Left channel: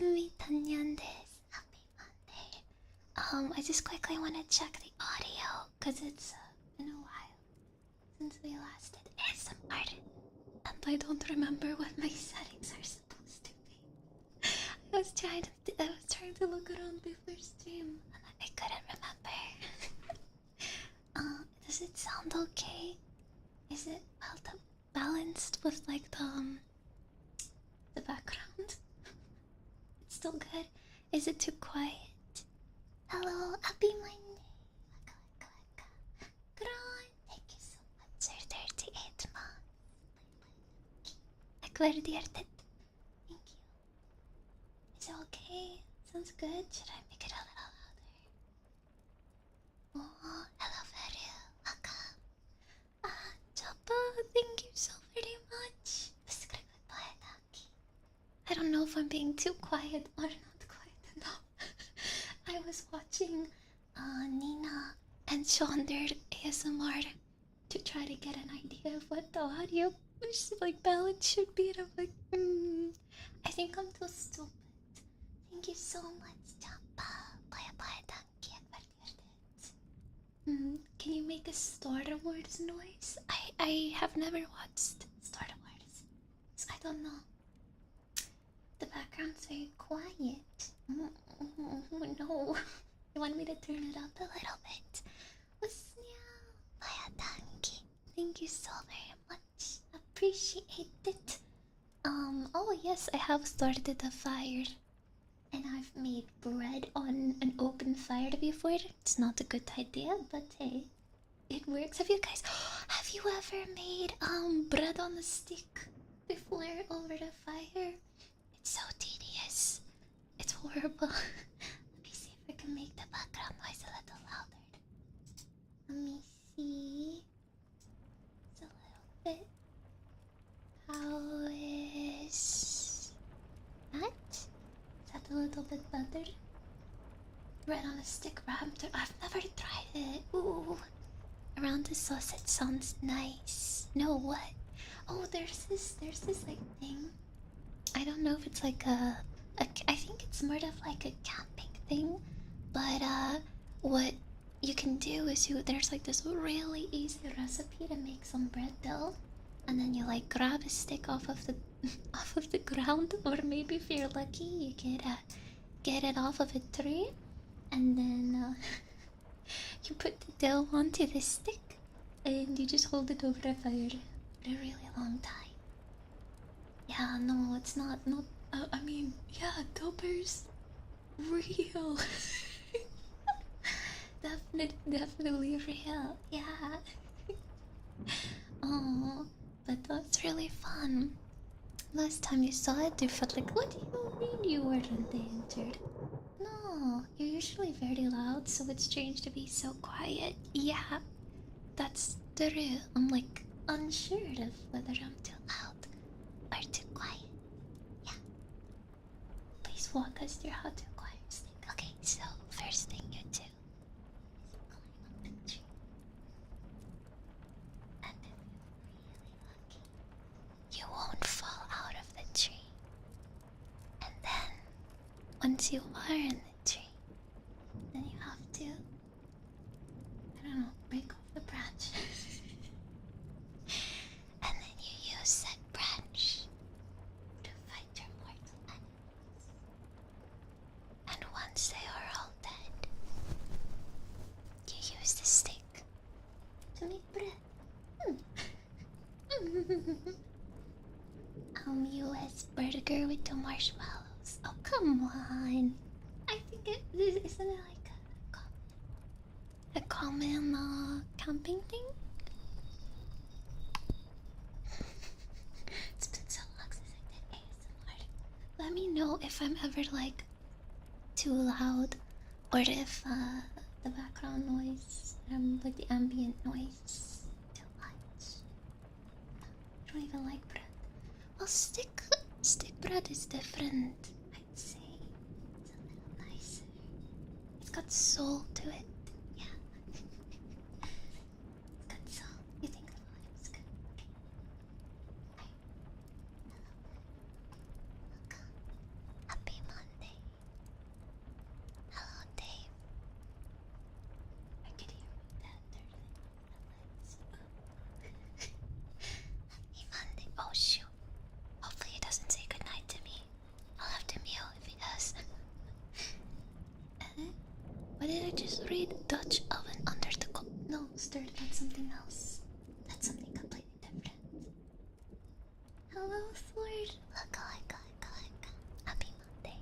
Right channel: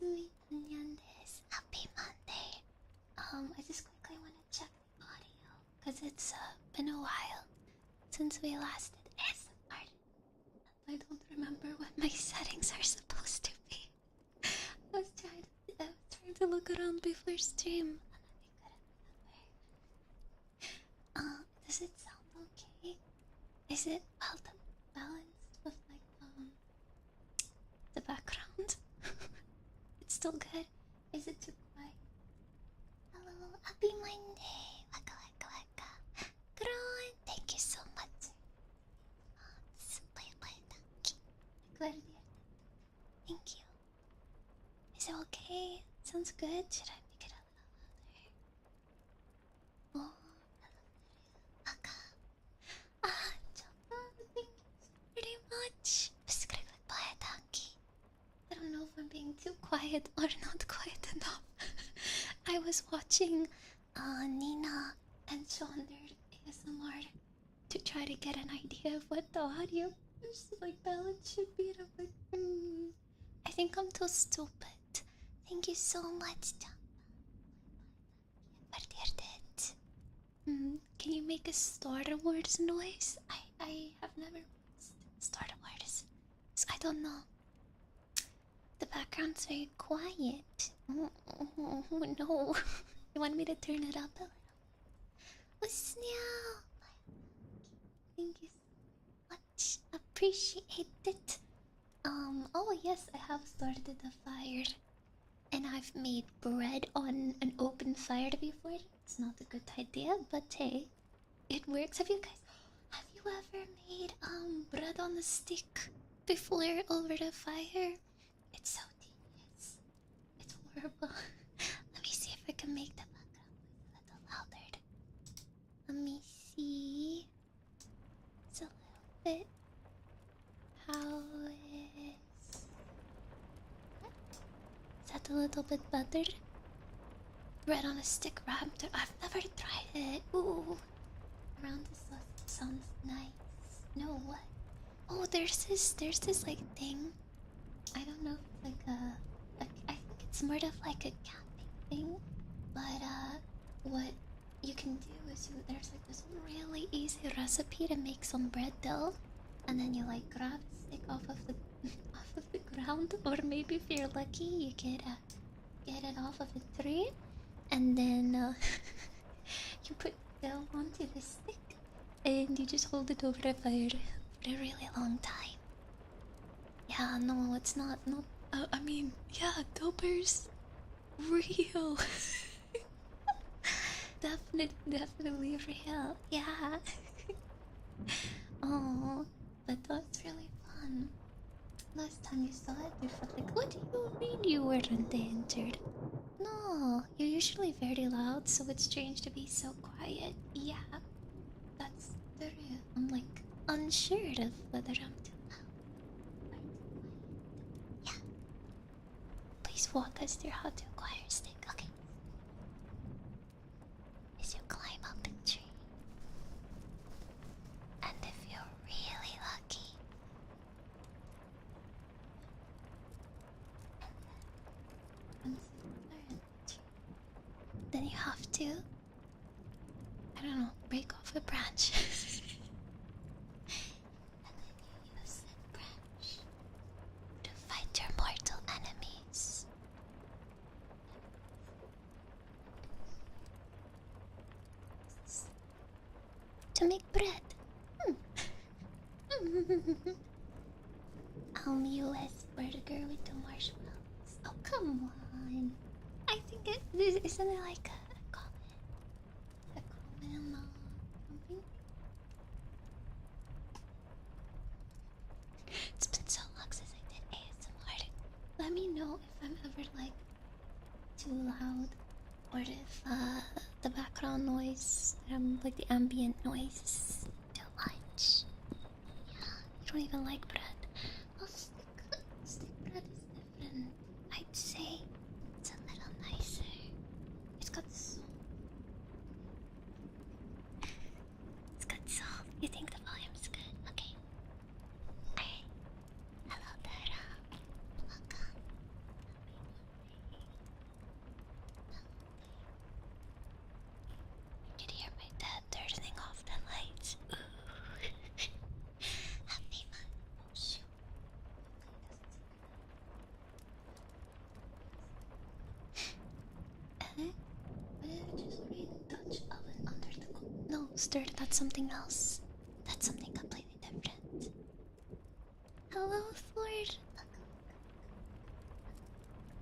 Yasumi Tanyan desu. Happy Monday. I just quickly want to check the audio because it's been a while since we last did ASMR, and I don't remember what my settings are supposed to be. I was trying to look around before stream, and I couldn't remember. Does it sound okay? Is it balanced with like the background? It's still good. Is it too quiet? Hello, happy Monday. Waka waka waka. Gron, thank you so much for 38 months. Bye bye, thank you. Akvardiartet. Thank you. Is it okay? Sounds good. Should I make it a little louder? Oh, hello, Feru. Welcome. Ah, Choppa, thank you so very much. Bye, thank you. I don't know if I'm being too quiet or not quiet enough. I was watching Nina and Sean their ASMR to try to get an idea of what the audio like balance should be, and I'm like, I think I'm too stupid. Thank you so much, Champa. Bye bye, thank you. Can you make a Star Wars noise? I have never watched Star Wars, so I don't know. The background's very quiet. Oh, no. You want me to turn it up a little bit? Usnyo! Mayatanki. Thank you so very much. Appreciate it. Oh yes, I have started a fire. And I've made bread on an open fire before. It's not a good idea, but hey, it works. Have you ever made bread on a stick before over the fire? It's so tedious. It's horrible. Let me see if I can make the background noise a little louder. Let me see. It's a little bit. How is that? Is that a little bit better? Bread on a stick wrapped. I've never tried it. Ooh. Around the sausage sounds nice. No, what? Oh, there's this like thing. I don't know if it's like I think it's more of like a camping thing, but what you can do is there's like this really easy recipe to make some bread dough, and then you like grab a stick off of the off of the ground, or maybe if you're lucky you get it off of a tree, and then you put the dough onto the stick, and you just hold it over a fire for a really long time. Yeah, no, it's not. I mean, yeah, Dober's real. Definitely real. Yeah. Oh, but that's really fun. Last time you saw it, you felt like, what do you mean you weren't endangered? No, you're usually very loud, so it's strange to be so quiet. Yeah, that's true. I'm like unsure of whether I'm too loud or too quiet. Yeah. Please walk us through how to acquire a stick. Okay, so first thing you do is you climb up the tree. And if you're really lucky, you won't fall out of the tree. And then, once you are in the tree, then you have to, I don't know, break off a branch. And then you use that branch to fight your mortal enemies. And once they are all dead, you use the stick to make bread. US burger with the marshmallows. Oh, come on. I think isn't it like a common camping thing? It's been so long since I did ASMR. Let me know if I'm ever like too loud, or if the background noise, like the ambient noise, is too much. Yeah, you don't even like bread. Well, stick bread is different, I'd say. It's a little nicer. It's got soul to it. Yeah. It's got soul. You think the volume's good? Okay. Alright. Hello there. Welcome. Happy Monday. hello, Sword. Look. Happy Monday.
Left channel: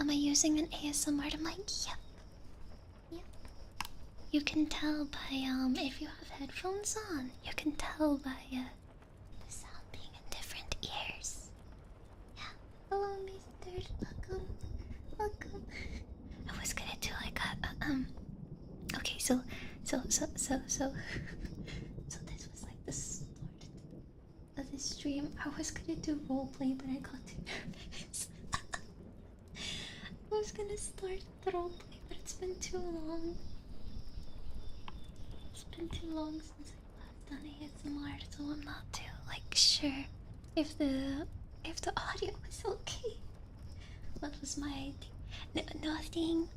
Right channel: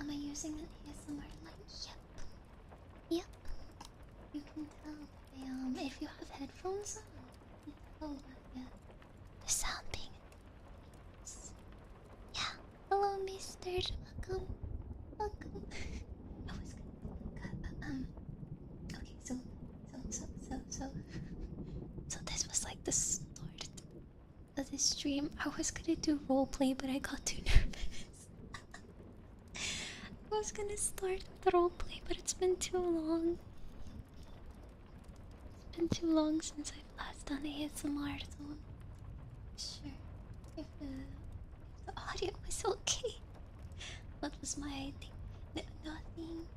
Am I using an ASMR mic? Yep. Yep. You can tell by, if you have headphones on, you can tell by, the sound being in different ears. Yeah. Hello, mister. Welcome. I was gonna do like okay, so this was like the start of the stream. I was gonna do roleplay, but I got too nervous. I was gonna start the roleplay, but it's been too long. It's been too long since I've last done ASMR, so I'm not too like sure if the audio was okay. What was my idea? Nothing.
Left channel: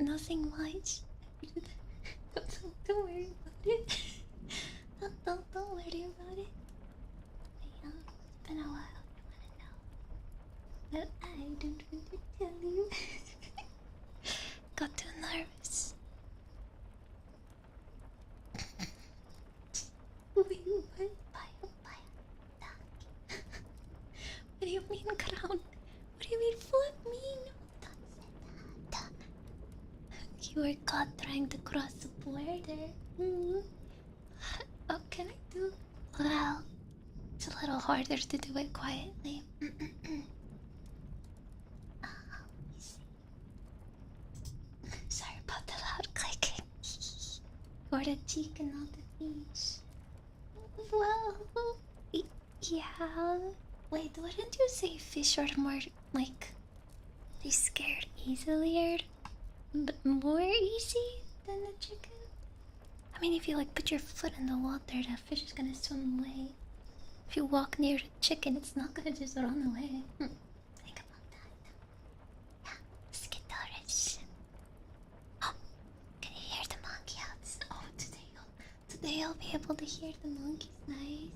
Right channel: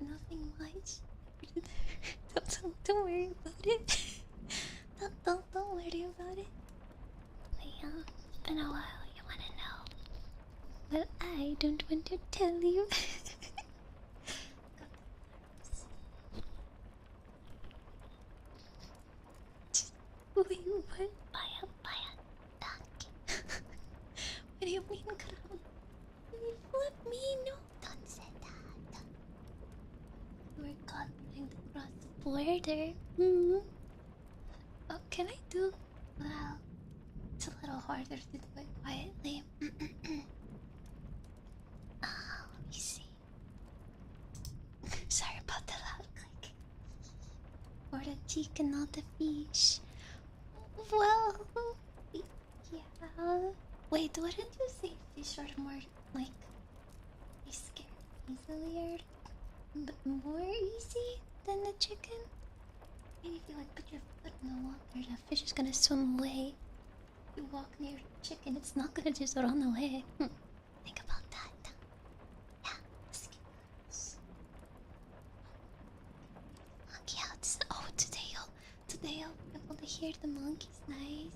Nothing much. Don't worry about it. Don't worry about it. But yeah, it's been a while. You wanna know? Well, I don't want to tell you. Got too nervous. Wait, what? Baya, thank. What do you mean crown? What do you mean flip me? No, don't say that. You were caught trying to cross the border. Oh, can I do? Well, it's a little harder to do it quietly. You see. Sorry about the loud clicking. Or the chicken, not the fish. Well, yeah. Wait, wouldn't you say fish are more like they scared easier, but more easy than the chicken? I mean, if you like put your foot in the water, that fish is gonna swim away. If you walk near the chicken, it's not gonna just run away. Think about that. Yeah, skitterish. Oh, can you hear the monkey outside? Oh, today I'll be able to hear the monkeys nicely.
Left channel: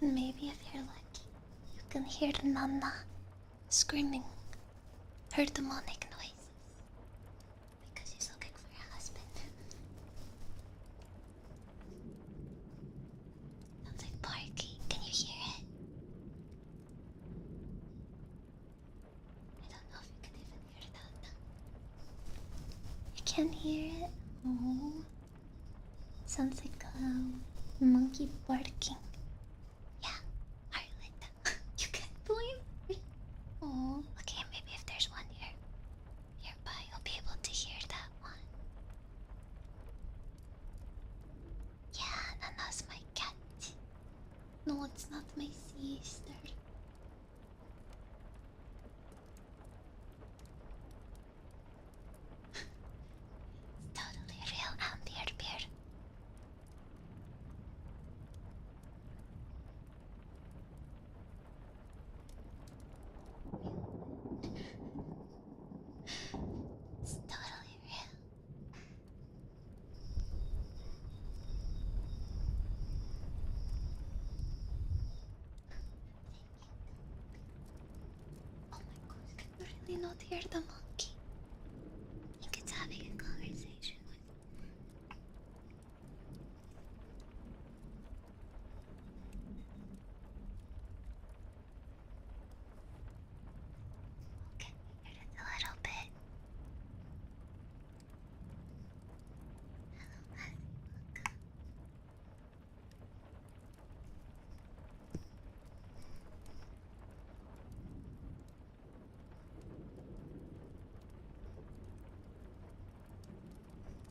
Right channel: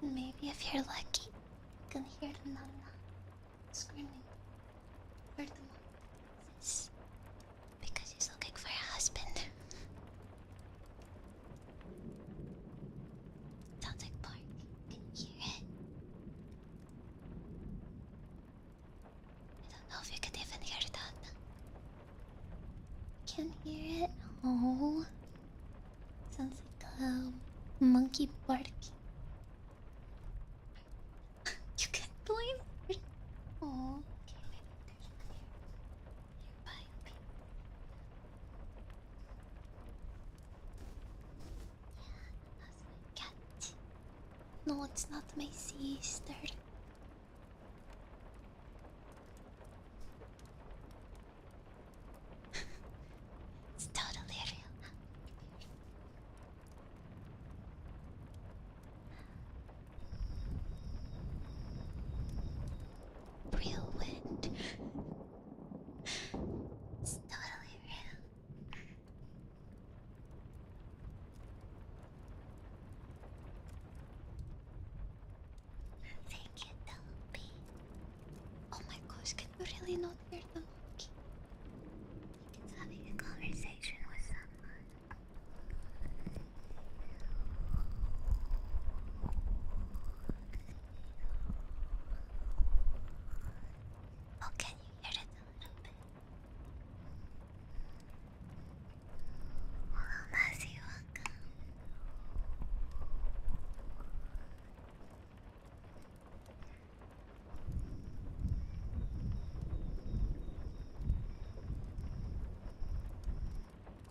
And maybe if you're lucky, you can hear the nana screaming her demonic noises because she's looking for her husband. Sounds like barking. Can you hear it? I don't know if you could even hear that. You can't hear it? Oh. Sounds like a monkey barking. Yeah, Harlan. You can't blink. Oh, okay, maybe if there's one nearby, you'll be able to hear that one. Yeah, Nana's my cat. No, it's not my sister. It's totally real, Amber Beer. Real wind. It's totally real. Thank you, Toby. Oh my gosh, can you really not hear the monkey? I think it's having a conversation with someone. Oh, can you hear it a little bit? Hello, Mazzy, welcome.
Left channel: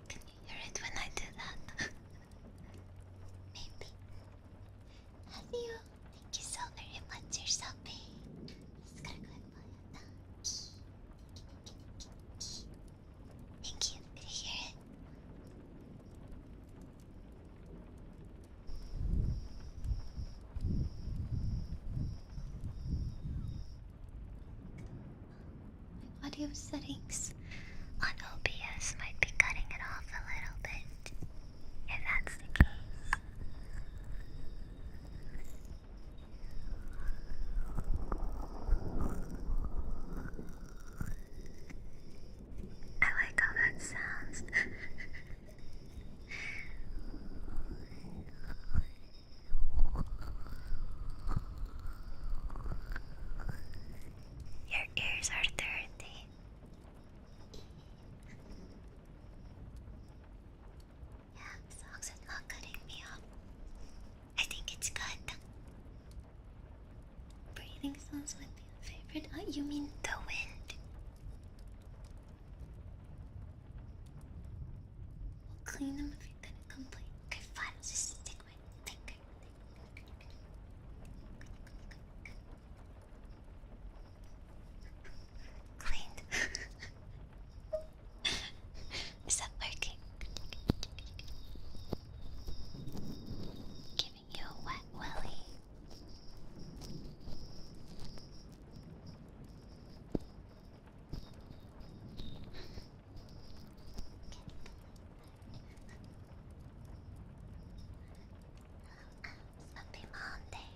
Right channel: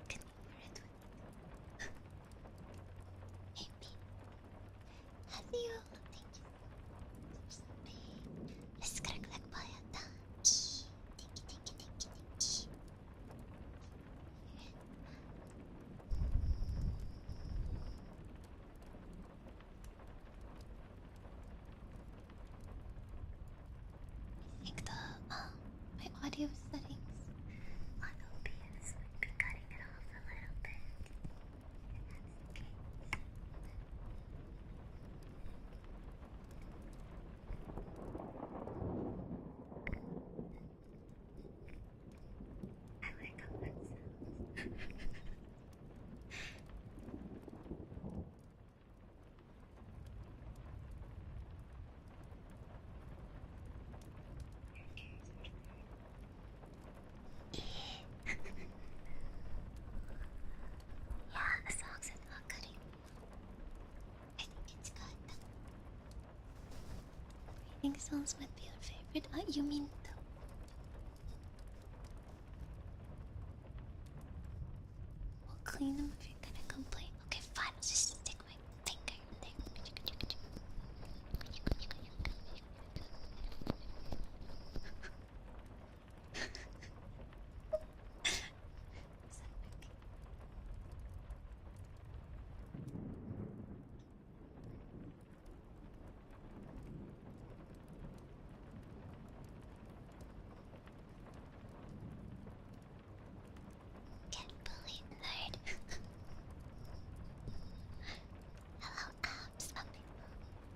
Can you hear it when I do that? Maybe. Hello, thank you so very much. You're so big. Let's click by a donkey. Thank you. Thank you. Can you hear it? I think my audio settings on OBS might be cutting it off a little bit. If that's the case. I like how that sounds. sounds would be your favorite. Oh, you mean the wind? We'll clean them if you're gonna complain. Okay, fine. I'll just stick my finger there. Cleaned. Is that working? Giving you a wet willy. Can't believe nerd. Hello, abs. Happy Monday.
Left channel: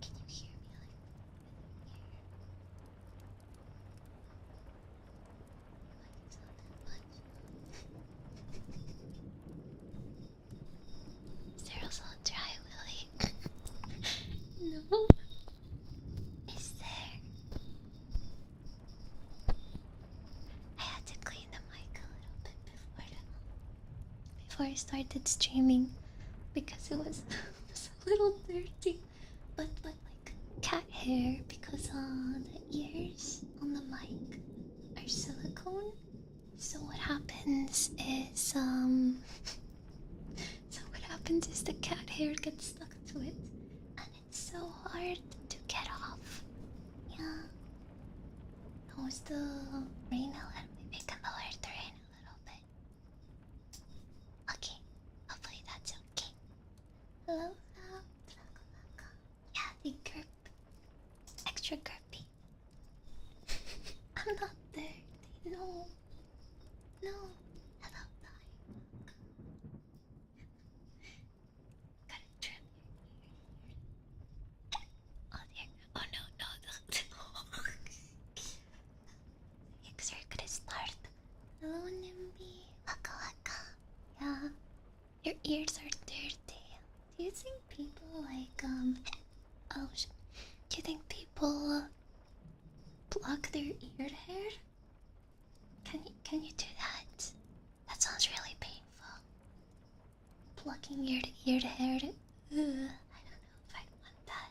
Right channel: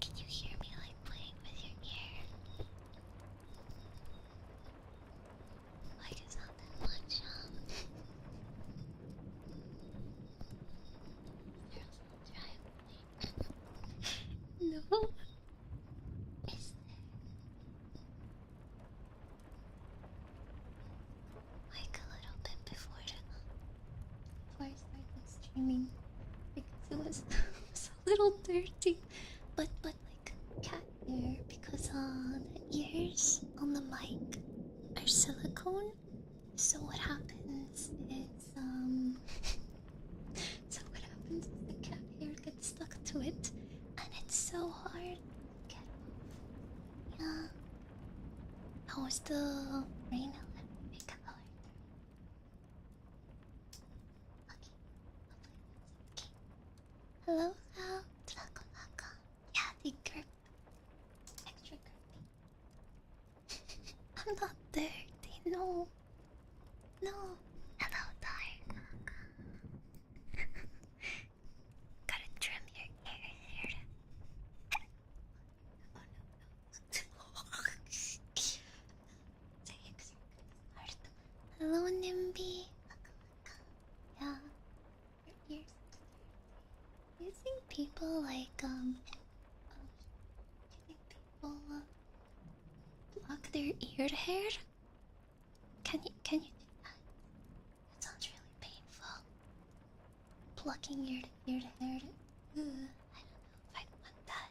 Can you hear me like playing with your ear? Like it's not that much, huh? Cyril's all dry, Willy. No. Is there? I had to clean the mic a little bit before I started streaming because it was, it was a little dirty. But like cat hair because the ears on the mic are silicone. So what happens is the cat hair gets stuck to it and it's so hard to get off. Yeah. How's the rain? Maybe can lower the rain a little bit. Okay. Hopefully that's okay. Hello, Val. Yeah, the grip. Extra grippy. I'm not dirty. No. No. Hello, Dark. Gotta trim your ear here. Oh dear. Oh no, no. The eggs are gonna start. Hello, Nimby. Waka waka. Yeah. Your ears are dirty. Do you think people like oh do you think people pluck their ear hair? Can you do that? That sounds really painful. Plucking your ear hair. I don't know if I want that.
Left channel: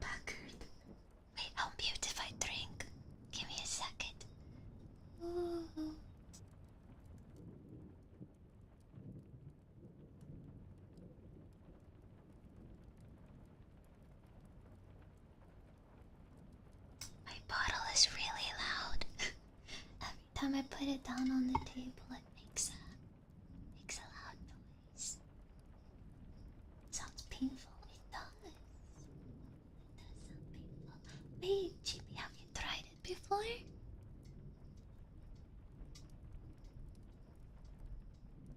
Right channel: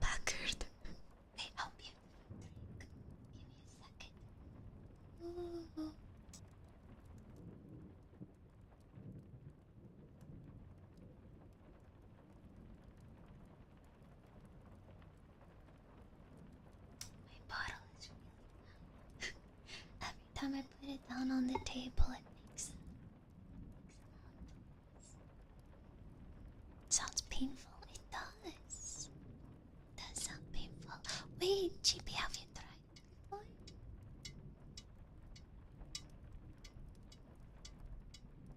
Packard. Wait, I'll mute if I drink. Give me a second. Ooh. My bottle is really loud. Every time I put it down on the table, it makes a loud noise. Sounds painful. It does. It does sound painful. Wait, GB, have you tried it before?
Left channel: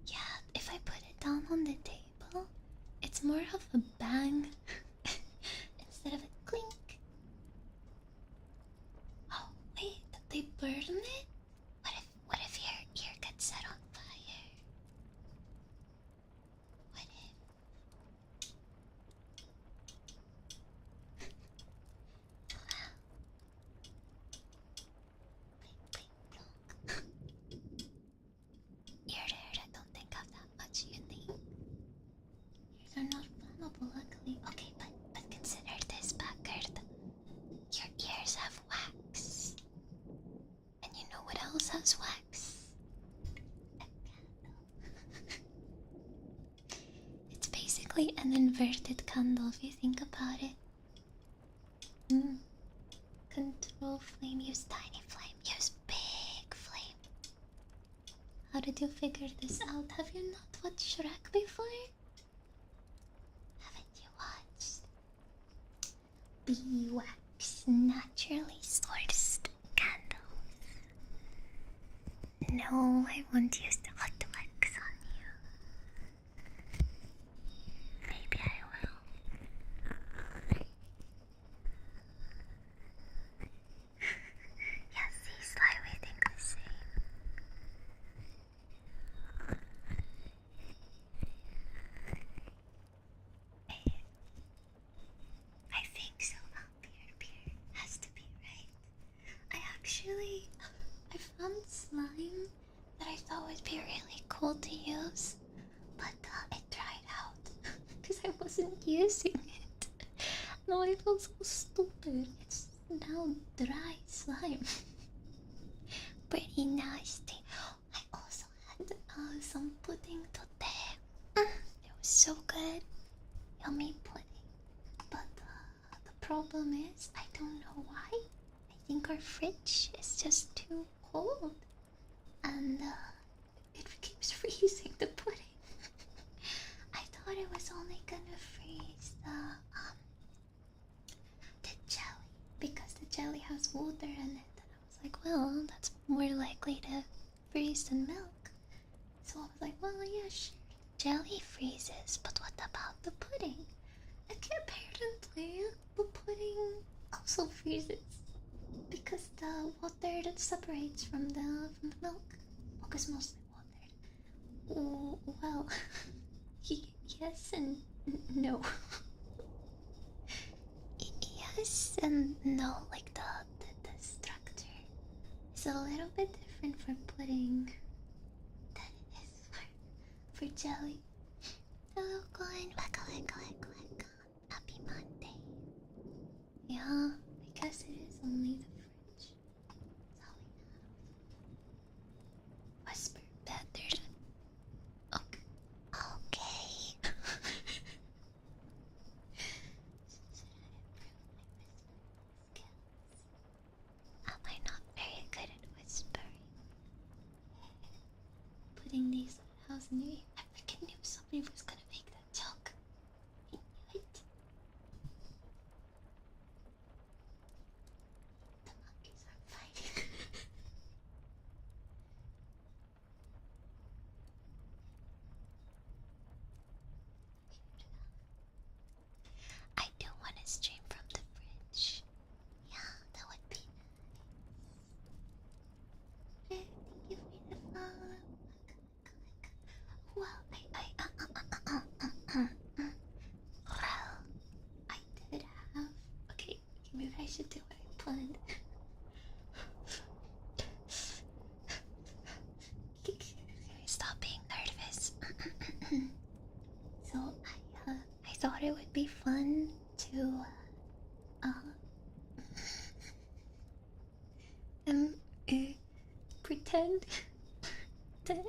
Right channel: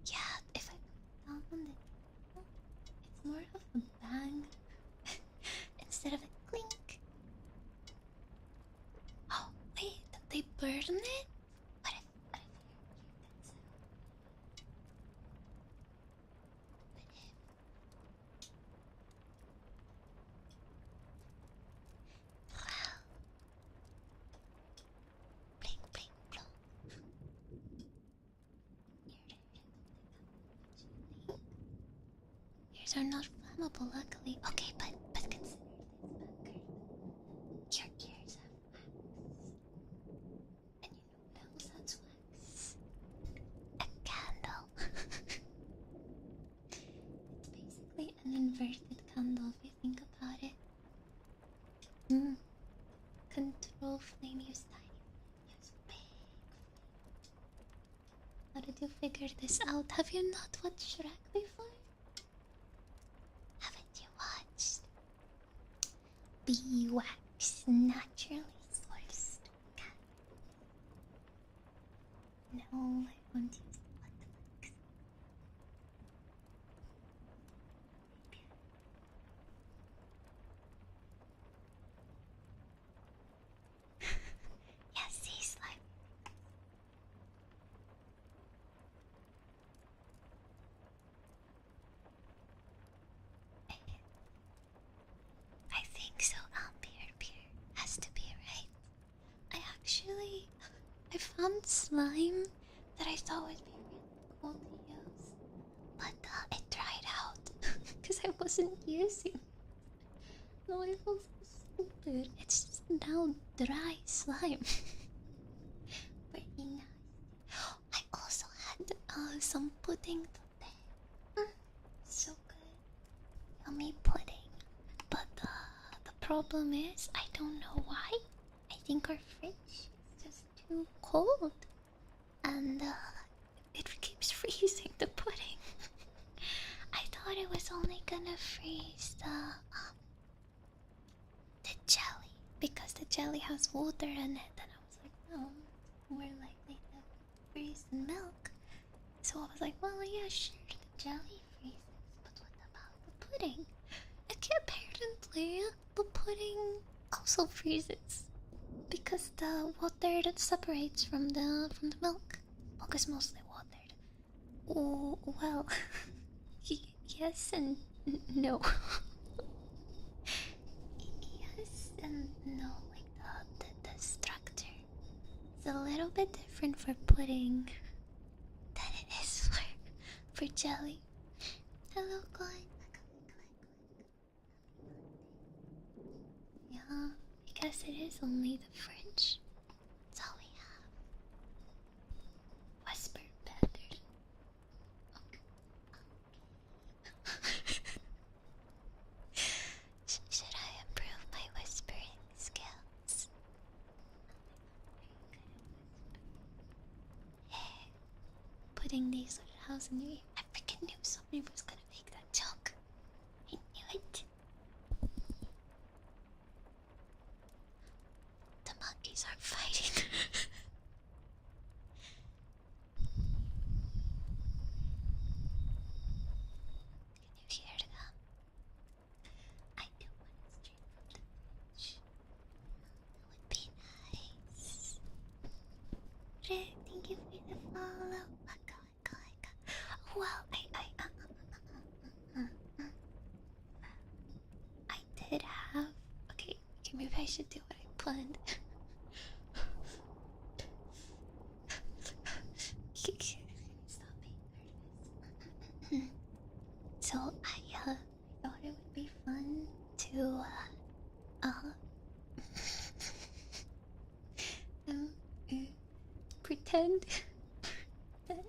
Yeah, if I put it down on the table, it's more of a bang instead of a clink. Oh, wait, they burn it? What if your ear gets set on fire? What if? Wow. Blink, blink, plonk. Ear hair, I don't think have that much unique. Ears are not flammable, luckily. Okay, but consider this, Packard. Your ears have wax. And you know what else has wax? A candle. It's basically an inverted candle if you think about it. Control flame, use tiny flame, use big flame. How did you figure this out? Have you not watched Shrek before? Haven't you watched? Beeswax, naturally sourced candles. No, I won't use the hot wax on you. Maybe I will. Yeah, see, Sly, we think the same. I think so. Beer has to be right. I found slime that I thought would be really cool to use, but it dried out. because I wasn't using it. No, I feel so stupid. It's just now dry slime. Pretty nasty. I also had some pudding today. It was so good. Yummy pudding. But the problem is, I don't know why. I think our fridge is just too cold. And it keeps freezing the pudding. I thought it was only gonna freeze the jelly because the jelly has water in it, and I was like, well, that's more likely to freeze than milk. So I was like, well, yeah, sure, the jelly freezes, but what about the pudding? Apparently, the pudding also freezes because the water that separates from the milk. Milk is mostly watered. Oh, well, yes and no. Yes and no, like the structure is a little bit different for pudding than it is for jelly. Hello, Glenn. Happy Monday. Yeah, I guess it is only the fridge. That's all we have. Whisper better. Okay. Should I improve my whispering skills? Am I not very good at whispering? Hey, putting these little house in your ear. I freaking knew somebody was gonna make that joke. I knew it. The monkeys are fighting. Can you hear them? I do want to stream from the fridge. Yeah, that would be nice. Thank you for the follow. Well, well, I did have. Okay, maybe I should do what I planned. Stop being nervous. So I thought it would be fun to pretend that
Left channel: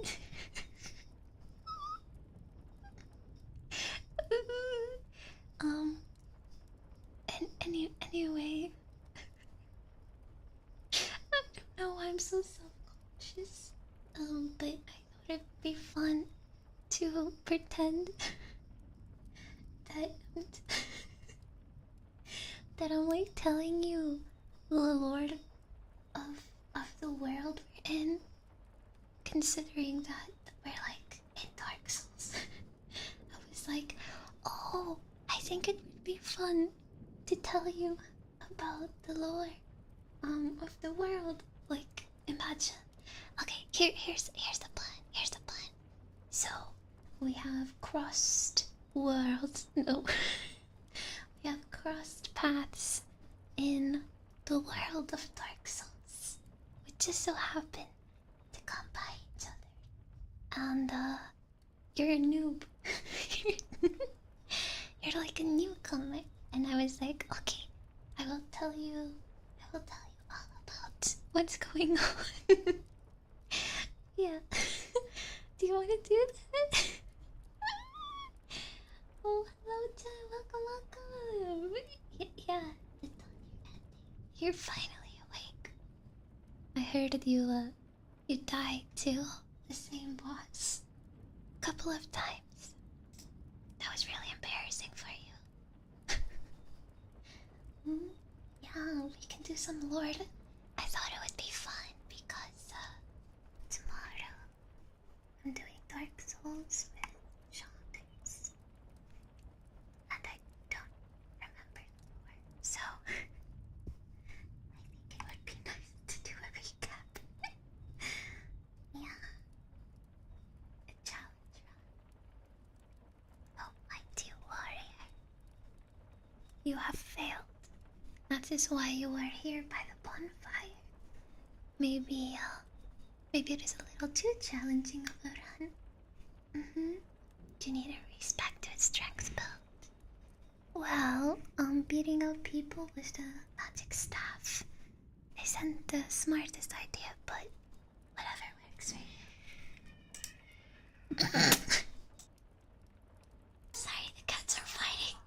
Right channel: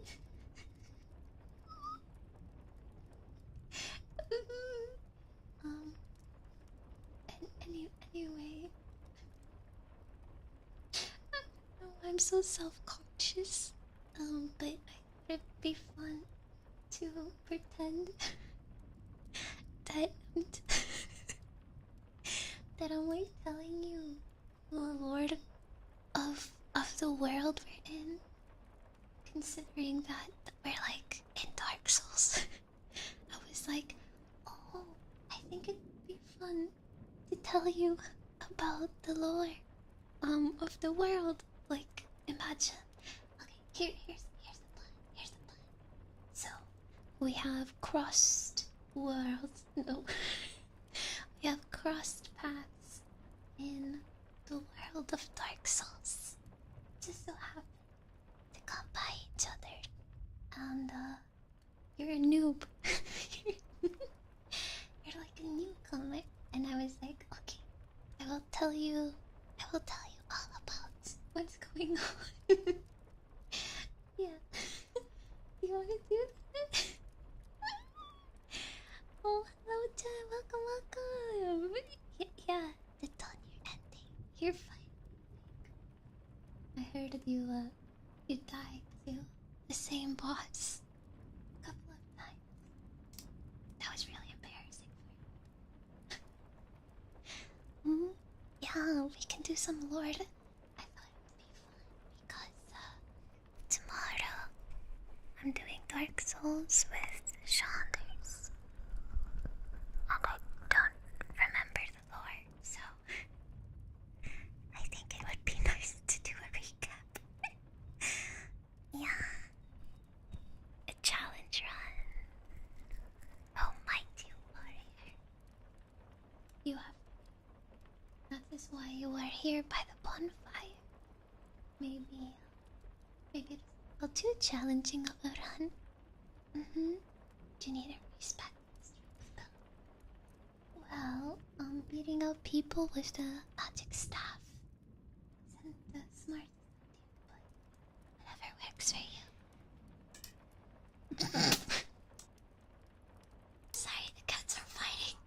anyway, I don't know why I'm so self-conscious. But I thought it'd be fun to pretend that that I'm like telling you the lore of the world we're in, considering that we're like in Dark Souls. I was like, oh, I think it would be fun to tell you about the lore of the world. Like, imagine. Okay, here's the plan. Here's the plan. So we have crossed worlds. No, we have crossed paths in the world of Dark Souls. We just so happen to come by each other, and you're a noob. You're like a newcomer, and I was like, okay, I will tell you all about what's going on. Yeah. Do you want to do that? Oh, hello, Chan. Welcome. Yeah, the done. You're ending. You're finally awake. I heard that you died to the same boss a couple of times. That was really embarrassing for you. Yeah, we can do some Lord. I thought it would be fun because tomorrow I'm doing Dark Souls with Shaunders. And I don't remember the lore, so I think it would be nice to do a recap. Yeah. A challenge run. Oh, mighty warrior. You have failed. That is why you are here by the bonfire. Maybe it is a little too challenging of a run. Do you need a respect to strength build? Well, beating up people with the magic staff isn't the smartest idea, but whatever works for you. Sorry, the cats are fighting.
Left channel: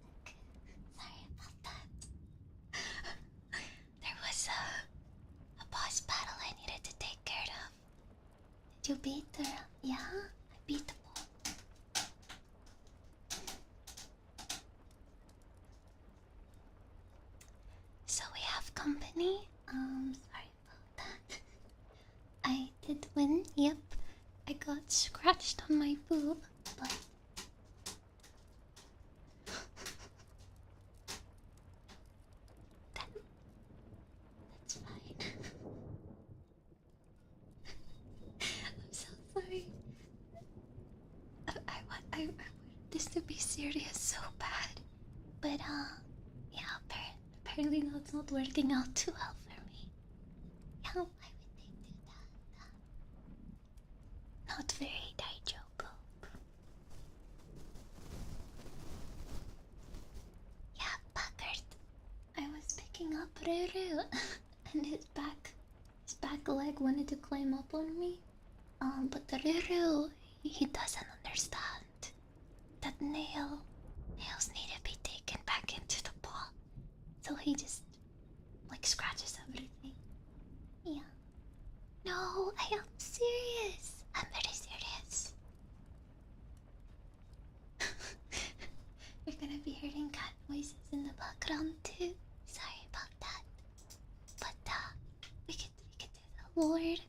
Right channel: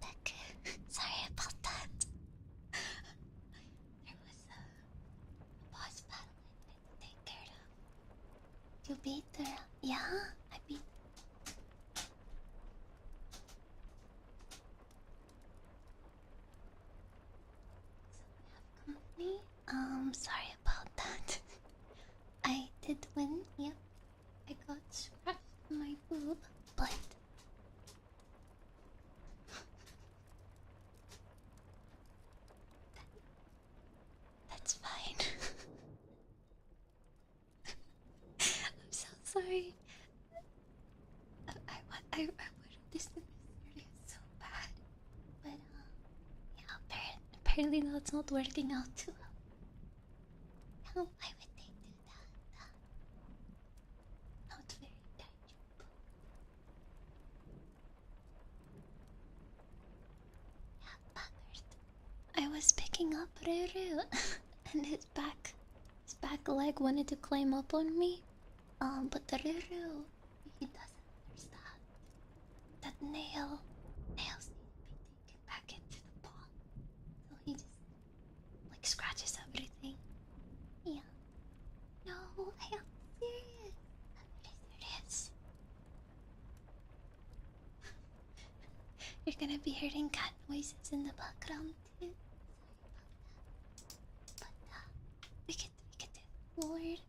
Back. Sorry about that. There was a boss battle I needed to take care of. Did you beat her? Yeah, I beat the bull. So we have company. Sorry about that. I did win, yep. I got scratched on my boob, but that's fine. I'm so sorry. I wanted this to be serious so bad. But, yeah, apparently that's not working out too well for me. Yeah, why would they do that? Not very daijobu. Yeah, Packard. I was picking up Ruru, and his back leg wanted to climb up on me. But the Ruru, he doesn't understand that nails need to be taken back into the paw. So he just like scratches everything. Yeah. No, I am serious. I'm very serious. You're gonna be hearing cat noises in the background too. Sorry about that. But we could do the Lord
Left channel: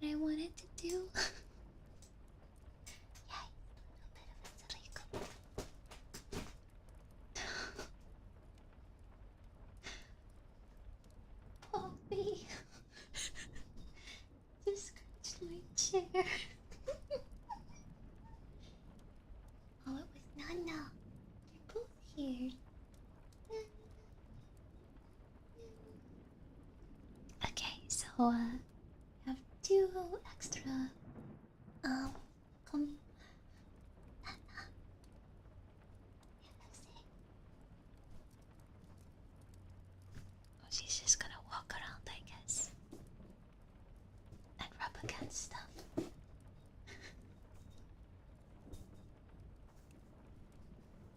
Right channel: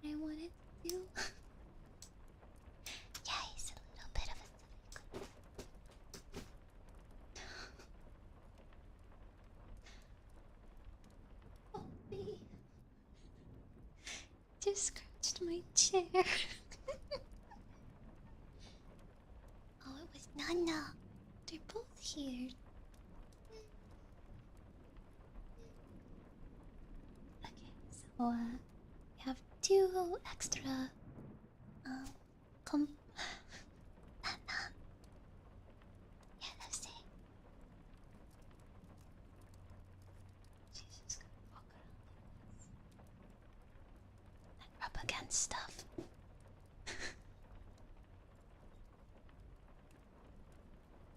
that I wanted to do. Yeah, he's a little bit of a silly goat. Poppy just scratched my chair. Oh, it was Nana. They're both here. Okay, so we have two extra com Nana. Yeah, let's see. Oh, she's just gonna walk around, I guess. And rub against stuff.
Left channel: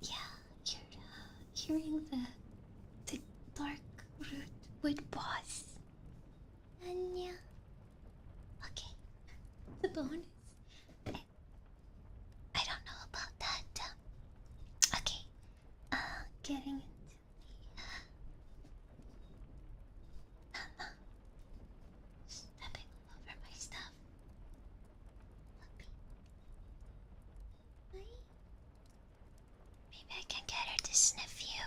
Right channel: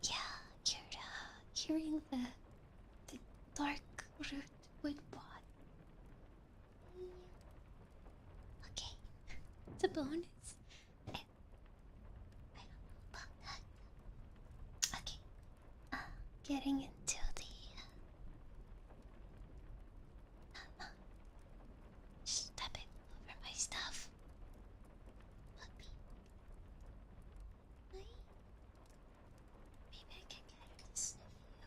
Yeah, you're hearing the dark rootwood boss. And yeah. Okay. It's a bonus. I don't know about that. Okay. Getting into the stepping over my stuff. Puppy. Maybe I can get her to sniff you.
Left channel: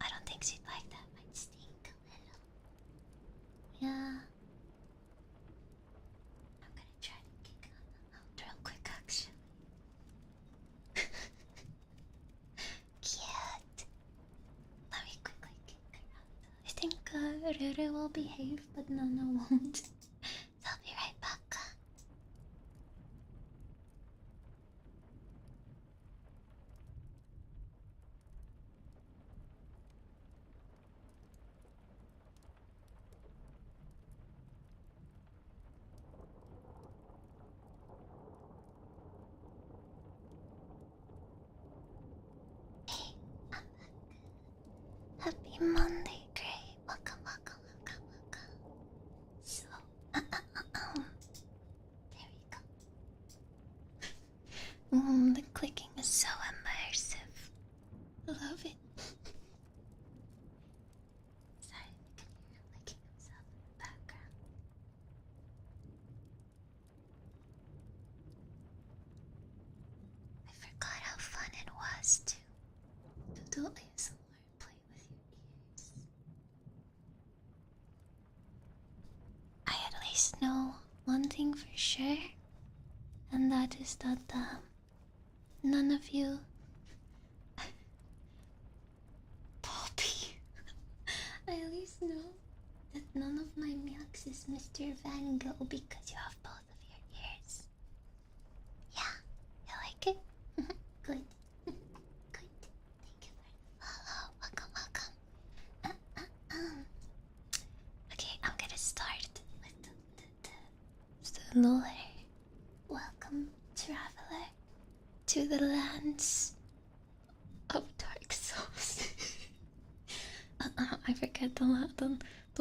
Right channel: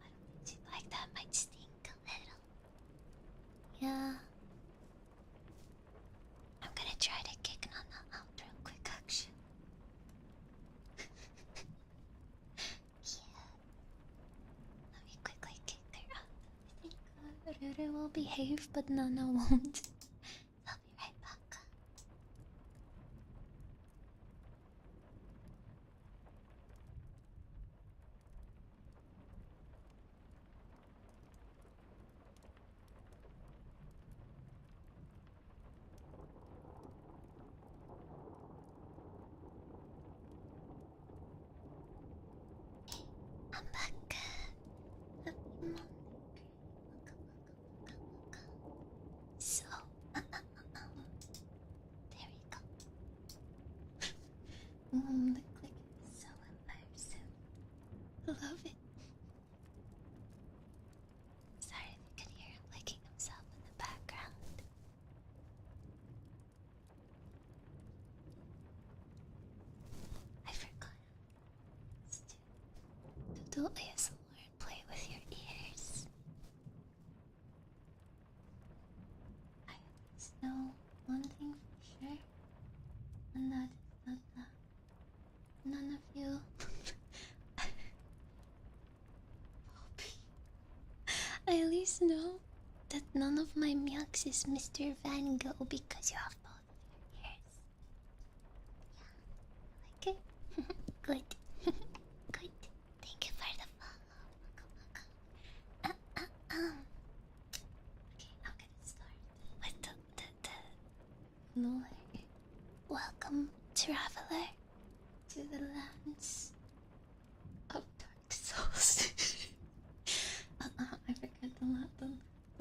I don't think she'd like that. Might stink a little. Yeah. Rere will behave, but Nana won't. I'll be right back. Hey, I'm back. Happy Monday, Gray. Welcome, welcome, welcome, welcome. So, there we go. The clicking is so immersive. Love it. Sorry if you could hear him licking himself in the background. I forgot how fun it was to do ASMR and play with your ears. I at least know one thing for sure, and that is that none of you Poppy. I at least know that none of my milks is Mr. Van Gogh because you have both of your ears. Yeah, you like it? Good. Good. Thank you for the follow. Welcome, welcome. Okay, I'm gonna start with the lore. Welcome, traveler, to the lands of Dark Souls. I forget the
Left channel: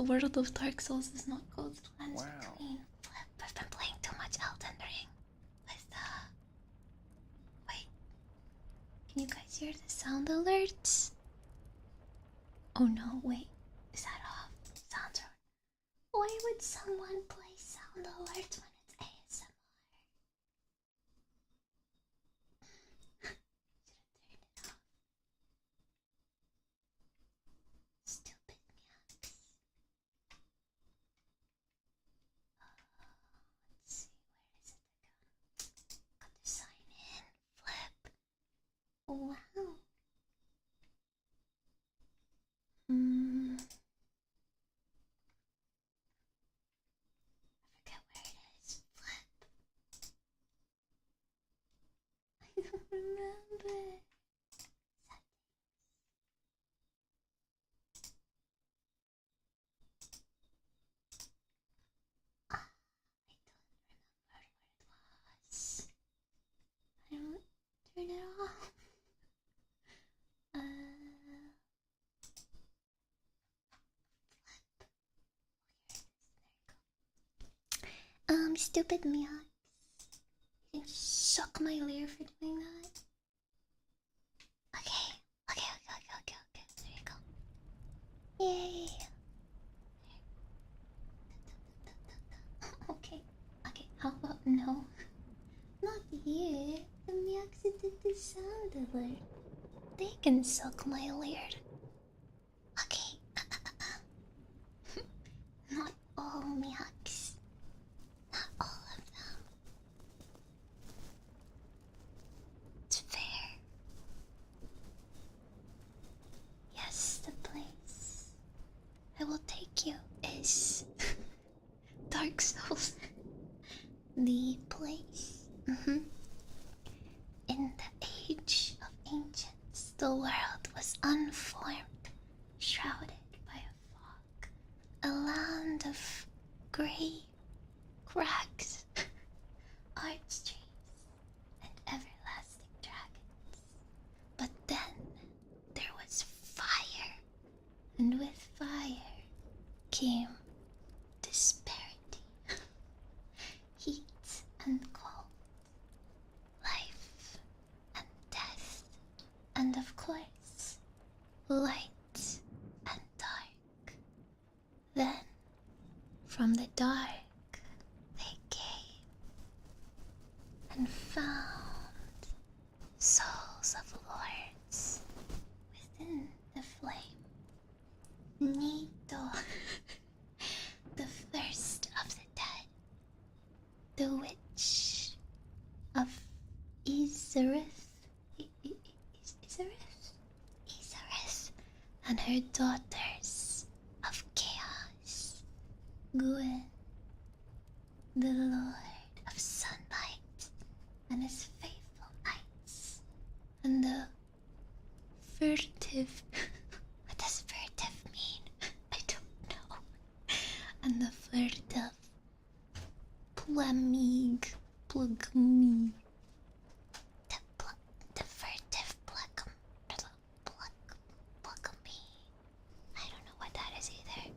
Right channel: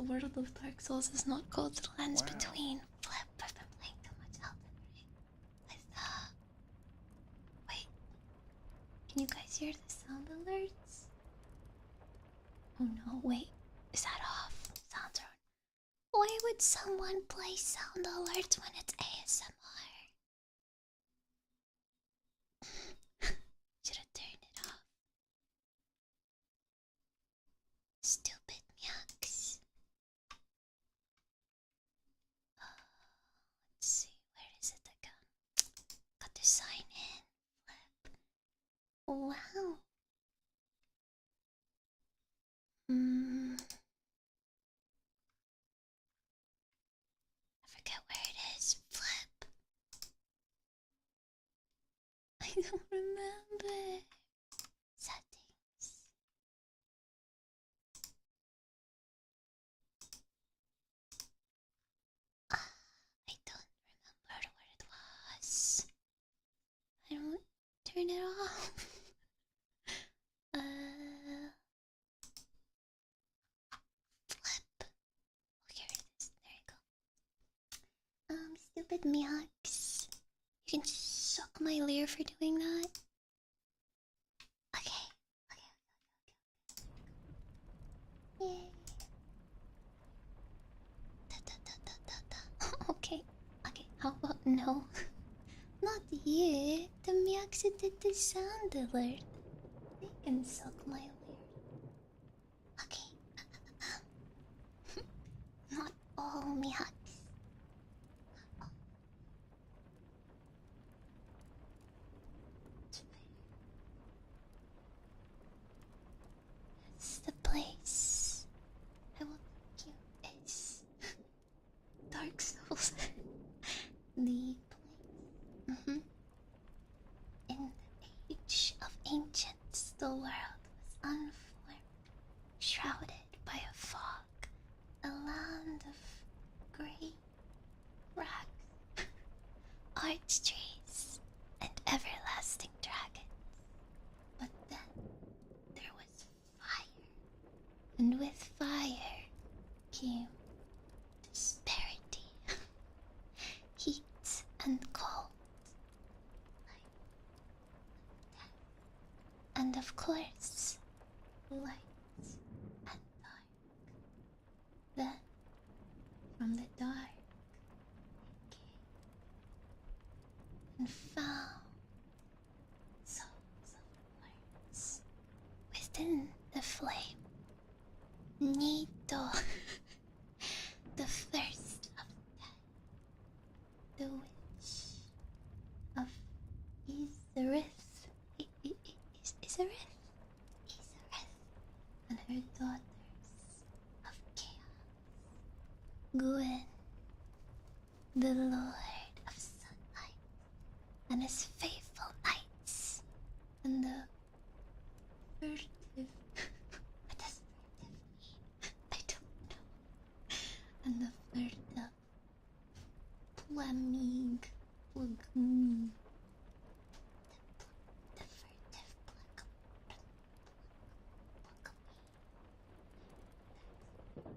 world of Dark Souls is not called the lands between. Flip, I've been playing too much Elden Ring with wait. Can you guys hear the sound alerts? Oh no, wait. Is that off? Sounds are. Why would someone play sound alerts when it's ASMR? Should have turned it off. Stupid yucks. Let's see, where is it again? Got to sign in. Flip. Wow. I forget where it is. Flip. I don't remember. Settings. I don't remember where it was. I don't turn it off. Flip. Oh, here it is. There you go. Stupid Miax. You can suck my leer for doing that. Okay. There you go. Yay. Okay. How about no? Not you. The Miax did the sound alert. They can suck my leer. Okay. Not all Miax. Not all of them. It's fair. Yes, the place I will take you is Dark Souls. The place. In the age of ancients, the world was unformed, shrouded by a fog, a land of grey crags, arch trees, and everlasting dragons. But then there was fire, and with fire came disparity, heat and cold, life and death, and of course, light and dark. Then, from the dark, they came and found souls of lords within the flame. Nito, the first of the dead, the witch of Izarith, Izarith, and her daughters of chaos. Gwyn, the Lord of Sunlight, and his faithful knights, and the furtive. What does furtive mean? I don't know. And the furtive Plamig, Plugme, the furtive Plugme. I don't know what that is either.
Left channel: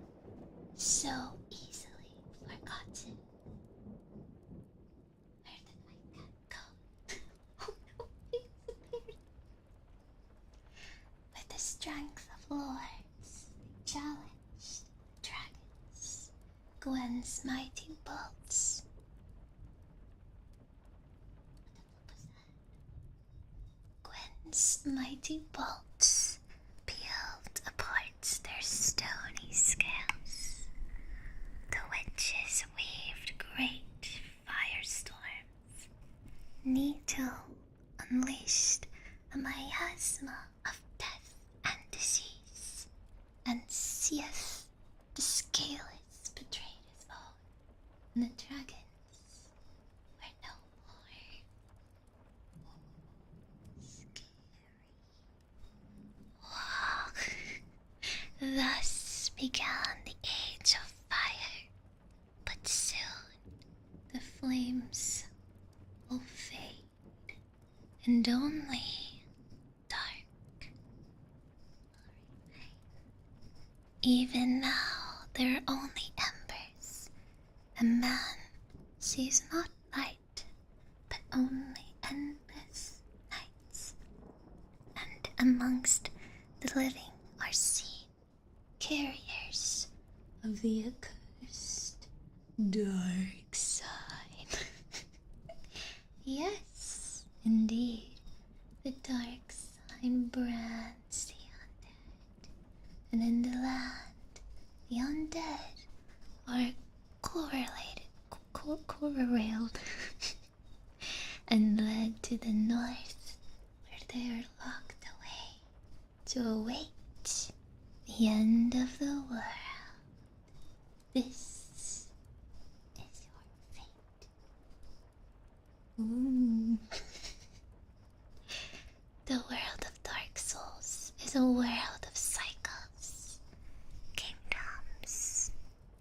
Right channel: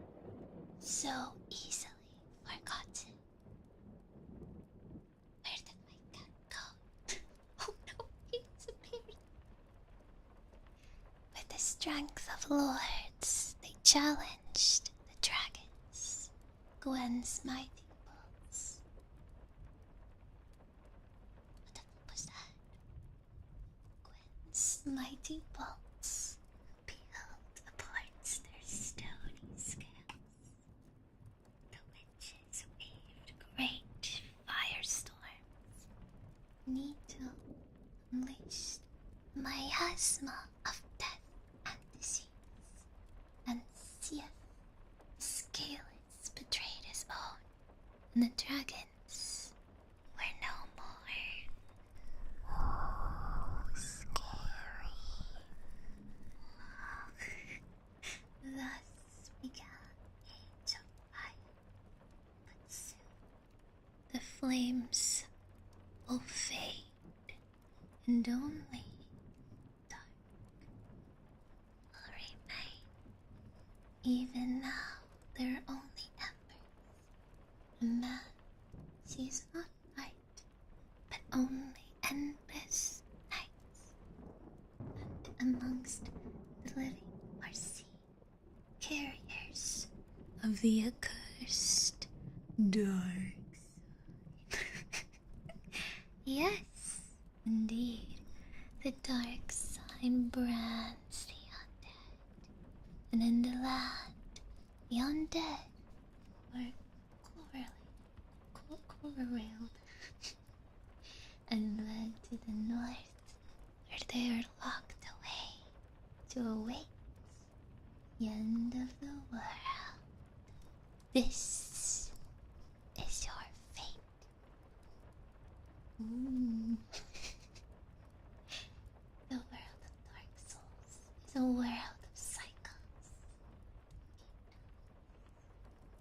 So easily forgotten. Where did my cat go? Oh no, he disappeared. With the strength of lords, they challenged the dragons. Gwen's mighty bolts. What the fuck was that? Gwen's mighty bolts peeled apart their stony scales. The witches weaved great firestorms. Needle unleashed a miasma of death and disease, and Seath the Scaleless betrayed his own, and the dragons were no more. Oh, scary. Thus began the Age of Fire, but soon the flames will fade, and only dark will remain. Even now there are only embers, and man sees not light, but only endless nights. And amongst the living are seen carriers of the accursed dark side. Yes, indeed, the dark side brands the undead, and in the land, the undead are corralled and led to the north, where they are locked away to await the end of the world. This is your fate. Ooh. The world of Dark Souls is a world of cycles. Kingdoms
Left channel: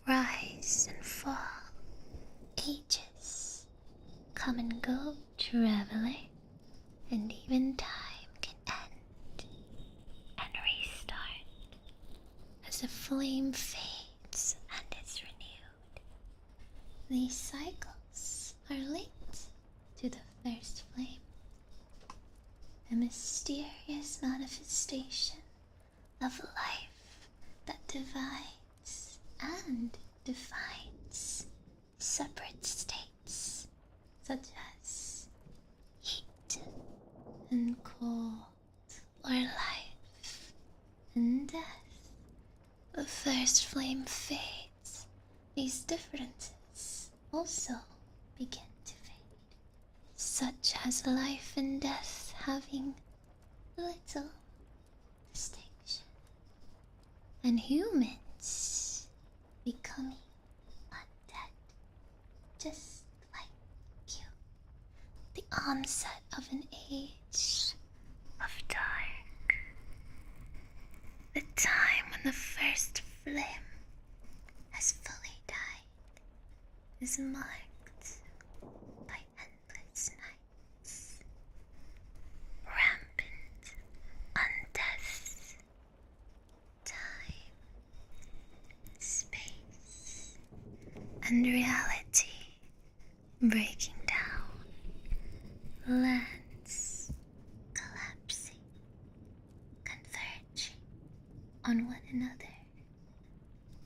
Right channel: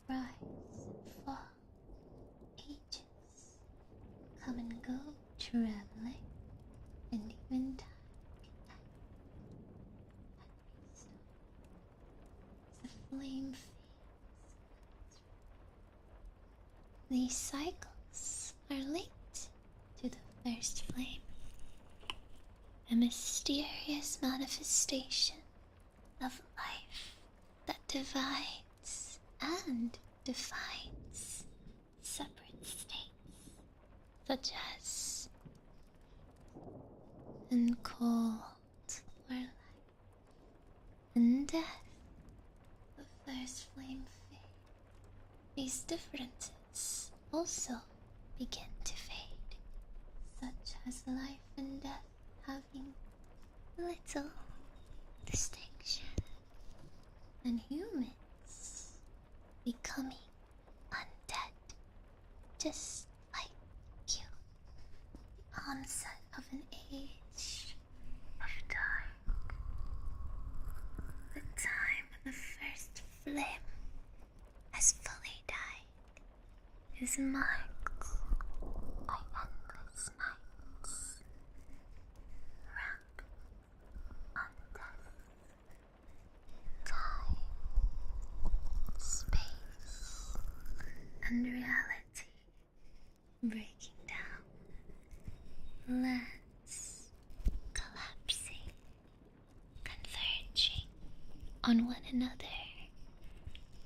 rise and fall. Ages come and go, traveling, and even time can end and restart as the flame fades and is renewed. These cycles are linked to the first flame, a mysterious manifestation of life that divides and defines separate states such as heat and cold, or life and death. The first flame fades. These differences also begin to fade, such as life and death having little distinction, and humans becoming undead, just like you. The onset of an age of dark. The time when the first flame has fully died is marked by endless nights, rampant undeath, time, space, and reality breaking down, lands collapsing, converging on one another,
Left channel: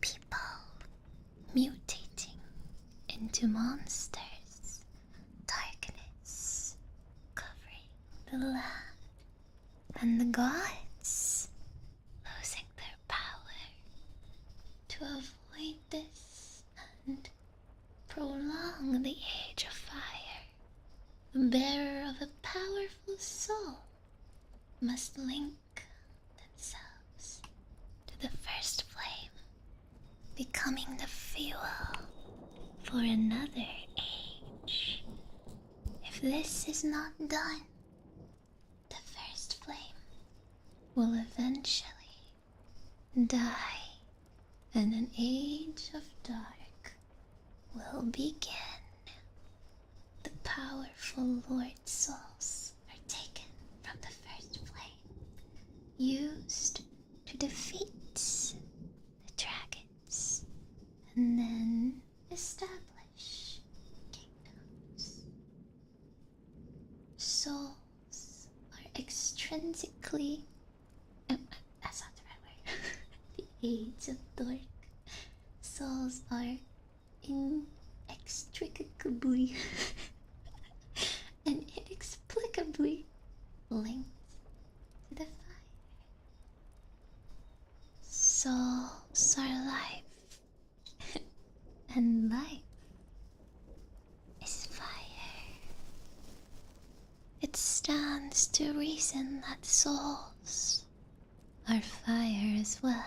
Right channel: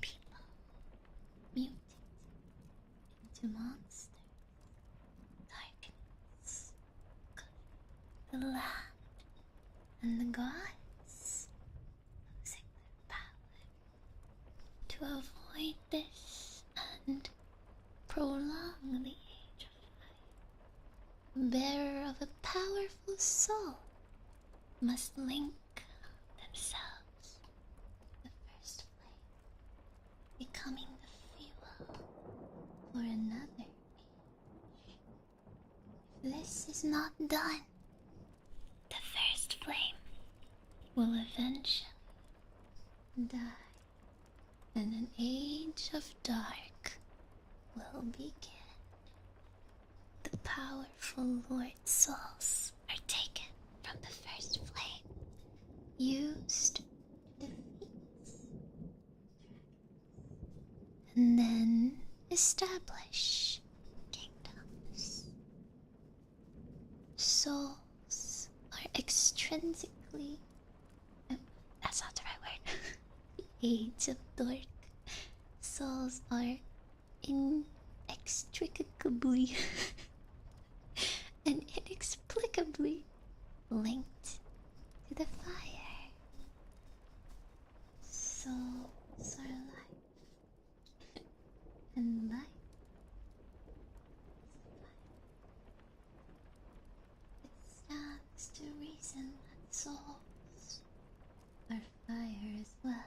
people mutating into monsters, darkness covering the land, and the gods losing their power. To avoid this and prolong the Age of Fire, the bearer of a powerful soul must link themselves to the first flame, becoming the fuel for another age. If this is not done, the first flame will eventually die, and an age of dark will begin. The powerful Lord souls are taken from the first flame, used to defeat the dragons, and then establish kingdoms. Souls are extrinsically. That's not the right word. The age of dark. Souls are inextricably and inexplicably linked to the fire. Souls are life, and life is fire. It stands to reason that souls are fire as well.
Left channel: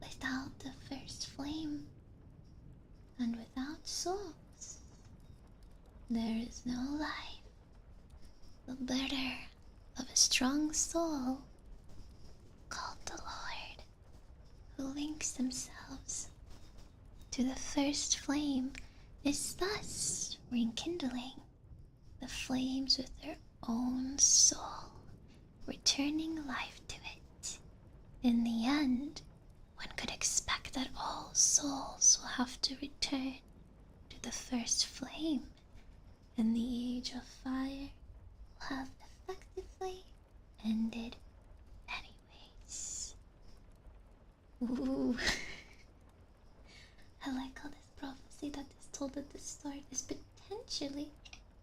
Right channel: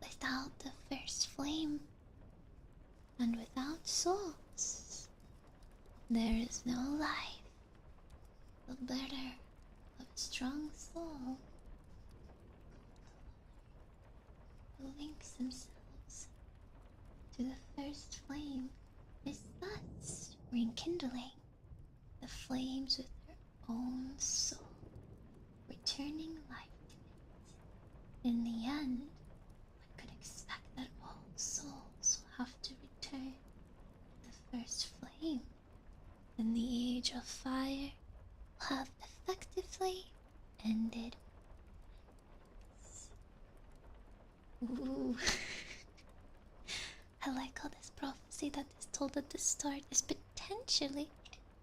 Without the first flame, and without souls, there is no life. The better of a strong soul, called the Lord, who links themselves to the first flame, is thus rekindling the flames with their own soul, returning life to it. In the end, one could expect that all souls will have to return to the first flame, and the age of fire will have effectively ended anyways. Ooh. I like how this prophecy that is told at the start is potentially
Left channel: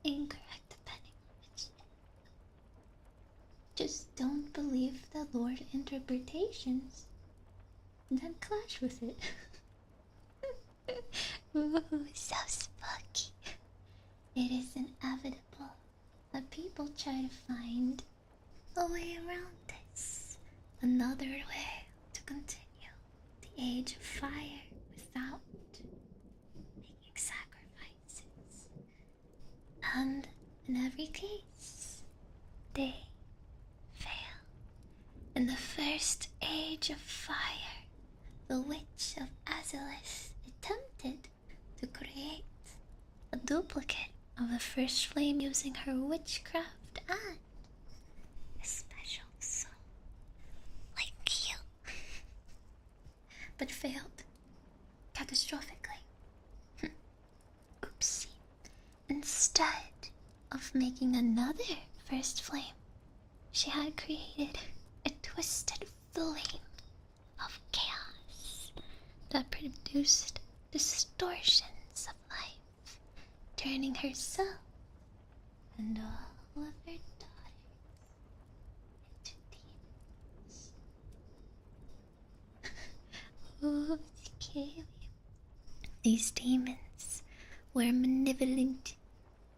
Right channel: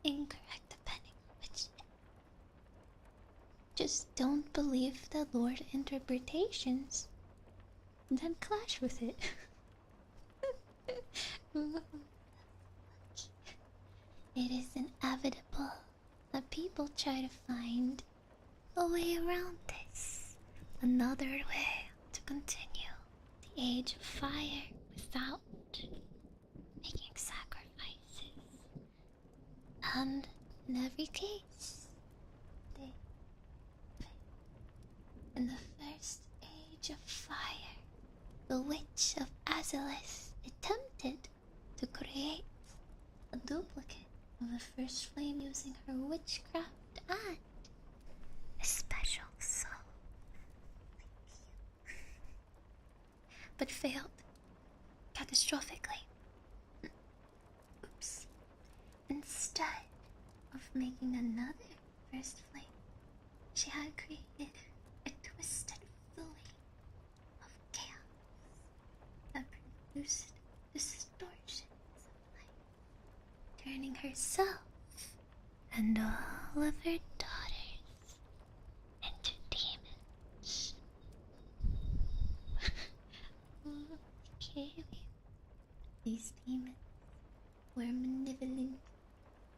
incorrect depending on which. Just don't believe the Lord interpretations, then clash with it. Ooh, so spooky. It is inevitable that people try to find a way around this. Another way to continue the age of fire without making sacrifices. And in every case, they fail. In the first age of fire, the Witch of Azalith attempted to create a duplicate of the first flame using her witchcraft and a special soul like you, but failed catastrophically. Oopsie. Instead of making another first flame, she had created a twisted flame of chaos that produced distortions of life, turning herself and all of her daughters into demons. Oh, scary. These demons were malevolent.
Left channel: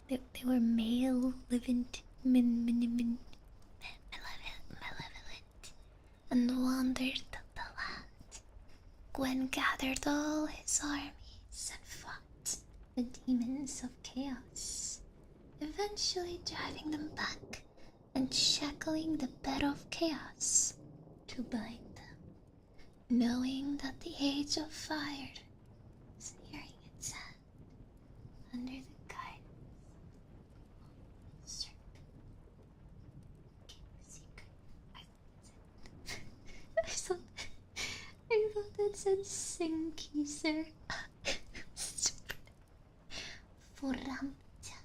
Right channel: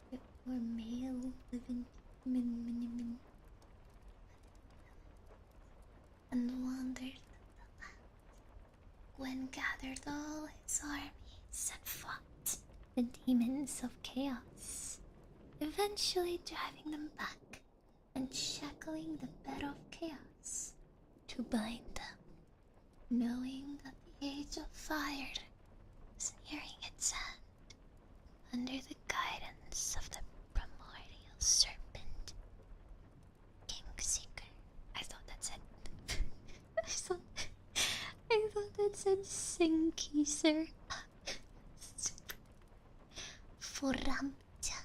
They were malevolent, malevolent, and wandered the land. Gwen gathered all his armies and fought the demons of chaos, eventually driving them back and shackling the bed of chaos to bind them, knowing that the age of fire was nearing its end under the guidance of the primordial serpent, Kingseeker. I thought that said I thought that said Sinkeeser. Foramta.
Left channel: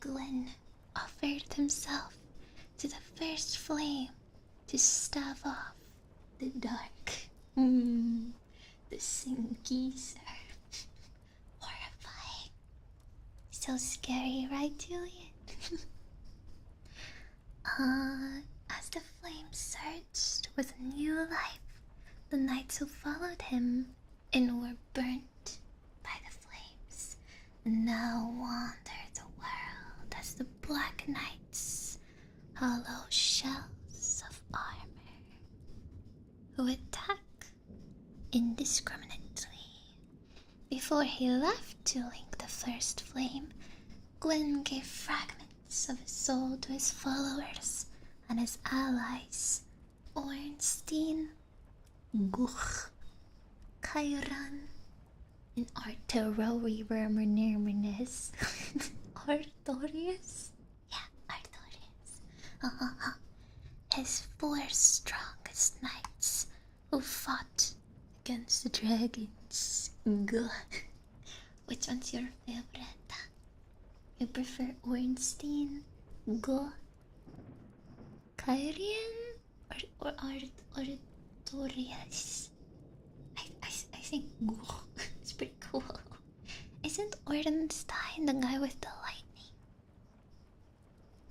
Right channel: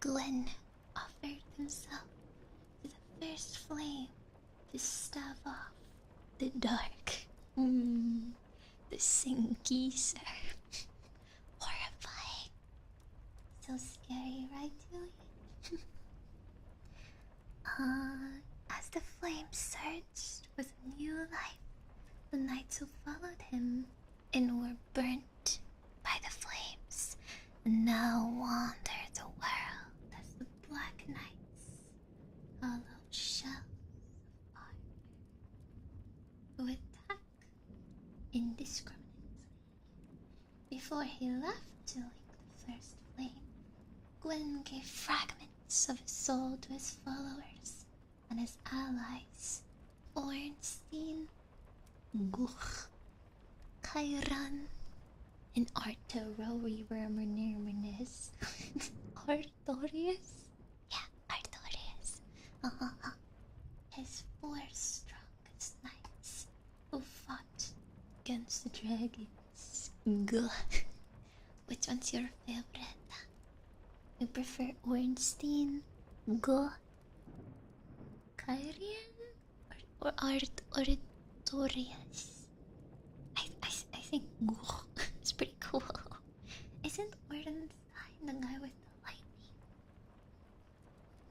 Gwen offered himself to the first flame to stave off the dark. The Sinkeeser. Horrifying. So scary, right, Julian? As the flame surged with new life, the knights who followed him and were burnt by the flames now wander the world as the Black Knights, hollow shells of armor, who attack indiscriminately Before he left to link the first flame, Gwyn gave fragments of his soul to his followers and his allies, Ornstein, Guch, Chiron, and Artorivermernermenes. Artorius? Yeah, Artorius. His four strongest knights who fought against the dragons. Gah. Which one's your favorite? You prefer Ornstein, Go, Kyrian, or Artorias? I think Go is pretty cool. Isn't Ordenstein the guy with the lightning?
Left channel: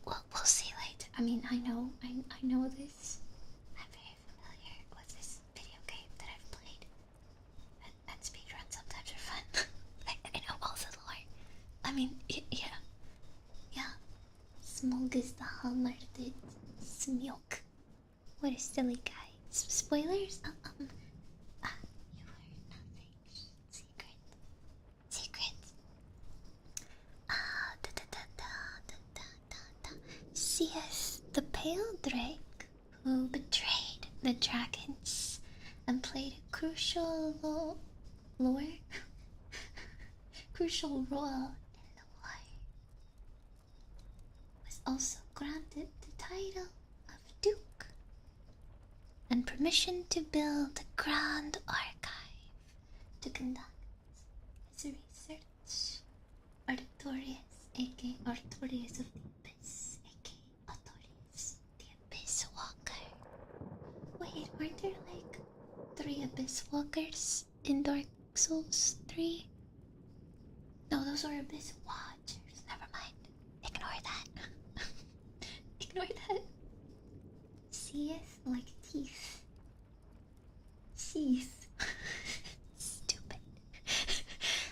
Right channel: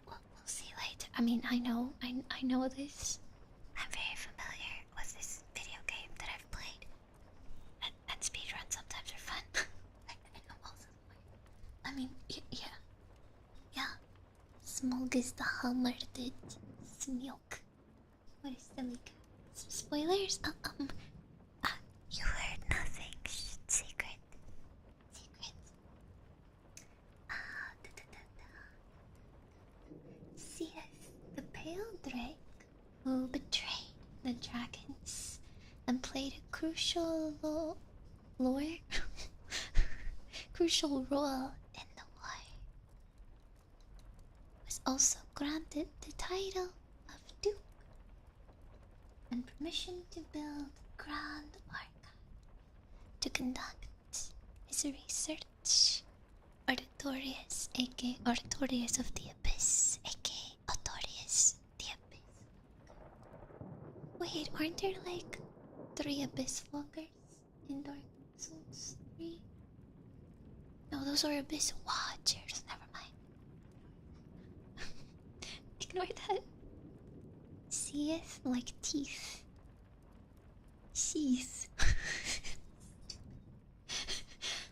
Well, we'll see later. I mean, I know this. I'm very familiar with this video game that I've played. And speedruns sometimes are fun. I know all the lore. I mean, yeah. Smog is the hammer did Smilk. What a silly guy. Spoilers? You heard nothing. Secret. Seeth the pale drake who betrayed the dragons and played a crucial crucial role in the war, was also granted the title of Duke and permission to build a grand archive to conduct his research. Artorius, aka Artorius of the Abyss, aka Artorius the Abyss Walker. Wait, aren't there like 3 Abyss Walkers in Dark Souls 3? No, those are Abyss Watchers. Never mind. Ignore that. Ignore that. Seeth like teeth. Sheath. Stupid.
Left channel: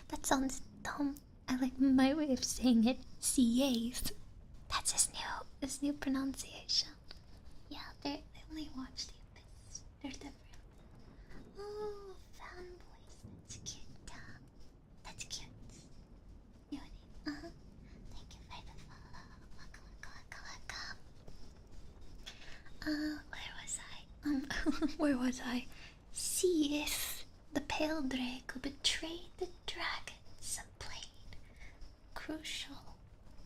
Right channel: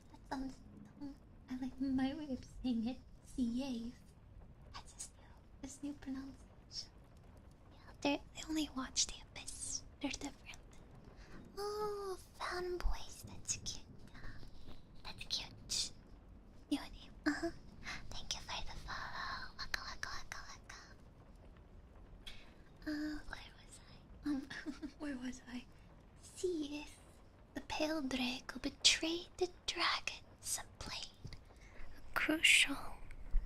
That sounds dumb. I like my way of saying it. Seeth. That's his new pronunciation. Yeah, they only watch the Abyss. They're different. Oh, fanboys. That's cute. That's cute. New name. Thank you for the follow. Waka. Where was I? Seeth the pale drake who betrayed the dragons and played a crucial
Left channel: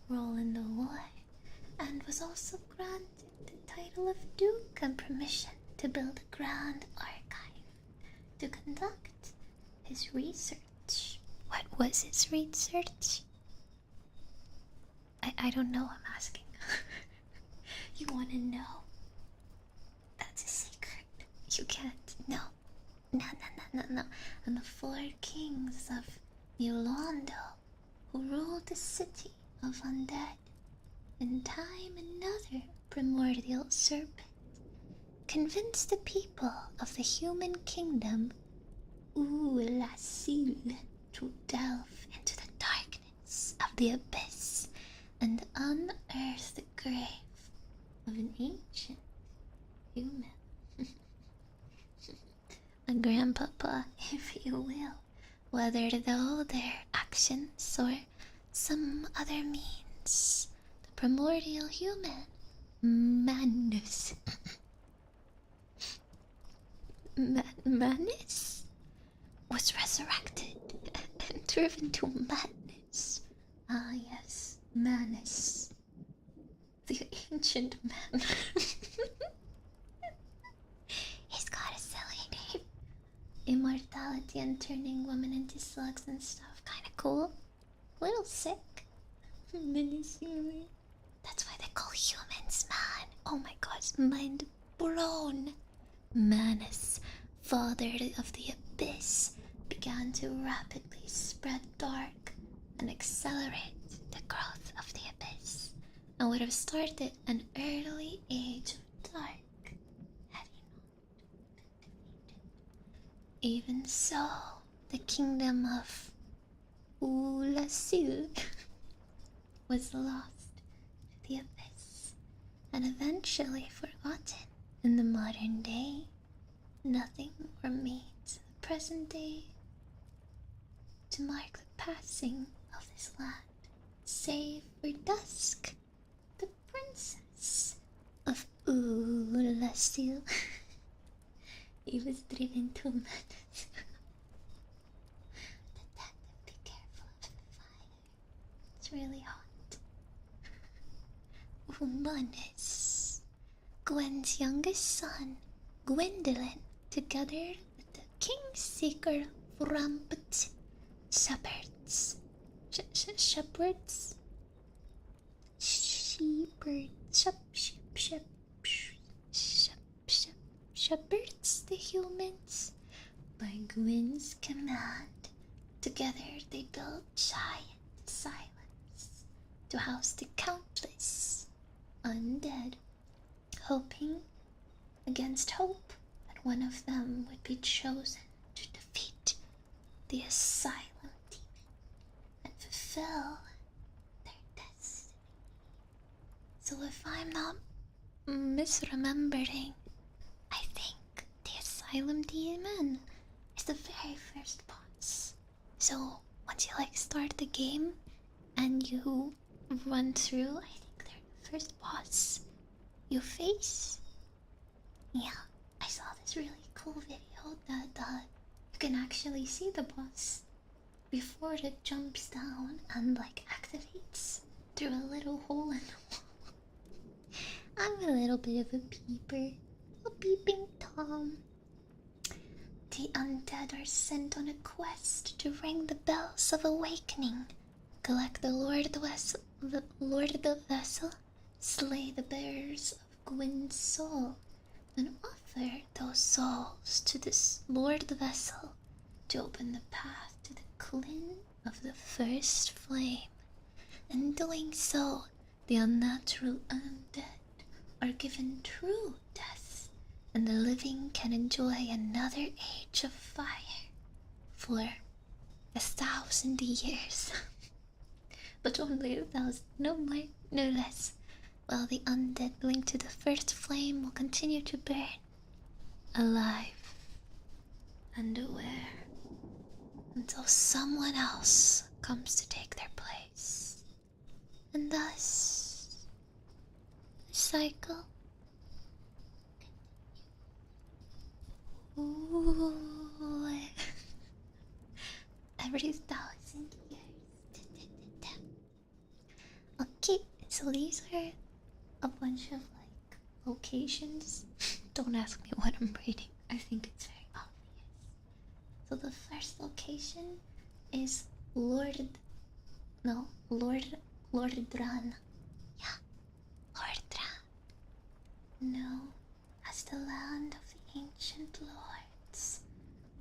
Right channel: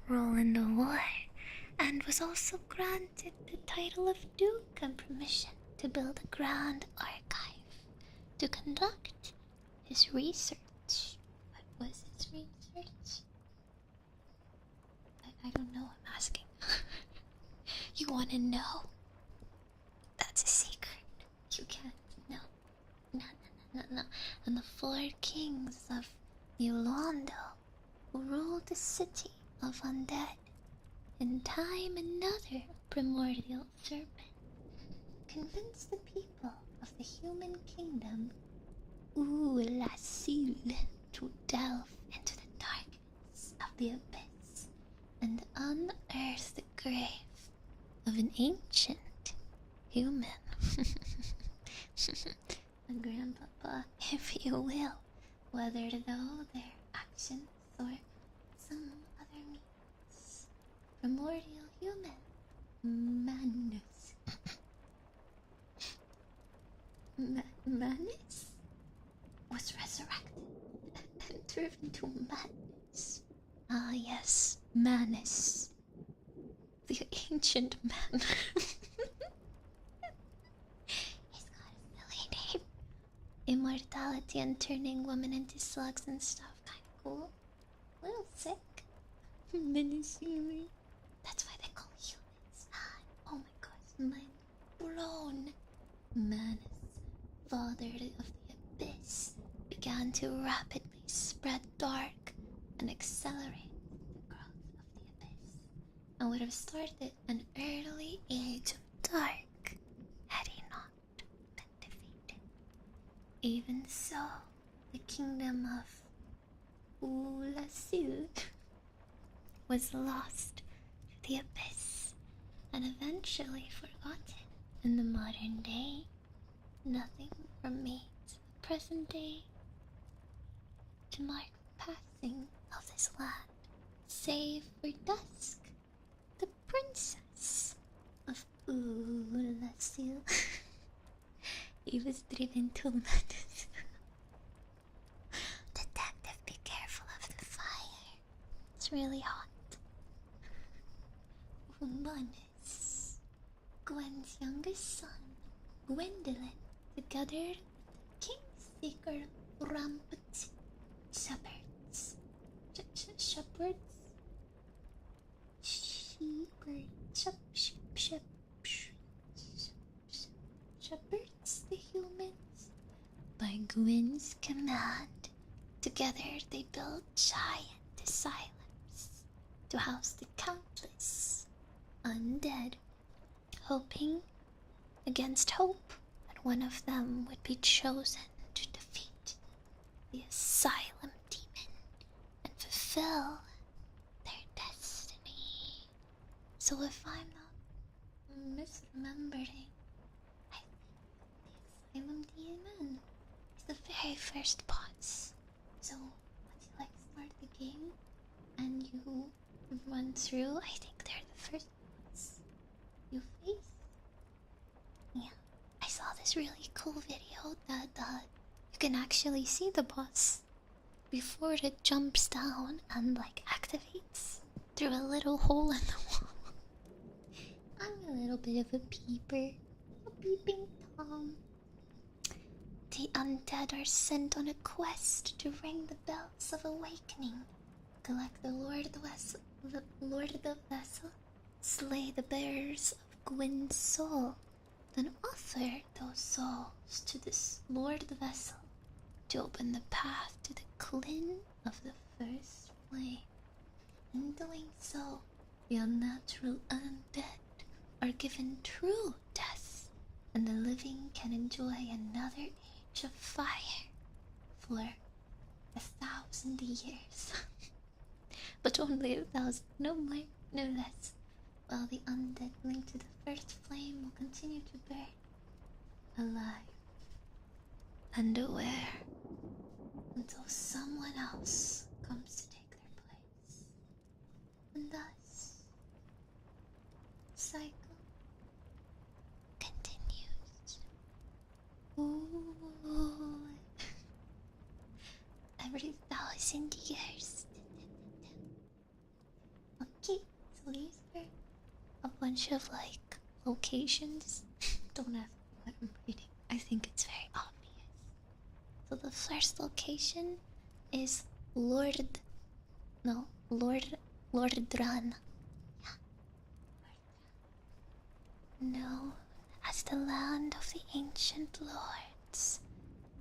role in the war, and was also granted the title of Duke and permission to build a grand archive to conduct his research. What was his research? I don't know, I'm asking. You wanna know? That's a secret. You can't. No. And the 4 kings of Yolando, who ruled the city of undead, in time another primordial serpent, convinced the people of the human kingdom, Ulasil, to delve into the darkness of the abyss and unearth the grave of an ancient human. A grandpapa, if you will, whether though their actions or some other means, the primordial human, Manus. Manus was resurrected and driven to madness. Ah, yes, Manus, the ancient man. He's got a silly name. Immortality and turning women into slugs and stuff. Kinda cool. Little sick. Menacingly. That's why they call humans man. Oh my gosh, mind blown. Manus, father of the abyss, began to rapidly spread dark and accelerate the growth of the abyss, and would have started an early age of dark had he not been defeated. Even so, the kingdom of Ulasil was lost to the abyss and eventually forgotten. In the modern day, nothing remains. Present day, to mark the passing of this land, save for Dusk, the princess of Ulasil. He was driven to madness. Detective, be careful of the fire. It's really hot. Umanis, Gwen's youngest son, Gwendolyn, together with the Kingseeker Rampant shepherds. Shepherds? Shepherds, the humans. By Gwyn's command, together they built giant asylums to house the countless undead, hoping against hope that one of them would be chosen to defeat the asylum demon and fulfill their destiny. So if I'm not misremembering, I think the asylum demon is the very first boss. So once you start the game and you run through, I think they're the first boss you face. Yeah, I saw this really cool video that you can actually see the boss before it jumps down and activates through a little hole in the wall. I'm a little bit of a peeper, a peeping Tom. The undead are sent on a quest to ring the bells of awakening, collect the Lord of the Vessel, slay the bearers of Gwyn's soul, then offer those souls to this Lord of the Vessel to open the path to the Clyn of the First Flame. In doing so, the unnatural undead are given true death, and the living can enjoy another age of fire for 1,000 years. But only 1,000, no more, no less, while the undead linked to the First Flame will continue to burn, alive and aware, until someone else comes to take their place. And thus, the cycle continues. Ooh. Every 1,000 years. Okay, so these are a bunch of locations. Don't ask me what I'm reading. I think it's very obvious. So the first location is Lordran. Yeah, Lordran. Known as the land of the ancient lords,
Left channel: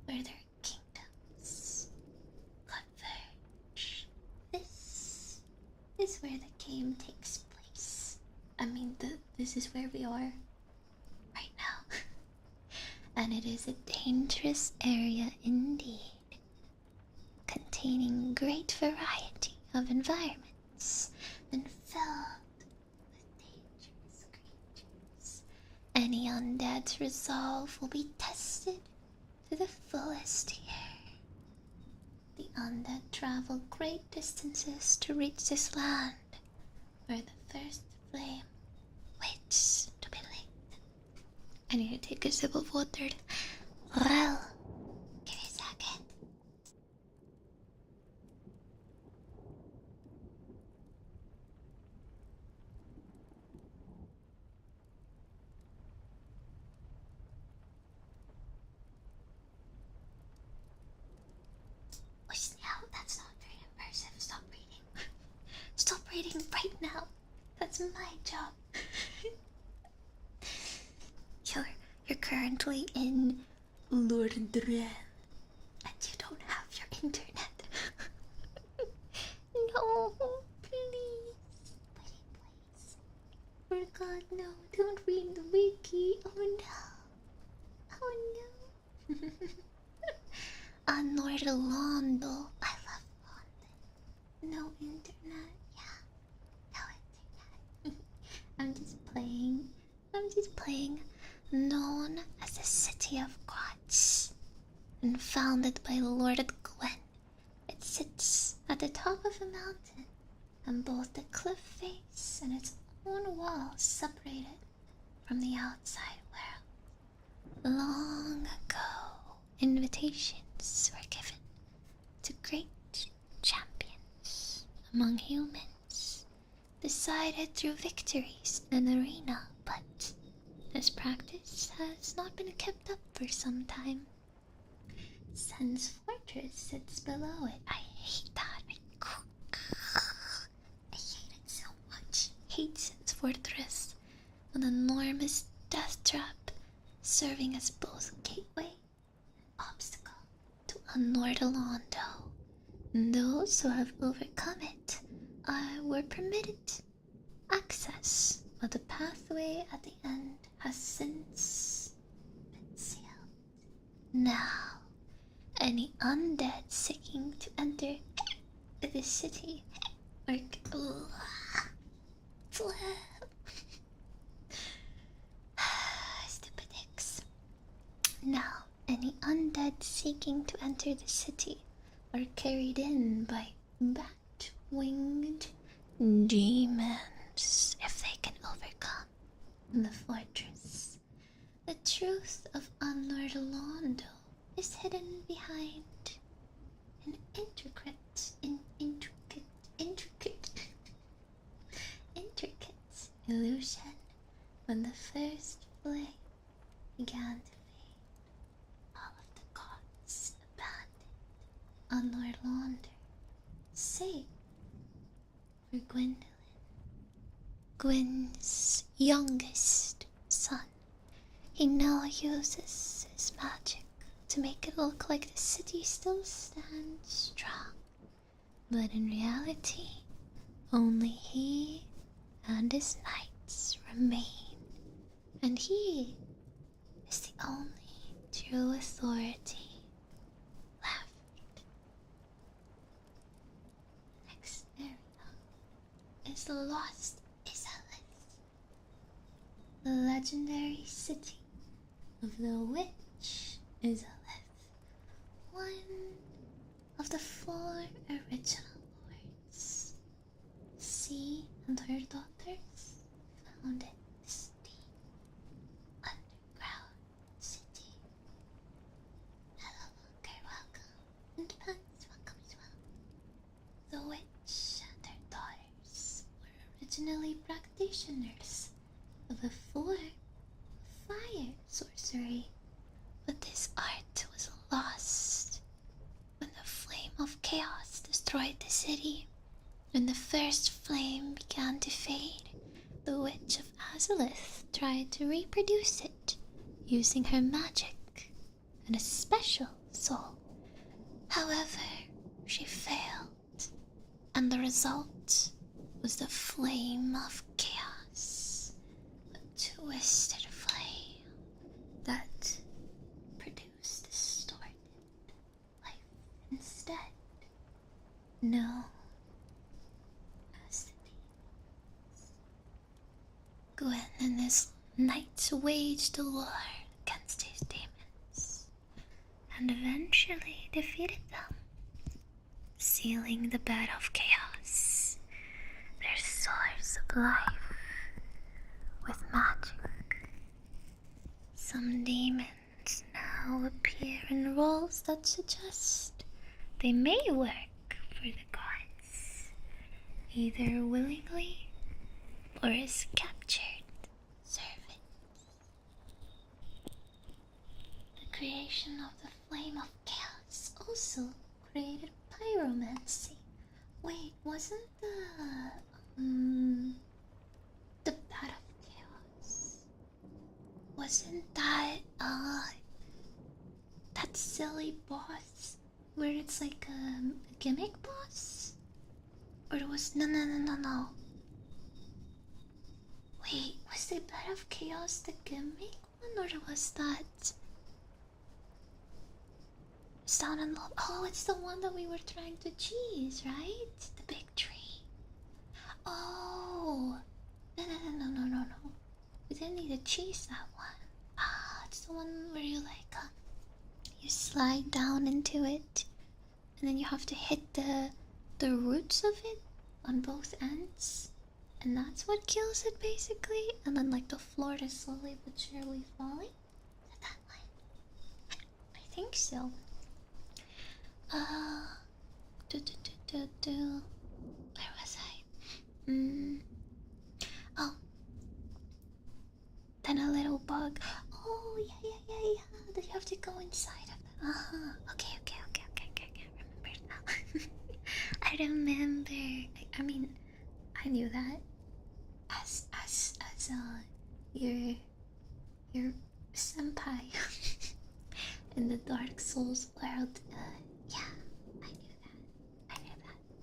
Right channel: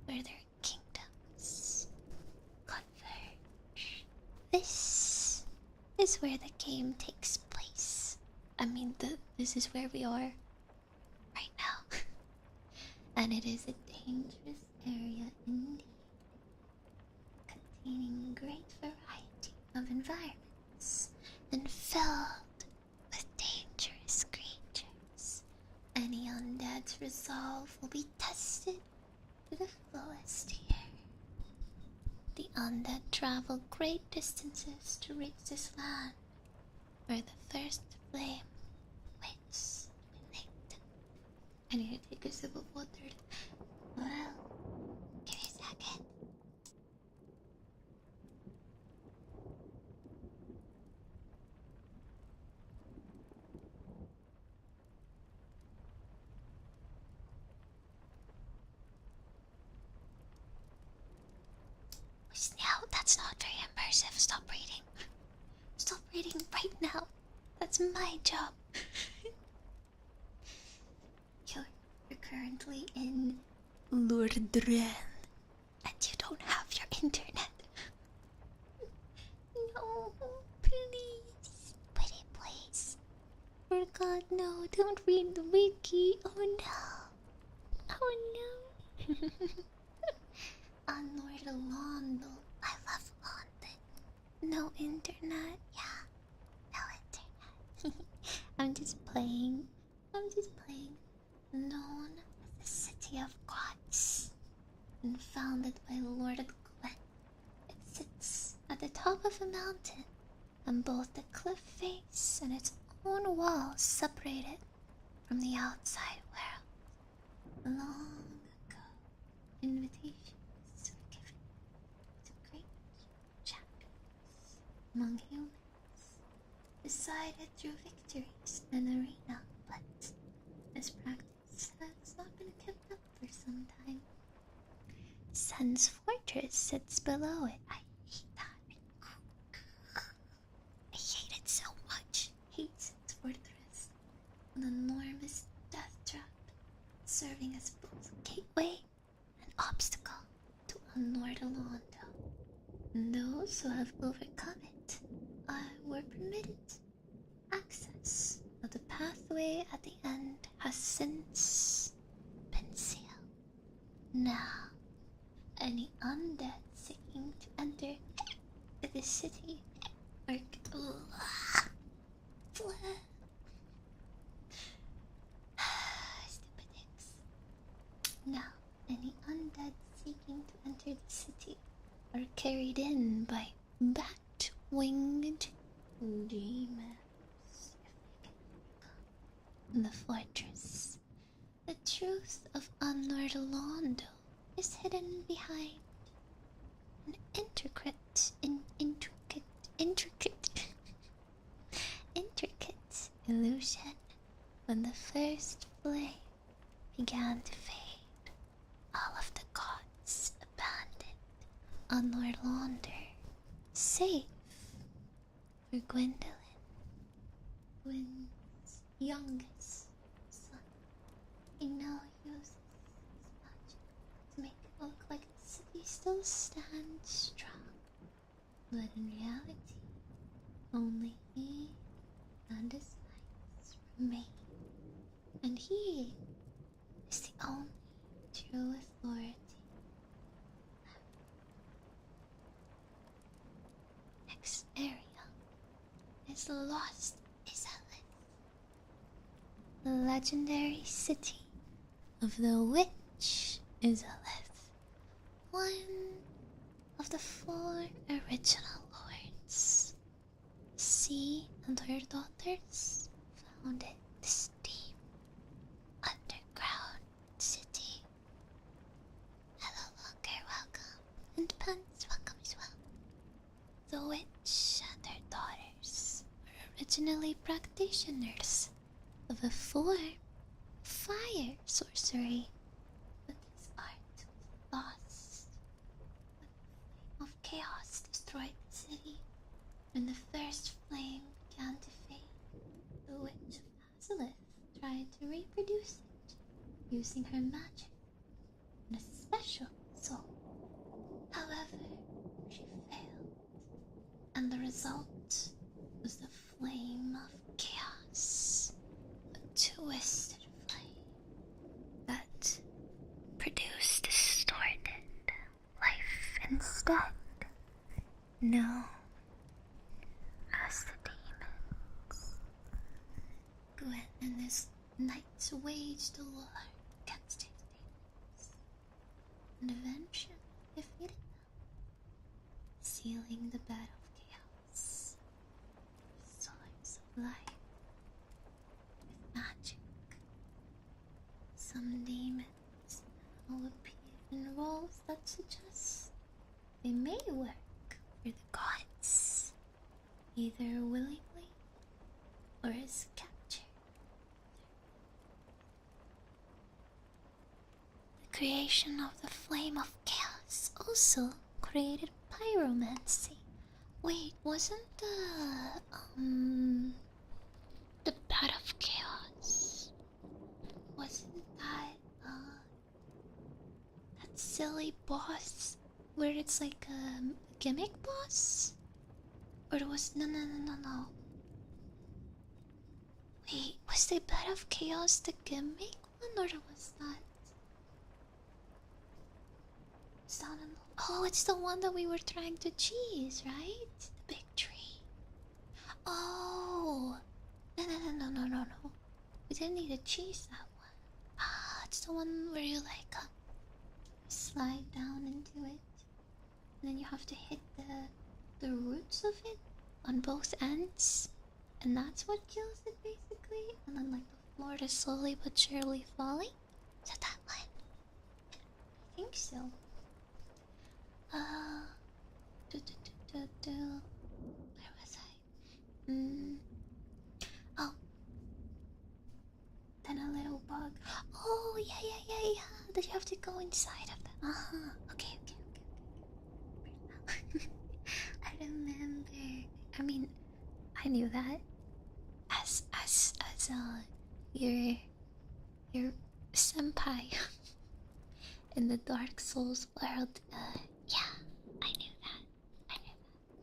where their kingdoms converge. This is where the game takes place. I mean, this is where we are right now. And it is a dangerous area indeed, containing great variety of environments and filled with dangerous creatures. Any undead's resolve will be tested to the fullest here. The undead travel great distances to reach this land, where the First Flame waits to be lit. I need to take a sip of water. Well, give me a second. Wait, now that's not very immersive. Stop reading. Stop reading right now. That's my job. You're currently in Lordran, and you don't have your internet. No, please. Pretty please. For God, no, don't read the wiki. Oh no. Oh no. Lord Londo. I love London. No internet. Yeah, no internet. I'm just playing. Known as the City of Gods, and founded by Lord Gwyn. It sits at the top of a mountain, and both the cliff face and its own walls separated from the outside world. Long ago, invitations were given to great champions among humans, decided through victories in an arena, but this practice has not been kept up for some time. Sun's fortress sits below it. I hate that. I hate it so much. Hate Sun's fortress. An enormous death trap, serving as both gateway and obstacle to Nordalondo. Those who have overcome it were permitted access, but the pathway at the end has since been sealed. Now, any undead seeking to enter the city are stupid dicks. Now, any undead seeking to enter the city are carried in by bat-winged demons if they can overcome the fortress. The truth of Anordalondo is hidden behind an intricate illusion. When the first flame began to fade, all of the gods abandoned Anordalander, save for Gwendolyn, Gwyn's youngest son. He now uses his magic to make it look like the city still stands strong, but in reality, only he and his knights remain, and he is the only true authority left. Next area is the Lost Izalith, the legendary city of the Witch Izalith, one of the 4 original lords. She and her daughters founded this deep underground city. Hello, Longer, welcome, and Pants, welcome as well. The witch and her daughters were originally practitioners of a form of fire sorcery, but this art was lost when the flame of chaos destroyed the city. When the first flame began to fade, the Witch of Azalith tried to reproduce it using her magic and a special soul. However, she failed, and the result was the flame of chaos, a twisted flame that produced distorted life instead. No. As the demons, Gwen and his knights waged a war against these demons, and eventually defeated them, sealing the bed of chaos, their source of life, with magic. Some demons now appear in roles that suggest they may work for the gods, either willingly or as captured servants. The creation of the flame of chaos also created pyromancy. Wait, wasn't the bat of chaos? Wasn't that that silly boss where it's like a gimmick boss? Or it was no. Wait, was the Bed of Chaos the gimmick one, or was that Sound and Love? Oh, it's the one that we were trying to cheese, right? The big tree. Oh, no. We didn't need to cheese that one. Ah, it's the one where you like you slide down into it and then you have to hit the roots of it on both ends, and that's what kills it basically. And then like the floor is slowly but surely falling. Is that one? I think so. Uh, where was I? Oh, then a little bug. Oh yeah. That you have to go inside of them. Okay. I remember now. I remember. I mean, I knew that. As your senpai in the Dark Souls world. Yeah, I knew that.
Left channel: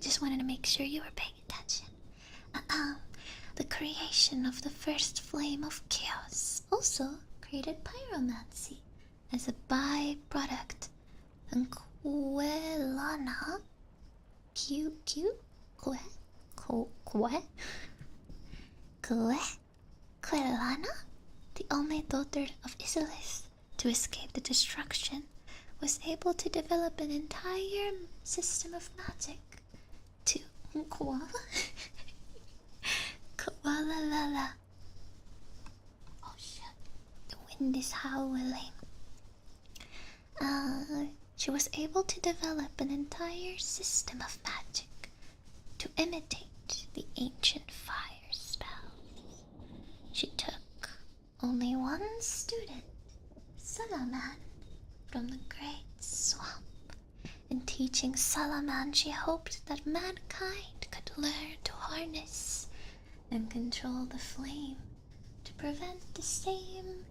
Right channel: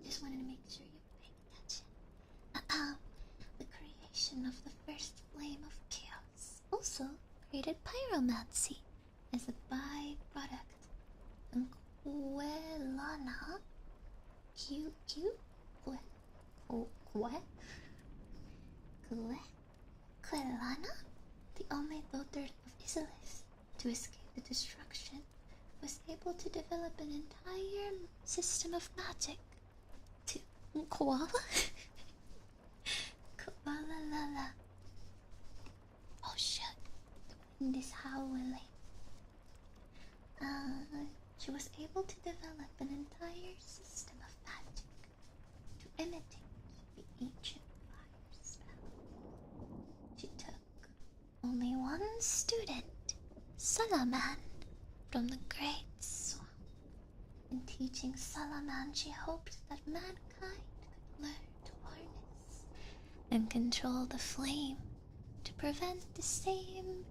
Just wanted to make sure you were paying attention. The creation of the first flame of chaos also created pyromancy as a byproduct, and Quelana, Quelana, the only daughter of Isilith to escape the destruction, was able to develop an entire system of magic to koala. Koala la. Oh shit, the wind is howling. She was able to develop an entire system of magic to imitate the ancient fire spells. She took only one student, Salaman, from the Great Swamp. In teaching Salaman, she hoped that mankind could learn to harness and control the flame to prevent the same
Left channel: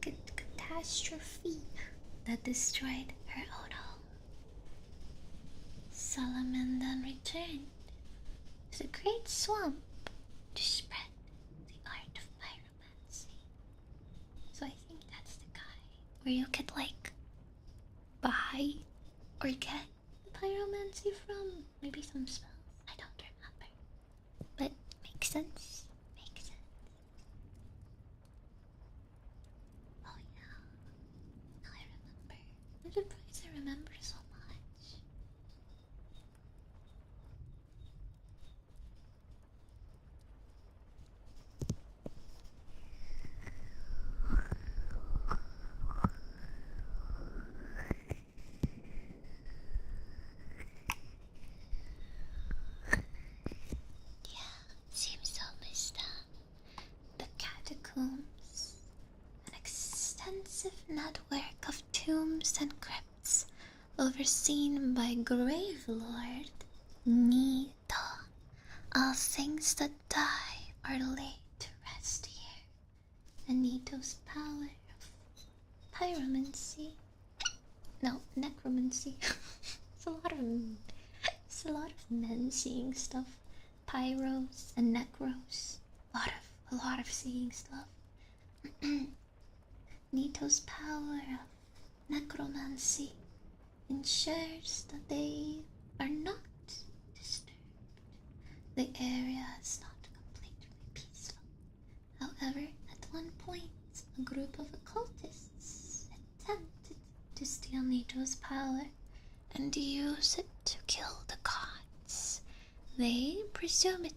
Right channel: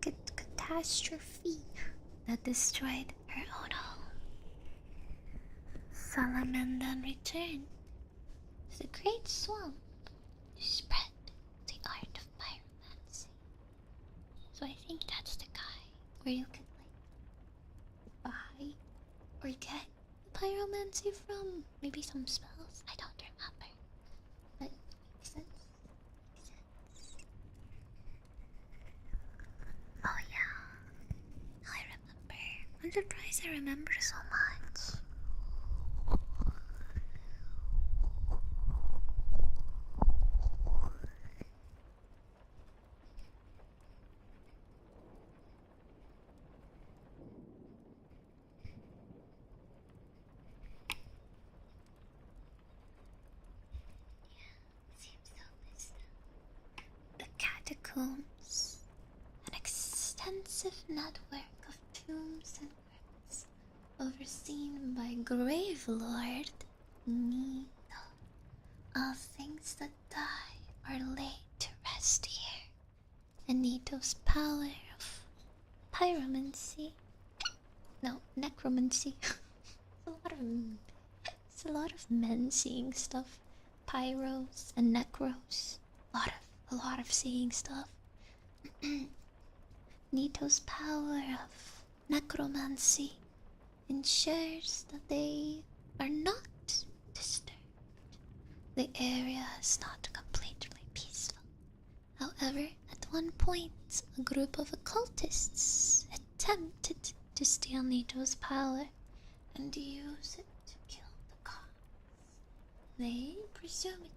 catastrophe that destroyed her own home. Salaman then returned to the Great Swamp to spread the art of pyromancy. So I think that's the guy where you could like buy or get pyromancy from. Maybe some spells. I don't remember. But makes sense. Oh yeah. I remember. I'm surprised I remember so much. Seems so messed up. The catacombs, an extensive network of tombs and crypts overseen by Grave Lord Nito. All things that die are laid to rest here, and Nito's power of pyromancy. No, necromancy. It's a lot of men seeing stuff. Pyros and necros. A lot of seeing stuff. Nito's power of necromancy ensures that they are not disturbed. The area is not completely peaceful. However, at one point, a group of occultists attempted to steal Nito's power and use it to kill the gods. They presumably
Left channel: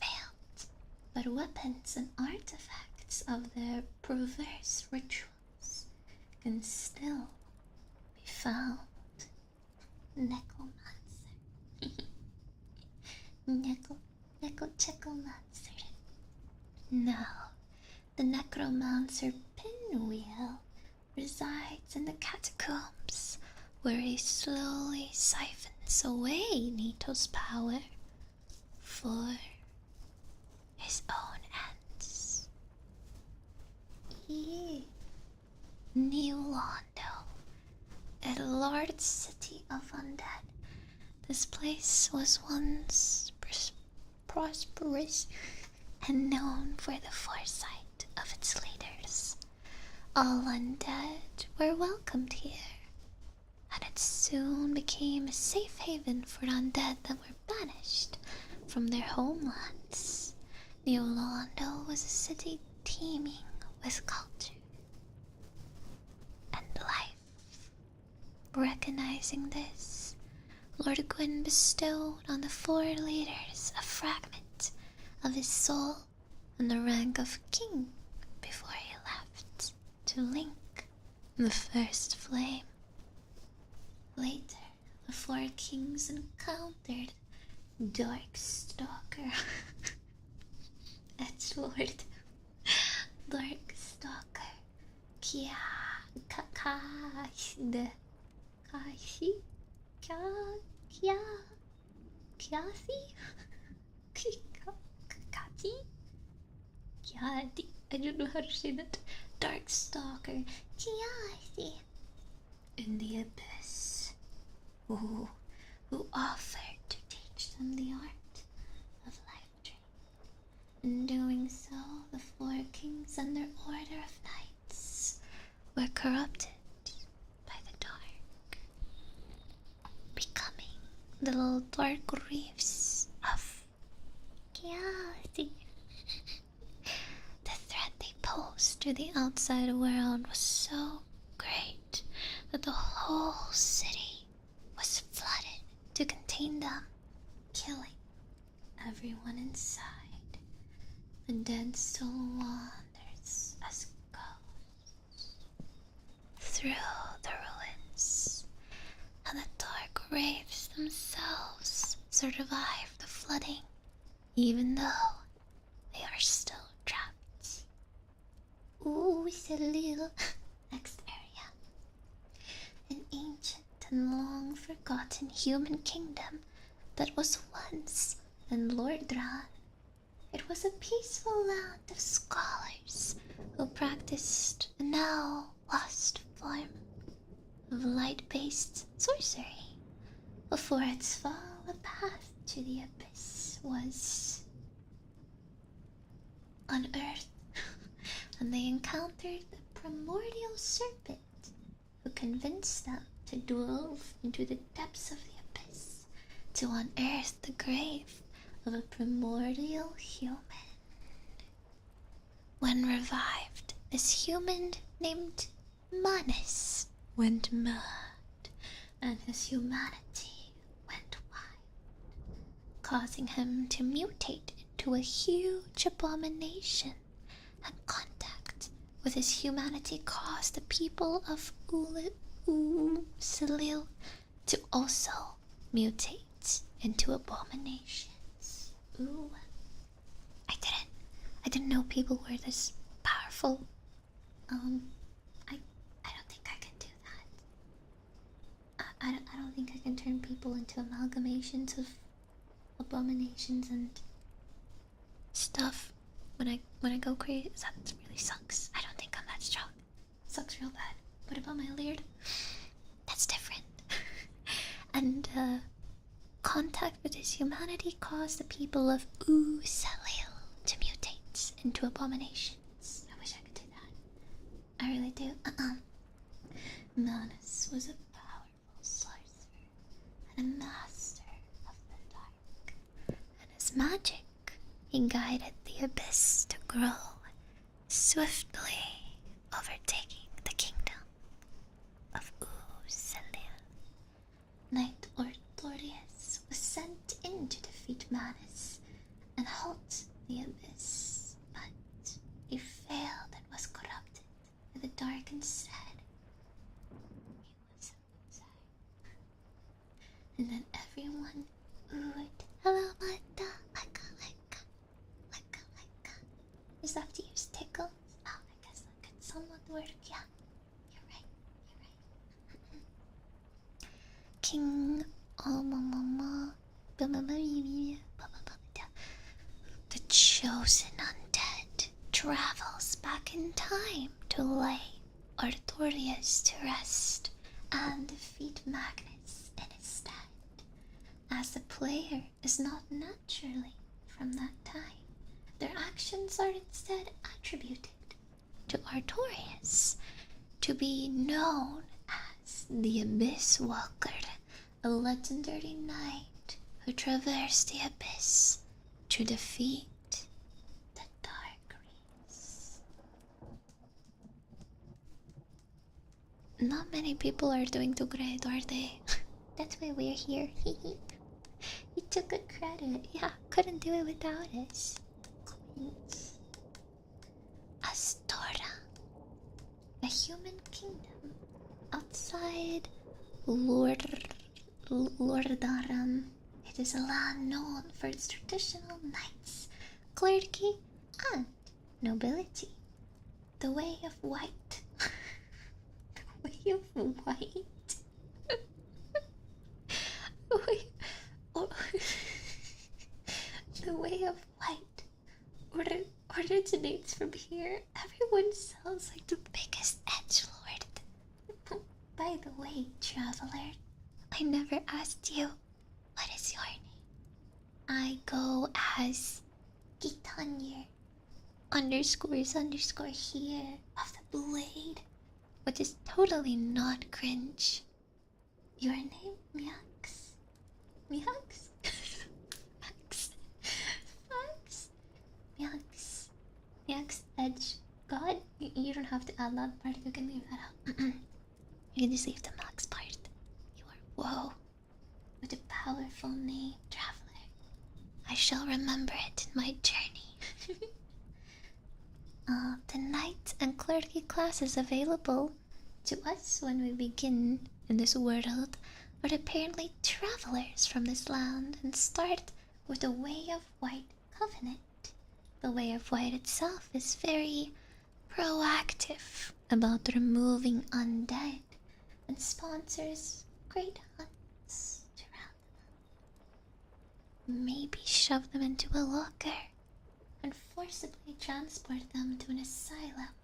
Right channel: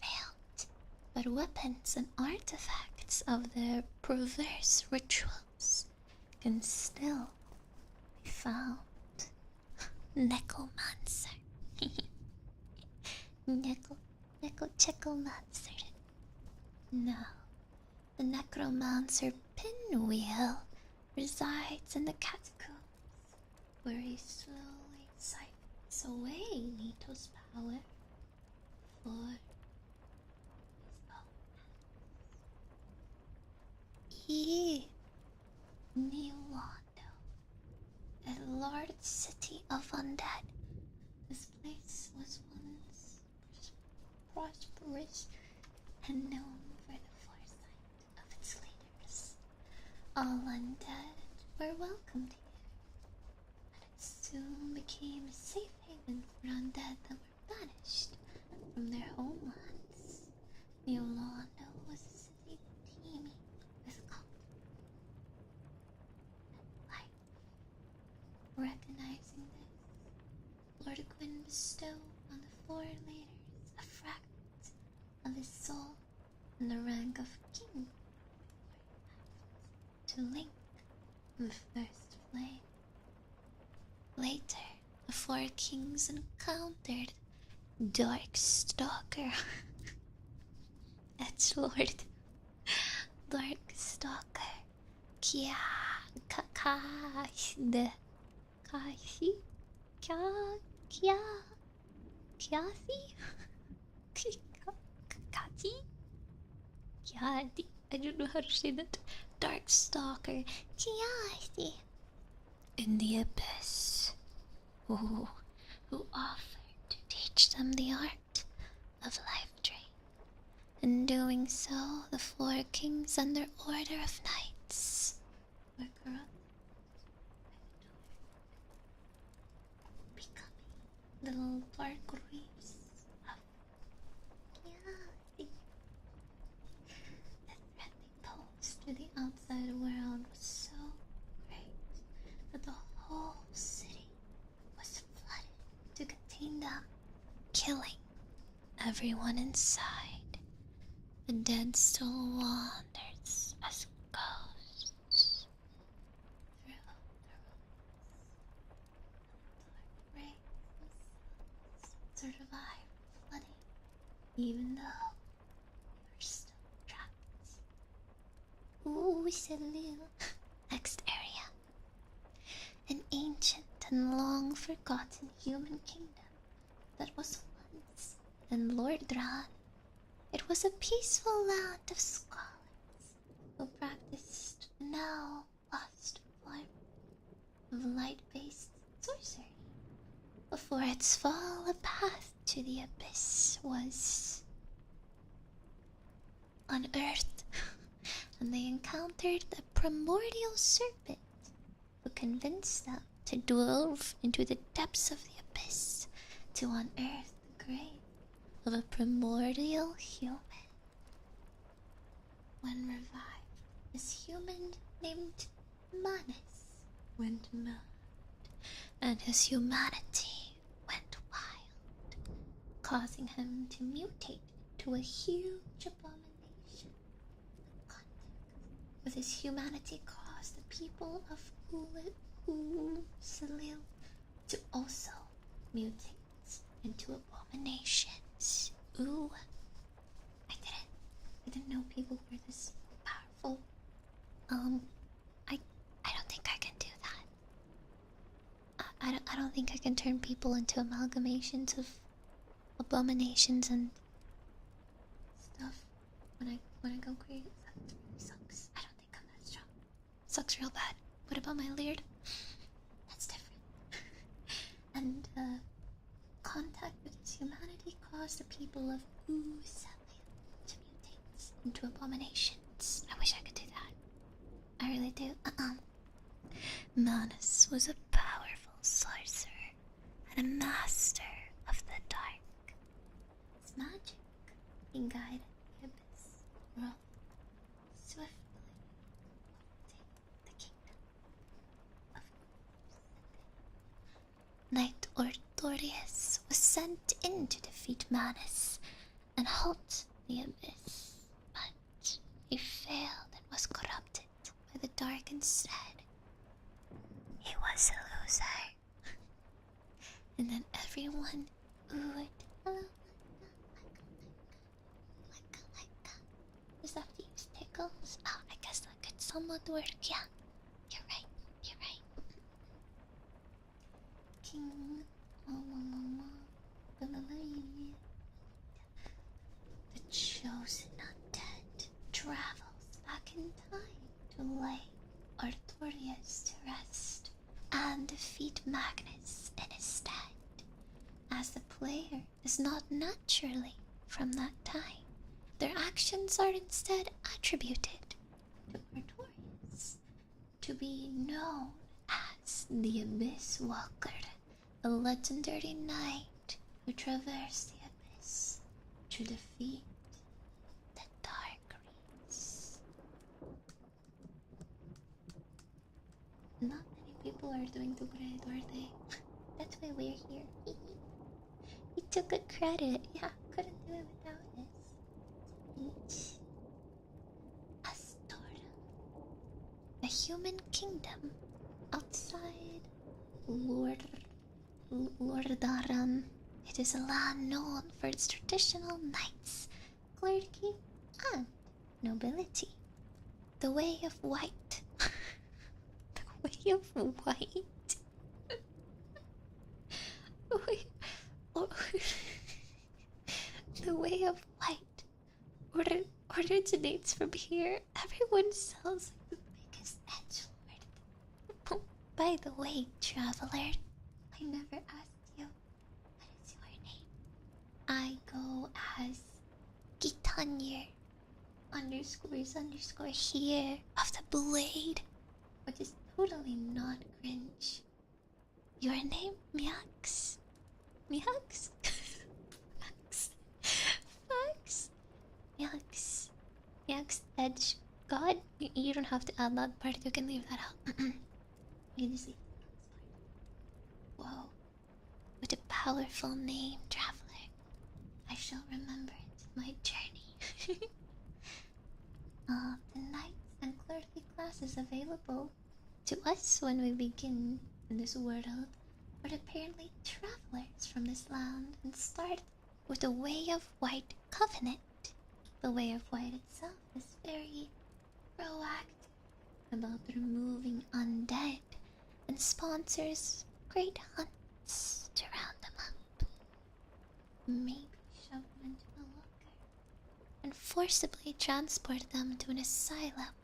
failed, but weapons and artifacts of their perverse rituals can still be found. Necromancer. Necromancer. Now, the necromancer Pinwheel resides in the catacombs, where he slowly siphons away Nito's power for his own ends. New Londo, a large city of undead. This place was once prosperous and known for the foresight of its leaders. All undead were welcomed here, and it soon became a safe haven for undead that were banished from their homelands. New Londo was a city teeming with culture and life. Recognizing this, Lord Gwyn bestowed on the 4 leaders a fragment of his soul and the rank of king before he left to link the first flame. Later, the 4 kings encountered Darkstalker, Edgelord, Darkstalker, Kia, Kakashi, Kashi, Kia, Kiasi, Kati, Kiati. I don't know how to say that. Darkstalker, Kiasi, in the abyss, who offered to teach them the art of life drain. In doing so, the 4 kings and their order of knights were corrupted by the dark, becoming the little dark reefs of chaos. The threat they posed to the outside world was so great that the whole city was flooded to contain them, killing everyone inside. The dead still wanders as ghosts through the ruins, and the dark wraiths themselves survive the flooding, even though they are still trapped. Ooh, Selil. Next area. An ancient and long forgotten human kingdom that was once in Lordran. It was a peaceful land of scholars who practiced a now lost form of light-based sorcery. Before its fall, a path to the abyss was unearthed, and they encountered the primordial serpent who convinced them to delve into the depths of the abyss to unearth the grave of a primordial human. When revived, this human named Manus went mad, and his humanity went wild, causing him to mutate into a huge abomination, and contact with his humanity caused the people of Salil to also mutate into abominations. Ooh. I didn't know people were this powerful. I don't think I can do that. I don't think I can turn people into amalgamations of abominations and stuff when I go crazy. That really sucks. I don't think I'm that strong. It sucks real bad. What about my Laird? That's different. And contact with his humanity caused the people of Salil to mutate into abominations. I wish I could do that. I really do. Manus was a powerful sorcerer and a master of the dark, and his magic, he guided the abyss to grow, swiftly overtaking the kingdom of Salil. Knight Orthorius was sent in to defeat Manus and halt the abyss, but he failed and was corrupted by the dark instead. He was a loser. And then everyone oohed, hello, Mata, like. Is that to use tickles? Oh, I guess that could somewhat work, yeah. You're right. King Omamama, the chosen undead travels back in time to lay Artorius to rest and defeat Magnus in his stead, as the player is not naturally from that time. Their actions are instead attributed to Artorius, to be known as the Abyss Walker, a legendary knight who traversed the abyss to defeat the Dark Reeds. Not many people are doing too great, are they? That's why we're here. You took good credit. Yeah, couldn't do it without us. Astora, a human kingdom outside Lordaram. It is a land known for its traditional knights, clergy, and nobility. The Way of White. The Way of White? Wait, oh, the Way of White originates from here. Everyone sounds like the biggest edgelord. By the way, traveler, I never asked you, what is your name? I go as Gitanya underscore here of the blade, which is totally not cringe. Your name, Miax? Miax? Max? Max? Miax? Miax Edge God? You don't have to add that part, you can leave that out. You can just leave the Max part. You are whoa. With a powerful name, traveler. I shall remember it in my journey. The knight and clergy classes available to us when we begin in this world are apparently travelers from this land and start with the Way of White Covenant. The Way of White itself is very proactive about removing undead and sponsors great hunts to round them up. Maybe shove them into a locker and forcibly transport them to an asylum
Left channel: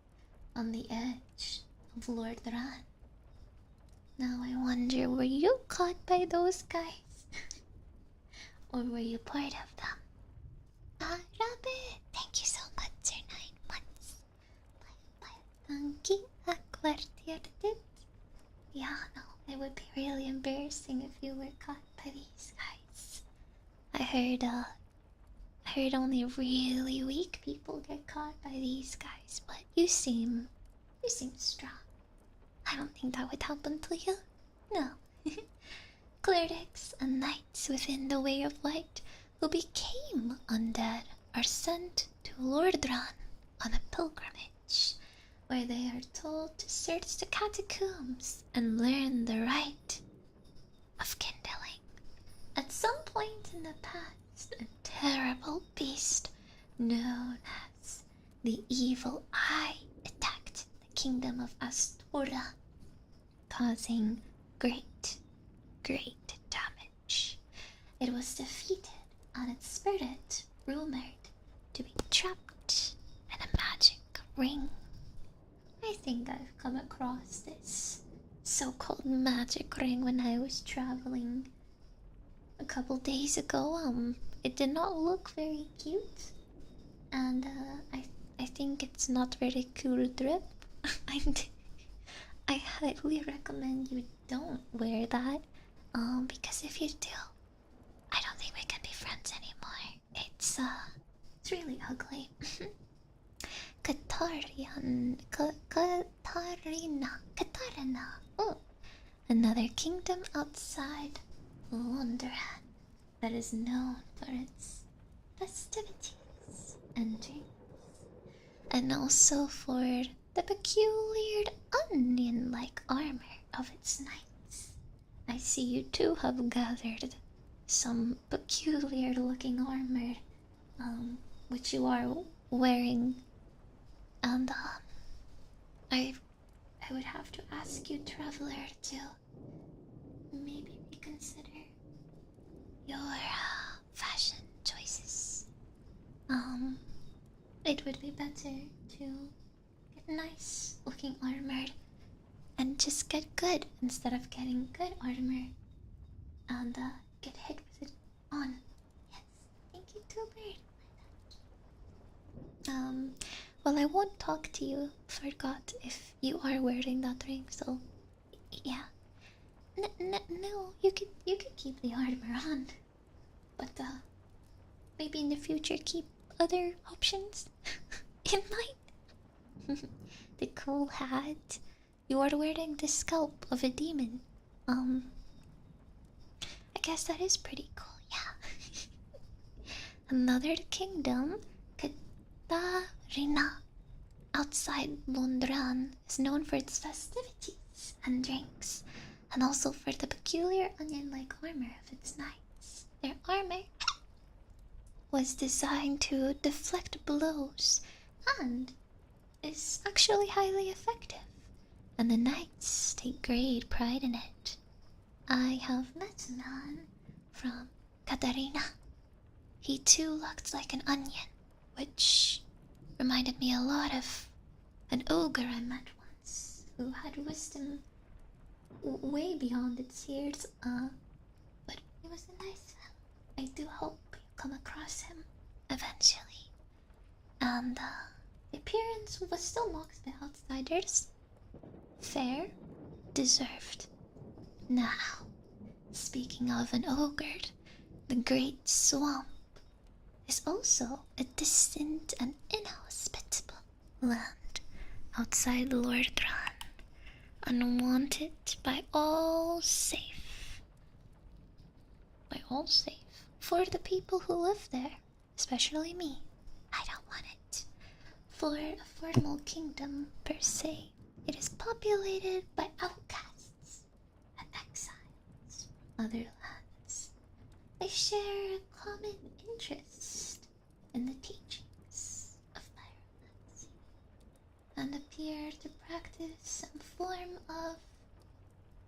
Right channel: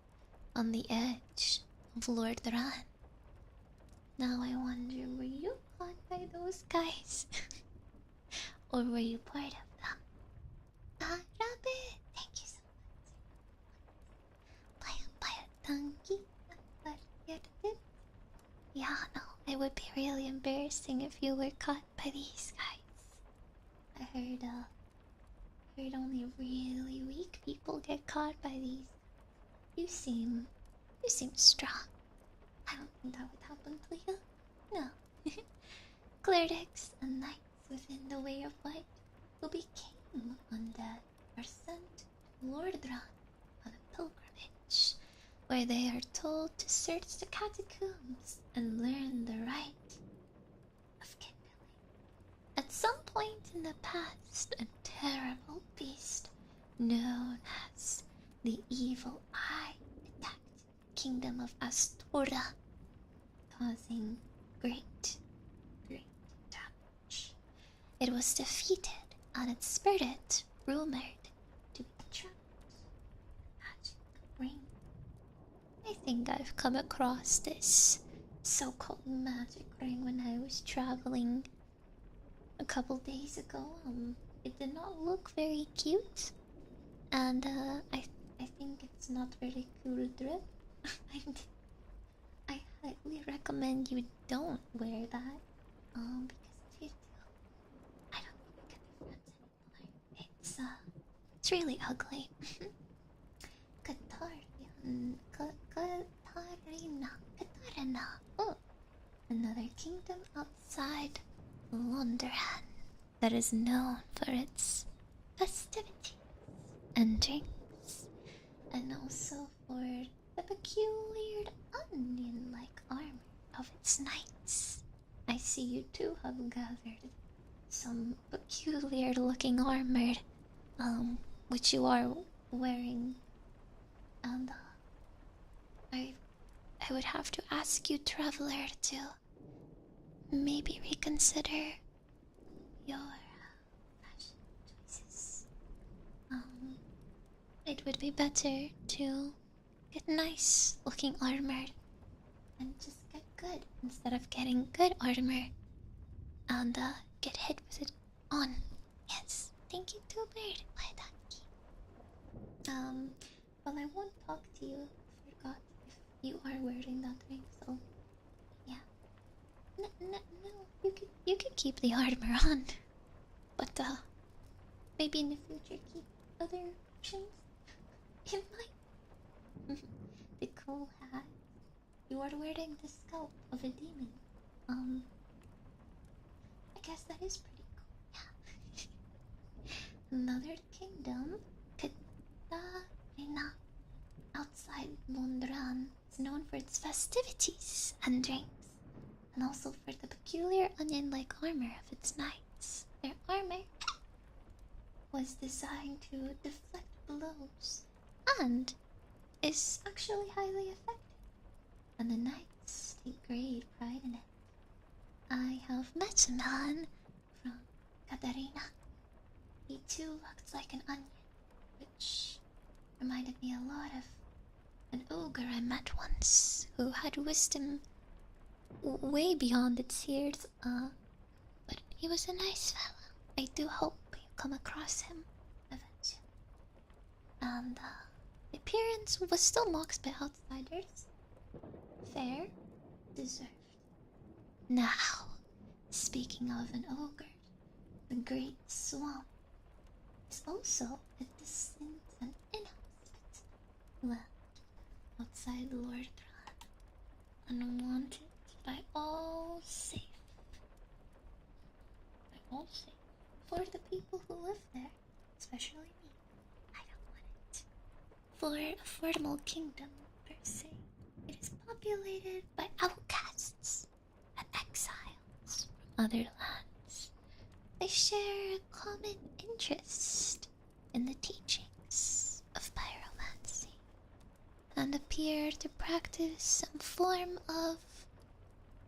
on the edge of Lord Ran. Now I wonder, were you caught by those guys? Or were you part of them? Rabbit! Thank you so much for 9 months. Yeah, no, it would be really embarrassing if you were caught by these guys. I heard only really weak people get caught by these guys, but you seem strong. I don't think that would happen to you. No. Clerics and knights within the Way of White who became undead are sent to Lordran on a pilgrimage, where they are told to search the catacombs and learn the rite of kindling. At some point in the past, a terrible beast known as the Evil Eye attacked the kingdom of Astora, causing great damage. It was defeated, and its spirit rumored to be trapped in a magic ring. I think I've come across this so-called magic ring when I was traveling a couple days ago. It did not look very cute, and I think it's not very cool drip. I highly recommend you don't wear that, because if you do, I don't think we can be friends anymore. It's really ugly. Katarina. Oh, another kingdom outside Londoran that is known for its festivities and drinks, and also for the peculiar onion-like armor of its knights. I see you too have gathered some peculiar-looking armor, which you are wearing, and I would have to ask you, traveler, to maybe reconsider your fashion choices. It would be better to get nice looking armor and just get good instead of getting good armor and get hit with it on. Yes, thank you, Two Bird. Why that? Well, I won't talk to you, Forgot, if you are wearing that ring. So, yeah. No, you could keep the armor on, but maybe in the future keep other options in mind. The cool hat. you are wearing the scalp of a demon. I guess that is pretty cool, yeah. Another kingdom, Katarina, outside Londran, is known for its festivities and drinks, and also for the peculiar onion-like armor of its knights. Their armor was designed to deflect blows and is actually highly effective, and the knights take great pride in it. I have met a man from Katarina. He too looked like an onion, which reminded me a lot of an ogre I met once who had wisdom way beyond its years. But he was a nice fella. I do hope you come across him eventually. And the appearance was still mocked by outsiders. Fair, deserved. Now, speaking of an ogre, the Great Swamp is also a distant and inhospitable land outside Lordran, unwanted by all safe. By all safe. For the people who live there, especially me, I don't want it. For a formal kingdom per se, it is populated by outcasts and exiles from other lands. They share a common interest in the teachings of pyromancy and appear to practice some form of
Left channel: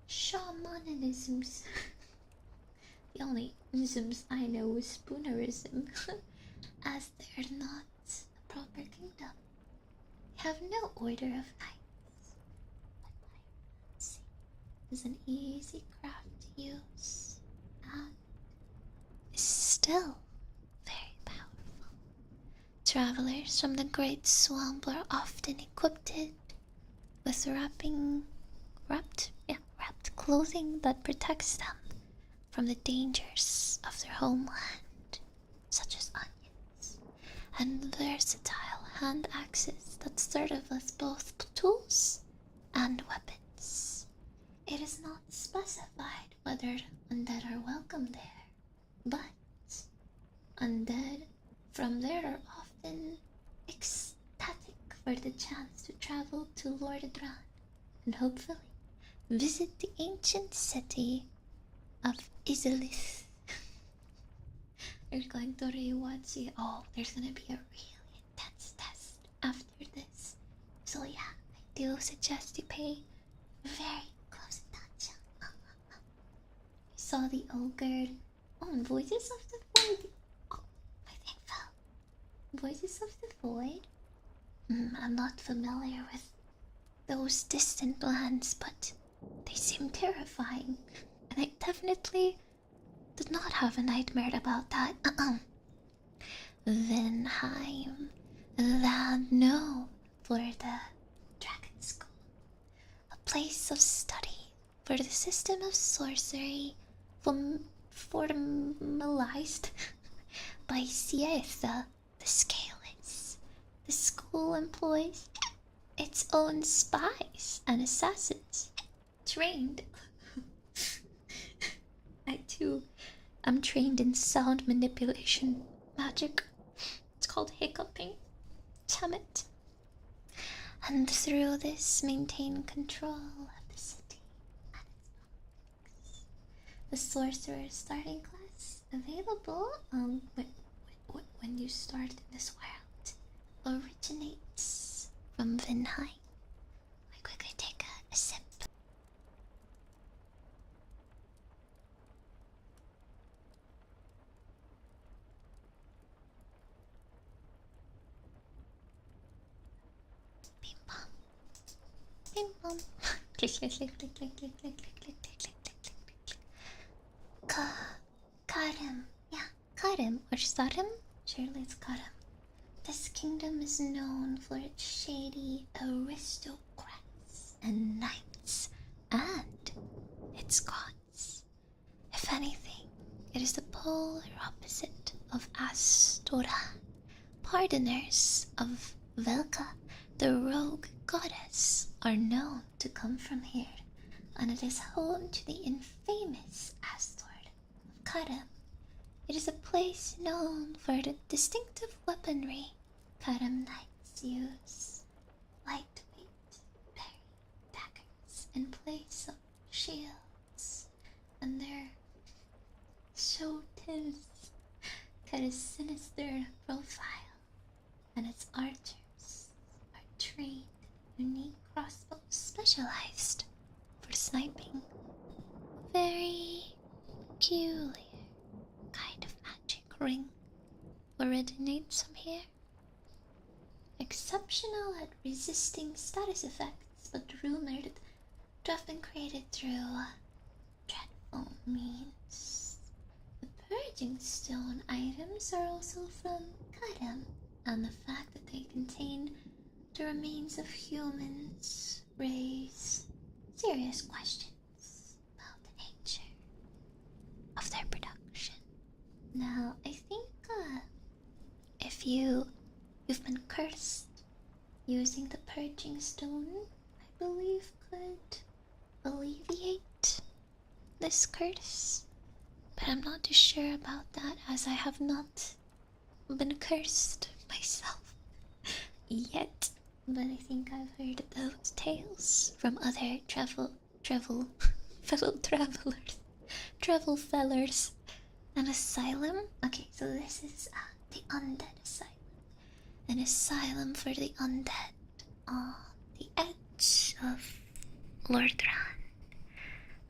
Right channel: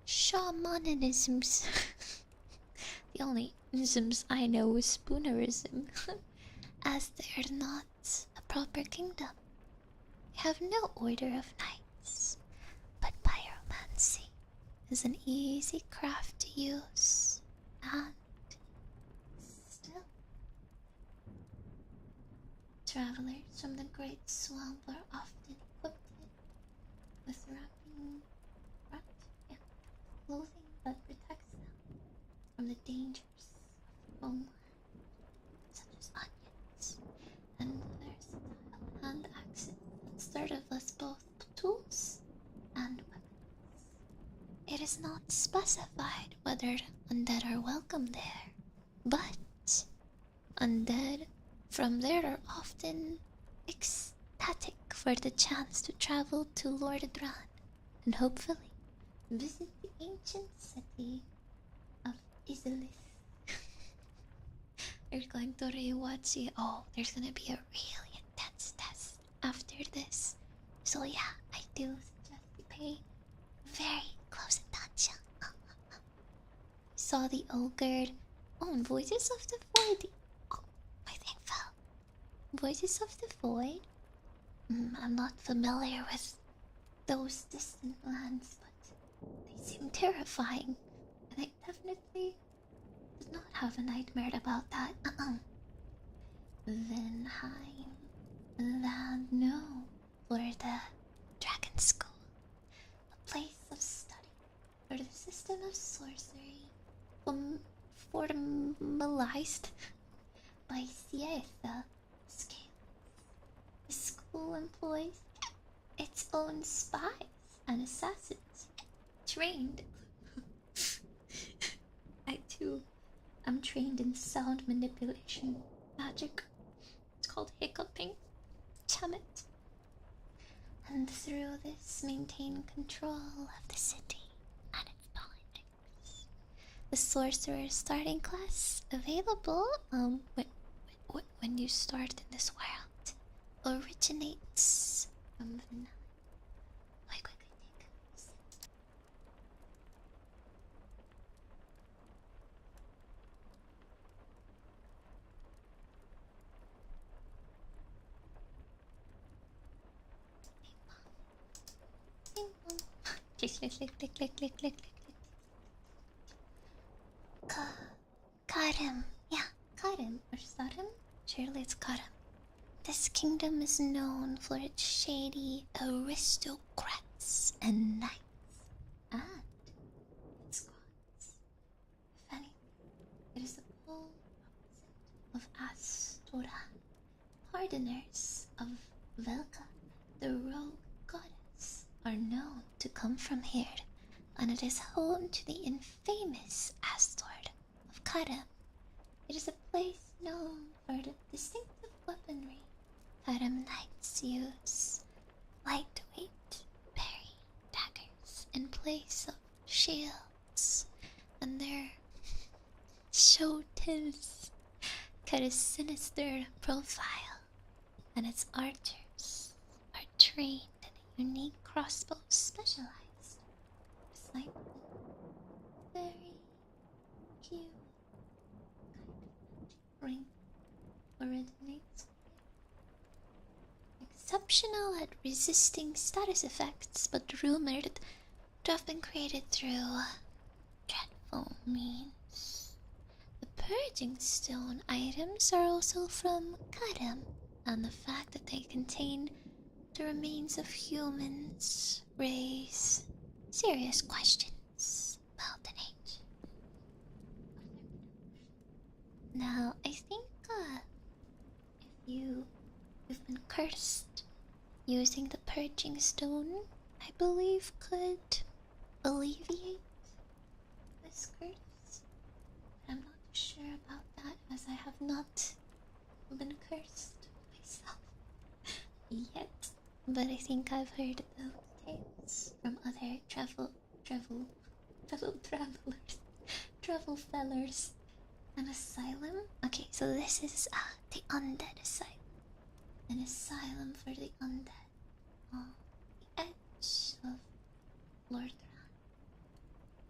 shamanisms. The only isms I know is spoonerism, as they are not a proper kingdom. They have no order of knights, but pyromancy is an easy craft to use and is still very powerful. Travelers from the Great Swamp are often equipped with wrapped clothing that protects them from the dangers of their homeland, such as onions, and versatile hand axes that serve as both tools and weapons. It is not specified whether undead are welcome there, but undead from there are often ecstatic for the chance to travel to Lordran and hopefully visit the ancient city of Isilith. They're going to rewatch it. Oh, there's gonna be a really intense test after this. So yeah, I do suggest you pay very close attention. Saw the ogre. Oh, Voices of the Void. Oh, my thing fell. Voices of the Void? I'm not familiar with those distant lands, but they seem terrifying. And I definitely did not have a nightmare about that. Vinheim, land known for the Dragon School, a place of study for the system of sorcery formalized by Sietha the Scaleless. The school employs its own spies and assassins, trained. I too am trained in sound manipulation magic. It's called hiccuping. Damn it. And through this, maintain control of the city and its politics. The sorcerer starting class available when you start in this world originates from Vinheim. I quickly take a sip. Bing bong. Bing bong. Click, click, click, click, click, click, click, click, click, click, click, click, click. Karim. Yeah, Karim. Or Sarim? Surely it's Karim. This kingdom is known for its shady aristocrats and knights, and its gods. If anything, it is the polar opposite of Astoran, pardoners of Velka, the rogue goddess are known to come from here, and it is home to the infamous Astor of Karam. It is a place known for the distinctive weaponry Karam knights use. Lightweight berry daggers in place of shields, and their shotis cut a sinister profile, and its archers are trained in a unique crossbow specialized for sniping. Very peculiar kind of magic ring originates from here. Exceptional at resisting status effects, but rumored to have been created through dreadful means. The purging stone items are also from Karam, and the fact that they contain the remains of humans raise serious questions about the nature of their production. Now, I think if you've been cursed, using the purging stone, I believe, could alleviate this curse. But I'm not too sure about that, as I have not been cursed myself yet. But I think I've heard those tales from other fellow travelers. An asylum? Okay, so this is the undead asylum. An asylum for the undead on the edge of Lordran.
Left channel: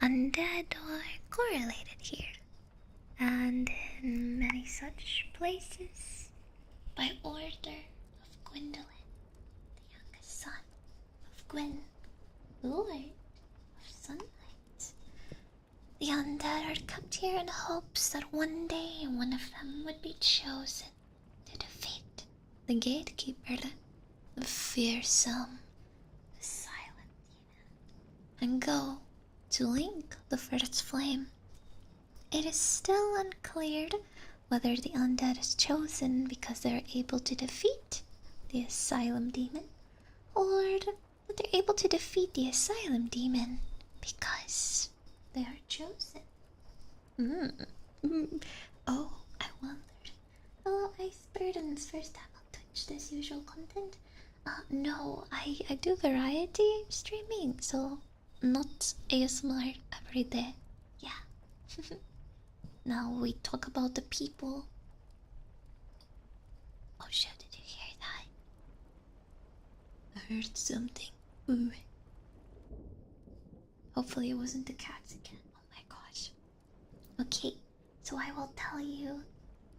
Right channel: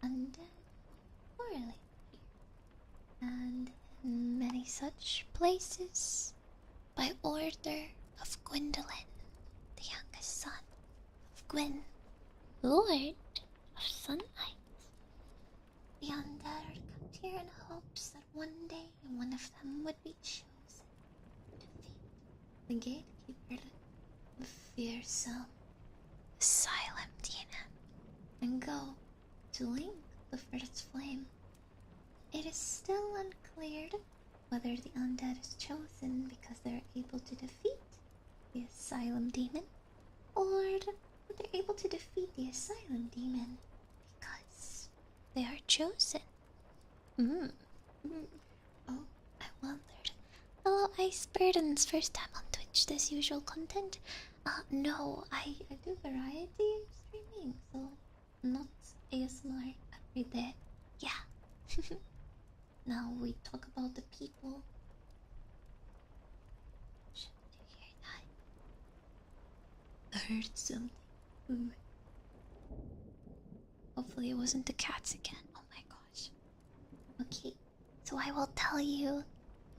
Undead are correlated here, and in many such places, by order of Gwendolyn, the youngest son of Gwyn, Lord of Sunlight. The undead are kept here in hopes that one day one of them would be chosen to defeat the gatekeeper, the fearsome asylum demon, and go to link the first flame. It is still unclear whether the undead is chosen because they are able to defeat the asylum demon, or that they're able to defeat the asylum demon because they are chosen. Oh, I wondered. Hello, Ice Burden's first time on Twitch. This usual content? No, I do variety streaming, so not ASMR every day. Yeah. Now we talk about the people. Oh shit, did you hear that? I heard something. Ooh. Hopefully it wasn't the cats again. Oh my gosh. Okay, so I will tell you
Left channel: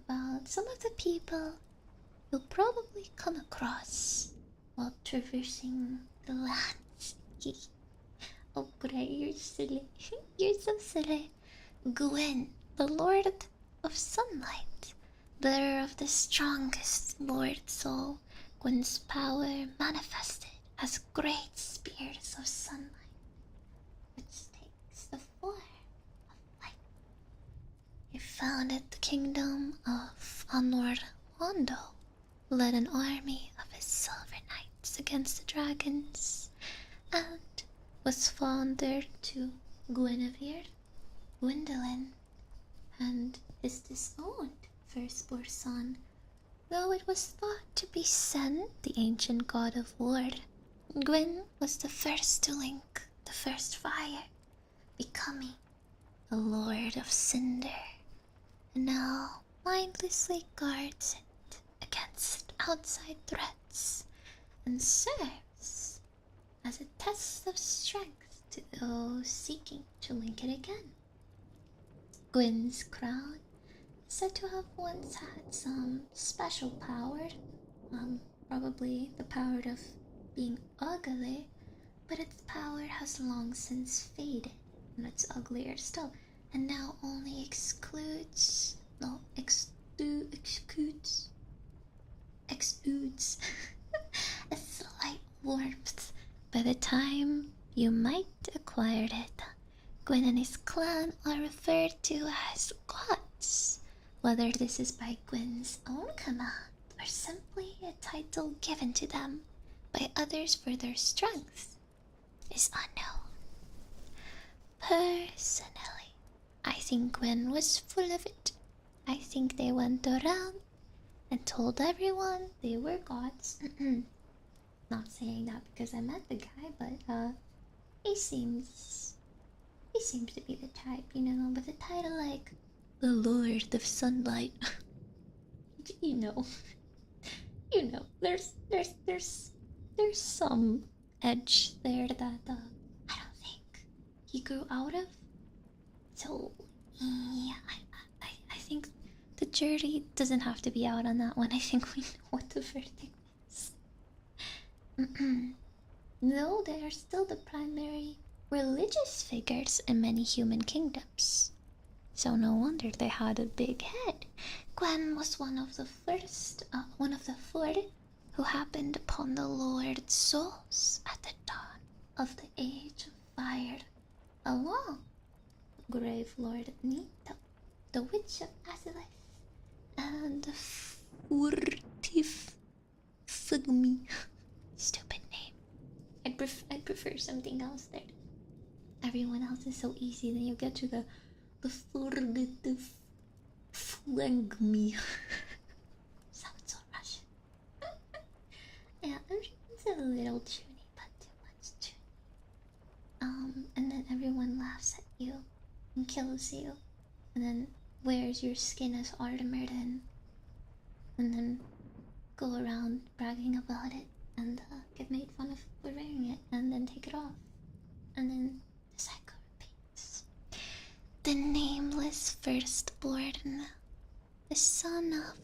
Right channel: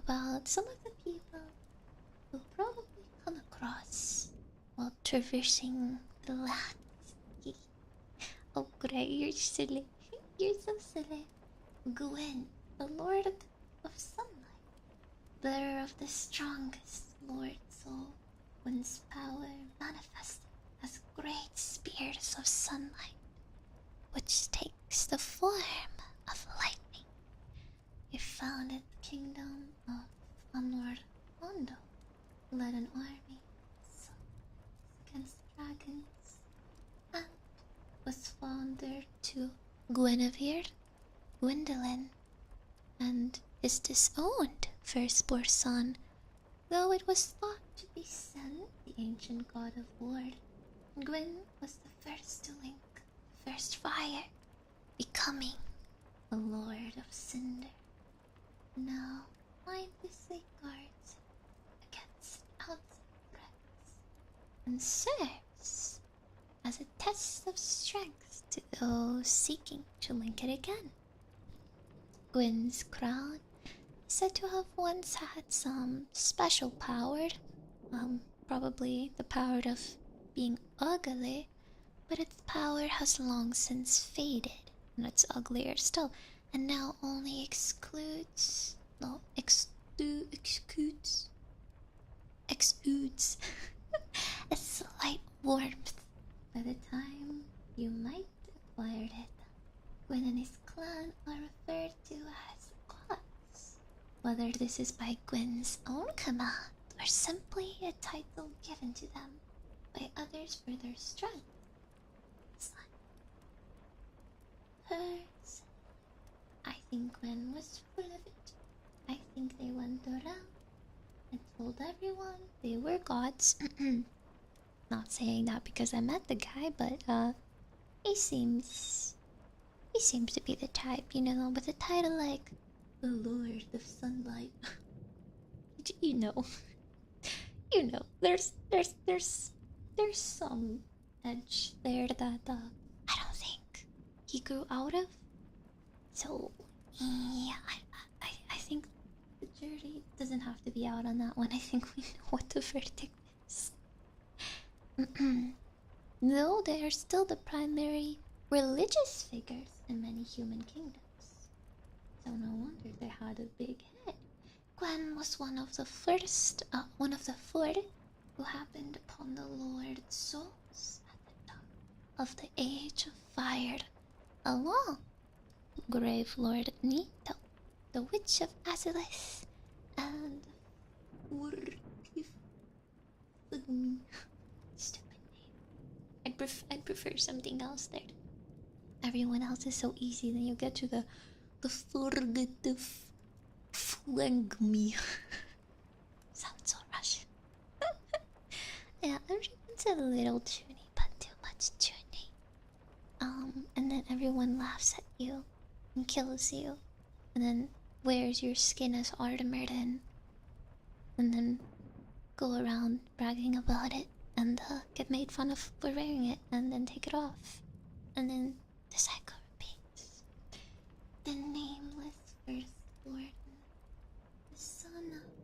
about some of the people you'll probably come across while traversing the lands. Oh great, you're silly. You're so silly. Gwyn, the Lord of Sunlight, bearer of the strongest Lord Soul. Gwyn's power manifested as great spears of sunlight, which takes the form of lightning. He founded the kingdom of Anor Londo, led an army of his silver knights against the dragons, and was father to Guinevere, Gwendolyn, and his disowned firstborn son, though it was thought to be Sen, the ancient god of war. Gwyn was the first to link the first fire, becoming a Lord of Cinder, and now mindlessly guards it against outside threats and serves as a test of strength to those seeking to link it again. Gwyn's crown is said to have once had some special power, probably the power of being ugly, but its power has long since faded, and it's uglier still, and now only exudes a slight warmth by the time you might acquire it. Gwyn and his clan are referred to as gods, whether this is by Gwyn's own command or simply a title given to them by others for their strength is unknown. Personally, I think Gwen was full of it. I think they went around and told everyone they were gods. Not saying that because I met the guy, but he seems to be the type, with a title like the Lord of Sunlight. you know, there's some edge there that I don't think he grew out of. So yeah, I think the jury doesn't have to be out on that one. I think we know what the verdict is. Though they are still the primary religious figures in many human kingdoms. So no wonder they had a big head. Gwen was one of the four who happened upon the Lord's souls at the dawn of the Age of Fire, along Grave Lord Nito, the Witch of Azalith, and Furtif Fugmi. Stupid name. I'd prefer something else there. Everyone else is so easy, then you get to the Furtif Fugmi. Sounds so Russian. Yeah, everyone's a little toony, but too much toony. And then everyone laughs at you and kills you, and then wears your skin as armor, and then go around bragging about it, and get made fun of for wearing it, and then take it off, and then the cycle repeats. The nameless firstborn, the son of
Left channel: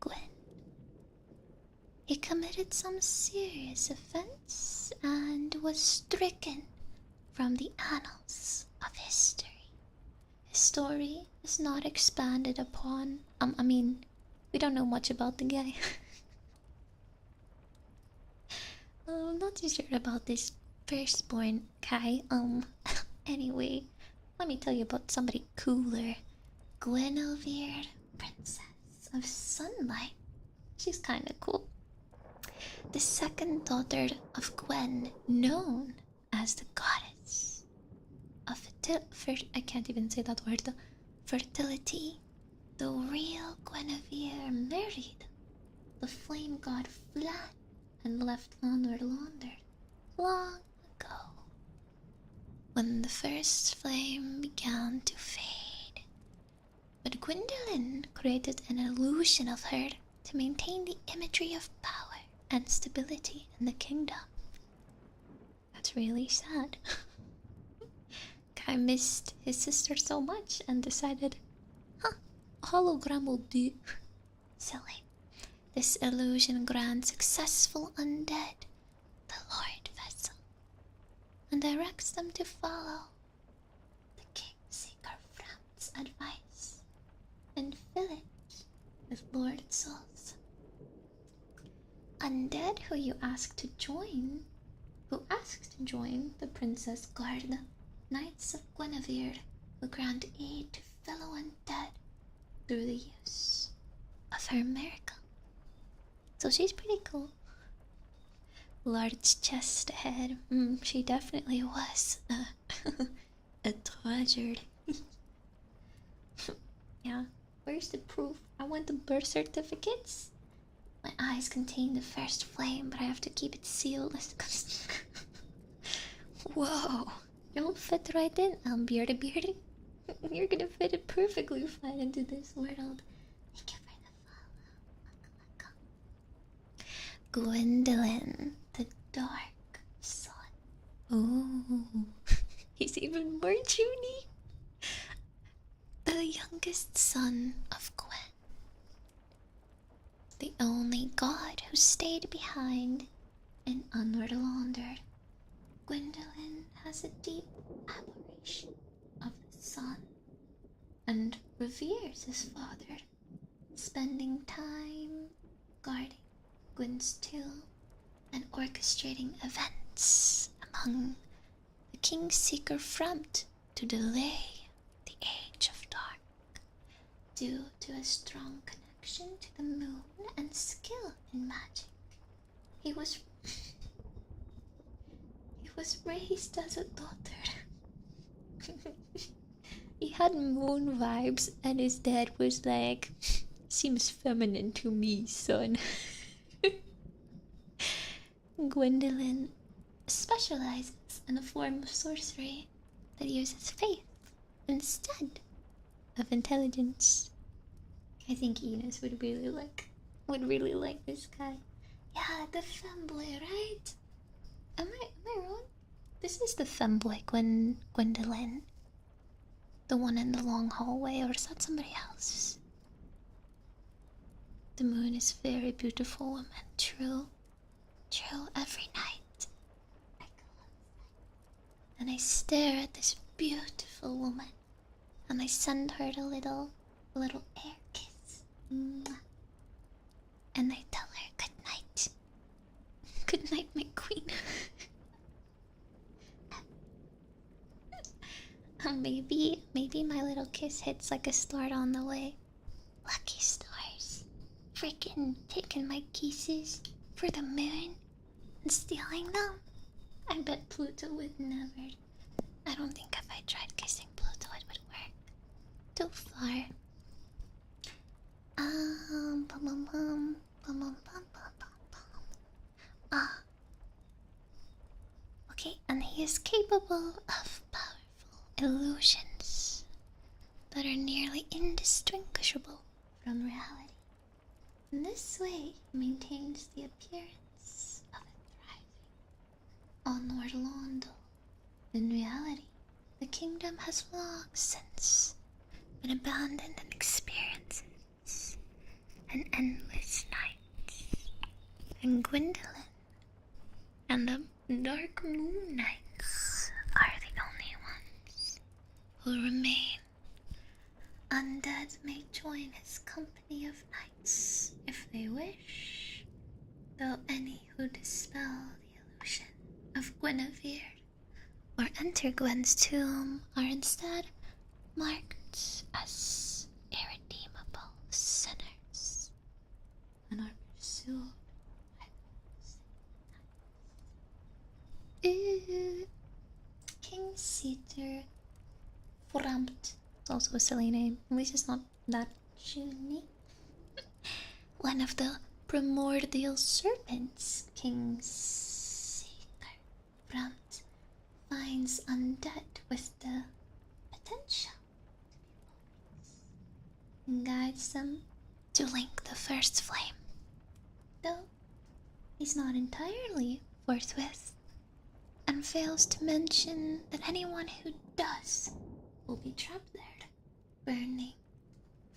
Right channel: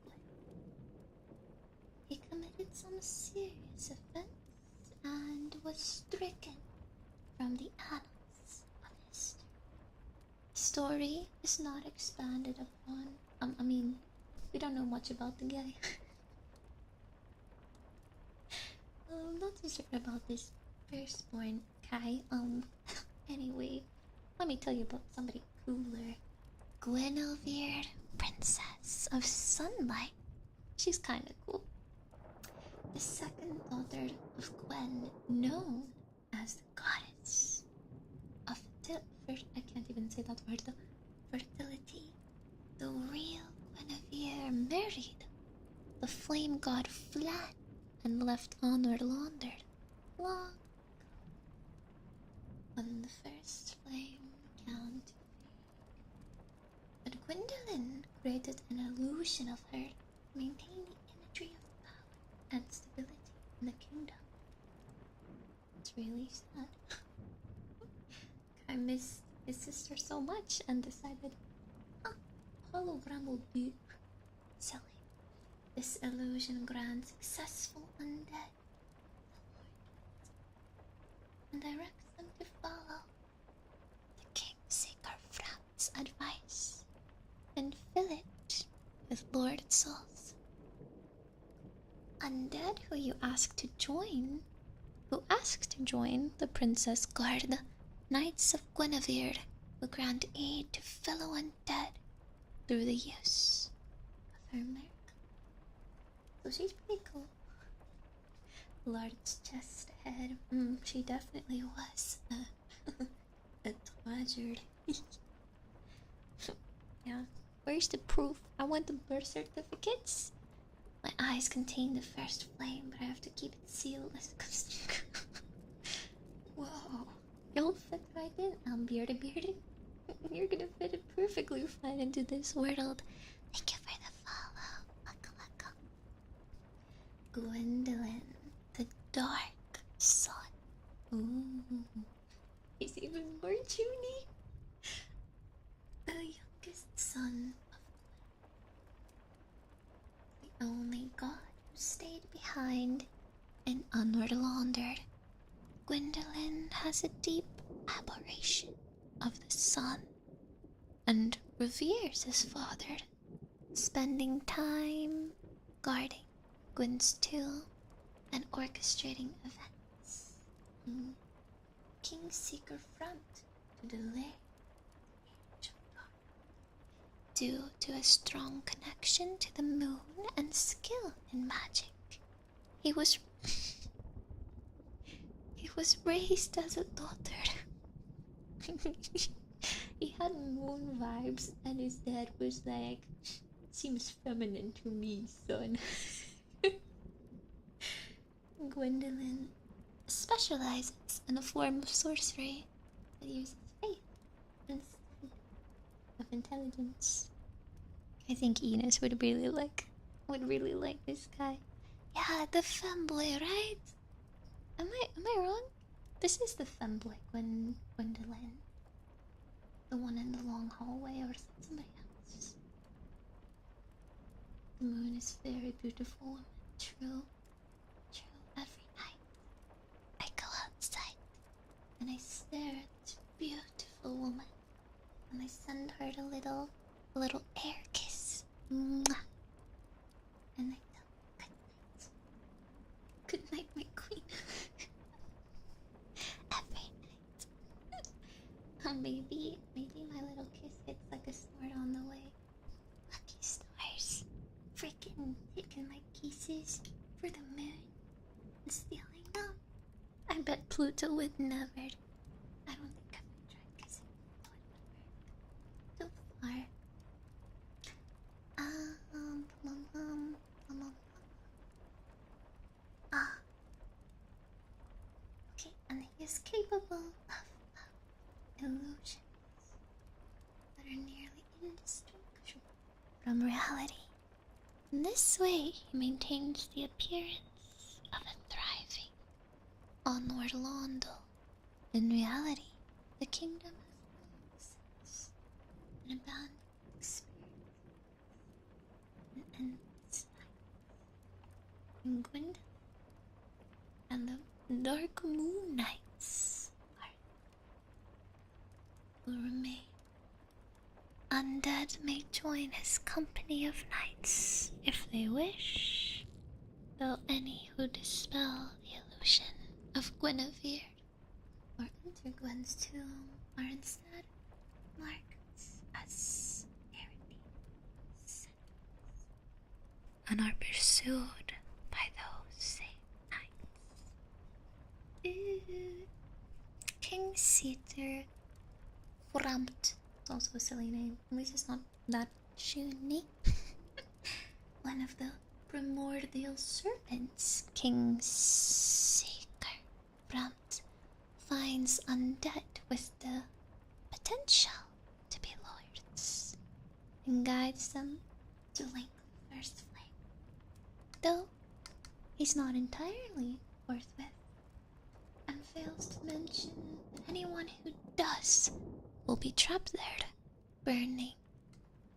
Gwen. He committed some serious offense and was stricken from the annals of history. His story is not expanded upon. I mean, we don't know much about the guy. I'm not too sure about this firstborn guy. Anyway, let me tell you about somebody cooler. Guinevere, Princess of Sunlight. She's kinda cool. The second daughter of Gwen, known as the goddess of I can't even say that word, fertility. The real Guinevere married the flame god Flan and left Honor laundered long ago, when the first flame began to fade. But Gwyndolin created an illusion of her to maintain the imagery of power and stability in the kingdom. That's really sad. Guy missed his sister so much and decided, a hologram will do. Silly. This illusion grants successful undead the Lord Vessel and directs them to follow the Kingseeker Frown's advice and fill it with Lord Souls. Undead who asked to join the Princess Guard, Knights of Guinevere will grant aid to fellow undead through the use of her miracle. So she's pretty cool. Large chest ahead. She definitely was a treasure. Yeah, where's the proof? I want the birth certificates. My eyes contain the first flame, but I have to keep it sealed. Whoa, you'll fit right in, Beardy Beardy. You're gonna fit it perfectly fine into this world. Thank you for the follow. Gwyndolin, the Dark Sun. Ooh, he's even more Junie. The youngest son of Gwen. The only god who stayed behind and unlaundered. Gwyndolin has a deep admiration of the sun and reveres his father, spending time guarding Gwen's tomb and orchestrating events among the Kingseeker front to delay the Age of Dark. Due to a strong connection to the moon and skill in magic, he was was raised as a daughter. He had moon vibes, and his dad was like, seems feminine to me, son. Gwendolyn specializes in a form of sorcery that uses faith instead of intelligence. I think Enos would really like this guy. Yeah, the femboy, right? Am I wrong? This is the femboy Gwendolyn. The one in the long hallway, or is that somebody else? The moon is very beautiful woman, true. True, every night I go outside and I stare at this beautiful woman and I send her a little air kiss. Mwah. And I tell her good night. Good night, my queen. Every night. Maybe my little kiss hits like a star on the way. Lucky stars. Freaking taking my kisses for the moon and stealing them. I bet Pluto would never. I don't think if I tried kissing Pluto it would work. Too far. Bum, bum, bum, bum, bum, bum, bum, bum. Ah. Okay, and he is capable of powerful illusions that are nearly indistinguishable from reality. In this way, he maintains the appearance of a thriving onward Londo. In reality, the kingdom has long since been abandoned and experiences an endless night. And Gwendolyn and the Dark Moon Knights are the only ones who remain. Undead may join his company of knights if they wish, though any who dispel the illusion of Guinevere or enter Gwen's tomb are instead marked as irredeemable sinners and are pursued by those same knights. King Cedar Frampt. It's also a silly name. At least it's not that unique. One of the primordial serpents, King Seeker Frampt, finds undead with the potential to be lords and guides them to link the first flame. Though he's not entirely forthwith, and fails to mention that anyone who does will be trapped there, burning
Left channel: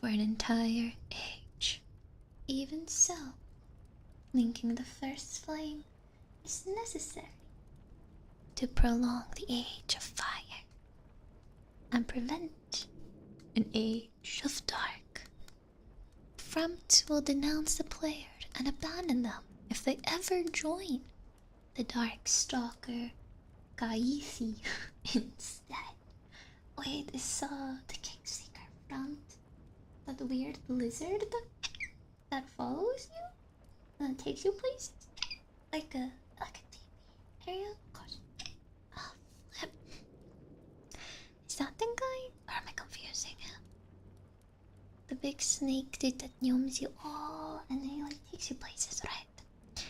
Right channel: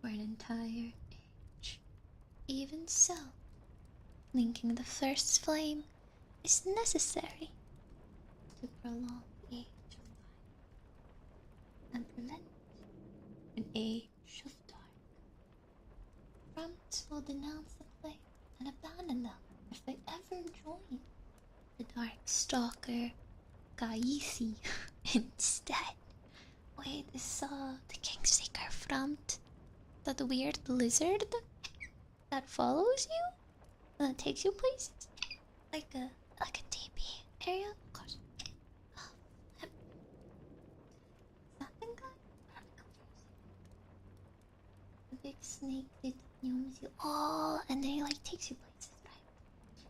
for an entire age. Even so, linking the first flame is necessary to prolong the age of fire and prevent an age of dark. Frampt will denounce the player and abandon them if they ever join the Dark Stalker Kaithi instead. Wait, is the Kingseeker Frampt that weird lizard that follows you? That takes you places? Like a TP area? Of course. Oh, is that the guy? Or am I confusing him? The big snake dude that gnomes you all and then he like takes you places, right?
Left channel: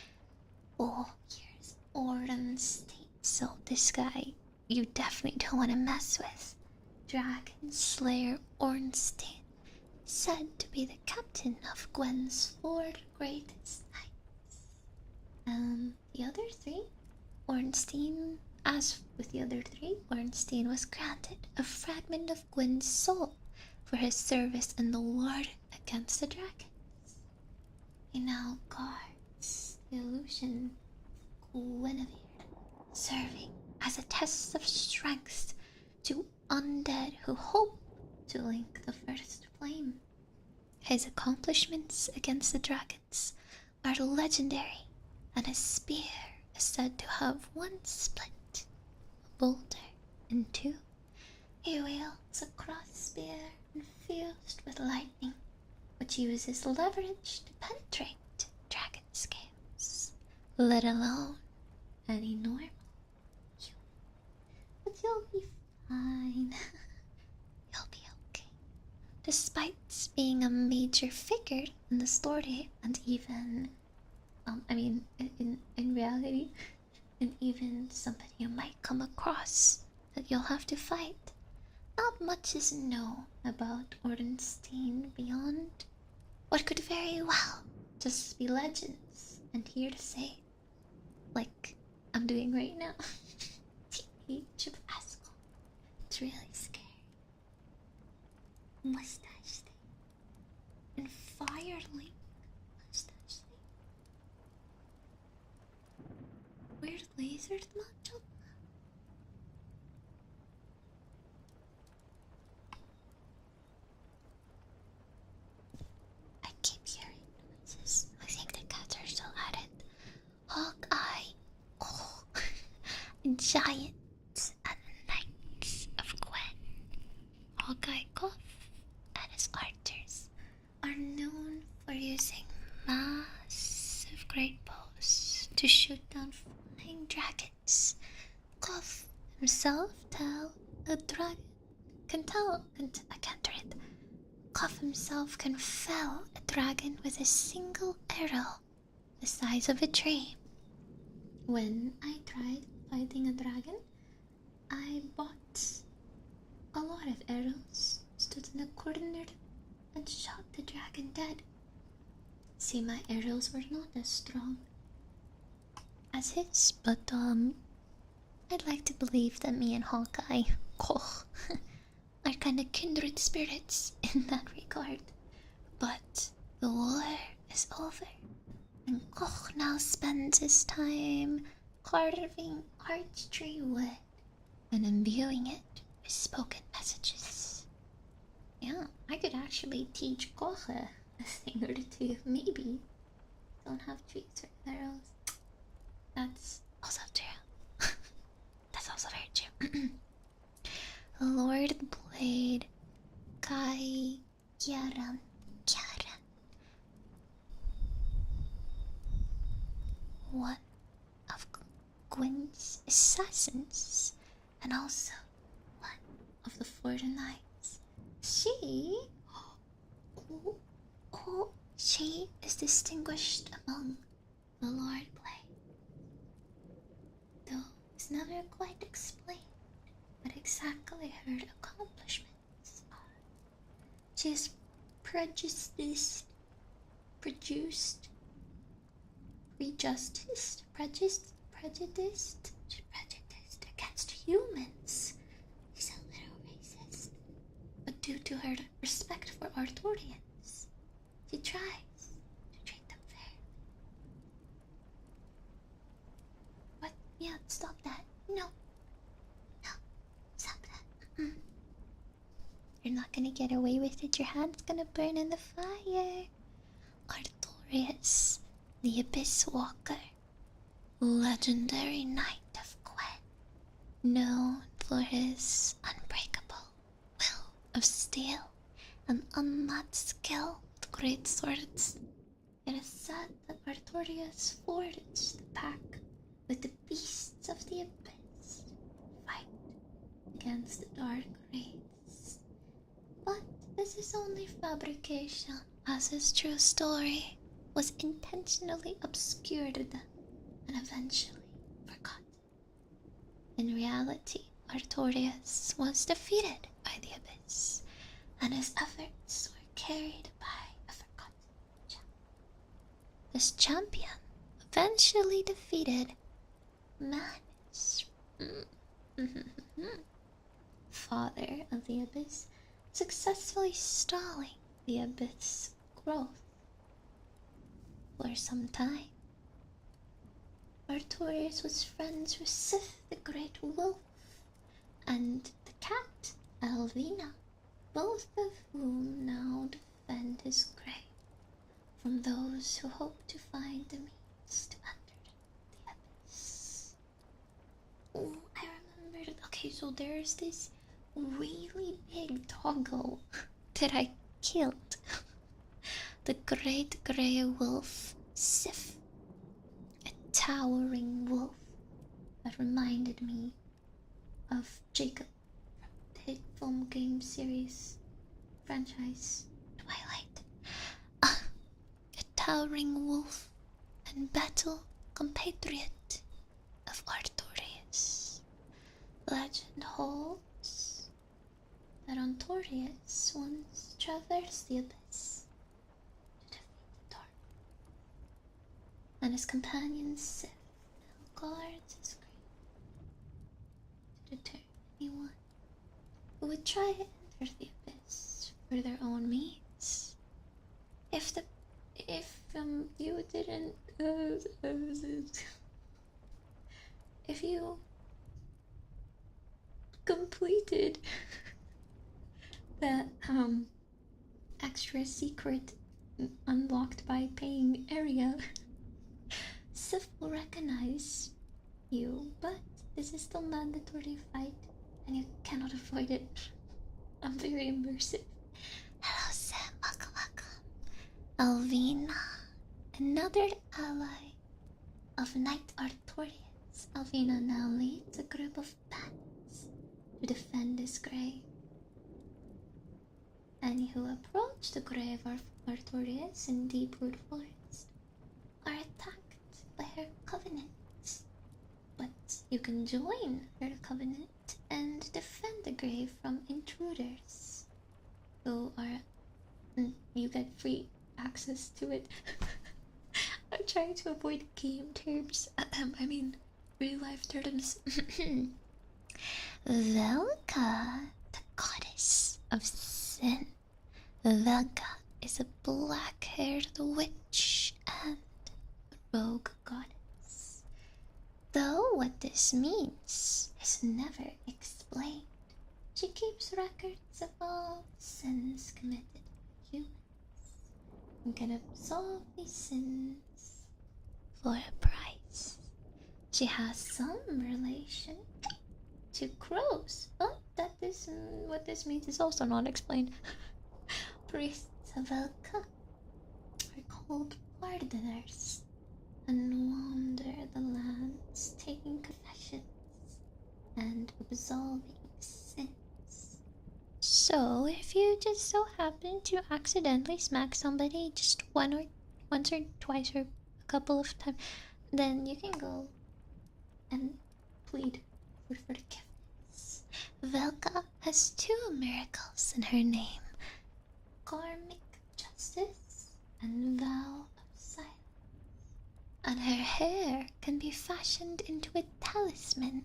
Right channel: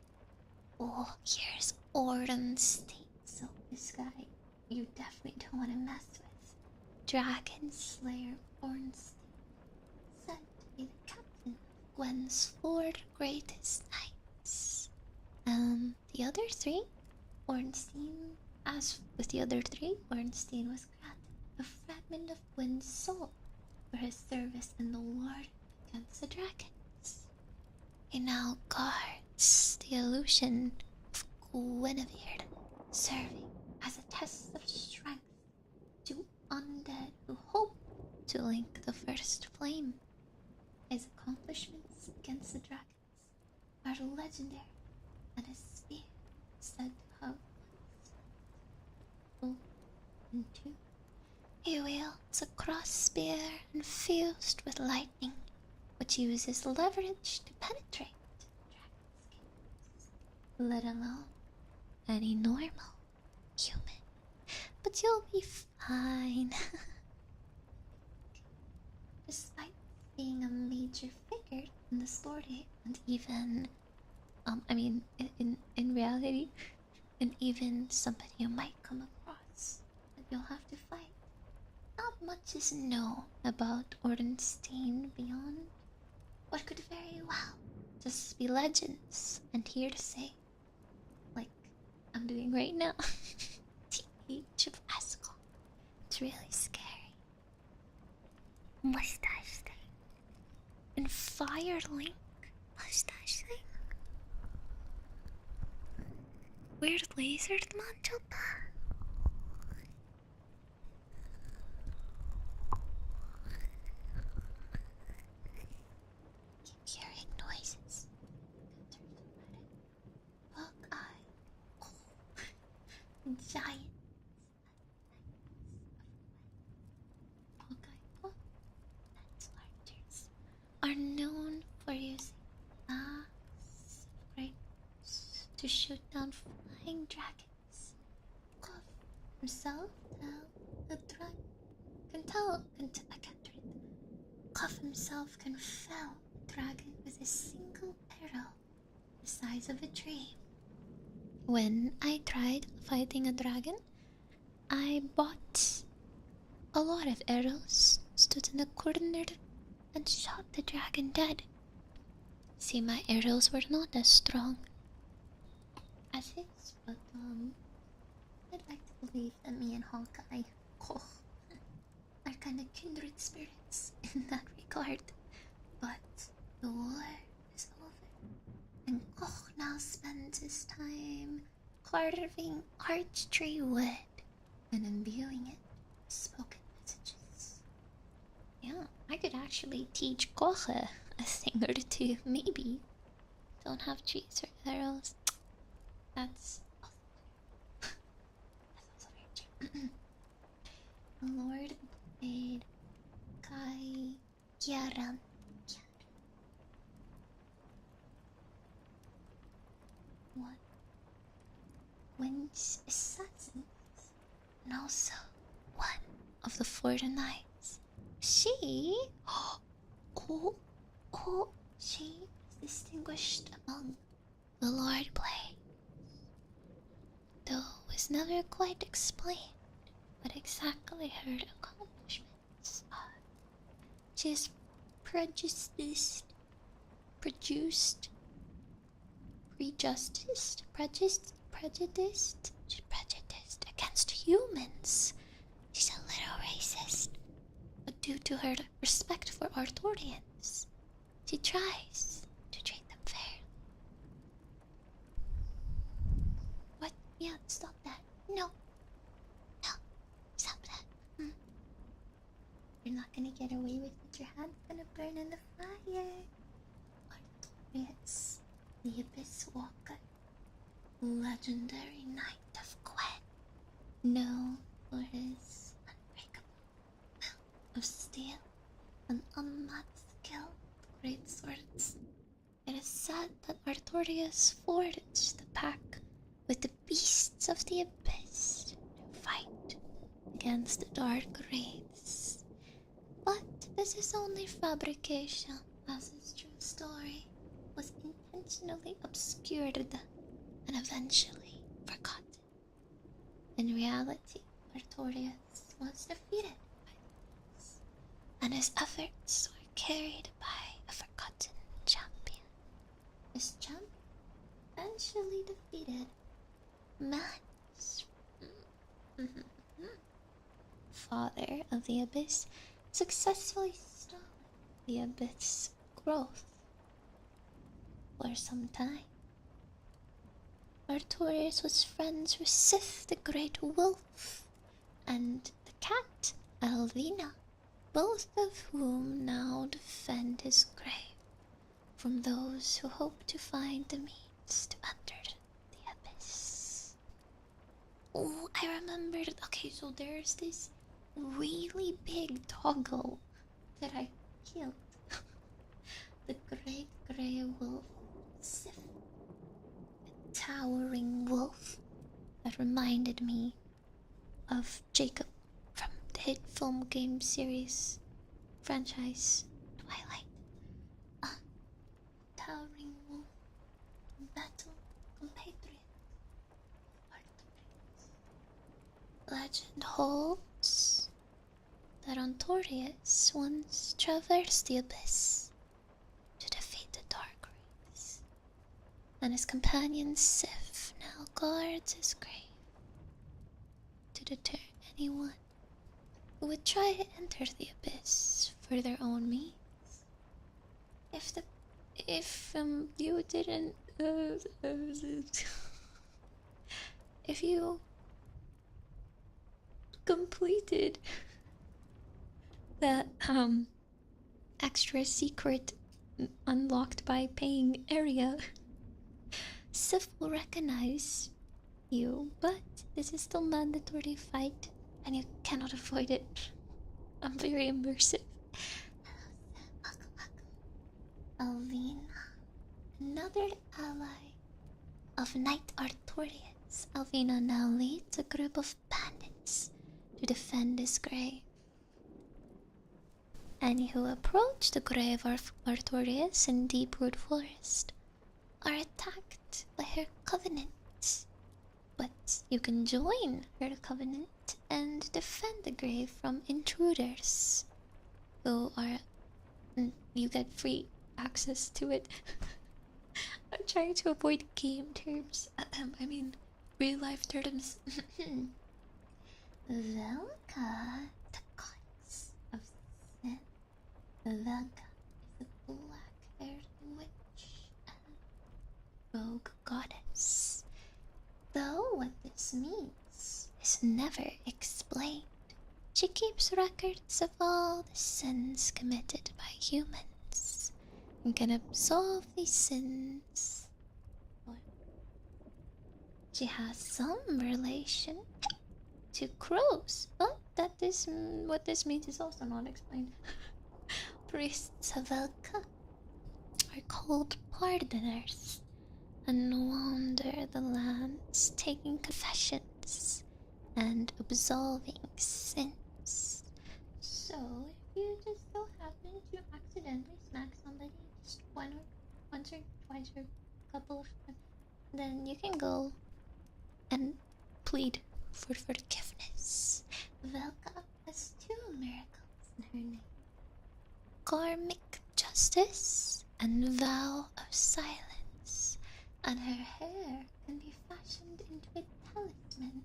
Oh, here's Ordenstein. So this guy you definitely don't want to mess with. Dragon Slayer Ornstein, said to be the captain of Gwen's 4 greatest knights. The other 3, Ornstein, as with the other 3, Ornstein was granted a fragment of Gwen's soul for his service in the war against the dragons. He now guards the illusion of Guinevere, serving as a test of strength to undead who hope to link the first flame. His accomplishments against the dragons are legendary, and his spear is said to have once split a boulder in 2. He wields a cross spear infused with lightning, which uses leverage to penetrate dragon scales, let alone any normal but you'll be fine. You'll be okay. Despite being a major figure in the story, and even, in reality, and even somebody you might come across that you'll have to fight, not much is known about Ordenstein beyond what could very well just be legends and hearsay, like I'm doing right now. Age of Ascol. It's really scary. Mustache thing. And Firelink. Mustache thing. Weird lizard manchopa. I keep hearing noises. I think the cats are still at it. Hawkeye. Oh. Giants and Knights of Gwen. Hawkeye Goth and his archers are known for using massive great bows to shoot down flying dragons. Goth himself I can't read. Goth himself can fell a dragon with a single arrow the size of a tree. When I tried fighting a dragon, I bought a lot of arrows, stood in a corner, and shot the dragon dead. See, my arrows were not as strong as his, but I'd like to believe that me and Hawkeye, are kind of kindred spirits in that regard. But the war is over, and Koch now spends his time carving archery wood and imbuing it with spoken messages. Yeah, I could actually teach Koch a thing or two, maybe. Don't have trees or arrows. That's also true. That's also very true. Lord Blade Kai Kyaran. One of Gwyn's assassins, and also one of the Florida Knights. She, she is distinguished among the Lord Blade, though it's never quite explained what exactly her accomplishments are. She is prejudiced against humans. She's a little racist, but due to her respect for Arthurians, she tries to treat them fair. What? Yeah, stop that. No, stop that. You're not gonna get away with it. Your hand's gonna burn in the fire. Artorias, the Abyss Walker, legendary knight of Gwen, known for his unbreakable will of steel and unmatched skill with great swords. It is said that Artorias forged the pack with the beasts of the Abyss to fight against the dark wraiths. But this is only fabrication, as his true story was intentionally obscured and eventually forgotten. In reality, Artorias was defeated by the Abyss, and his efforts were carried by a forgotten champion. This champion eventually defeated Manus, father of the Abyss, successfully stalling the Abyss growth for some time. Artorias was friends with Sif the Great Wolf and the cat Elvina, both of whom now defend his grave from those who hope to find the means to enter the Abyss. Oh, I remembered. Okay, so there's this really big doggo that I killed. The Great Grey Wolf, Sif. A towering wolf that reminded me of Jacob from the hit film game series franchise Twilight. A towering wolf and battle compatriot of Artorias. Legend holds that Artorias once traversed the abyss to defeat the Dark Race, and his companion Sif now guards his grave to deter anyone who would try to enter the abyss for their own means. If you didn't if you completed that extra secret unlocked by paying area, Sif will recognize you, but this is still mandatory fight and you cannot avoid it. I'm very immersive. Hello Sam, welcome, welcome. Alvina, another ally of Knight Artorias. Alvina now leads a group of bandits to defend his grave. Any who approach the grave of Artorias in Deepwood Forest are attacked by her covenants. But you can join her covenant and defend the grave from intruders who are... you get free access to it. I'm trying to avoid game terms. I mean, real life terms. Velka, the goddess of sin. Velka is a black-haired witch and rogue goddess. Though what this means is never explained. She keeps records of all the sins committed by humans and can absolve these sins for a price. She has some relation to crows, but what this means is also not explained. Priests of Velka are called pardoners and wander the lands taking confessions and absolving sins. So if you just so happen to accidentally smack somebody just once or twice or a couple of times, then you can go and plead for forgiveness. Velka has 2 miracles in her name: karmic justice and vow of silence, and her hair can be fashioned into a talisman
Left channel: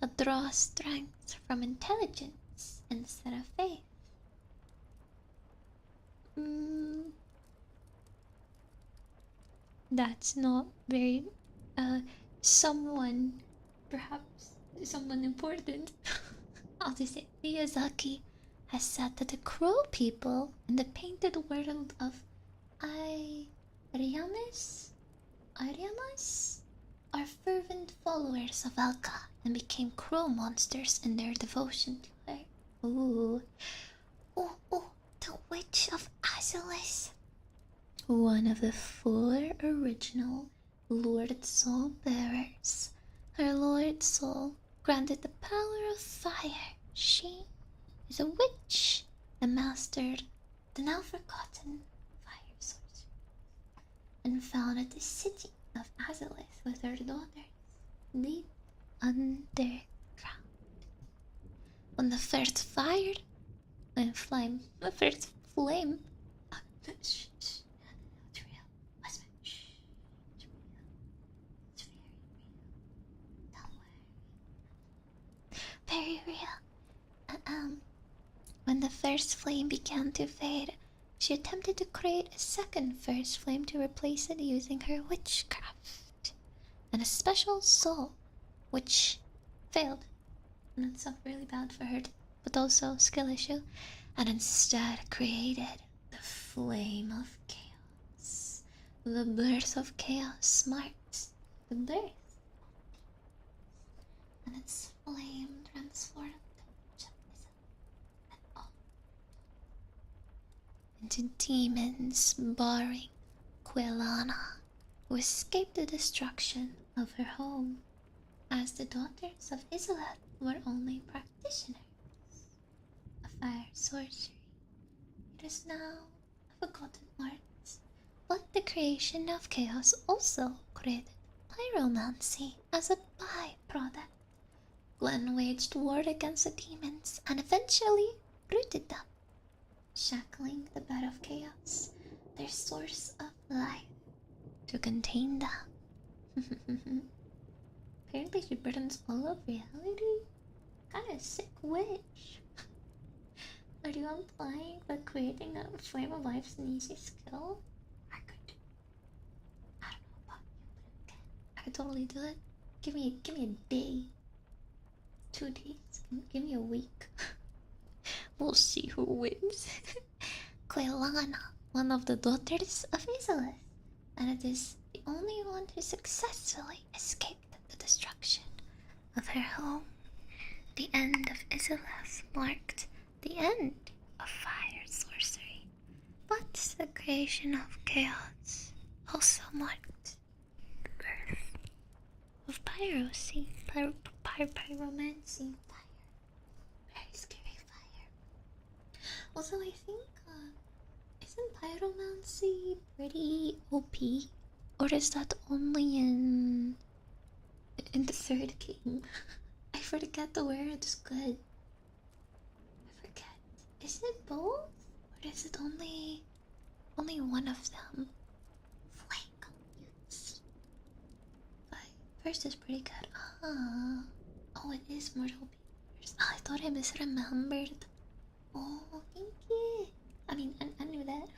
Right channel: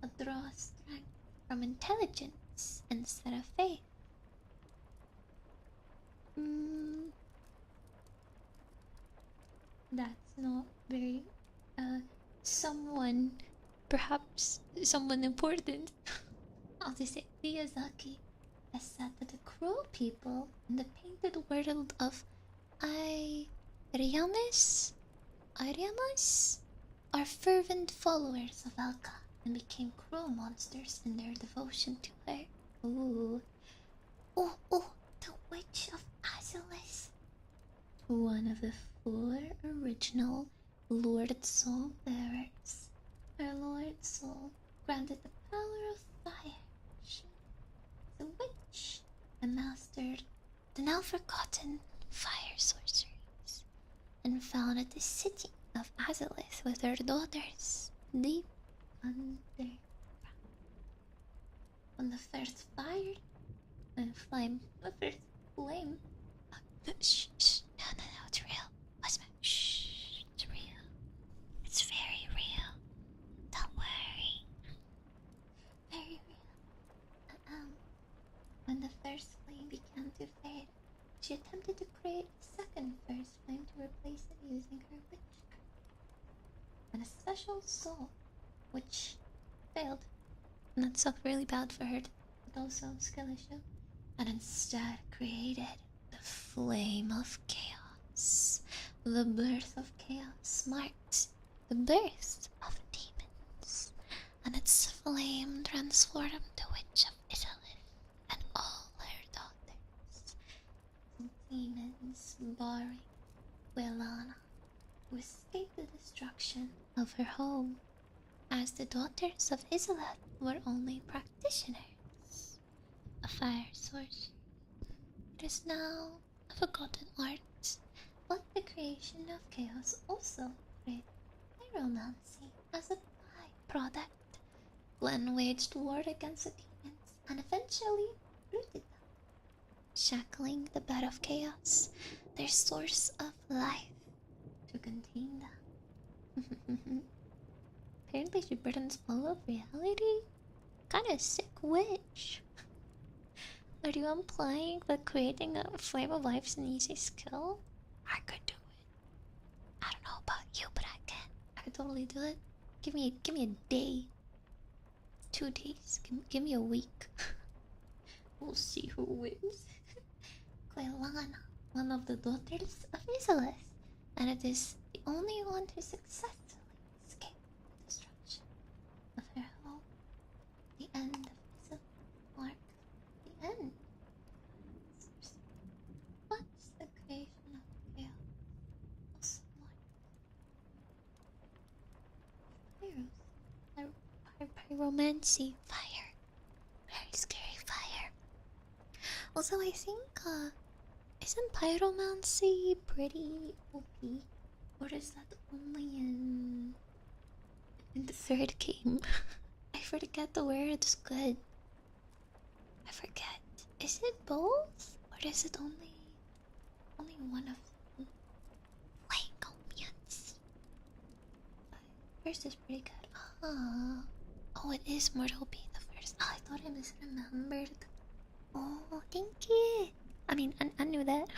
that draws strength from intelligence instead of faith. That's not very perhaps someone important. I'll just say Miyazaki has said that the crow people in the painted world of Ariamis are fervent followers of Alka and became crow monsters in their devotion to her. Ooh. Oh, the Witch of Azelis. One of the 4 original Lord Soul bearers. Her Lord Soul granted the power of fire. She is a witch and mastered the now forgotten fire sorceries, and founded the city of Azalith with her daughters deep underground. When the first fire and flame, the first flame, shh, no, it's real. Whisper, shh, it's real. It's very real. Don't worry. Very real. When the first flame began to fade, she attempted to create a second first flame to replace it using her witchcraft and a special soul, which failed. And that's really bad for her, but also skill issue. And instead created the flame of chaos. The birth of chaos marked the birth of demons, and its flame transformed the witch of Italy and all her daughters into demons, barring Quelana, who escaped the destruction of her home. As the daughters of Isola were only practitioners of fire sorcery. It is now a forgotten art, but the creation of chaos also created pyromancy as a byproduct. Glenn waged war against the demons and eventually rooted them, shackling the bed of chaos, their source of life, to contain them. Apparently she burns all of reality? Kinda sick witch. Are you implying that creating a flame of life's an easy skill? I could do it. I don't know about you, but I can. I could totally do it. Give me a day. 2 days. Give me a week. We'll see who wins. Quelana, one of the daughters of Isolith, and it is the only one who successfully escaped the destruction of her home. The end of Isolith marked the end of fire sorcery, but the creation of chaos also marked the birth of pyromancy. Pyromancy, fire. Very scary fire. Also, I think, isn't pyromancy pretty OP? Or is that only in the third game? I forget the word is good. I forget. Is it both? Or is it only one of them? Flacomancy. First is pretty good. Oh, it is Mortal B the first. Oh, I thought I misremembered. Oh, thank you. I mean, I knew that.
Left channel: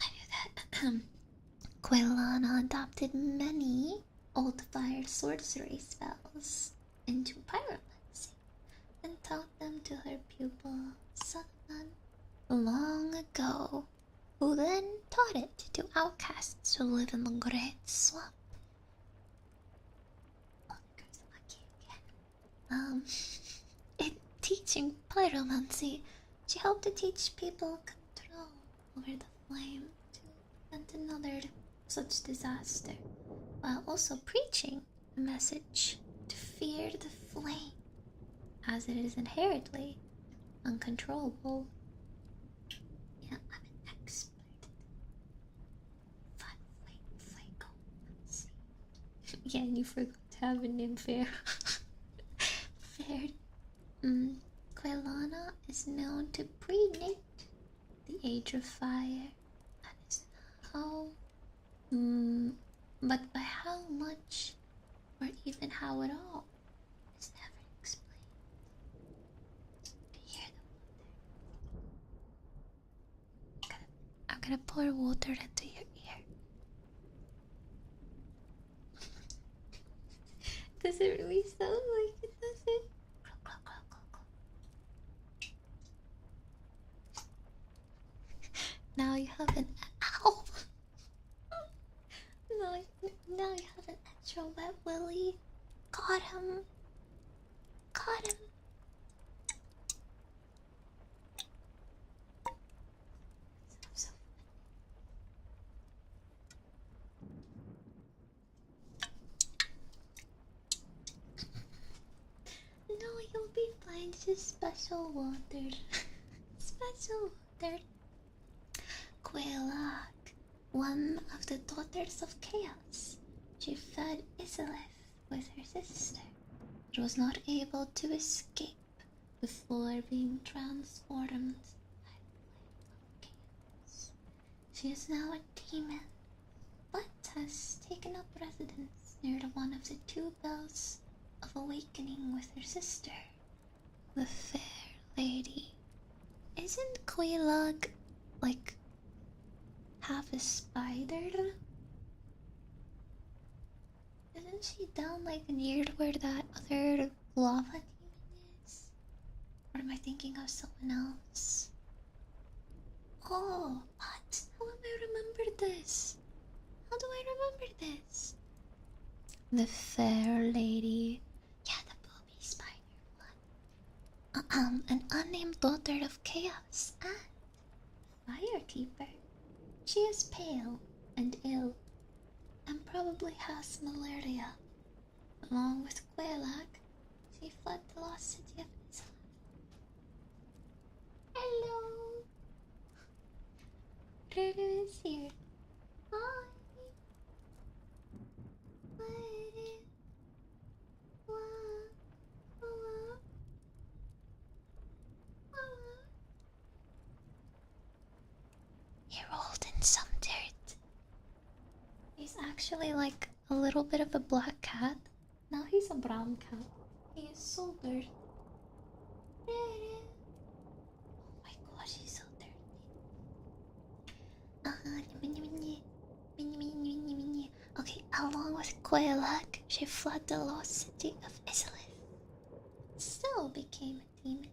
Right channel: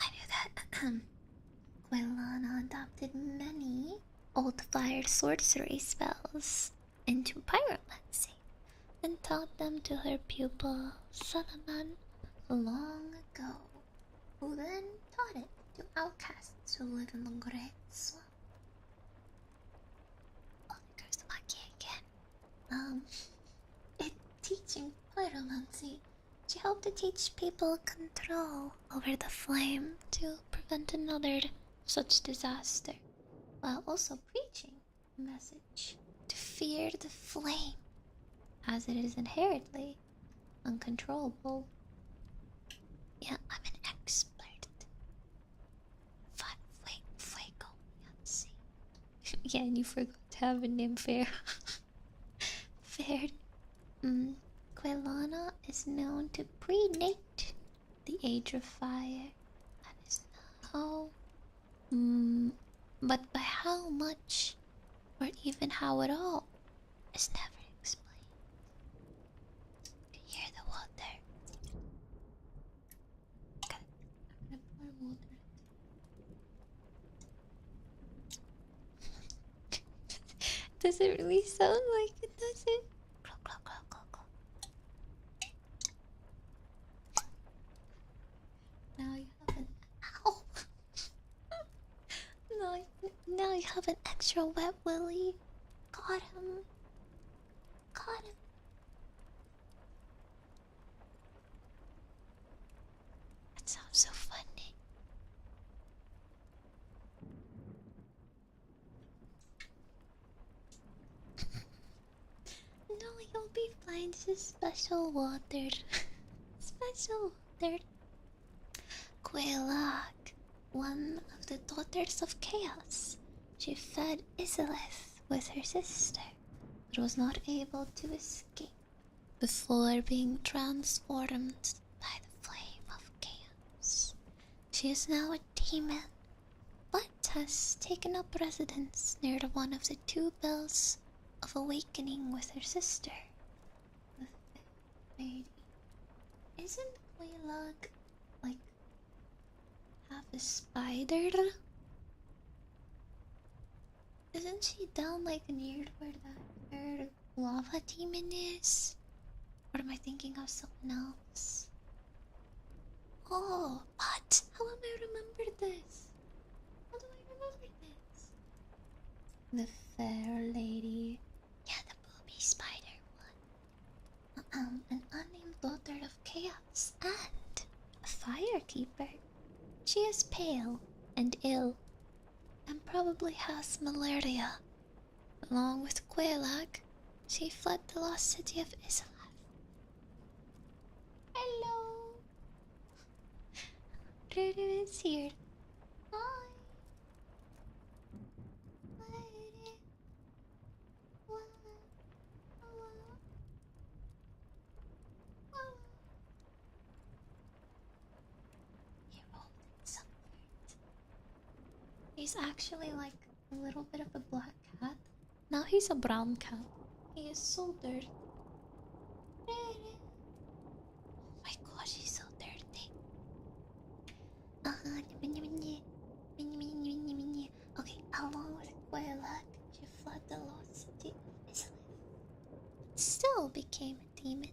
I knew that. Quelana adopted many old fire sorcery spells into pyromancy and taught them to her pupil Cinnamon long ago, who then taught it to outcasts who live in the Great Swamp. Oh, there goes the monkey again. In teaching pyromancy, she hoped to teach people control over the flame to prevent another such disaster, while also preaching a message to fear the flame, as it is inherently uncontrollable. Yeah, I'm an expert. Flacomancy. Yeah, and you forgot to have a name, Fair. Fair. Quelana is known to predate the Age of Fire, and is now, but by how much, or even how at all, is never explained. You can hear the water. I'm gonna pour water into your ear. Does it really sound like it, does it? Now you have an ow. Now you have an extra wet willy. Got him. Got him. That sounds so funny. No, you'll be fine. This is special water. Special water. Quelag, one of the daughters of Chaos. She fed Isilith with her sister, but was not able to escape before being transformed by the flame of chaos. She is now a demon, but has taken up residence near one of the 2 bells of awakening with her sister, the Fair Lady. Isn't Quelag like half a spider? Isn't she down like near where that other lava demon is? Or am I thinking of someone else? Oh, what? How am I remember this? How do I remember this? The Fair Lady. Yeah, the booby spider one. An unnamed daughter of Chaos and a firekeeper. She is pale and ill, and probably has malaria. Along with Quelag, She fled the lost city of Isla. Hello. Ruru is here. Hi. He rolled in some dirt. He's actually like a little bit of a black cat. Now he's a brown cat. He is so dirty. Oh my gosh, he's so dirty. Okay, along with Quailak, she fled the lost city of Islith. Still became a demon.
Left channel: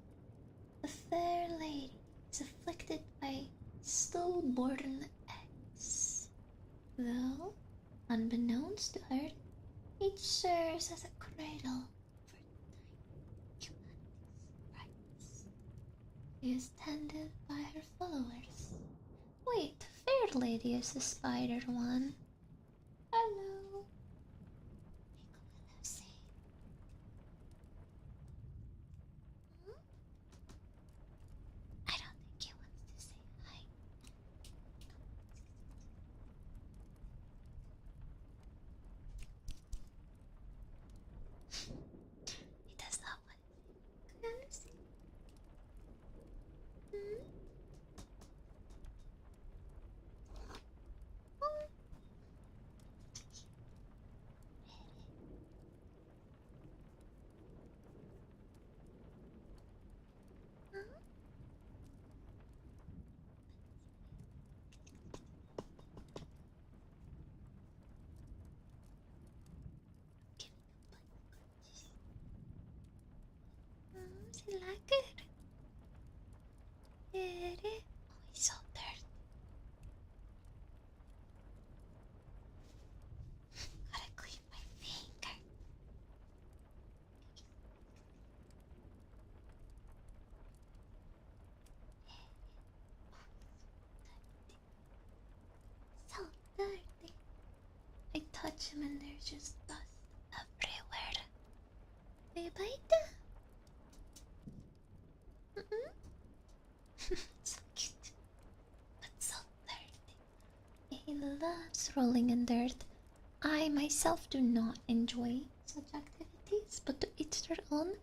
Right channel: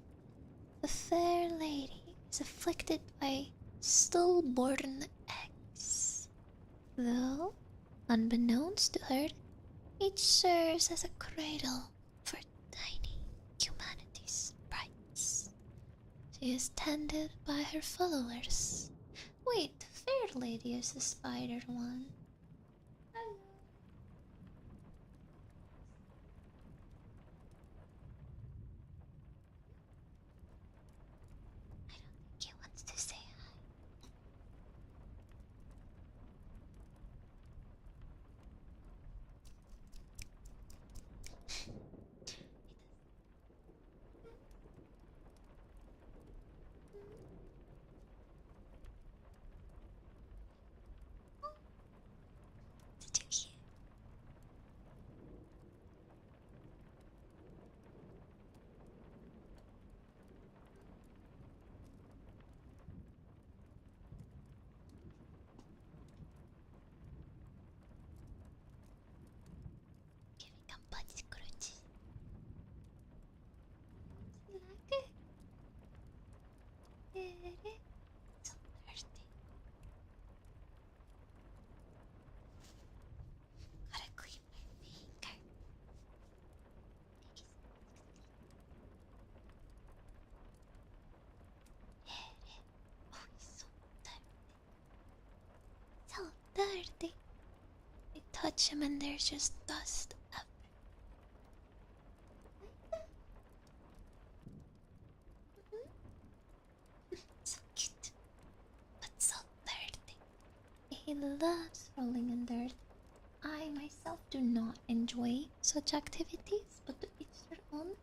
The fair lady is afflicted by stillborn eggs. Though, unbeknownst to her, each serves as a cradle for tiny humanity's sprites. She is tended by her followers. Wait, the fair lady is the spider one. Hello. Lucy. I don't think he wants to say hi. He does not want to. Come on, Lucy. Oh, such a cute. Giving him butt scratches. She like it. Oh, he's so dirty. Gotta clean my finger. Oh, he's so dirty. I touch him and there's just dust everywhere. They bite. So cute, but so dirty. He loves rolling in dirt. I myself do not enjoy such activities, but to each their own.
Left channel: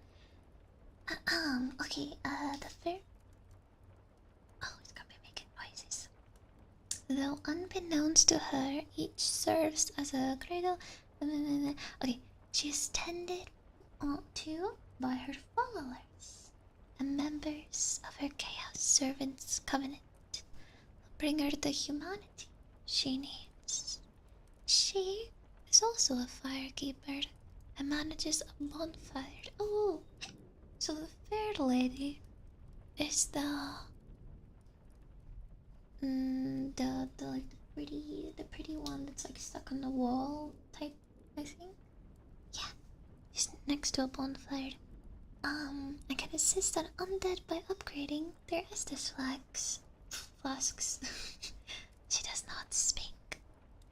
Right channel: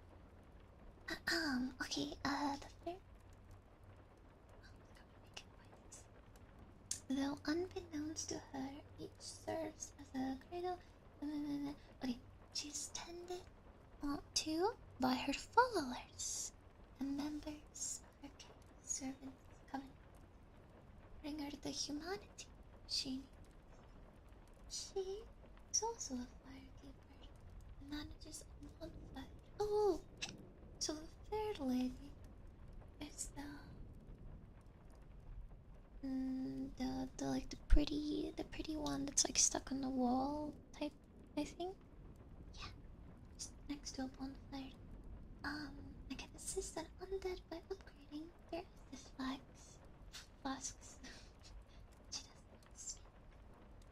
Okay, the fair. Oh, it's gonna be making noises. Though unbeknownst to her, each serves as a cradle. Okay, she is tended to by her followers, the members of her Chaos Servants Covenant. Bring her the humanity she needs. She is also a firekeeper and manages a bonfire. Oh, so the fair lady is the like the pretty one that's like stuck on the wall type, I think. Yeah, she's next to a bonfire. I can assist an undead by upgrading their Estus flasks. She does not speak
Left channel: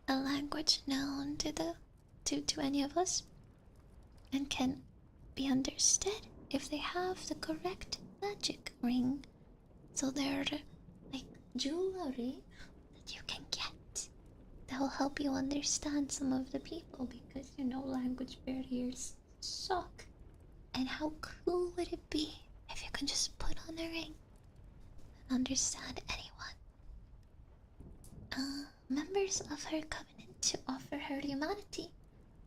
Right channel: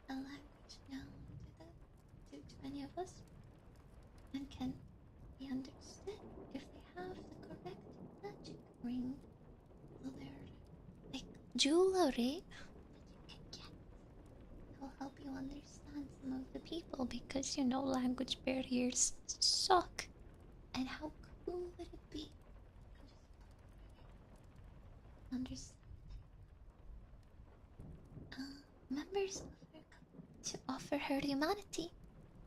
a language known to any of us, and can be understood if they have the correct magic ring. So they're like jewelry that you can get that will help you understand some of the people, because you know language barriers suck. And how cool would it be if you can just put on a ring and understand anyone? Members of her covenant to offer her humanity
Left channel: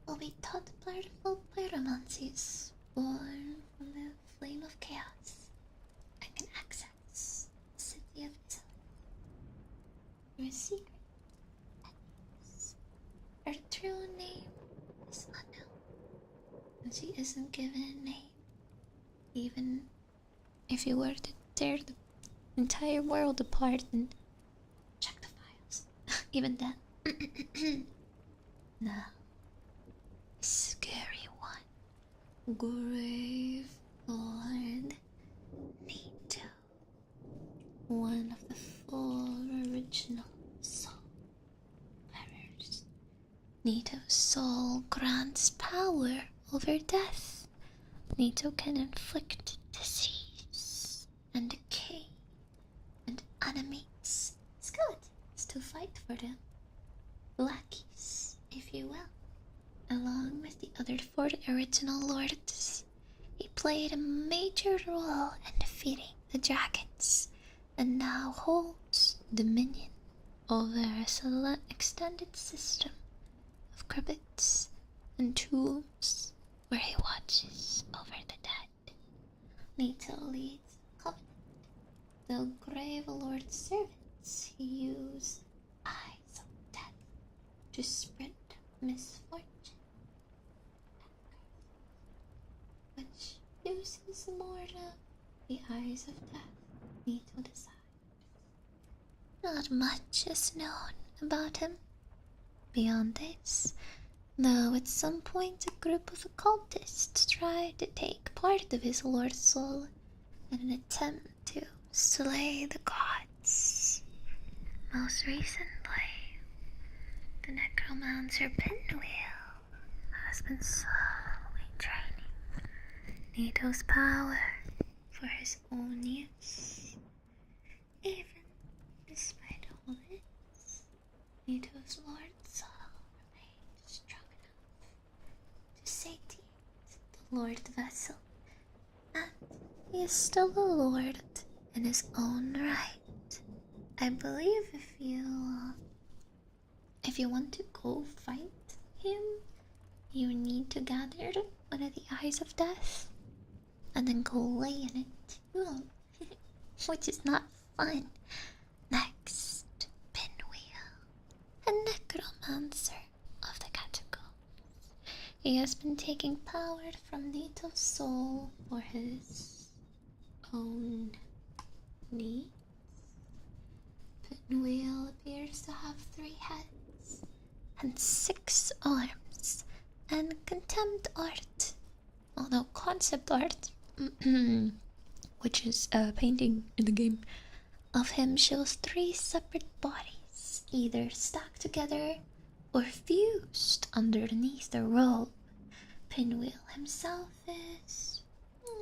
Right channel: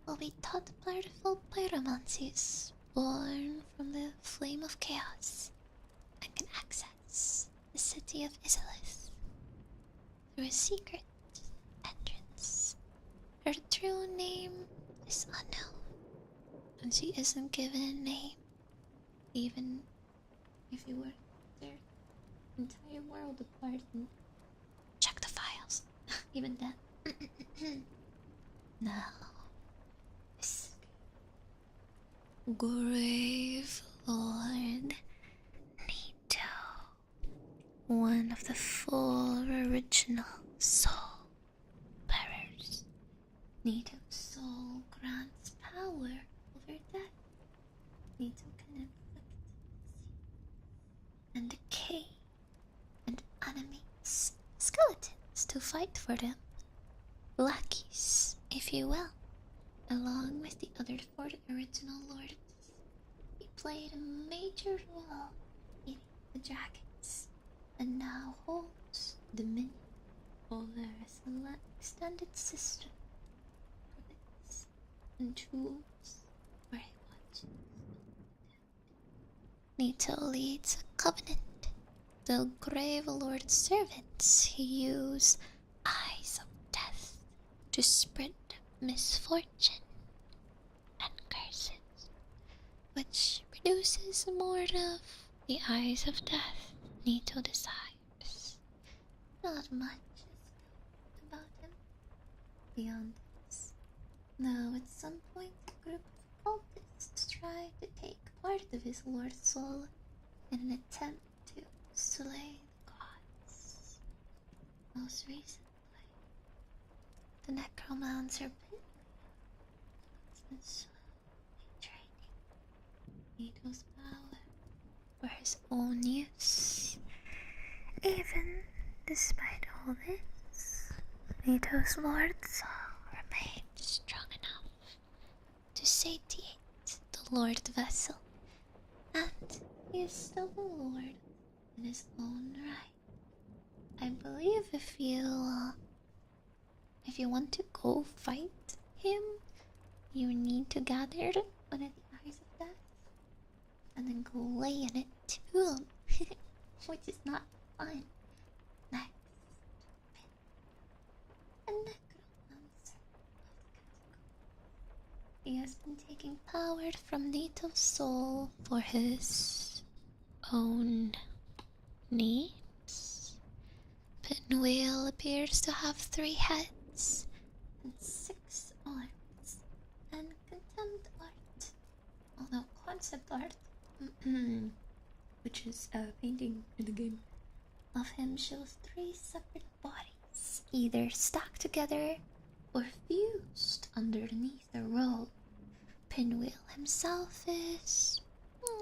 will be taught powerful pyromancies born from the flame of chaos and can access the city of Isilith through a secret entrance. Her true name is unknown, and she isn't given a name, even if you were to tear the entire world apart and check the files. Even then. Now, the scary one. Grave Lord Nito. One of the 4 original soul bearers. Nito's soul grants power over death, Nito can inflict disease and decay and animates skeletons to fight for them. Lackeys, if you will. Along with the other four original lords, he played a major role in defeating the dragons and now holds dominion over a extended system of crypts and tombs where he watches over the dead. Nito leads a covenant. The Grave Lord's servants he use eyes of death to spread misfortune and curses, which produces more of the eyes of death Nito desires. Not much is known about him beyond this, though at some point a group of occultists tried to take part of his Lord's soul in an attempt to slay the gods. Most recently, the necromancer Pinwheel has been slowly draining Nito's power for his own use. Even despite all this, Nito's Lord's soul remains strong enough to satiate the Lord Vessel, and he is still a lord in his own right. I believe if you want to go fight him, you need to gather one of the eyes of death and then go lay in it too, which is not fun. Next, Pinwheel, a necromancer of the catacombs. He has been taking power from Nito's soul for his own needs. Pinwheel appears to have 3 heads and 6 arms and contempt art, although concept art, which is a painting in the game, of him shows 3 separate bodies, either stacked together or fused underneath the robe. Pinwheel himself is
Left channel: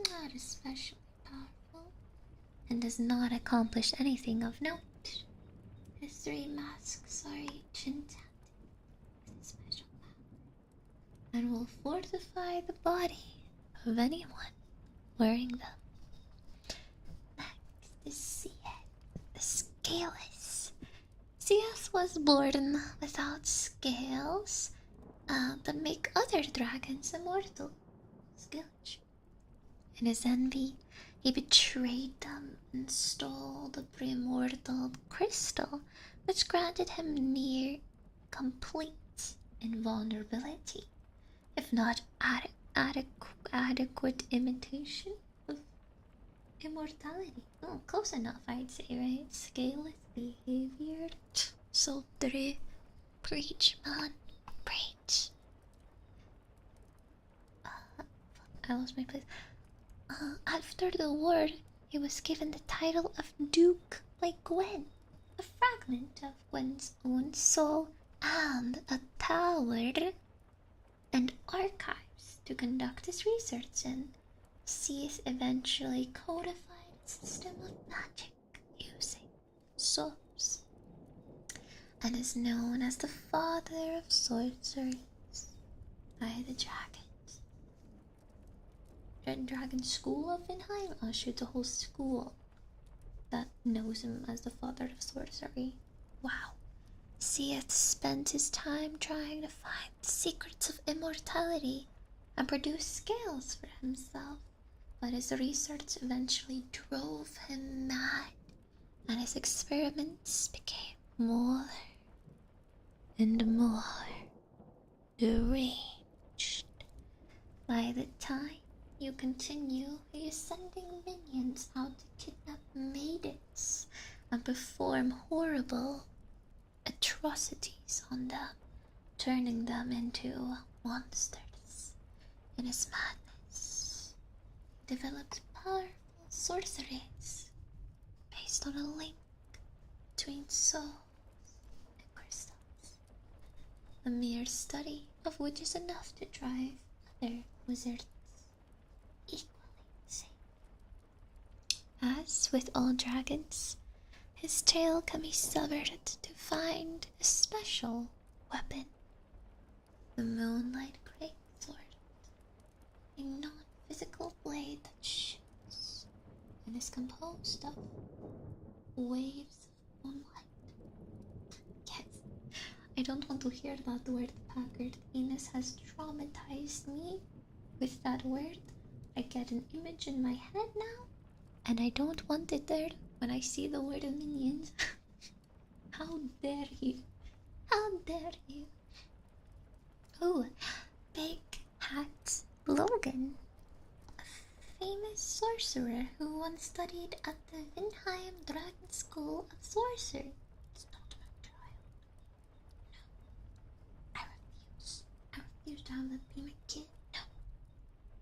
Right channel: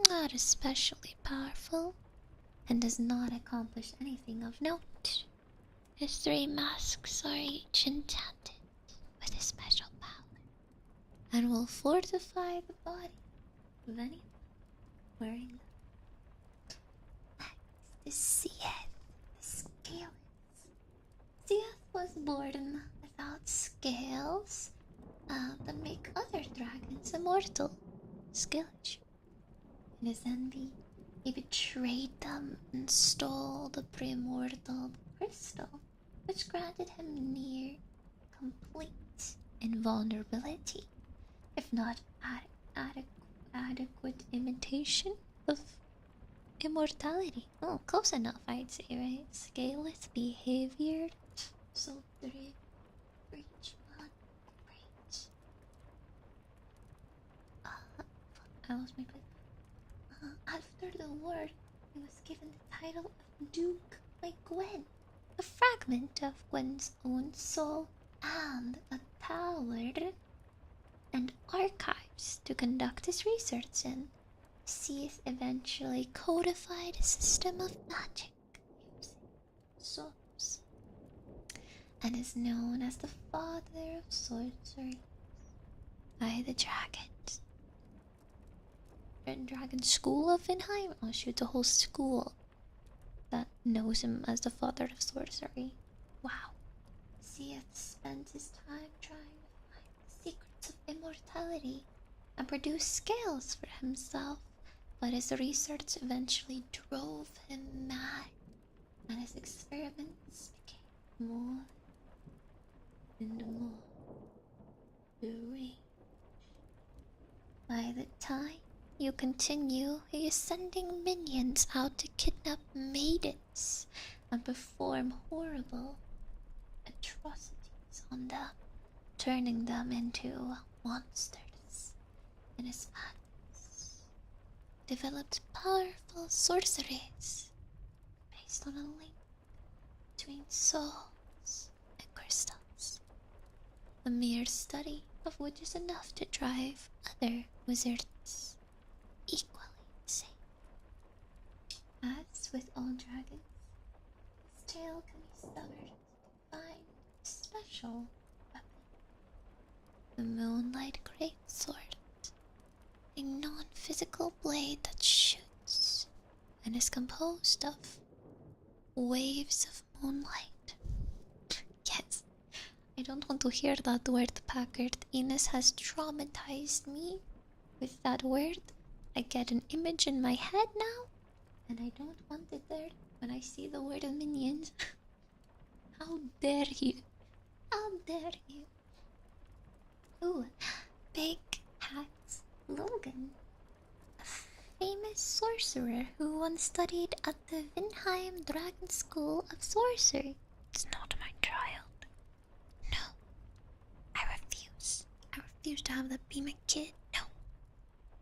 not especially powerful and does not accomplish anything of note. His 3 masks are each enchanted with a special power and will fortify the body of anyone wearing them. Next is Seath, the Scaleless. Seath was born without scales that make other dragons immortal. Skillage. In his envy, he betrayed them and stole the primordial crystal, which granted him near complete invulnerability, if not adequate imitation of immortality. Oh, close enough, I'd say, right? Scaleless behavior. So preach, man, preach. I lost my place. After the war, he was given the title of Duke by Gwen, a fragment of Gwen's own soul, and a tower and archives to conduct his research in. Seath eventually codified a system of magic using souls, and is known as the father of sorceries by the dragons. The Dragon School of Vinheim? I'll shoot the whole school that knows him as the father of sorcery. Wow. Seath spent his time trying to find the secrets of immortality and produce scales for himself, but his research eventually drove him mad, and his experiments became more and more deranged. By the time you continue, he is sending minions out to kidnap maidens and perform horrible atrocities on them, turning them into monsters. In his madness, developed powerful sorceries based on a link between souls and crystals, the mere study of which is enough to drive other wizards As with all dragons, his tail can be severed to find a special weapon, the Moonlight Greatsword, a non-physical blade that shoots and is composed of waves of moonlight. Yes, I don't want to hear that word, Packard. Ines has traumatized me with that word. I get an image in my head now, and I don't want it there when I see the word minions. How dare you? How dare you? Oh, Big Hat Logan, a famous sorcerer who once studied at the Vinheim Dragon School of Sorcery. It's not my child. No, I refuse. I refuse to have that be my kid. No,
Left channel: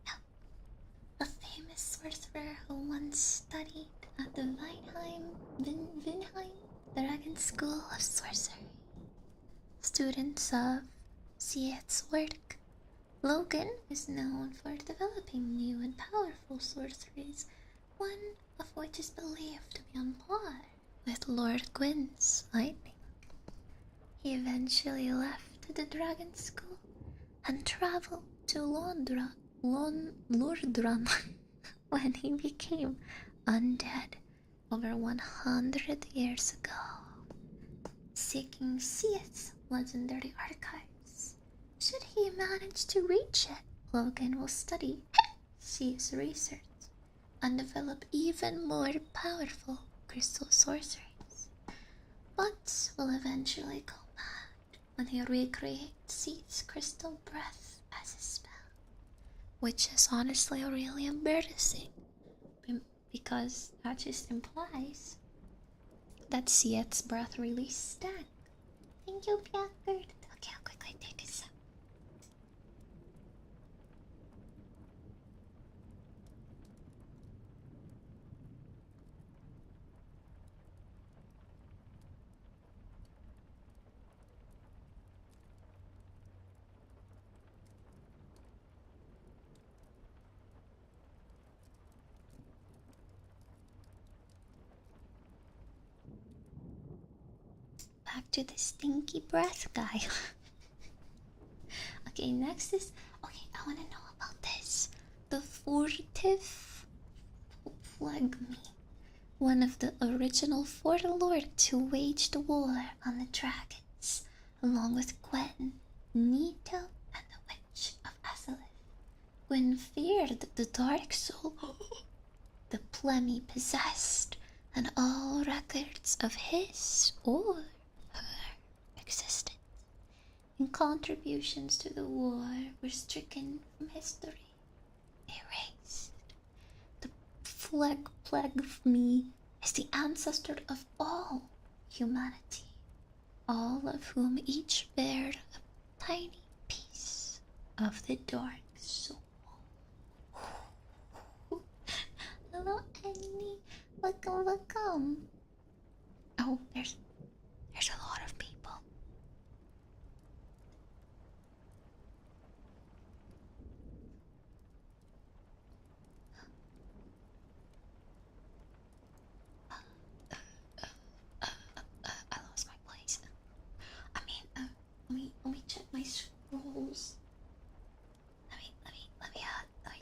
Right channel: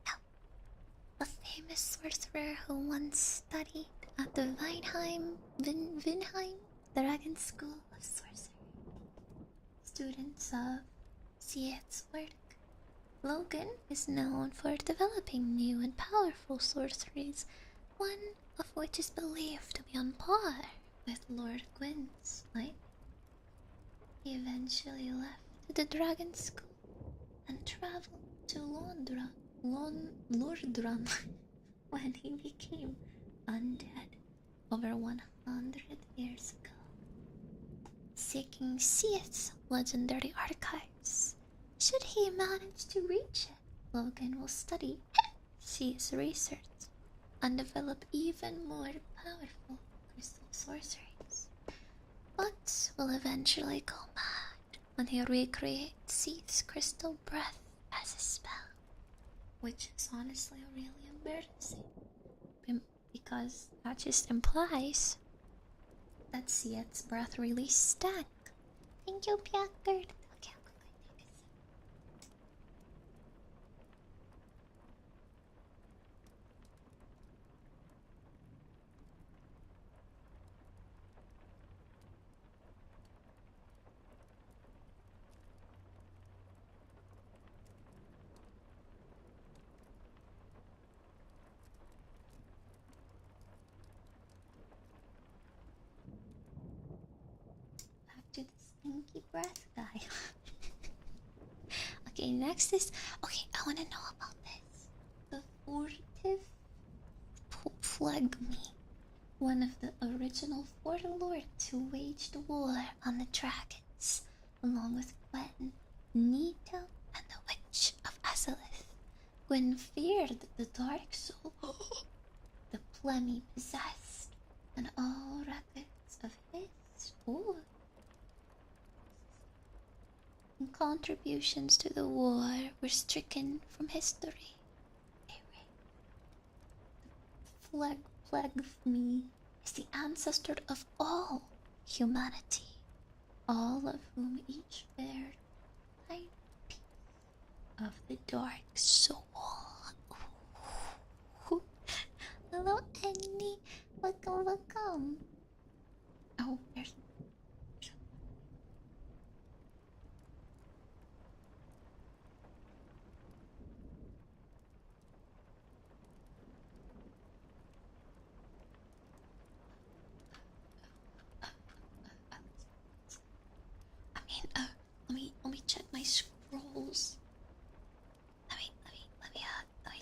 no. A famous sorcerer who once studied at the Vinheim Dragon School of Sorcery. Students of Siet's work, Logan is known for developing new and powerful sorceries, one of which is believed to be on par with Lord Gwyn's lightning. He eventually left the dragon school and traveled to Lordran when he became undead over 100 years ago, seeking Siet's legendary archives. Should he manage to reach it, Logan will study Siet's research and develop even more powerful crystal sorceries, but will eventually go mad when he recreates Siet's crystal breath as a spell, which is honestly really embarrassing because that just implies that Siet's breath really stank. Thank you, Packard. Okay, I'll quickly take a sip. Back to the stinky breath guy. Okay, next is... Okay, I want to know about this. The furtive phlegmy. One of the original four lords who waged war on the dragons, along with Gwen, Nito, and the Witch of Azalith. Gwen feared the Dark Soul the Plemmy possessed, and all records of his or her existence and contributions to the war were stricken from history, erased. The plague of me is the ancestor of all humanity, all of whom each bear a tiny piece of the Dark Soul. Hello, Annie. Welcome. Oh, there's a lot of people. I lost my place. I mean, let me check my scrolls. Let me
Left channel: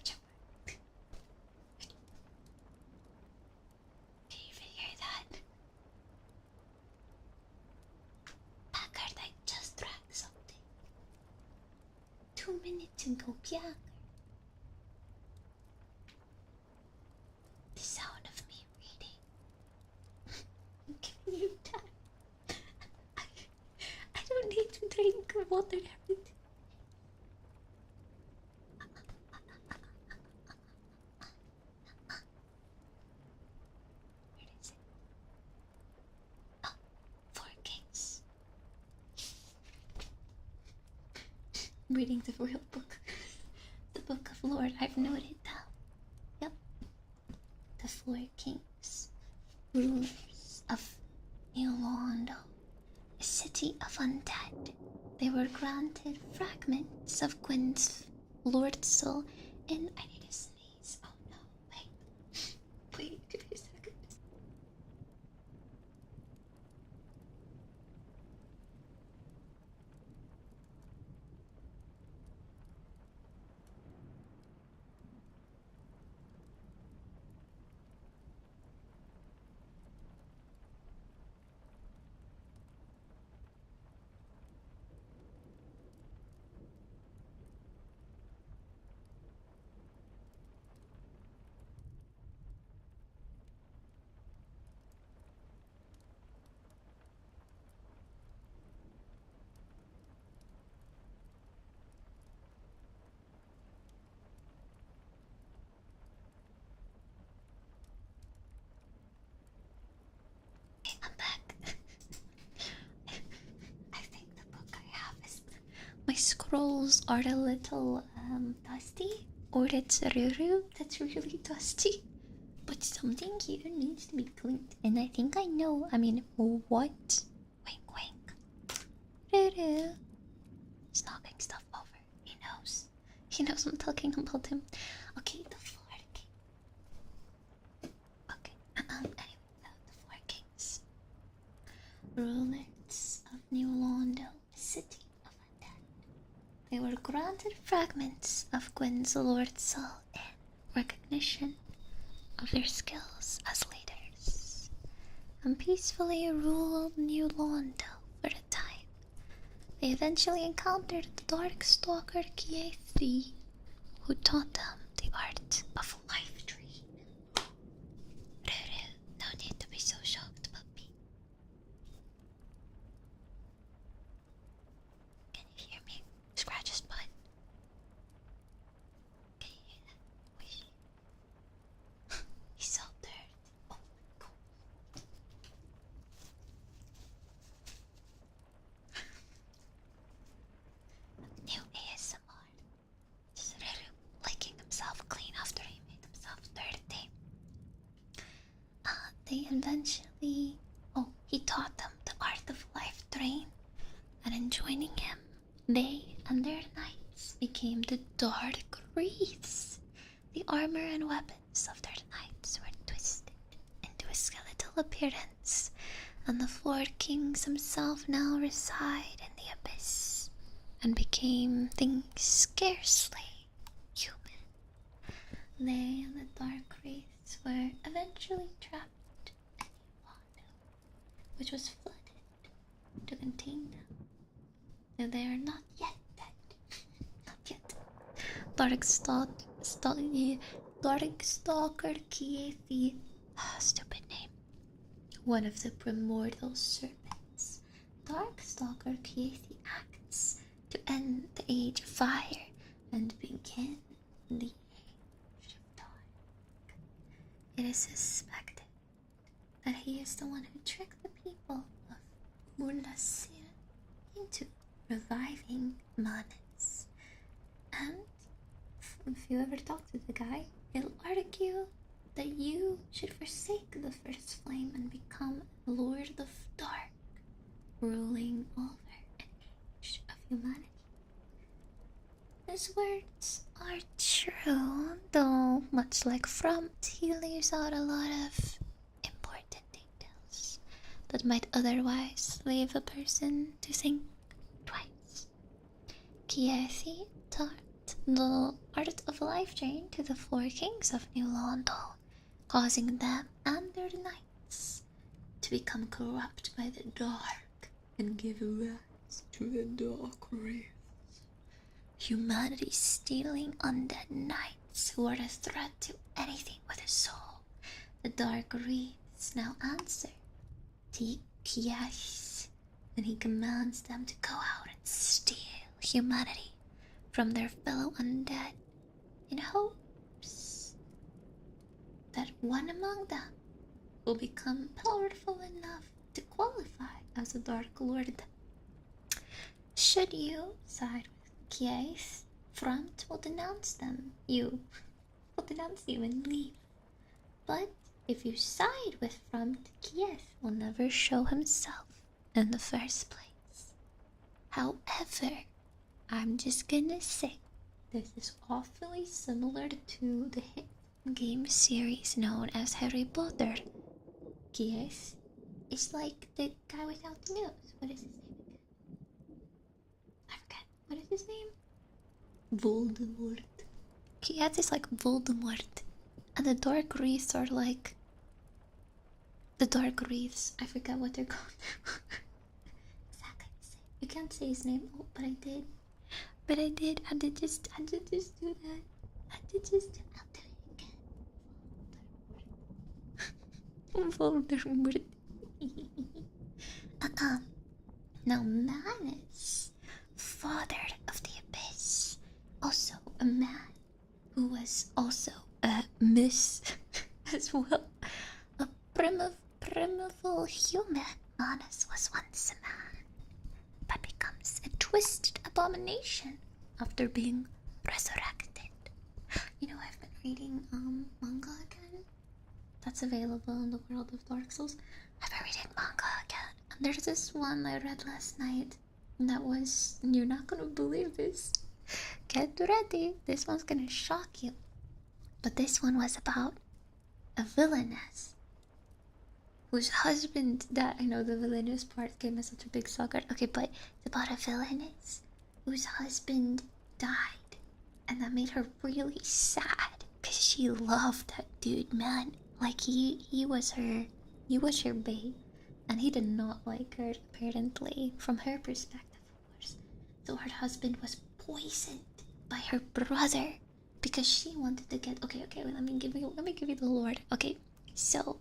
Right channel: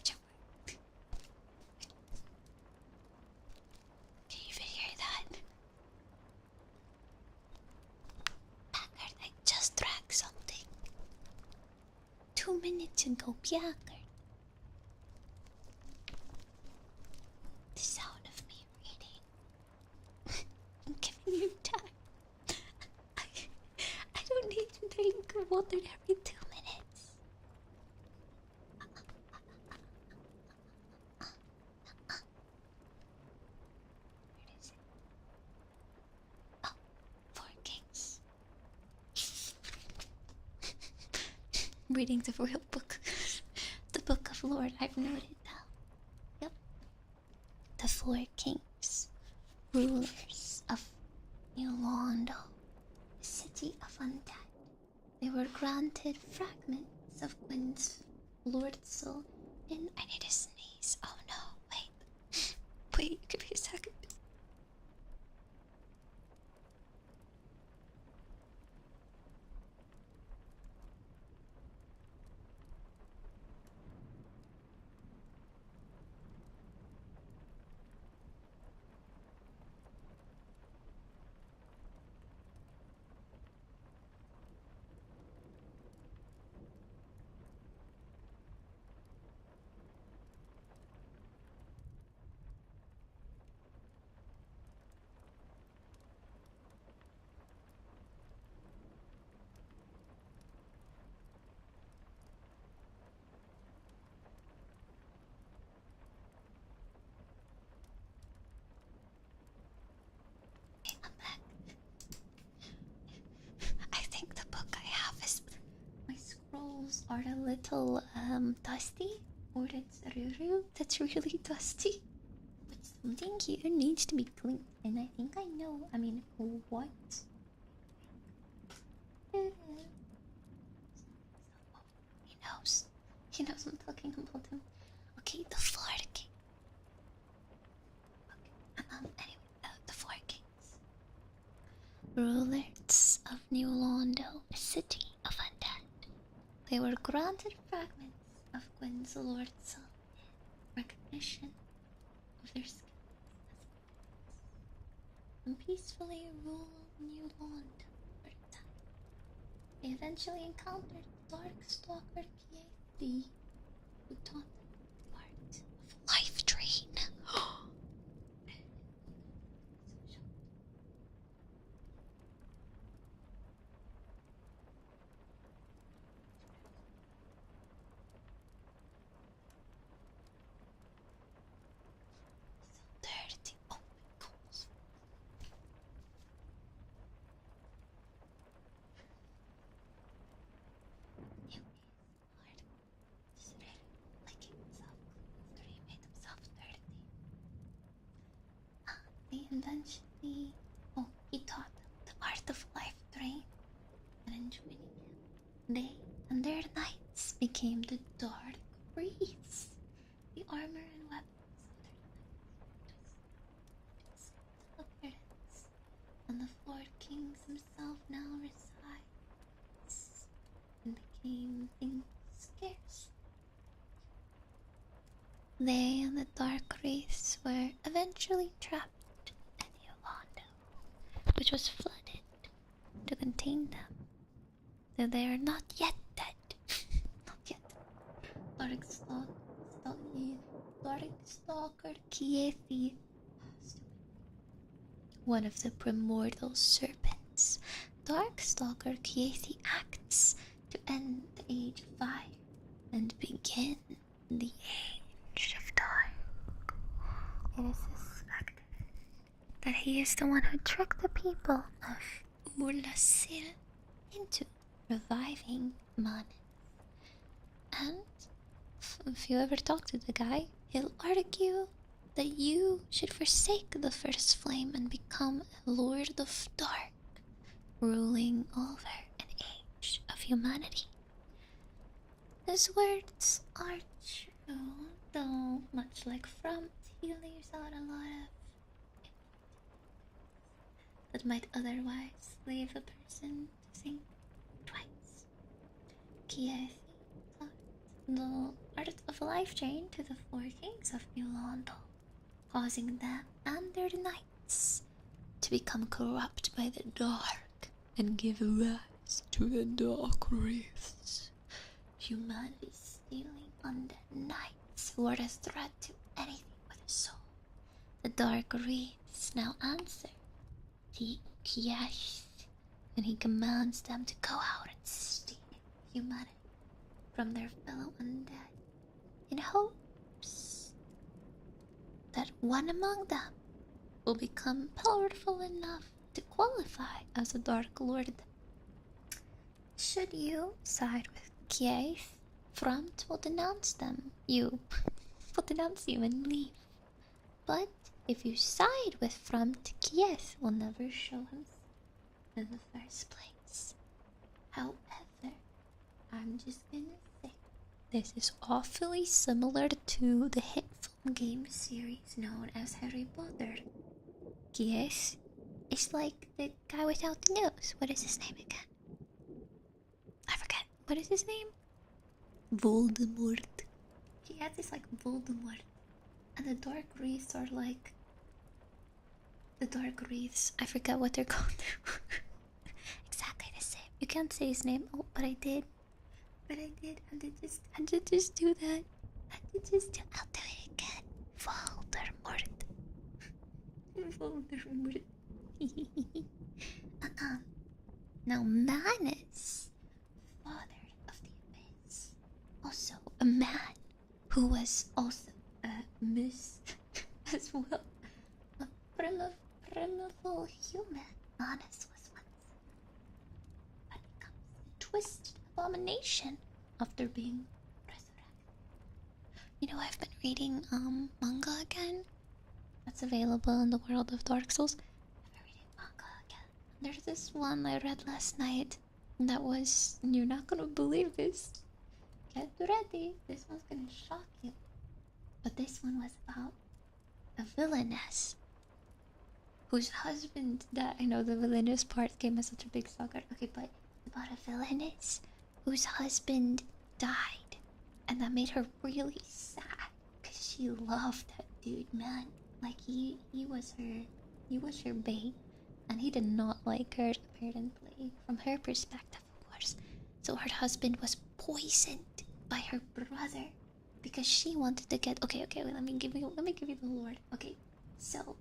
check. Can you even hear that? Packard, I just drank something 2 minutes ago, Packard. The sound of me reading. I'm giving you time. I don't need to drink water every 2 minutes. Where is it? Oh, 4 Kings. Reading the real book. The Book of Lore, I've noted that. Yep. The 4 Kings, rulers of Yolando, a city of undead. They were granted fragments of Gwyn's Lord Soul in... I need to sneeze. Oh no, wait. Wait, give me a second. Okay, I'm back. I think the book I have is. My scrolls are a little dusty, or it's Ruru that's really dusty. But something here needs to be cleaned, and I think I know. I mean, what? Wink, wink. Ruru. He's knocking stuff over. He knows. He knows I'm talking about him. Okay, the Florida King. Okay. Anyway, the Four Kings. Rulers of New Londo, a city of undead. They were granted fragments of Gwyn's Lord Soul in recognition of their skills as leaders, and peacefully ruled New Londo for a time. They eventually encountered the Dark Stalker Kiethi, who taught them the art of life drain. Ruru, no need to be so shocked, puppy. Can you hear me? Scratch his butt. Can you hear that? He's so dirty. Oh my gosh. New ASMR. Just Ruru licking himself clean after he made himself dirty. They eventually. Oh, he taught them the art of life drain, and in joining him, they and their knights became the Dark Wreaths. The armor and weapons of their knights were twisted into a skeletal appearance, and the Four Kings himself now reside in the abyss and became things scarcely human. They and the Dark Wraiths were eventually trapped in Yolanda, which was flooded to contain them. Though they are not yet dead. Not yet. Darkstalker Kiethi. Stupid name. One of the primordial serpents. Darkstalker Kiethi acts to end the Age of Fire and begin the Age of Dark. It is suspected that he is the one who tricked the people of Urlasil into reviving Manus. And if you ever talk to the guy, he'll argue that you should forsake the First Flame and become a Lord of Dark, ruling over an age of humanity. His words are true, though much like Frumped, he leaves out a lot of important details that might otherwise leave a person to think twice. Kiethi taught the art of life drain to the Four Kings of New Londo, causing them and their knights to become corrupt by the dark and give rise to the Dark Wraiths. Humanity stealing undead knights who are a threat to anything with a soul. The Dark Wraiths now answer to Kiash, and he commands them to go out and steal humanity from their fellow undead in hopes that one among them will become powerful enough to qualify as a Dark Lord. Should you side with Kiath, Front will denounce them. You will denounce you and leave. But if you side with Front, Kiath will never show himself in the first place. However, I'm just gonna say this is awfully similar to the hateful game series known as Harry Potter. Yes, it's like the guy without the nose. What is his name again? I forget. What is his name? Voldemort. He has this like Voldemort. And the Dark Wreaths are like. The Dark Wreaths. I forget what they're called. Exactly the same. You can't say his name. Oh, but I did. But I did. I did just do that. I'll do it again. Voldemort. Voldemort. Now Manus, father of the abyss, also a man who was also a miss as well. A primeval human. Manus was once a man, but becomes a twisted abomination after being resurrected. You know, I've been reading manga again. That's available in the world of Dark Souls. I've been reading manga again. And there's this one I read last night that was, you're not gonna believe this. Get ready, this one's gonna shock you. But this one was about a villainess whose husband died. I know the villainous part came as such a big sucker. Okay, but it's about a villainess whose husband died. And that made her really sad. Because she loved that dude, man. Like, he was her bae. And he did not like her, apparently. From her perspective, of course. So her husband was poisoned by her brother. Because she wanted to get... Okay, let me give you the lore. Okay, so...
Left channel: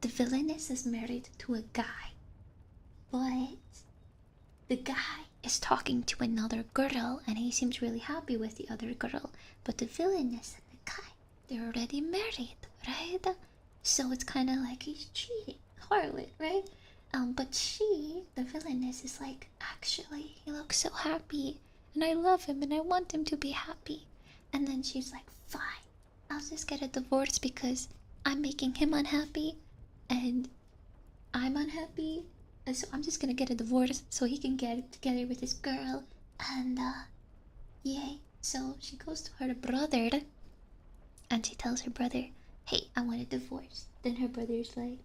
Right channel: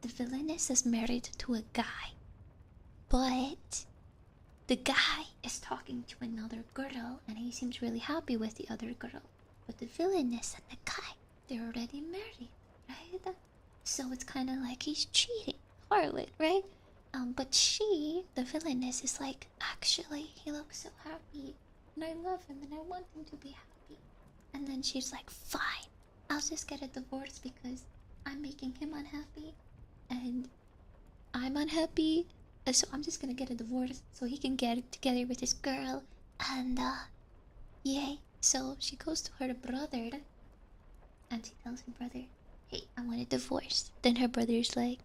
the villainess is married to a guy. But... the guy is talking to another girl. And he seems really happy with the other girl. But the villainess and the guy, they're already married, right? So it's kind of like he's cheating. Harlot, right? But she, the villainess, is like, actually, he looks so happy. And I love him and I want him to be happy. And then she's like, fine, I'll just get a divorce because I'm making him unhappy. And I'm unhappy. And so I'm just gonna get a divorce so he can get together with his girl. And, yay. So she goes to her brother and she tells her brother, hey, I want a divorce. Then her brother's like,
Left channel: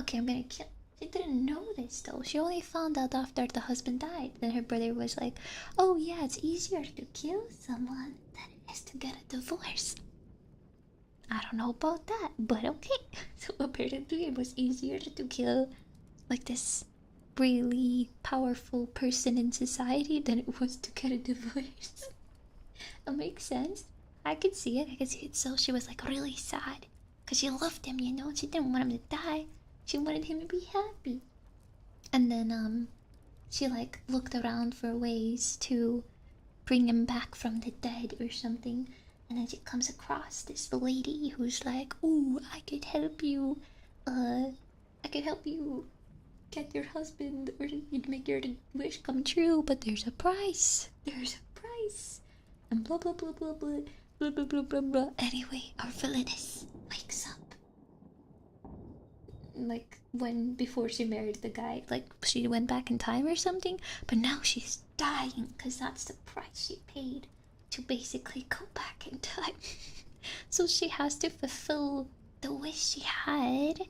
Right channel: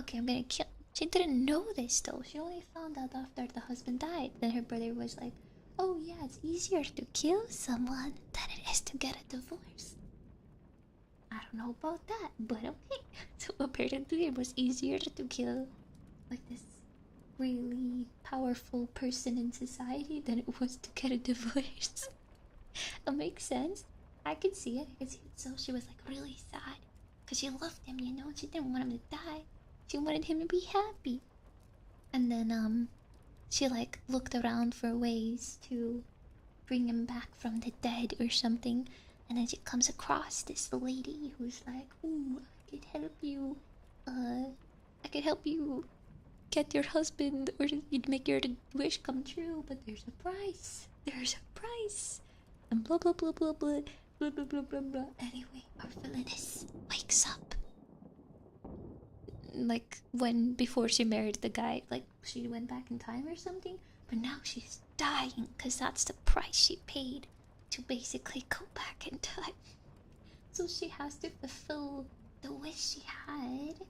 okay, I'm gonna kill. She didn't know this though. She only found out after the husband died. Then her brother was like, oh yeah, it's easier to kill someone than it is to get a divorce. I don't know about that, but okay. So apparently it was easier to kill like this really powerful person in society than it was to get a divorce. It makes sense. I could see it. So she was like really sad because she loved him, you know. She didn't want him to die. She wanted him to be happy. And then she like looked around for ways to bring him back from the dead or something. And then she comes across this lady who's like, ooh, I could help you. I could help you get your husband or you'd make your wish come true, but there's a price. There's a price. And blah blah blah blah blah blah blah blah blah blah. Anyway, our villainess wakes up. Like when before she married the guy, like she went back in time or something, but now she's dying because that's the price she paid to basically go back in time. So she has to fulfill the wish she had,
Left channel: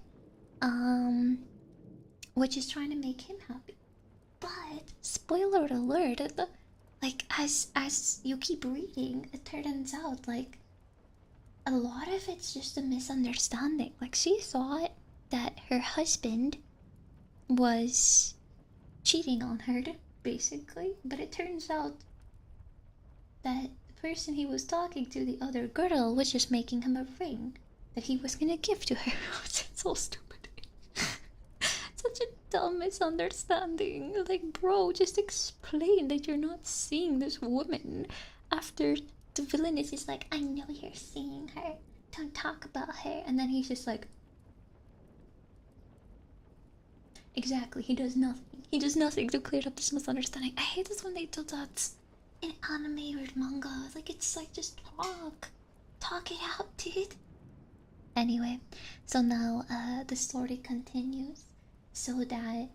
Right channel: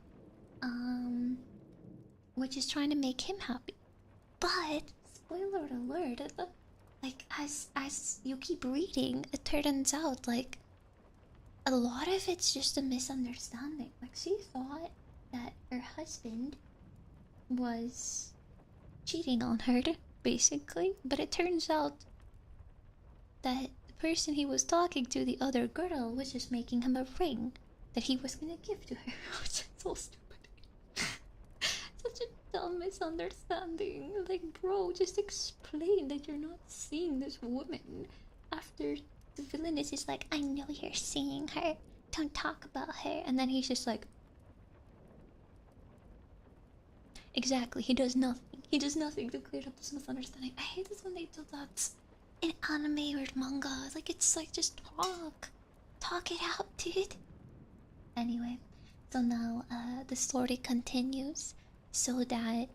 which is trying to make him happy. But spoiler alert, like as you keep reading, it turns out like a lot of it's just a misunderstanding. Like she thought that her husband was cheating on her, basically, but it turns out that the person he was talking to, the other girl, was just making him a ring that he was gonna give to her. It's so stupid. Such a dumb misunderstanding. Like, bro, just explain that you're not seeing this woman after the villainess is like, I know you're seeing her. Don't talk about her. And then he's just like, exactly, he does nothing. He does nothing to clear up this misunderstanding. I hate this when they do that in anime or manga. Like, it's like, just talk. Talk it out, dude. Anyway, so now the story continues so that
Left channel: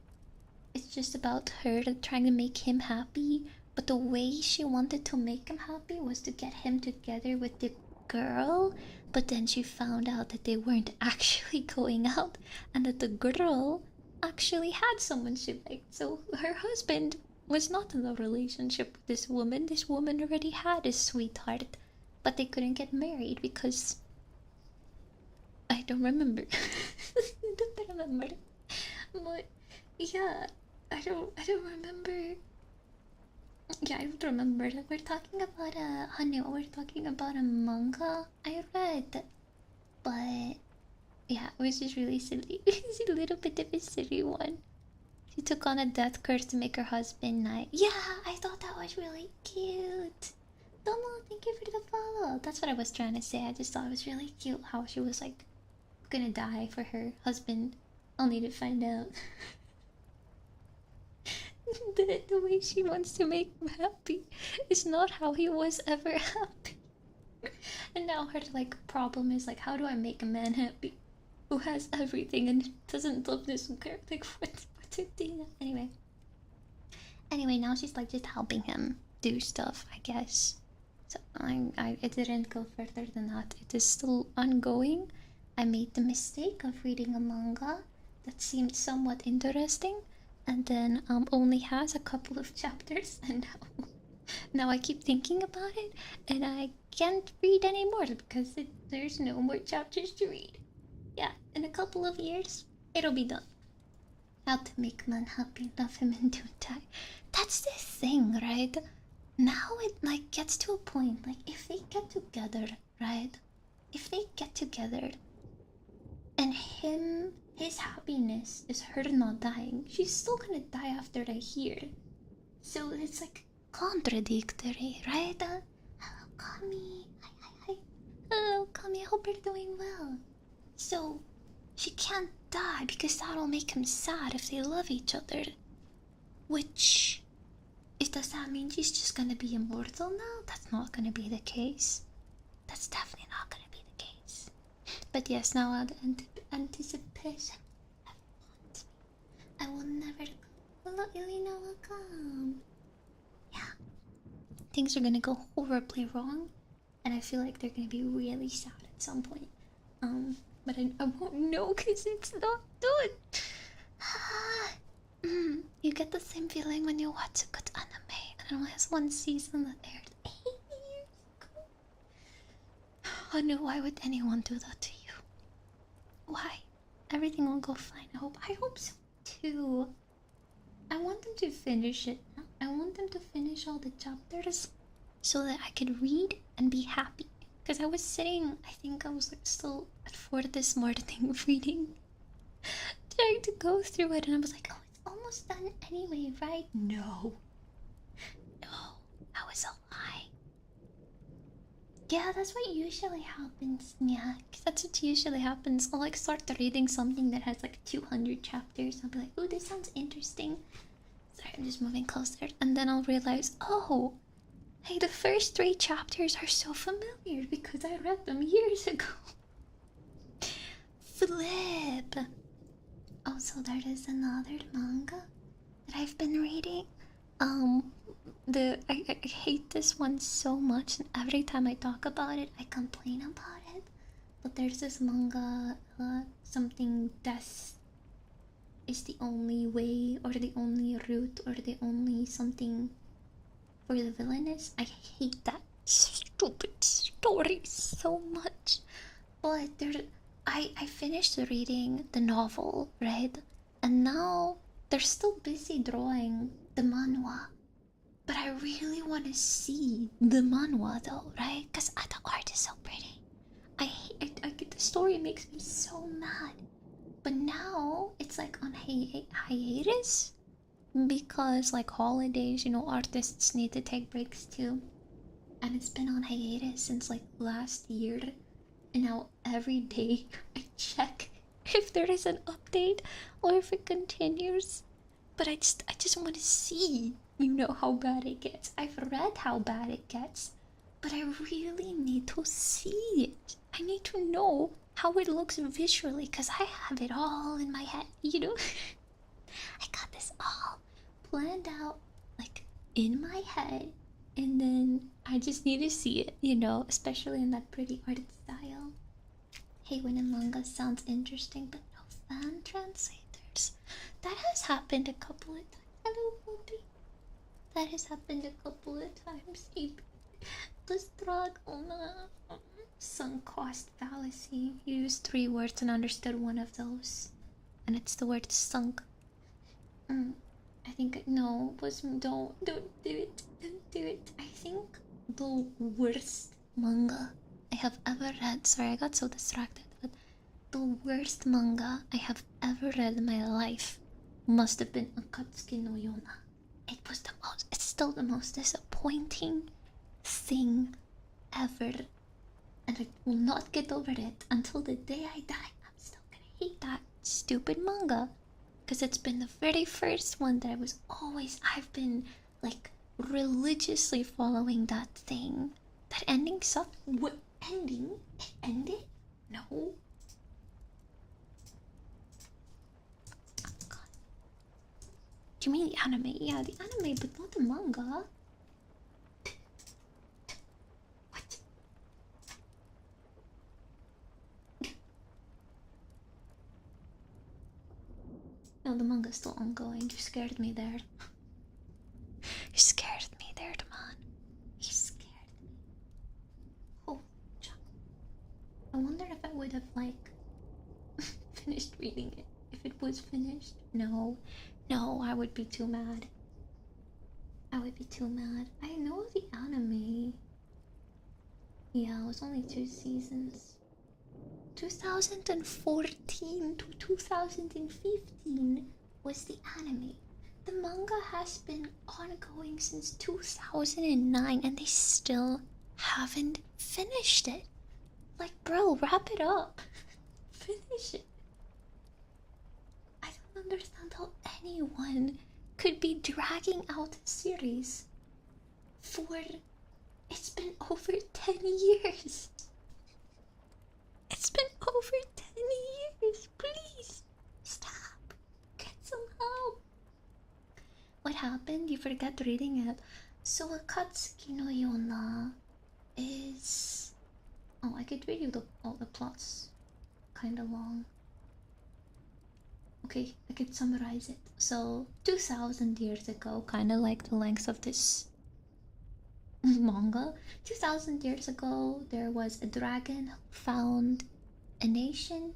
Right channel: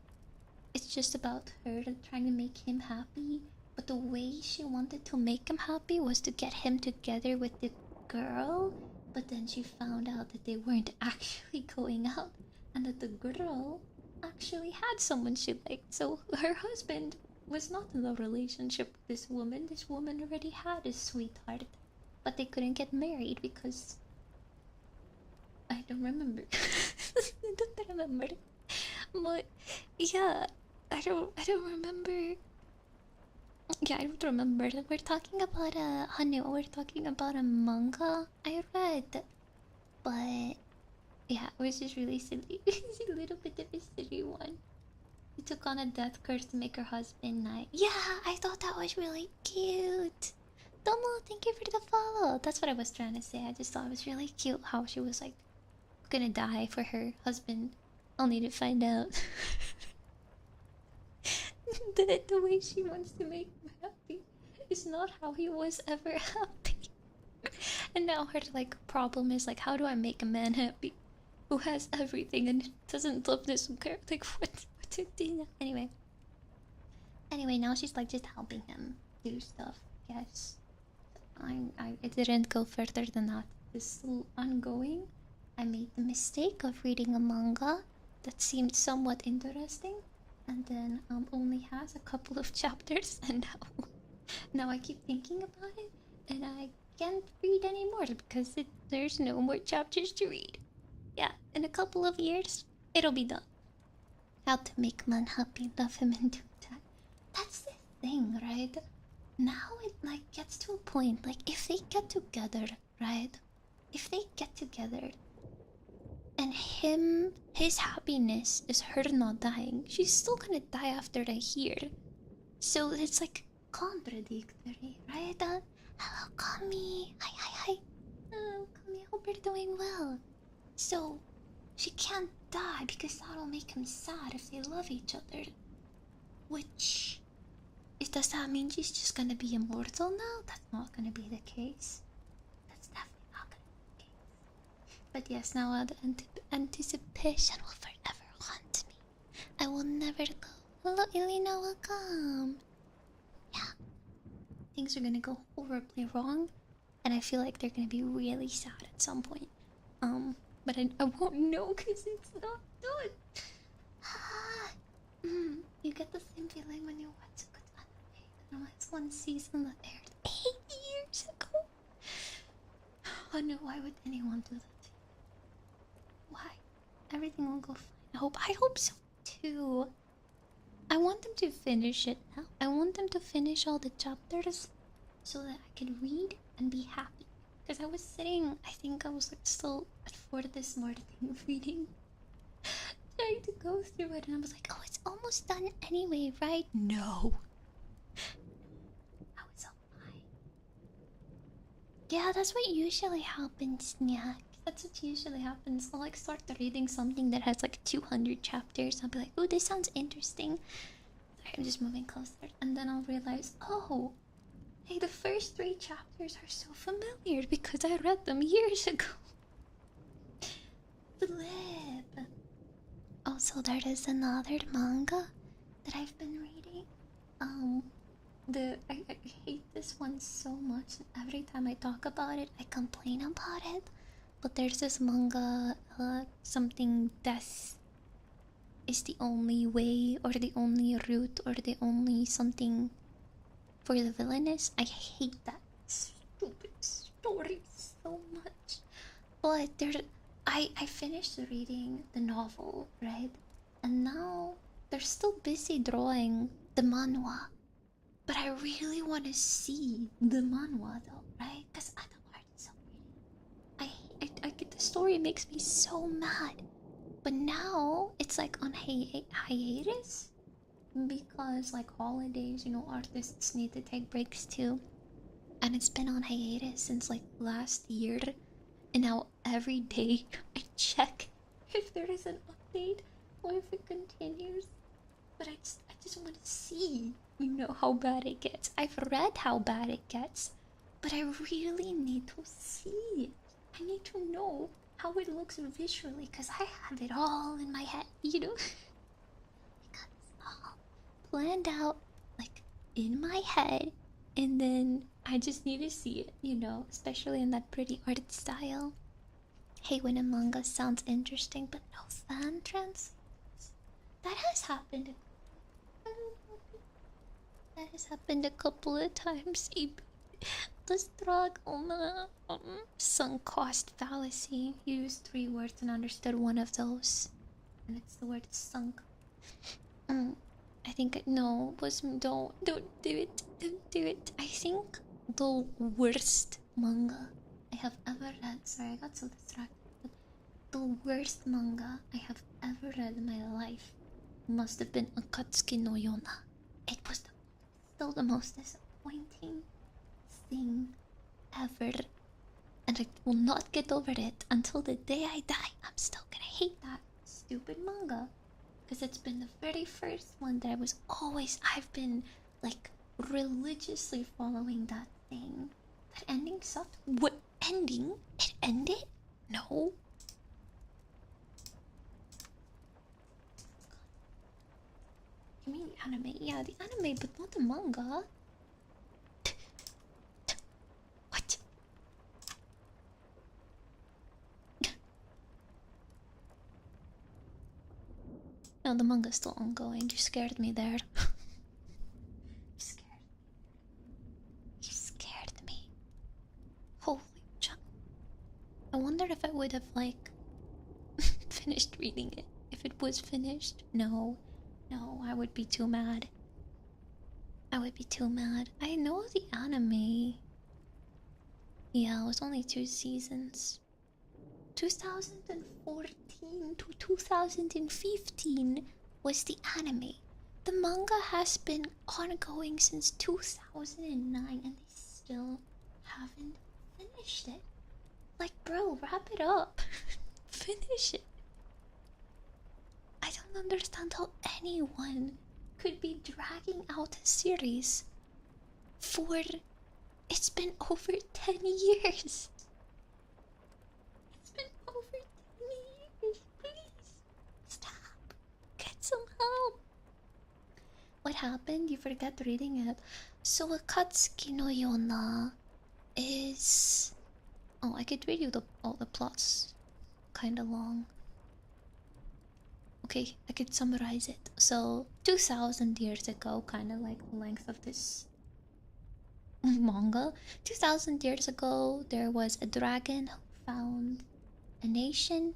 it's just about her trying to make him happy. But the way she wanted to make him happy was to get him together with the girl, but then she found out that they weren't actually going out and that the girl actually had someone she liked. So her husband was not in a relationship with this woman. This woman already had a sweetheart, but they couldn't get married because I don't remember. I don't remember. But yeah, I don't remember. Yeah, I don't remember. We're talking about honey. We're talking about a manga I read, but yeah, it was just really silly. It's a little bit of a silly one. She took on a death curse to make her husband nice. Yeah, I thought that was really cute. Domo, thank you for the follow. That's what I was trying to say. I just thought it was really cute how she was like gonna die for her husband, only to find out that the way she wants to make him happy is not how he was ever happy. And now her like problem is like, how do I make a man happy who has everything and doesn't love this girl? Like what's it doing? Anyway, now she's like just helping him do stuff, I guess. So it didn't go further than that. It is still ongoing. I made the mistake of reading a manga that seemed somewhat interesting, and then only has a couple of chapters, and now I keep thinking about it, and I can't read anymore because there's no more chapters to read. Yeah, in a couple of years, it'll be done. How to make man happy, love him, and don't die. That's the thing, right? Now it like gets to a point, like if they get together, right? If they get together and his happiness is her not dying, she's still gonna die after a year. So it's like contradictory, right? Hello, Kami. Hi. Hello, Kami. I hope you're doing well. So she can't die because that'll make him sad if they love each other. Which, does that mean she's just gonna be immortal now? That's not gonna be the case. That's definitely not gonna be the case. But yes, now the anticipation will forever haunt me. I will never go. Hello, Elena, welcome. Yeah. Things are gonna go horribly wrong, and I feel like they're gonna be really sad at some point. But I won't know because it's not done. You get the same feeling when you watch a good anime and it only has one season that aired 8 years ago. Oh no, why would anyone do that to you? Why? Everything will go fine. I hope so too. I want them to finish it now. I want them to finish all the chapters so that I could read and be happy. Because I was sitting, I think I was like still at 4 this morning reading, trying to go through it, and I was like, oh, it's almost done anyway, right? No, that was a lie. Yeah, that's what usually happens. Yeah, that's what usually happens. I'll like start reading something that has like 200 chapters. I'll be like, oh, this sounds interesting. Sorry, I'm just moving closer, and then I'll realize, oh, hey, the first 3 chapters are so familiar because I read them years ago. Flip. Also, there is another manga that I've been reading. I hate this one so much, and every time I talk about it, I complain about it. But there's this manga, something death is the only way, or the only route, or the only something for the villainess. I hate that stupid story so much. But I finished reading the novel, right? And now they're still busy drawing the manhwa. But I really want to see the manhwa though, right? Because the art is so pretty. I get the story makes me so mad. But now it's like on hiatus because like holidays, artists need to take breaks too. And it's been on hiatus since like last year. And now every day I check if there is an update or if it continues. But I just want to see, how bad it gets. I've read how bad it gets, but I really need to see it. I need to know how it looks visually because I have it all in my head, I got this all planned out, like, in my head, and then I just need to see it, you know, especially in that pretty art style. Hey, when a manga sounds interesting, but no fan translators. That has happened a couple of times. Hello, Bobby. That has happened a couple of times. The struggle, sunk cost fallacy. You used 3 words and understood one of those, and it's the word sunk. I think no was don't do it, don't do it. I think the worst manga I have ever read. Sorry, I got so distracted. But the worst manga I have ever read in my life must have been Akatsuki no Yona. It was the most. It's still the most disappointing thing ever, and I will not get over it until the day I die. I'm still gonna hate that stupid manga because it's been the very first one that I've been like religiously following that thing. That ending sucked. What ending? It ended? No. Oh, God. Do you mean the anime? Yeah, the anime, but not the manga. What? No, the manga's still ongoing. You scared me there. You scared me there, man. You scared me. Holy junk. I wonder if I would have, like, finished reading it. If it was finished. No. No, I would be too mad. I would be too mad. I know the anime. Yeah, it was only 2 seasons. 2014 to 2015 was the anime. The manga has been ongoing since 2009 and they still haven't finished it. Like, bro, wrap it up. Finish it. I don't understand how anyone could be dragging out a series for. It's been over 10 years. It's been over 10 years. Please stop. Get some help. What happened? You forgot reading it. So Akatsuki no Yona is. Oh, I could read you all the plots. Kinda long. Okay, I could summarize it. So 2000 years ago, kinda like the length of this manga. 2000 years ago, there was a dragon who found a nation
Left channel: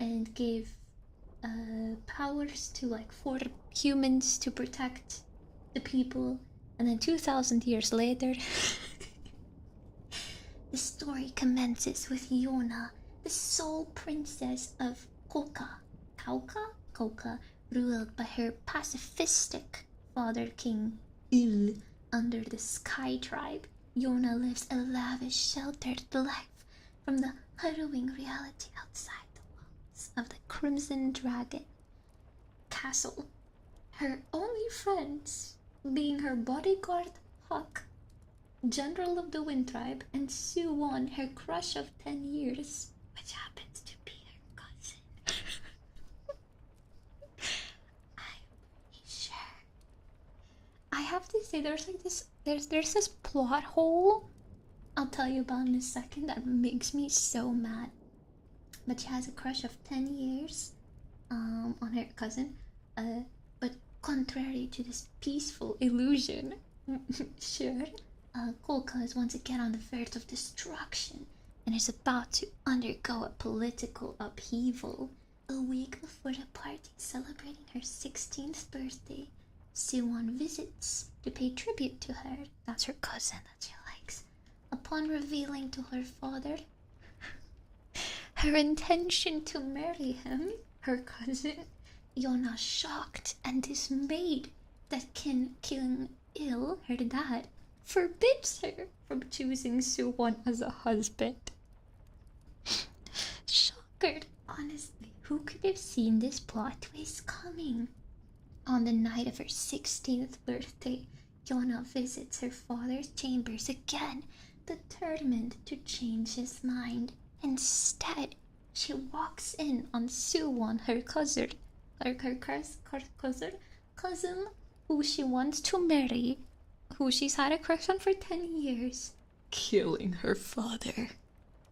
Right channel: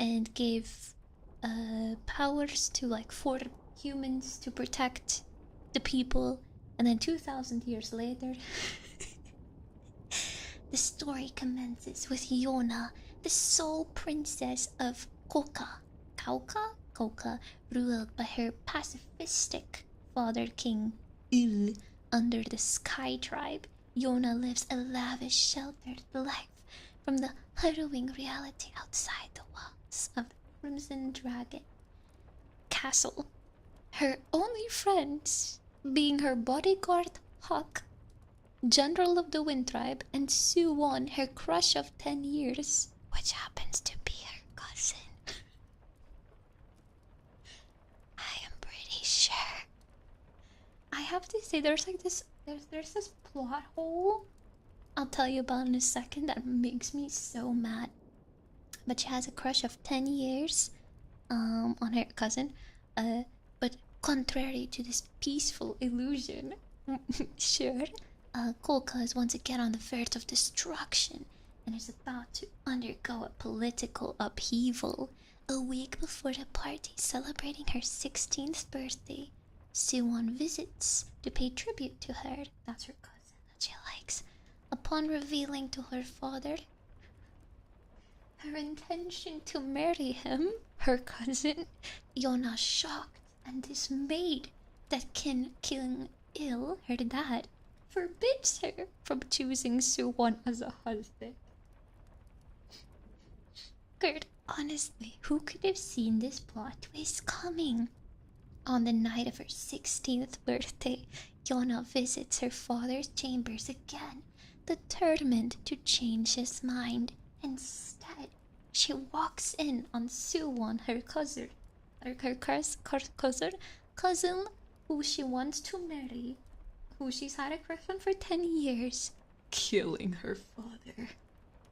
and gave powers to like 4 humans to protect the people. And then 2000 years later, the story commences with Yona, the sole princess of Koka. Koka, ruled by her pacifistic father king Il. Under the Sky Tribe, Yona lives a lavish, sheltered life from the harrowing reality outside the walls of the Crimson Dragon Castle. Her only friends being her bodyguard Hawk, general of the Wind Tribe, and Suwon, her crush of 10 years, which happens to be her cousin. I am pretty sure. I have to say, there's like there's this plot hole I'll tell you about in a second that makes me so mad. But she has a crush of 10 years on her cousin. But contrary to this peaceful illusion, sure, Kolka is once again on the verge of destruction and is about to undergo a political upheaval. A week before the party celebrating her 16th birthday, Suwon visits to pay tribute to her. That's her cousin that she likes. Upon revealing to her father her intention to marry him, her cousin, Yona, shocked and dismayed that King Il, her dad, forbids her from choosing Suwon as a husband. Shocker, honestly, who could have seen this plot twist coming? On the night of her 16th birthday, Yona visits her father's chambers again, determined to change his mind. Instead, she walks in on Suwon, her cousin, cousin who she wants to marry, who she's had a crush on for 10 years, killing her father.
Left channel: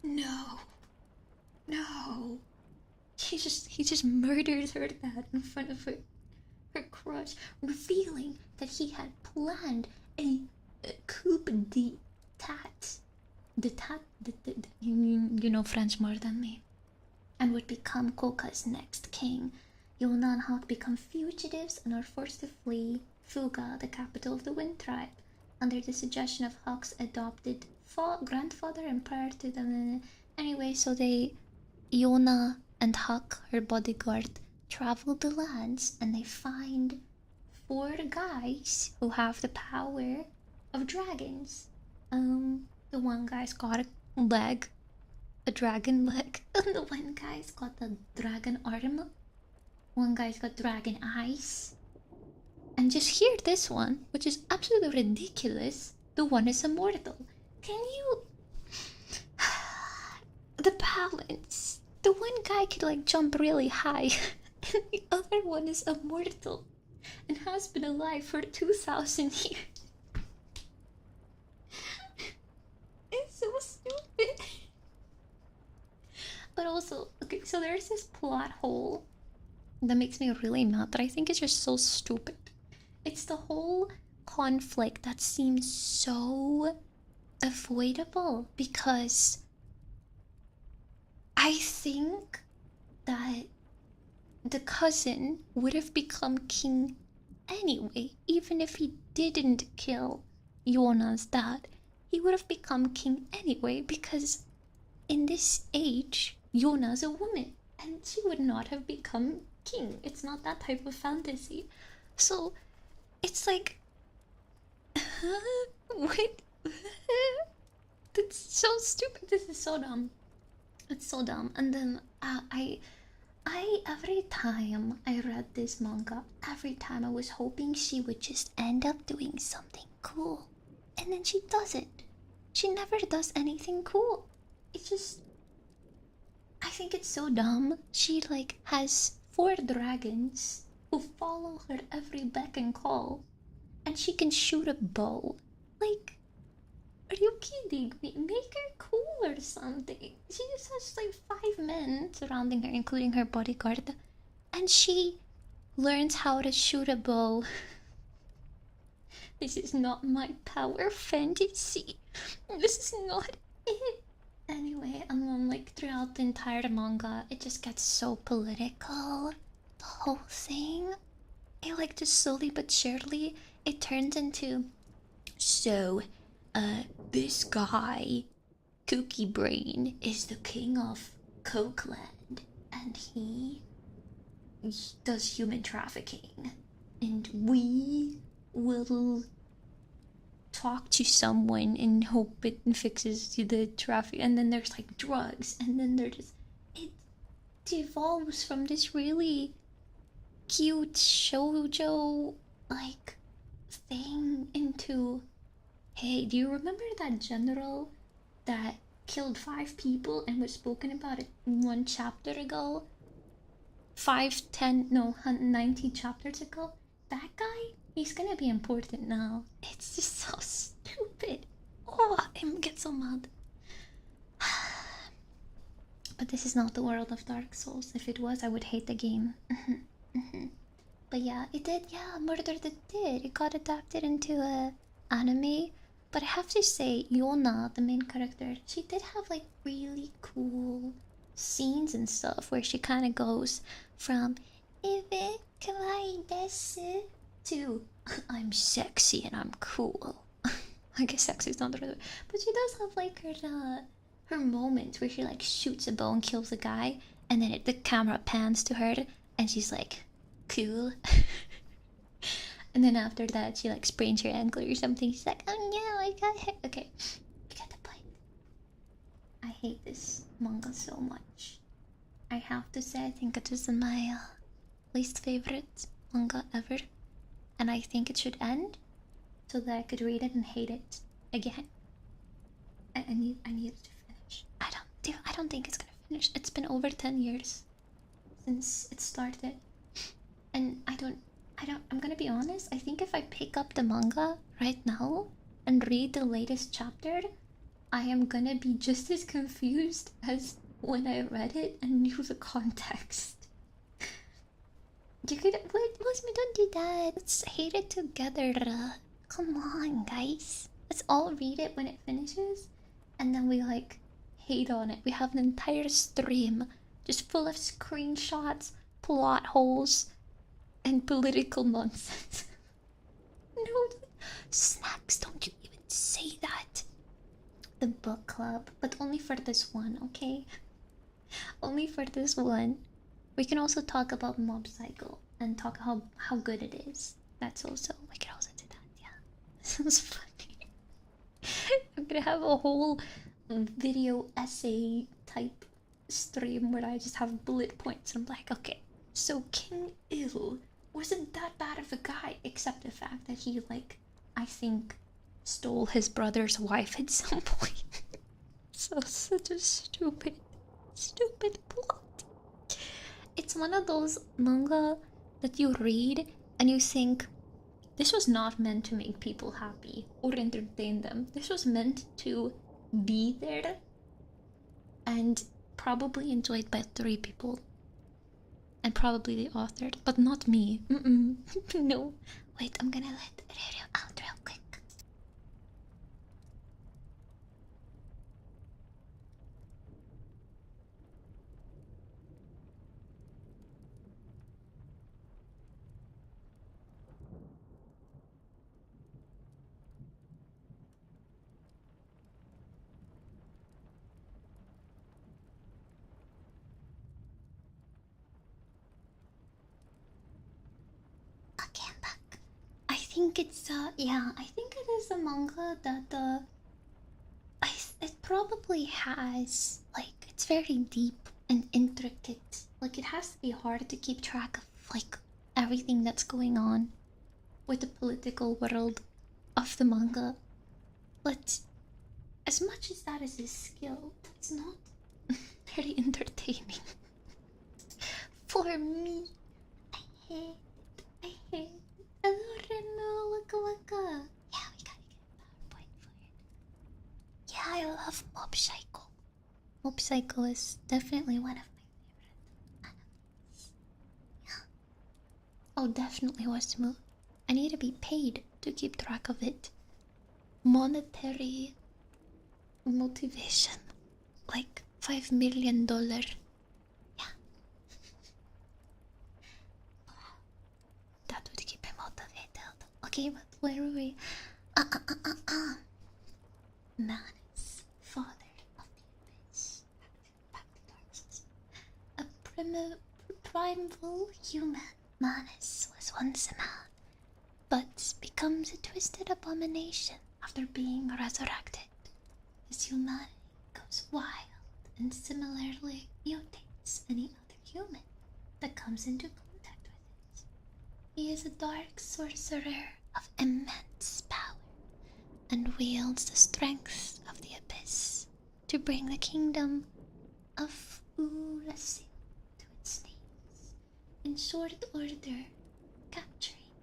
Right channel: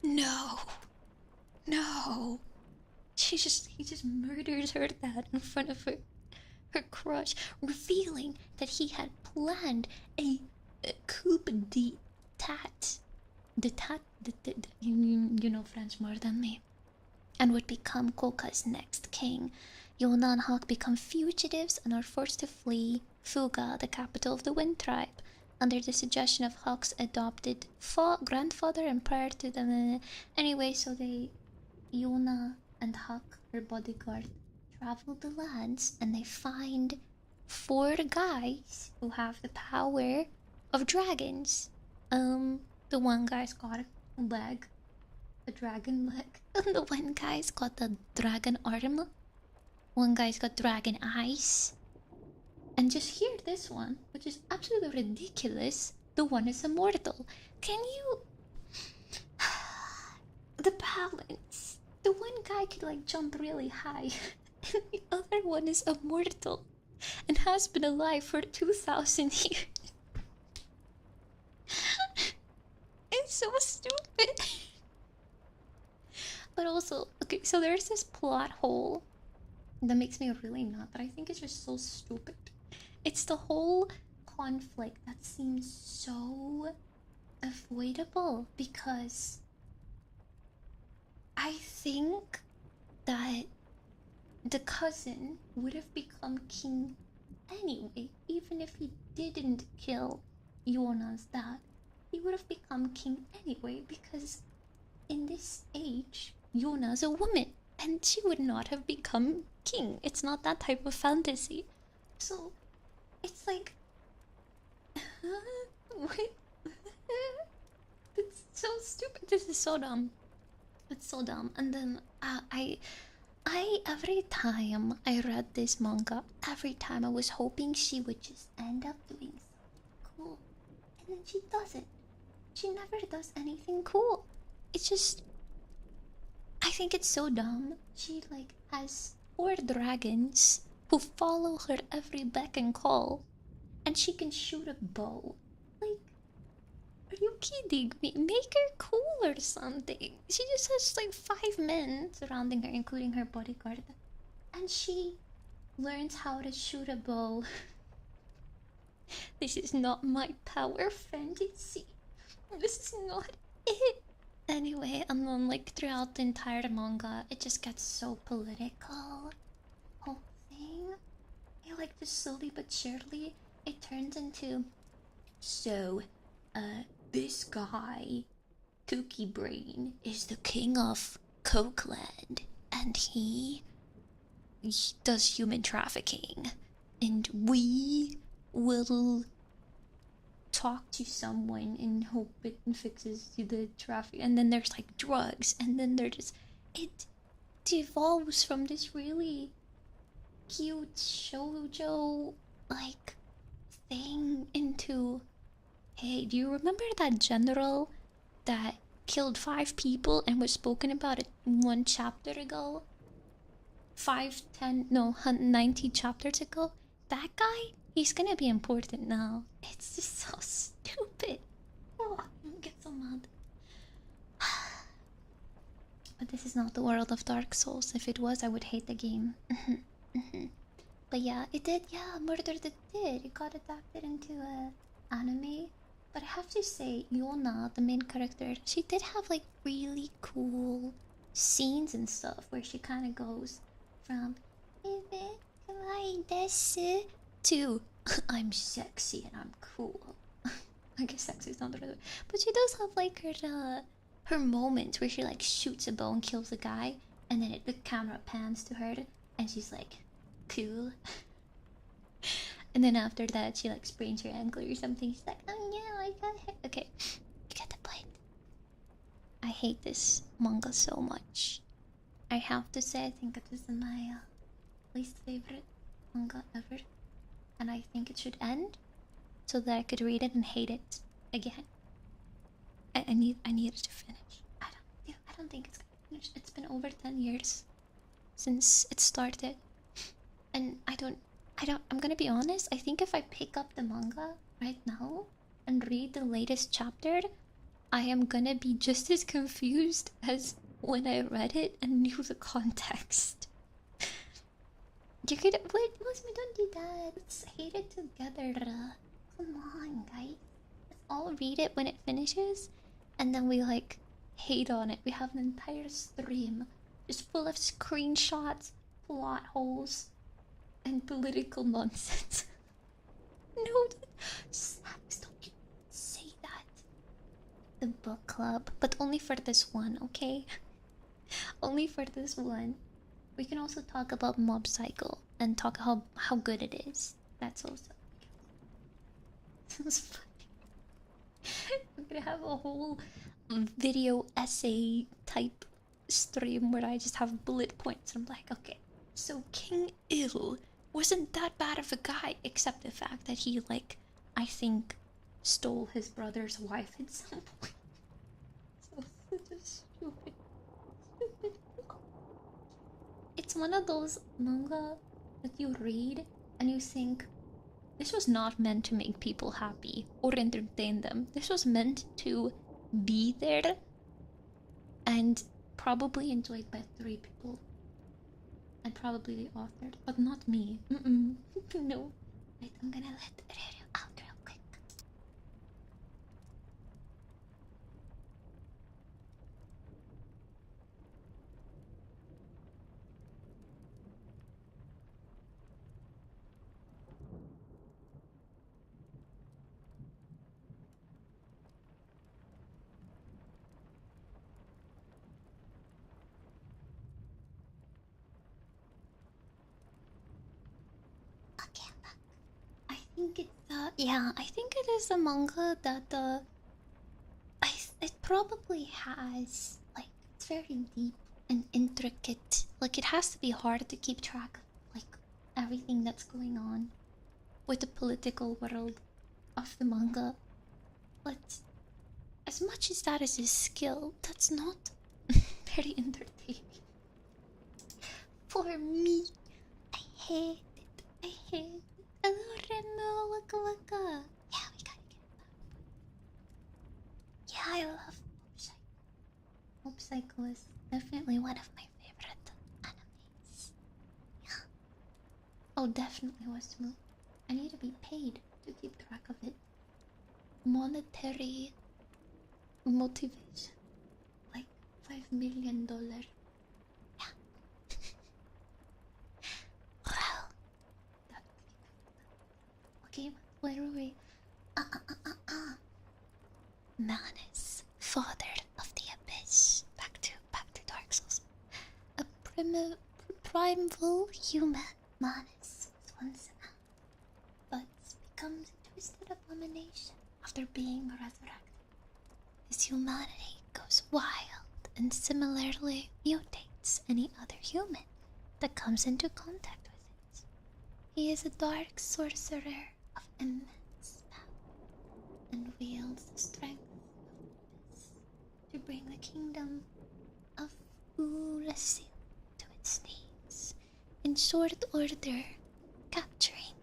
No. No. He just murders her dad in front of her crush, revealing that he had planned a coup d'etat. You know French more than me. And would become Koka's next king. Yona and Hawk become fugitives and are forced to flee Fuga, the capital of the Wind Tribe, under the suggestion of Hawk's adopted grandfather and prior to them. Anyway, so Yona and Hawk, her bodyguard, travel the lands and they find 4 guys who have the power of dragons. The one guy's got a dragon leg, and the one guy's got the dragon arm. One guy's got dragon eyes. And just hear this one, which is absolutely ridiculous. The one is immortal. Can you... the balance. The one guy could like jump really high, and the other one is immortal and has been alive for 2,000 years. It's so stupid. But also, okay, so there's this plot hole that makes me really mad that I think is just so stupid. It's the whole conflict that seems so avoidable because I think that the cousin would have become king anyway, even if he didn't kill Yona's dad. He would have become king anyway because in this age, Yona's a woman and she would not have become king. It's not that type of fantasy. So it's like, wait, that's so stupid. This is so dumb. It's so dumb. And then I every time I read this manga, every time I was hoping she would just end up doing something cool, and then she doesn't. She never does anything cool. It's just, I think it's so dumb. She like has 4 dragons who follow her every beck and call, and she can shoot a bow. Like, are you kidding me? Make her cool or something. She just has like 5 men surrounding her, including her bodyguard, and she learns how to shoot a bow. This is not my power fantasy. This is not it. Anyway, and then like throughout the entire manga, it just gets so political. The whole thing. It like just slowly but surely, it turns into, so, this guy, Cookie Brain, is the king of Cokeland, and he does human trafficking, and we will talk to someone and hope it fixes the traffic. And then there's like drugs, and then there's it devolves from this really cute shoujo like thing into, hey, do you remember that general that killed 5 people and was spoken about it 1 chapter ago? 90 chapters ago? That guy? He's gonna be important now. It's just so stupid. Oh, I get so mad. But this is not the world of Dark Souls. If it was, I would hate the game. But yeah, it did. Yeah, Murdered It did. It got adapted into a anime. But I have to say, Yona, the main character, she did have like really cool scenes and stuff where she kind of goes from "Ibe kawaii desu" to "I'm sexy and I'm cool." I guess sexy is not the right word, but she does have like her moments where she like shoots a bow and kills a guy, and then the camera pans to her and she's like cool. And then after that she like sprains her ankle or something. She's like, oh no, I got hit. Okay, you get the point. I hate this manga so much. I have to say, I think it is my least favorite manga ever, and I think it should end so that I could read it and hate it again. I need it to finish. I don't think it's gonna finish. It's been over 10 years since it started, and I don't I'm gonna be honest, I think if I pick up the manga right now and read the latest chapter, I am gonna be just as confused as when I read it and knew the context. You could. What? Me, don't do that. Let's hate it together. Come on, guys. Let's all read it when it finishes, and then we like hate on it. We have an entire stream just full of screenshots, plot holes, and political nonsense. No, Snacks, don't you even say that. The book club, but only for this one, okay? Only for this one. We can also talk about Mob Psycho and talk how good it is. That's also, we can also do that. Yeah, sounds funny. I'm gonna have a whole video essay type stream where I just have bullet points. And I'm like, okay, so King Ill wasn't that bad of a guy, except the fact that he, like, I think, stole his brother's wife at some point. So, such a stupid plot. It's one of those manga that you read and you think, this was not meant to make people happy or entertain them. This was meant to be there and probably enjoyed by 3 people. And probably the author, but not me. No. Wait, I'm gonna let Rero out real quick. Okay, I'm back. I think it's yeah, I think it is a manga that it probably has, like, it's very deep and intricate. Like, it has to be hard to keep track of, like, everything that's going on with the political world of the manga. But as much as that is a skill, that's not very entertaining. For me, I hate it. I hate it. Hello, Remo, waka waka. Yeah, we gotta get that point for it. Yeah, I love Mob Psycho. Mob Psycho is definitely one of my favorite animes. Yeah. Oh, definitely was smooth. I need to be paid to keep track of it. Monetary motivation. Like $5 million. Yeah. Well, that would keep me motivated. Okay, but where are we? Manus, father of the abyss. Back to Dark Souls. A primeval human. Manus was once a man, but becomes a twisted abomination after being resurrected. His humanity goes wild and similarly mutates any other human that comes into contact with it. He is a dark sorcerer of immense power and wields the strength of the abyss to bring the kingdom of Urasin to its knees in short order, capturing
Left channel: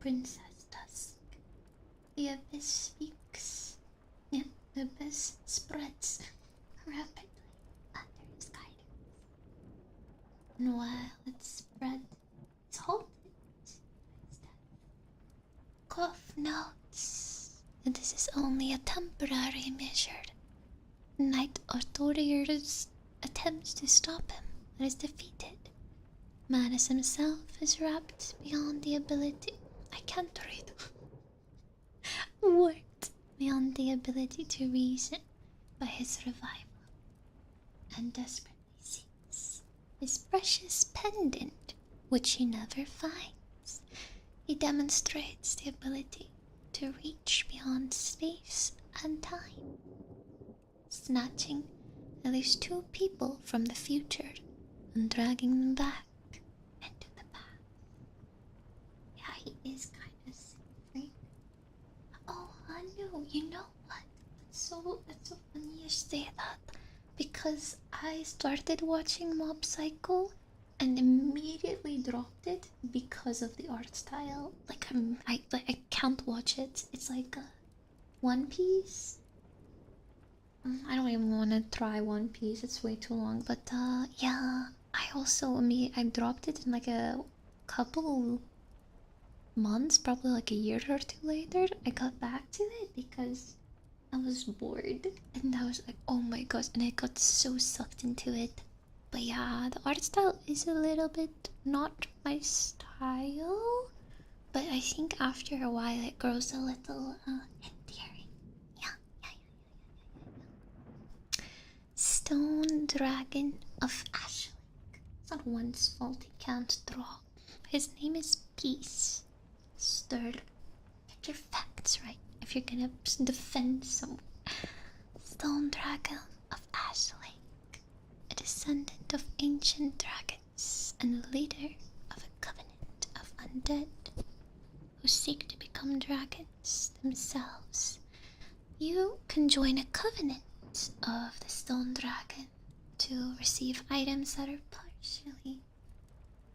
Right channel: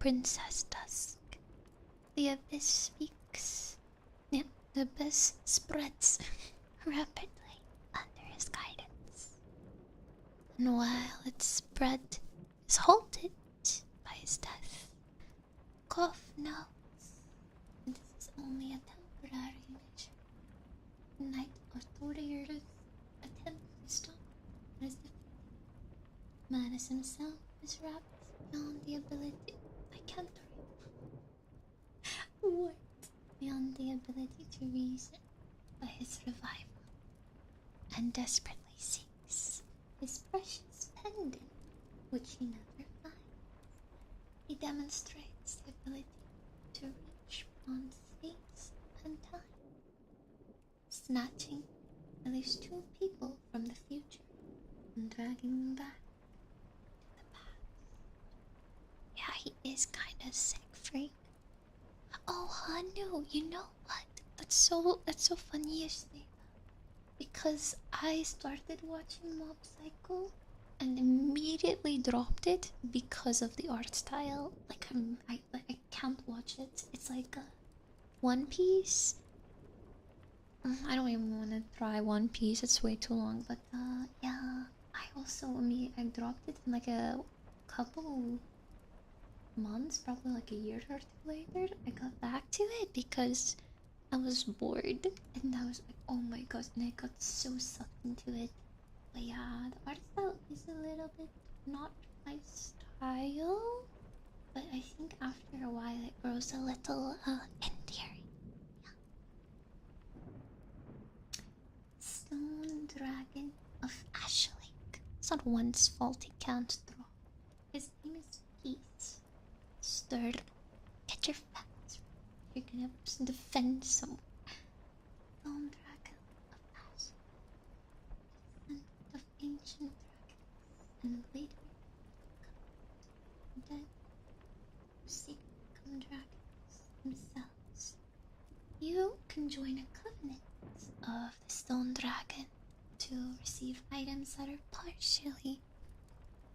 Princess Dusk. The abyss speaks. Yeah, the abyss spreads rapidly under his guidance. And while its spread is halted by his death, Koff notes that this is only a temporary measure. Knight Arthurius attempts to stop him and is defeated. Manus himself is wrapped beyond the ability. I can't read. Warped beyond the ability to reason by his revival, and desperately seeks his precious pendant, which he never finds. He demonstrates the ability to reach beyond space and time, snatching at least 2 people from the future and dragging them back into the past. Yeah, he is kinda sick freak. Oh, Hanu, you know what? That's so funny you say that, because I started watching Mob Psycho and immediately immediately dropped it because of the art style. Like I can't watch it. It's like One Piece. I don't even want to try One Piece. It's way too long. But yeah, I dropped it in like a couple months, probably like a year or two later. I got back to it because I was bored, and I was like, oh my gosh, and I got so sucked into it. But yeah, the art style is a little bit not my style, but I think after a while it grows a little endearing. Yeah, yeah, yeah. Stone Dragon of Ashling. It's not one's fault he can't draw. His name is Peace. Stir. Get your facts right if you're gonna defend someone. Stone Dragon of Ashling, a descendant of ancient dragons and leader of a covenant of undead who seek to become dragons themselves. You can join a covenant of the Stone Dragon to receive items that are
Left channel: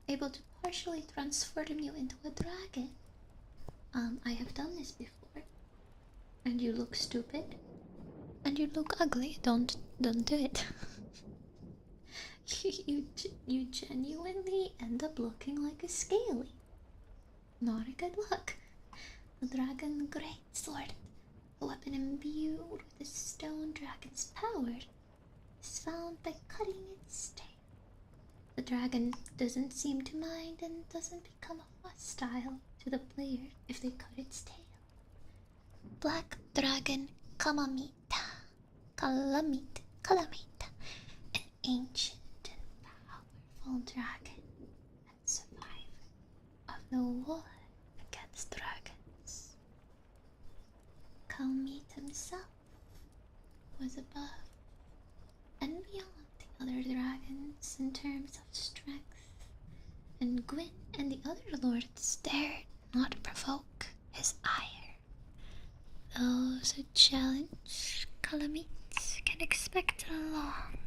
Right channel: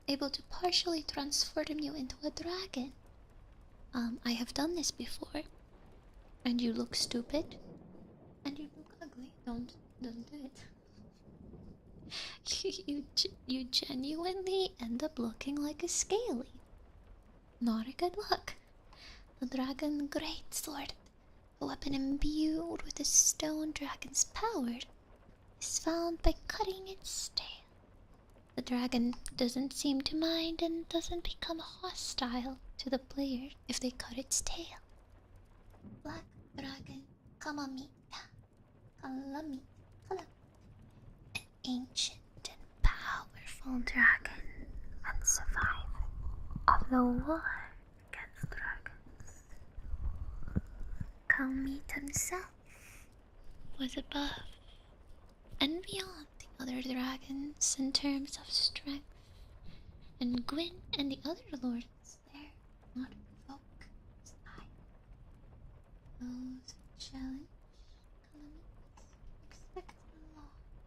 able to partially transform you into a dragon. I have done this before, and you look stupid, and you look ugly. Don't do it. you genuinely end up looking like a scaly. Not a good look. The Dragon Greatsword, a weapon imbued with the Stone Dragon's power, is found by cutting its tail. The dragon doesn't seem to mind and doesn't become hostile to the player if they cut its tail. Black Dragon Kalamita. Kalamita. An ancient and powerful dragon and survivor of the war against dragons. Kalamita himself was above and beyond the other dragons in terms of strength, and Gwyn and the other lords dared not provoke his ire. Those who challenge Calamites can expect a long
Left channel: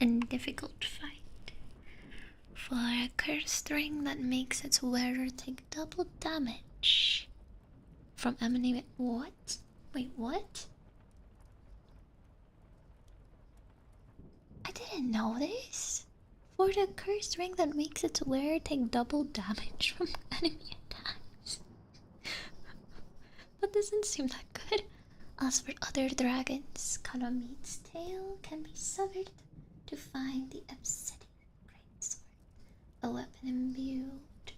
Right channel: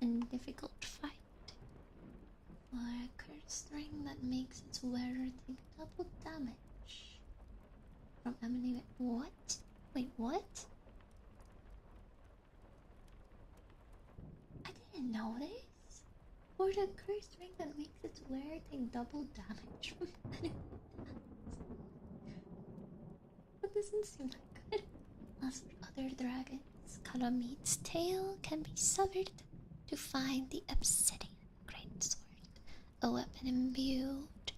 and difficult fight, for a cursed ring that makes its wearer take double damage from emanating. What? Wait, what? I didn't know this. For the cursed ring that makes its wearer take double damage from enemy attacks. That doesn't seem that good. As for other dragons, Kalamite's tail can be severed to find the Obsidian Greatsword, a weapon imbued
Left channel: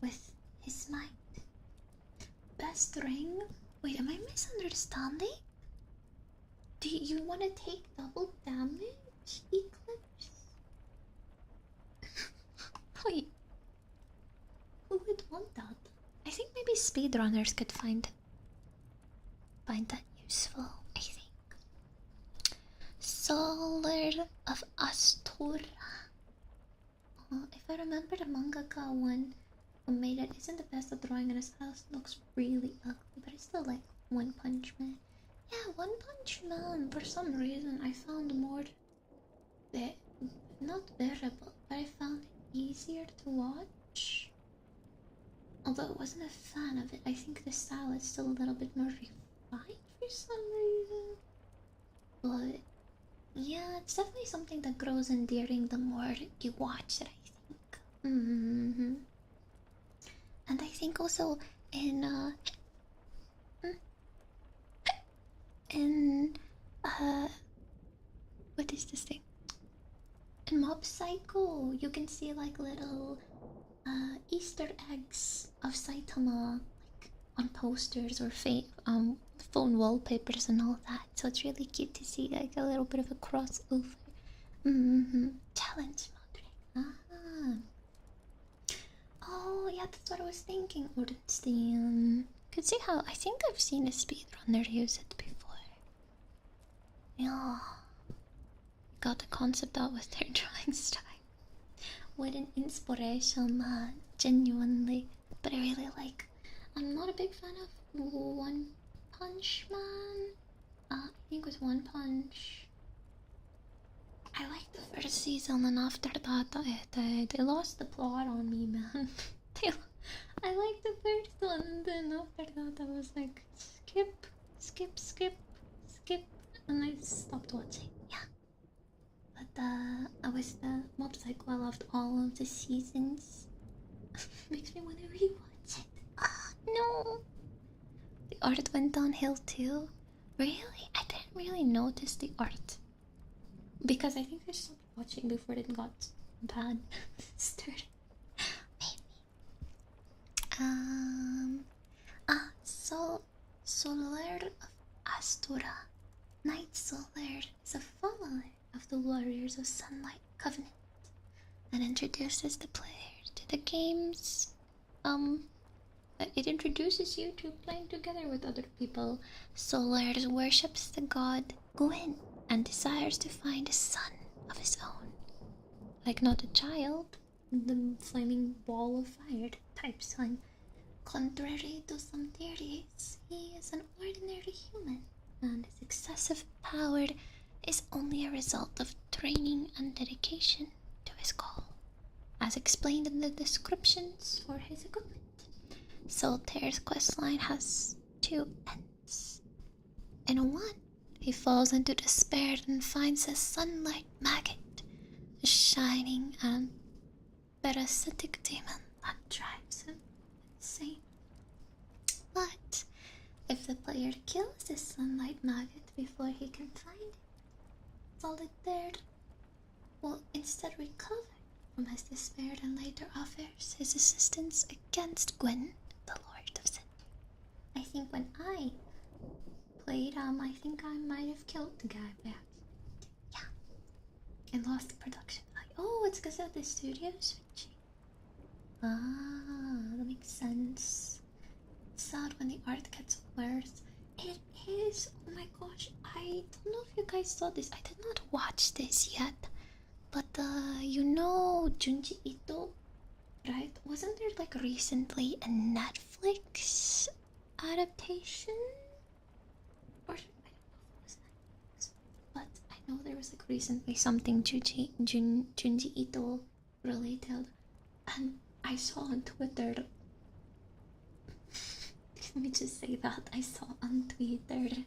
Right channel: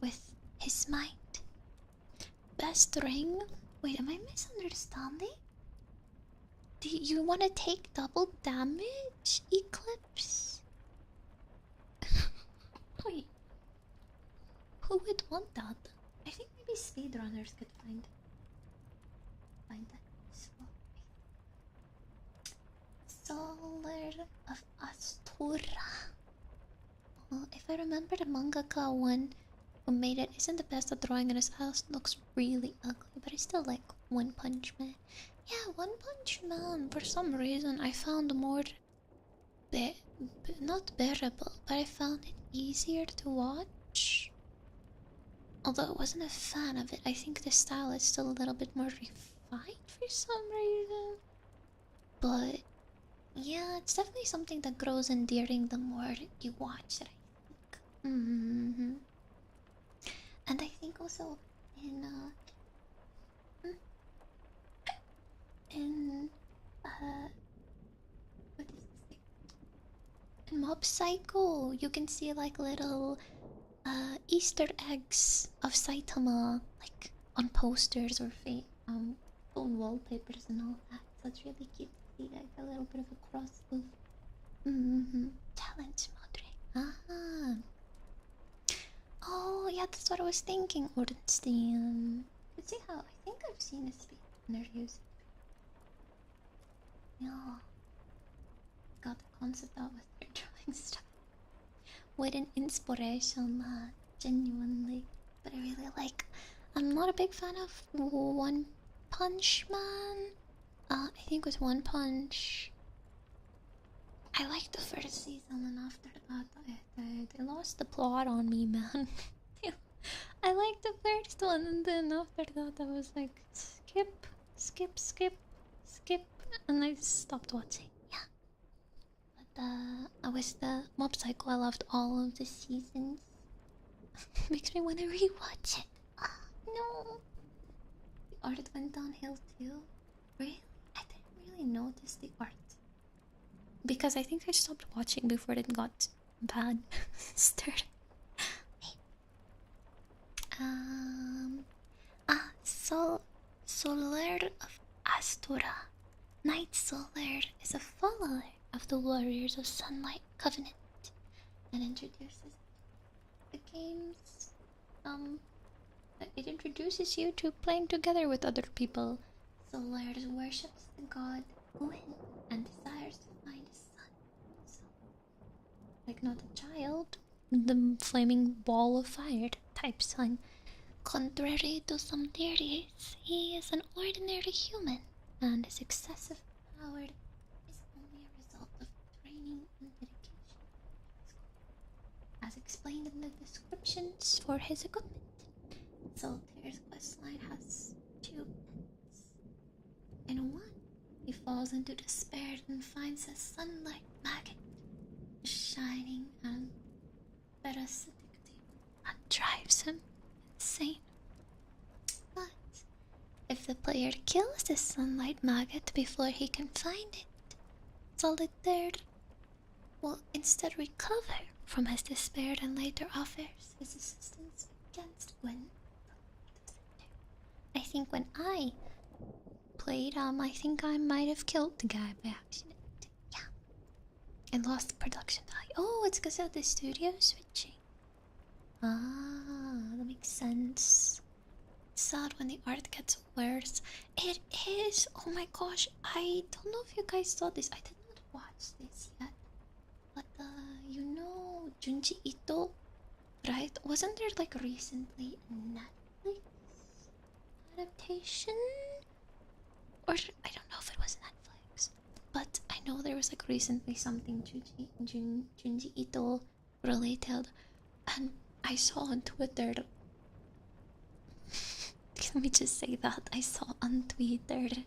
with his might. Best ring? Wait, am I misunderstanding? Do you want to take double damage, Eclipse? Wait, who would want that? I think maybe speedrunners could find that useful, I think. Solar of Astura. If I remember, the mangaka one who made it isn't the best at drawing, and his house looks really ugly, but I still like One Punch Man. Yeah, One Punch Man, for some reason, I found more not bearable, but I found it easier to watch. Although I wasn't a fan of it, I think the style is still a little bit more refined for some reason. But yeah, it's definitely something that grows endearing the more you watch it, I think. And I think also in in what is this thing? In Mob Psycho, you can see like little Easter eggs of Saitama, like on posters or phone wallpapers and all that. So it's really cute to see like a little bit of a crossover. Challenge modding. Oh yeah, that's what I was thinking. Ornstein. Could see how I think I've seen a speedrunner use it before. Yeah. Got the concept out with their drawing style. What an inspiration, man. Genuinely. But I really like. I'm not a big fan of One Punch Man. I think with One Punch. I liked the first season, and after that, they lost the plot on me, man. they, I liked the first one, and then after that, I was like, skip, skip, skip, skip, and I stopped watching. Yeah, but I was the Mob Psycho. I loved all of the seasons. Makes me want to rewatch it. Ah, no. The art went downhill too. Really? I didn't really notice the art. Because I think I stopped watching before it got bad. Started. Maybe. Solar of Astora. Knight Solar is a follower of the Warriors of Sunlight Covenant and introduces the player to the games. It introduces you to playing together with other people. Solar worships the god Gwyn and desires to find a son of his own. Like not a child, the flaming ball of fire type son. Contrary to some theories, he is an ordinary human, and his excessive power is only a result of training and dedication to his call, as explained in the descriptions for his equipment. Soltaire's questline has two ends. In one, he falls into despair and finds a sunlight maggot, a shining and parasitic demon that drives him insane. But if the player kills the sunlight maggot before he can find it, Solitaire will instead recover from his despair and later offers his assistance against Gwyn, the Lord of Cinder. I think when I played, I think I might have killed the guy by accident. Yeah. And lost the production value. Oh, it's because of the studio switching. Ah, that makes sense. It's sad when the art gets worse. It is. Oh my gosh, I don't know if you guys saw this. I did not watch this yet. But you know Junji Ito, right? Wasn't there like recently a Netflix adaptation? Or I don't know if it was Netflix. But I know there was like recently something Junji Ito related. And I saw on Twitter. Let me just say that. I saw on Twitter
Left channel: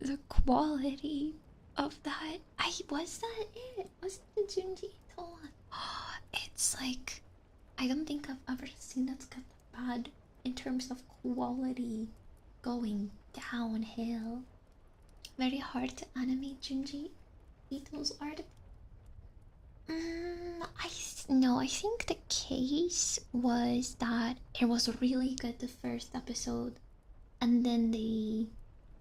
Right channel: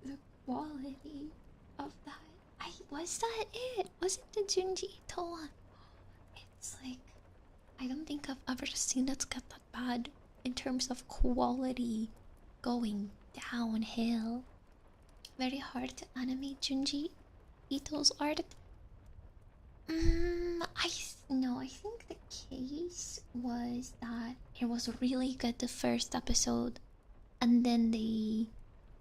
the quality of that. Was that it? Was it the Junji Ito one? It's like, I don't think I've ever seen it get that bad in terms of quality going downhill. Very hard to animate Junji Ito's art. I think the case was that it was really good the first episode, and then they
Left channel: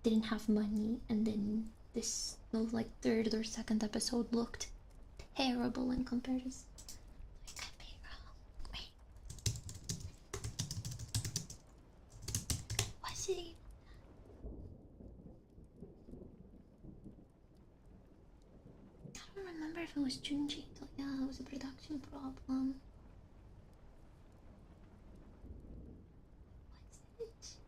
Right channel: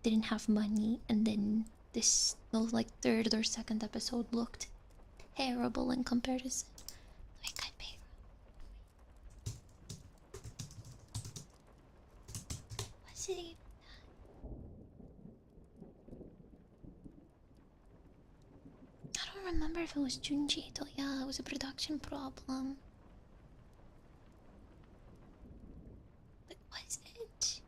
didn't have money, and then this like third or second episode looked terrible in comparison. I could be wrong. Wait. Was it? I don't remember if it was Junji Ito. Yeah, it was a production problem. But was it?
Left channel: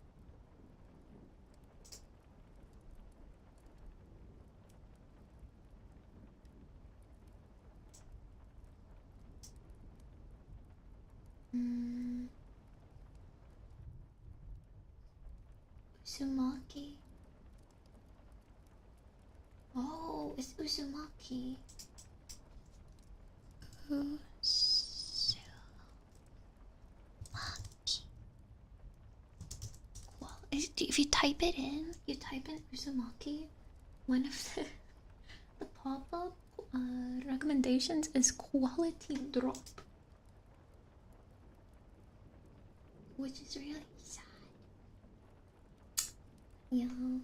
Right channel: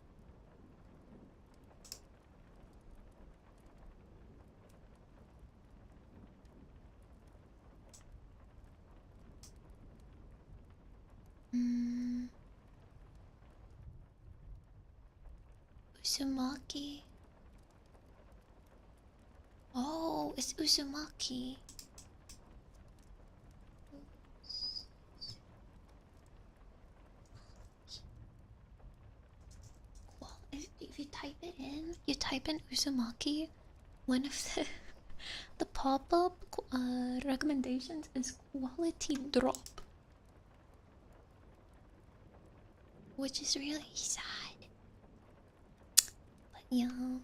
Uzumaki. Oh, it's Uzumaki. Uzumaki. Well, if you type it in, you type in Uzumaki, one of the pop-up recommendations is quality drop, which is really sad. But yeah,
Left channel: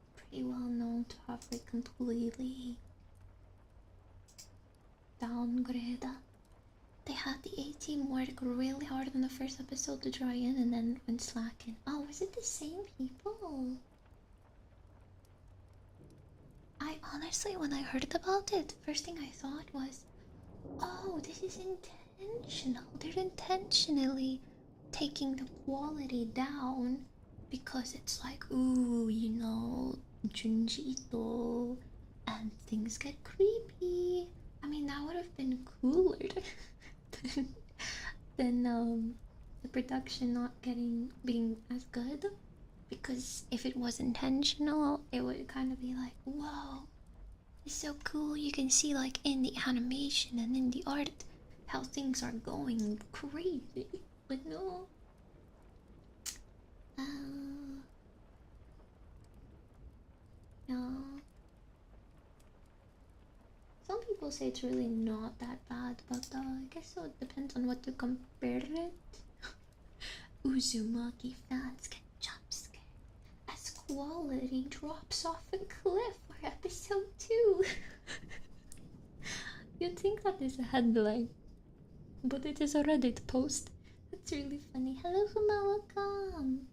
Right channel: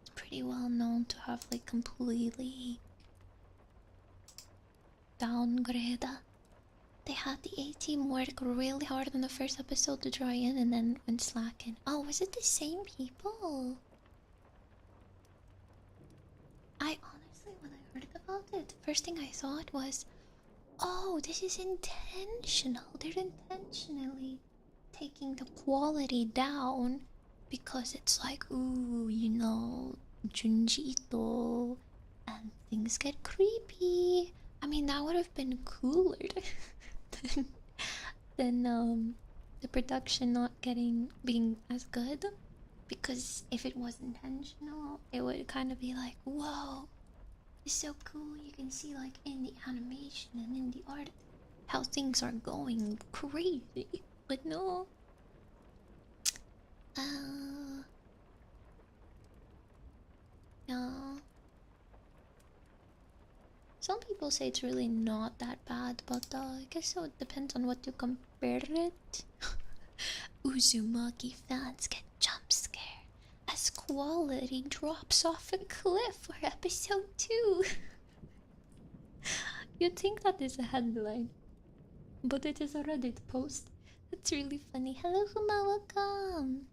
it's pretty well known to have like completely downgraded. They had the A-team work really hard on the first episode to try in and then went slacking. Oh, was it the same people? I honestly, when I heard about it, the first thing I thought was, oh, this is intentional. They're intentionally taking the quality down because it's like, ooh, you know, Junji Ito, and things get creepy. I mean, that would have been cooler than, than the production not being as good. Because if it was intentional, it would kind of be like, whoa, it's so cool. You can see, like, in the animation and in the art how things are going crazy. But no. No. Some people say it's really not that bad, but I guess it depends on what you compare it. Uzumaki fans get jump scared as quality drops off a cliff for episode 2. You'd think that is a headline, but it is a Reddit post. It's really funny. Hello, Huma, welcome.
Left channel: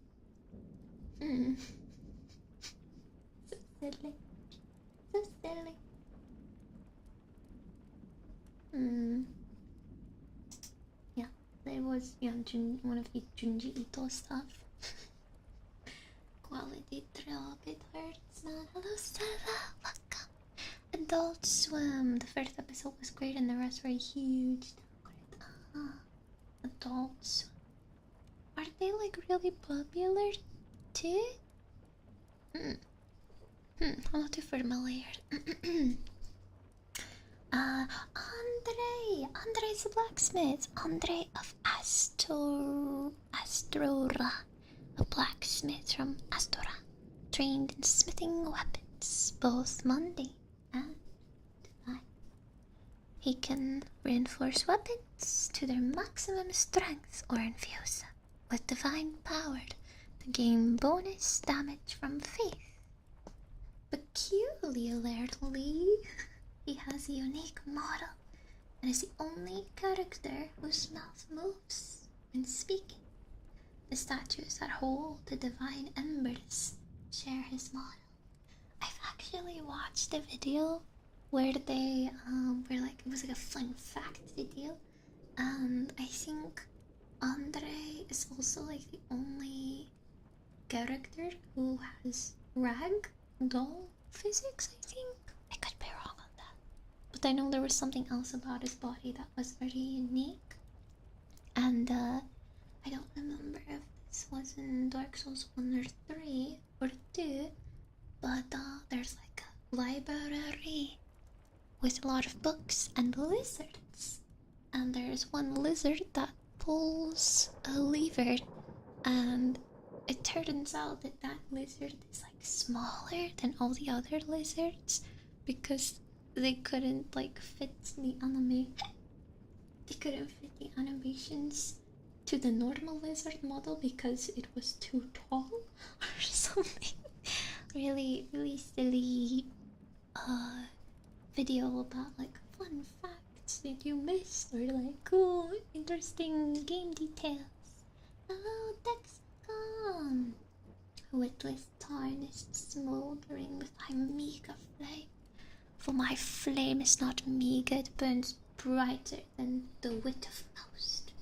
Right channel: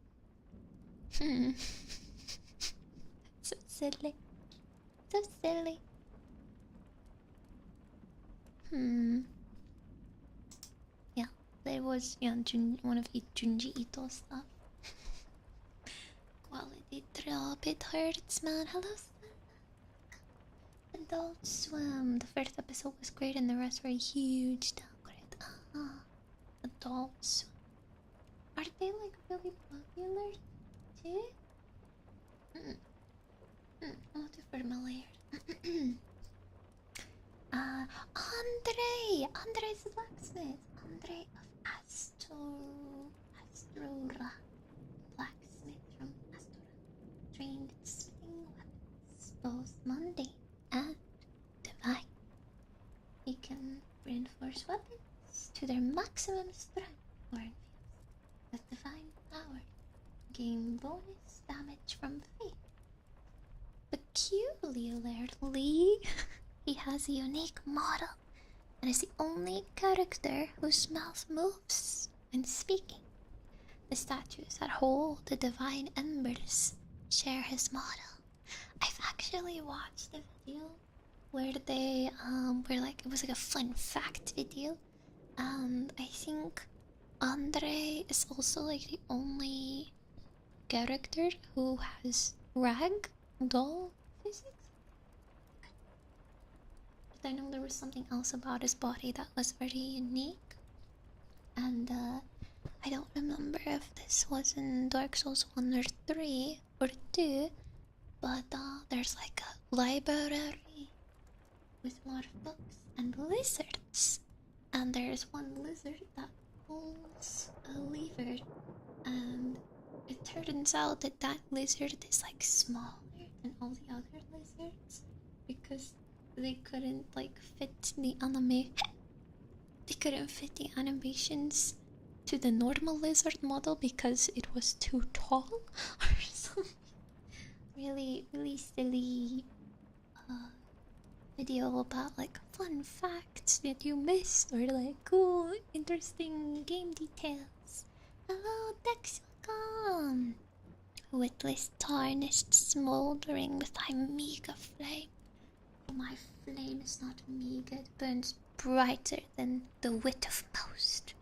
So silly. So silly. Yeah, there was one of Junji Ito stuff. Quality drop, it hurts, man. Hello, Stella, welcome. Adult Swim. The first episode was great, and the rest were a huge downgrade. Adult Swim. Are they like really popular too? I'm not too familiar. Andre's the blacksmith. Andre of Astora, a blacksmith from Astora, trained in smithing weapons, both mundane and divine. He can reinforce weapons to their maximum strength or infuse them with divine power to gain bonus damage from faith. Peculiarly, he has a unique model and is the only character whose mouth moves when speaking. The statues that hold the divine embers share his model. I've actually watched a video where they were like, it was like a fun fact video, and I think Andre is also like the only character who has rag doll physics, I think. I could be wrong on that. But I know there was something else about his body that was very unique. And I don't remember if this was in Dark Souls 1 or 3 or 2, but there's like a library with a lot of books and lizards. And there's one lizard that pulls a lever, and it turns out that that lizard is like smaller than all the other lizards because they couldn't like fit the they couldn't fit the animations to the normal lizard model because it was too tall or something. Really silly video about like fun facts that you missed or like cool interesting game details. Hello, Dexicon! Witless tarnished smouldering with thy meager flame. For my flame is not meager, it burns brighter than the wit of most.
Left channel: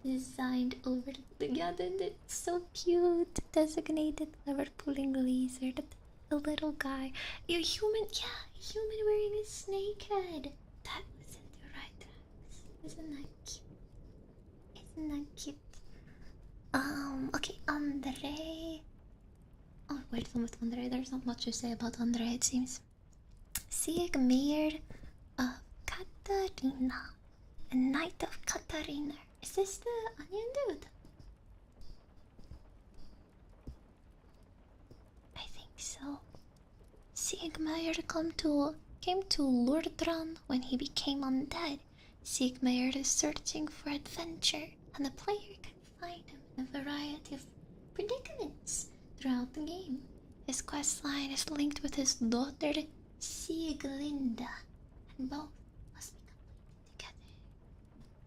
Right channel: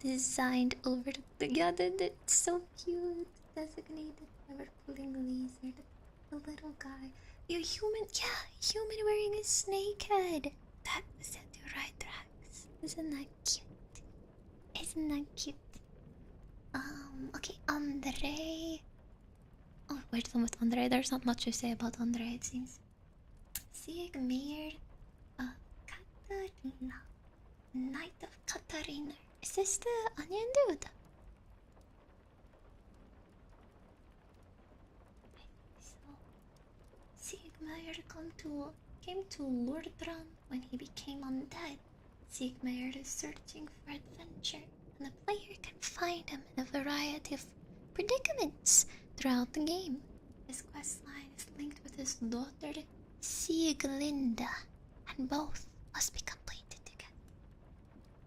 Designed over together, it's so cute. Designated clever pulling lizard. A little guy. You're human, yeah, human wearing a snake head. That was in the right tracks. Isn't that cute? Isn't that cute? Okay, Andre. Oh, we're done with Andre. There's not much to say about Andre, it seems. Siegmeyer of Katarina. A knight of Katarina. Is this the onion dude? I think so. Siegmeyer came to Lordran when he became undead. Siegmeyer is searching for adventure, and the player can find him in a variety of predicaments throughout the game. His questline is linked with his daughter Sieglinda, and both must be completed together.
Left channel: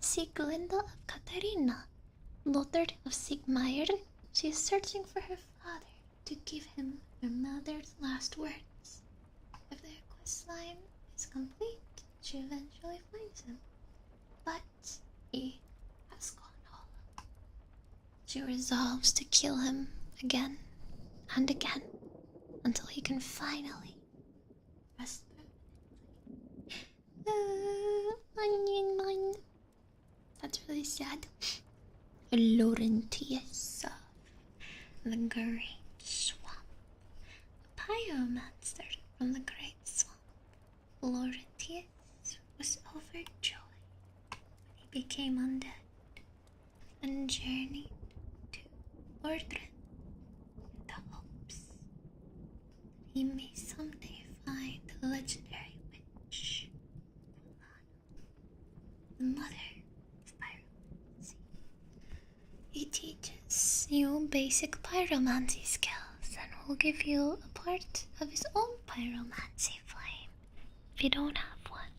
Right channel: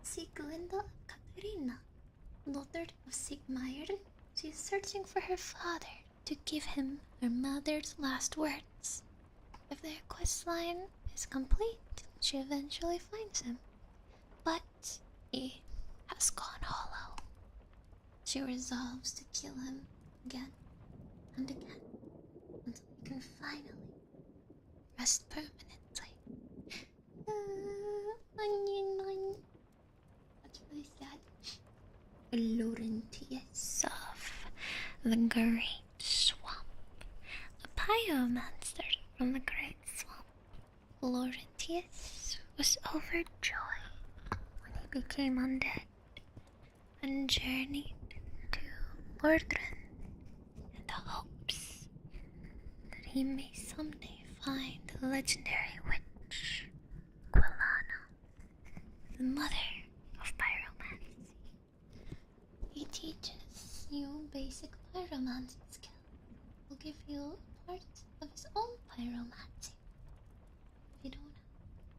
Sieglinda of Katarina, daughter of Siegmeyer, she is searching for her father to give him her mother's last words. If their questline is complete, she eventually finds him. But he has gone hollow. She resolves to kill him again and again until he can finally rest permanently. Onion man. That's really sad. Laurentius of the Great Swamp. A pyromancer from the Great Swamp. Laurentius was overjoyed when he became undead and journeyed to Mordrin in the hopes that he may someday find the legendary witch, Quilana, the mother of pyromancy. He teaches you basic pyromancy skills and will give you a part of his own pyromancy flame if you don't have one.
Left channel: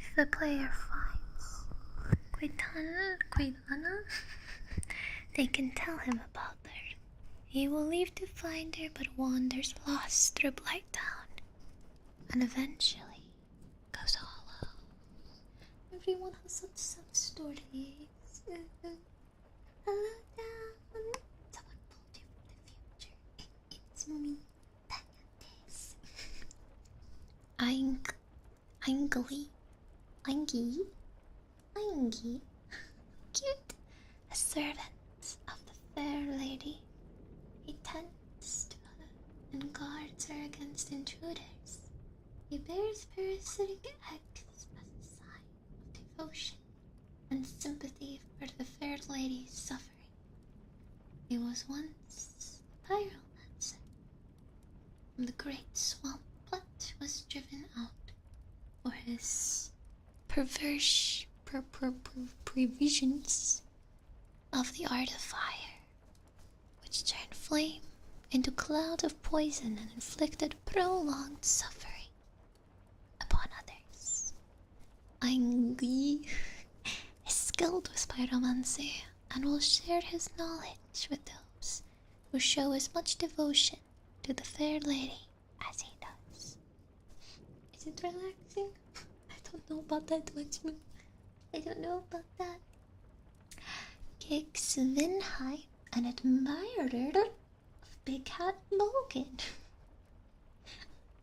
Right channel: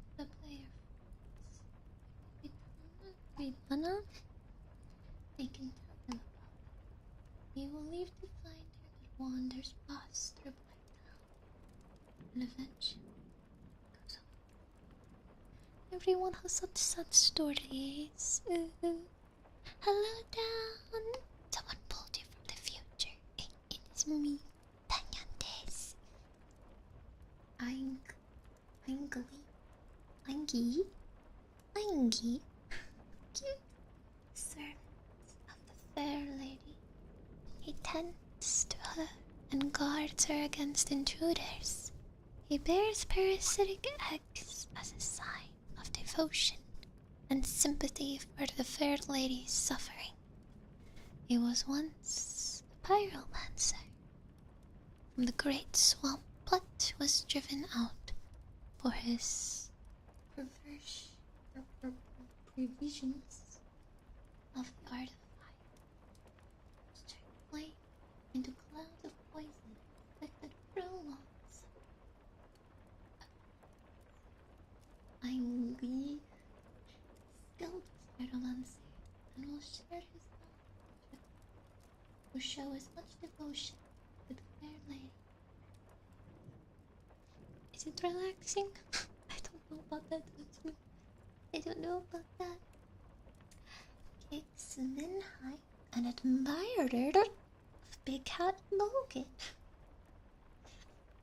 If the player finds Quilana, they can tell him about her. He will leave to find her but wanders lost through Blighttown and eventually goes hollow. Everyone has such sad stories. Hello, down. Someone pulled you from the future. It is me, Tanyantes. Aingi. Cute. A servant of the fair lady. He tends to her and guards her against intruders. He bears parasitic eggs as a sign of devotion and sympathy for the fair lady's suffering. He was once a pyromancer from the Great Swamp, but was driven out for his perverse previsions of the art of fire, which turned flame into cloud of poison and inflicted prolonged suffering upon others. Aingi is skilled with pyromancy and will share his knowledge with those who show as much devotion to the fair lady as he does. Is it relaxing? I don't know about that much. I don't know about that. Kik Svinheim, an admirer of Big Hat Logan.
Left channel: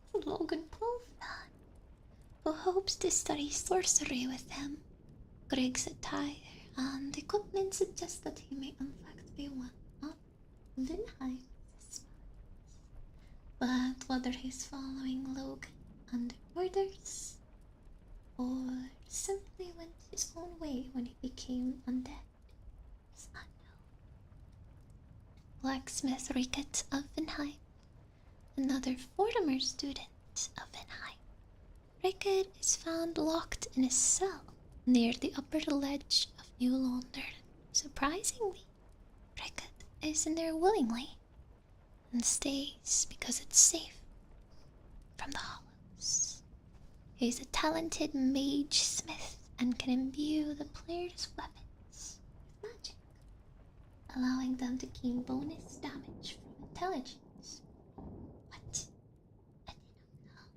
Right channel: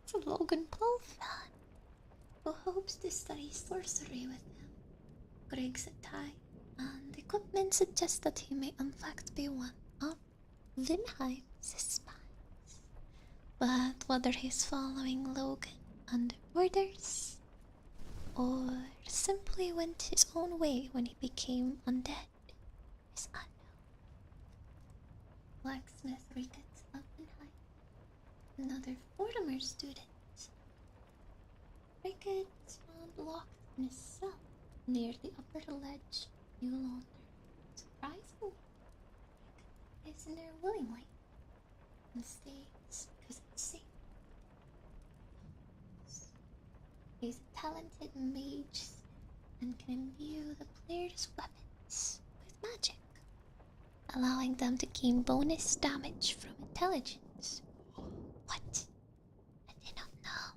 It's a Logan Paul fan who hopes to study sorcery with him. Grig's attire and equipment suggest that he may in fact be one of Vinheim's spies. But whether he's following Logan under orders or simply went his own way when he became undead is unknown. Blacksmith Rickett of Vinheim, another former student of Vinheim. Rickett is found locked in a cell near the upper ledge of New London. Surprisingly, Rickett is in there willingly and stays because it's safe from the hollows. He's a talented mage smith and can imbue the player's weapons with magic, allowing them to gain bonus damage from intelligence. What? I did not know.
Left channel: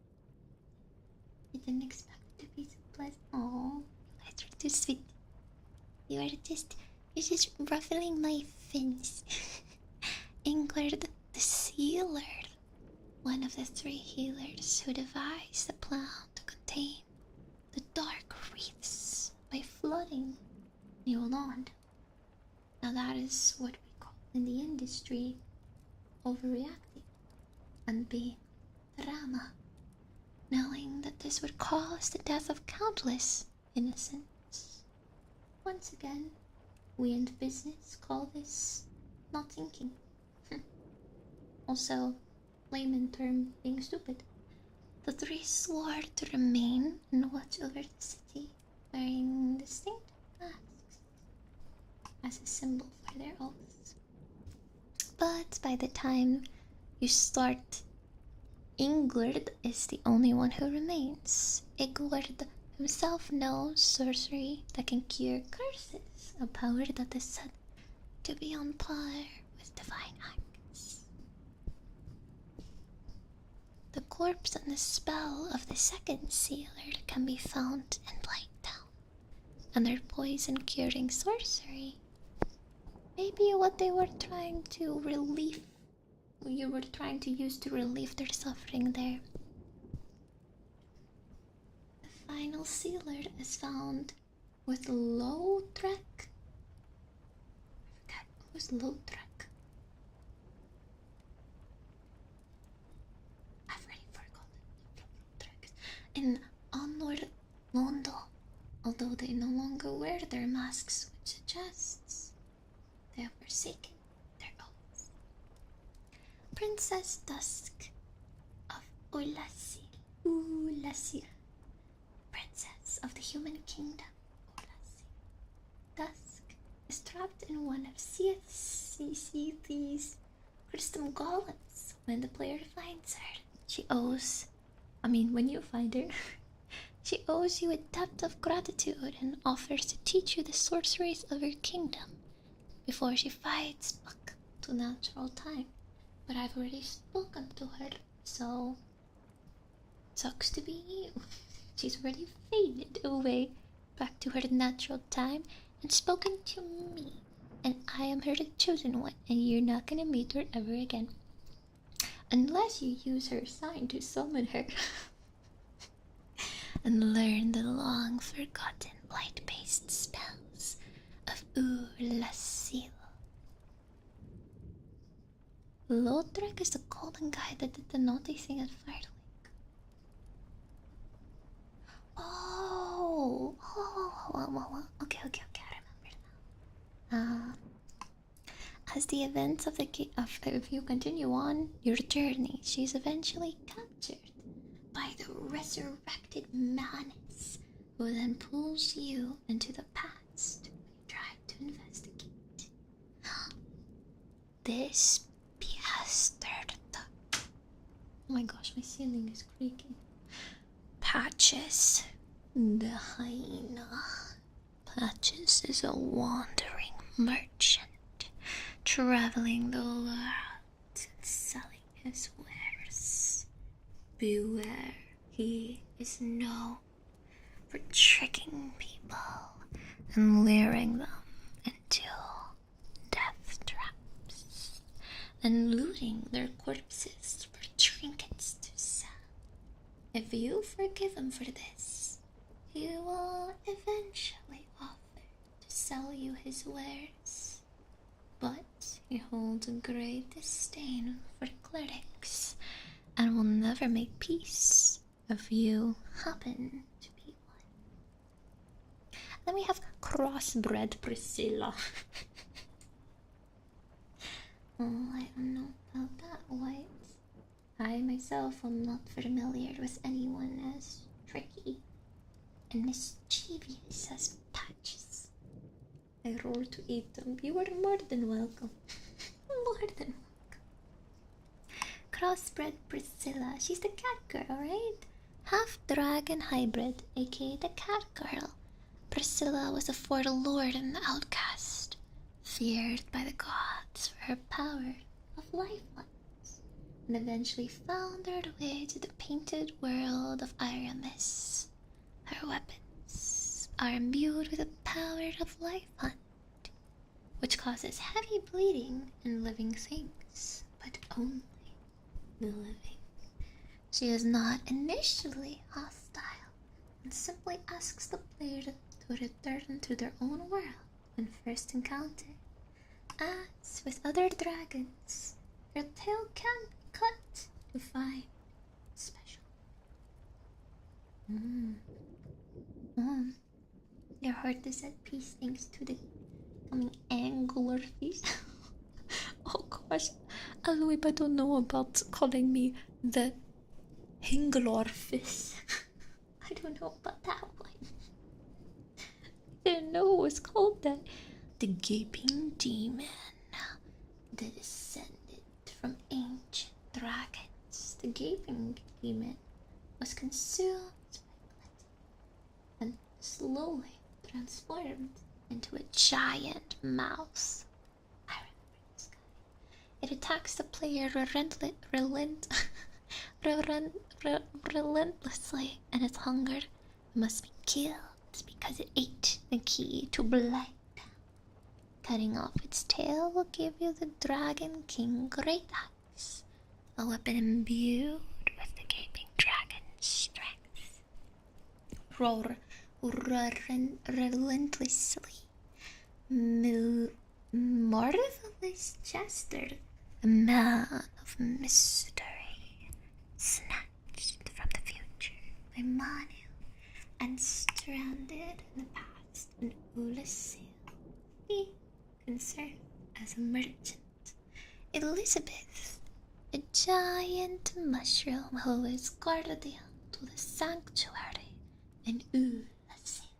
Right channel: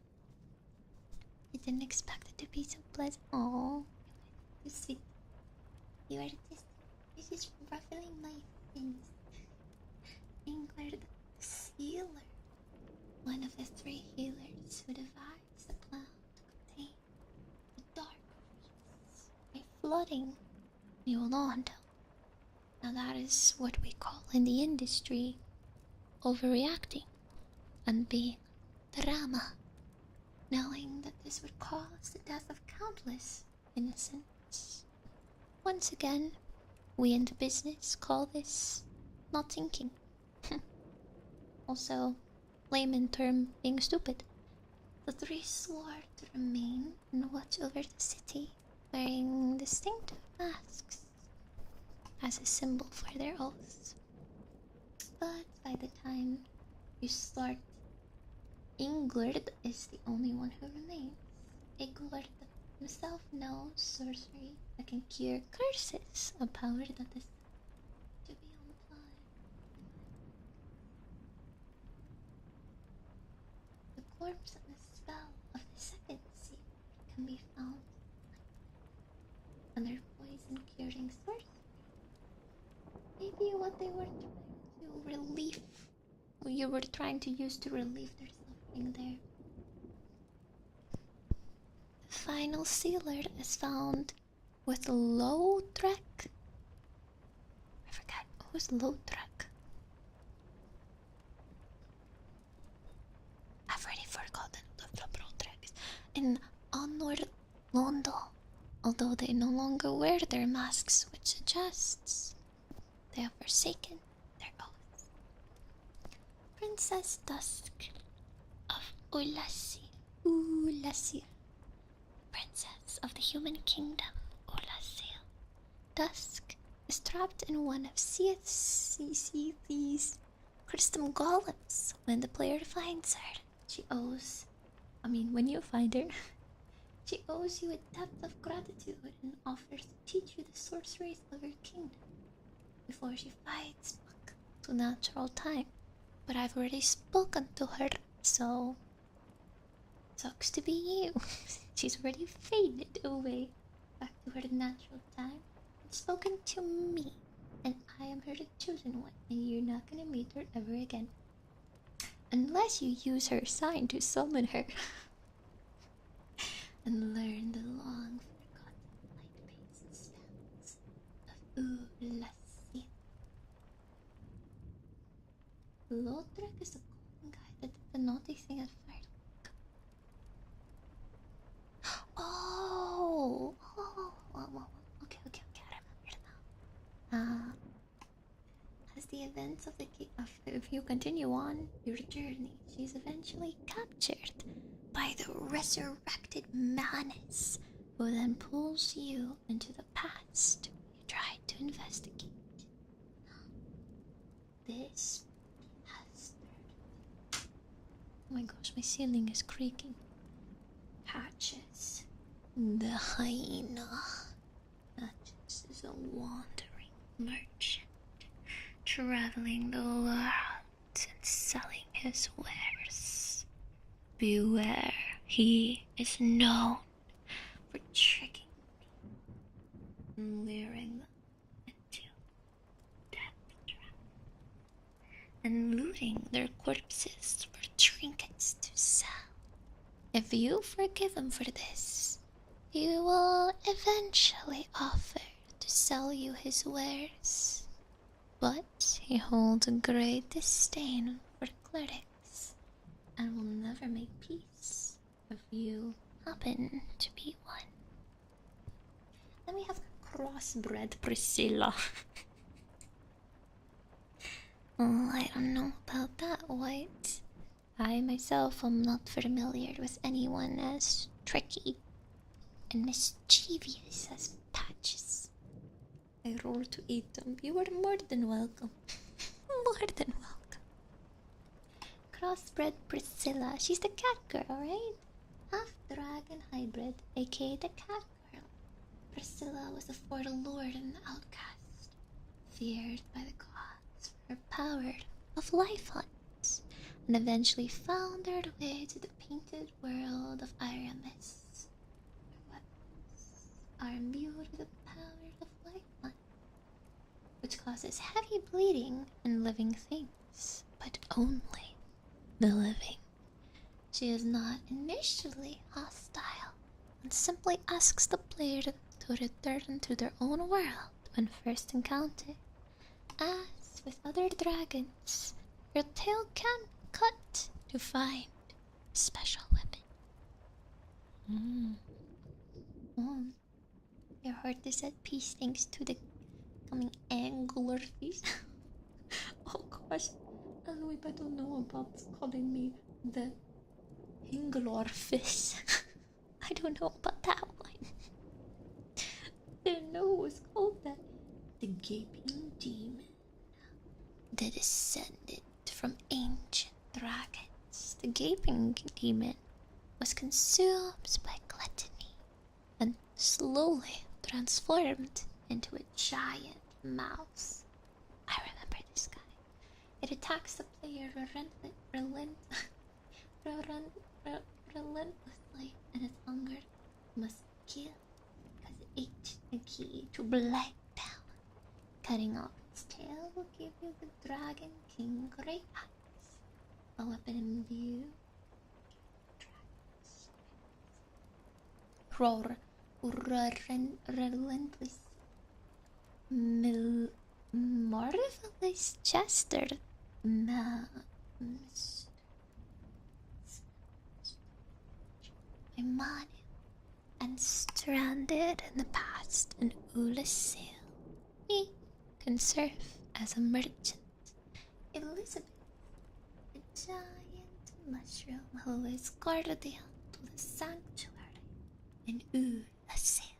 I didn't expect it to be so pleasant. Oh, you guys are too sweet. You're just ruffling my fins. Ingrid the Sealer, one of the three healers who devised the plan to contain the dark wreaths by flooding New London. Now that is what we call in the industry overreacting and being drama, knowing that this would cause the death of countless innocents. Once again, we in the business call this not thinking. Also, layman term being stupid. The three swore to remain and watch over the city, wearing distinctive masks as a symbol for their oaths. But by the time you start, Ingrid is the only one who remains. Ingrid himself knows sorcery that can cure curses, a power that is said to be on par with divine acts. The corpse and the spell of the second sealer can be found in Blighttown, and their poison curing sorcery may be what they were trying to use to relieve their suffering there. final sealer is found with Lautrec. I forgot who's Lautrec. I've already forgotten the Lautrec. In Honor Londo, although they no longer wear their masks, which suggests they have forsaken their oaths. Princess Dusk of Ulasil, Princess of the Human Kingdom, Ulasil. Dusk is trapped in one of Seath's crystal golems. When the player finds her, when you find her, she owes you a debt of gratitude and offers to teach you the sorceries of her kingdom before she fights back to natural time. But I've already spoken to her, so sucks to be you. She's already faded away back to her natural time and spoken to me. And I am her chosen one, and you're not gonna meet her ever again. Unless you use her sign to summon her. And learn the long-forgotten light-based spells of Ulasil. Lautrec is the golden guy that did the naughty thing at Firelink. Oh, okay, I remember now. As the events of if you continue on your journey, she's eventually captured by the resurrected Manus, who then pulls you into the past. You try to investigate. This bastard. Oh my gosh, my ceiling is creaking. Patches, the hyena. Patches is a wandering merchant, traveling the world and selling his wares. Beware, he is known for tricking people and luring them into death traps and looting their corpses for trinkets to sell. If you forgive him for this, he will eventually offer to sell you his wares. But he holds a great disdain for clerics and will never make peace if you happen to be one. Then we have crossbred Priscilla. I don't know about that, White. I myself am not familiar with anyone as tricky and mischievous as Patches. I roll to eat them. You are more than welcome. More than welcome. Crossbred Priscilla. She's the cat girl, right? Half dragon hybrid, aka the cat girl. Priscilla was a forlorn and outcast, feared by the gods for her power of life hunts, and eventually found her way to the painted world of Aramis. Her weapons are imbued with the power of life hunt, which causes heavy bleeding in living things, but only the living. She is not initially hostile and simply asks the player to return to their own world when first encountered. As with other dragons, your tail can cut to find a special weapon. Your heart is at peace thanks to the coming anglerfish. Oh gosh, Aloe, I don't know about calling me the Hinglerfish. I don't know about that one. I didn't know it was called that. The gaping demon, the descendant from ancient dragons. The gaping demon was consumed by gluttony and slowly transformed into a giant mouse. I remember this guy. It attacks the player relentlessly, and its hunger must be killed because it ate the key to Bloodtown. Cutting off its tail will give you the Dragon King Great Axe, a weapon imbued with the Gaping Dragon's strength. relentlessly. Marvelous Chester, a man of mystery, snatched from the future by Manu and stranded in the past in Ulasil. He can serve as a merchant. Elizabeth, a giant mushroom who is guardian to the sanctuary in Ulasil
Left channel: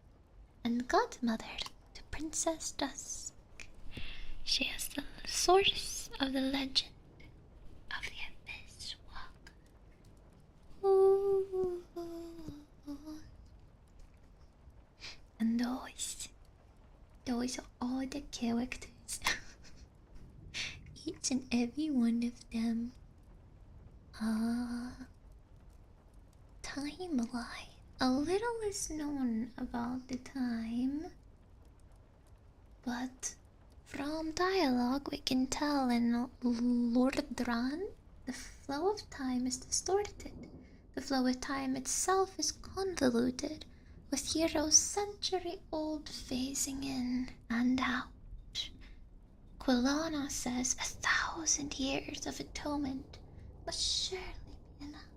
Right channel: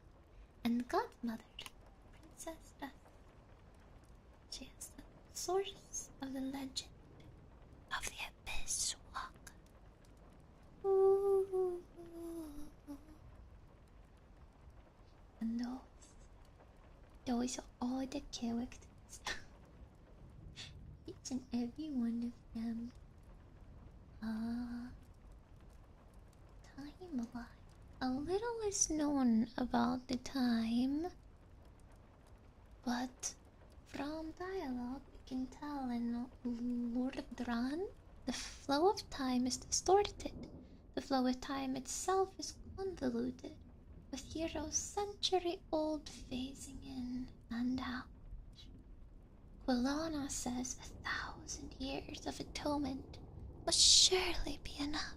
and godmother to Princess Dusk. She is the source of the legend of the Abyss Walk. Ooh. And those are all the characters. Each and every one of them. Timeline. A little is known about the time, but from dialogue we can tell in Lordran, the flow of time is distorted. The flow of time itself is convoluted, with heroes century-old phasing in and out. Quilana says 1,000 years of atonement must surely be enough.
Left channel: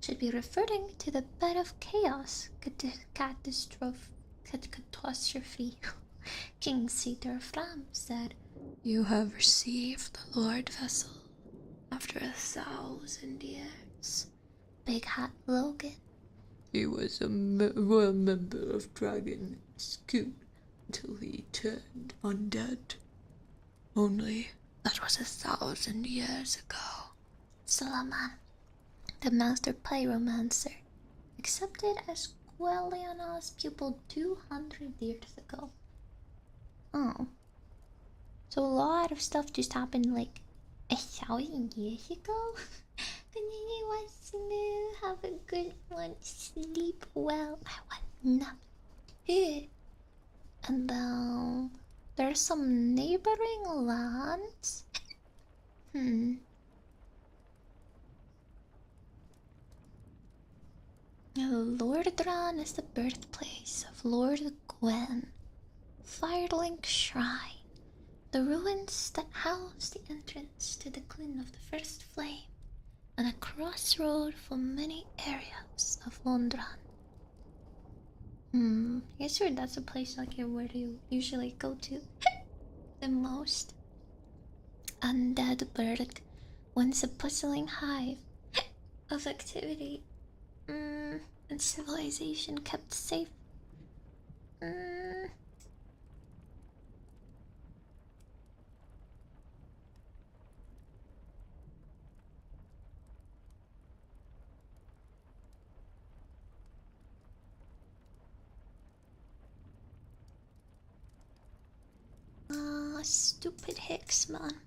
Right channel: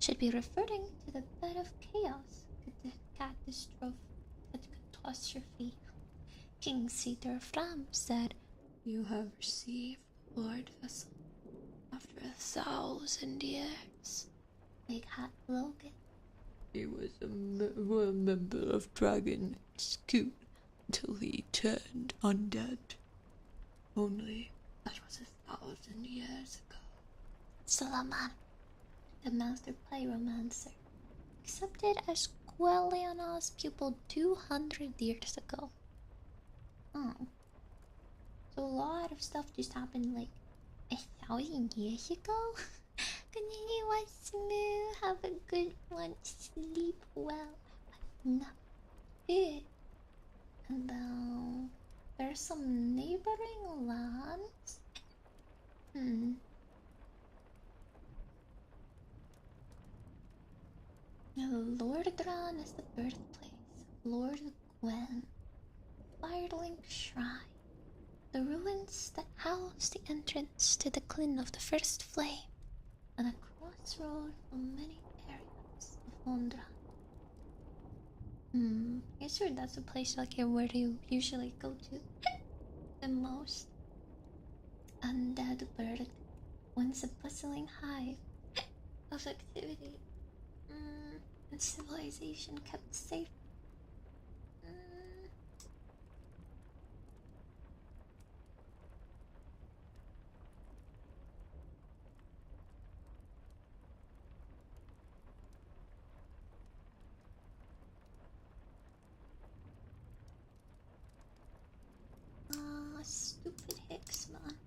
Should be referring to the bed of chaos catastrophe. King Cedar Fram said, "You have received the Lord Vessel after 1,000 years." Big Hat Logan. He was a royal member of Dragon's Court until he turned undead. Only that was 1,000 years ago. Salaman, the master pyromancer, accepted as Quelliana's pupil 200 years ago. Oh. So a lot of stuff just happened like 1,000 years ago? Continue smooth, have a good one, sleep well. I want nothing. And then there's some neighboring lands. Lordran is the birthplace of Lord Gwen. Firelink Shrine, the ruins that house the entrance to the Glen of the First Flame, and a crossroad for many areas of Londran. Yeah, sure, that's a place like where you usually go to the most. Undead Bird, once a bustling hive of activity and civilization kept safe. Stupid Hicks, man.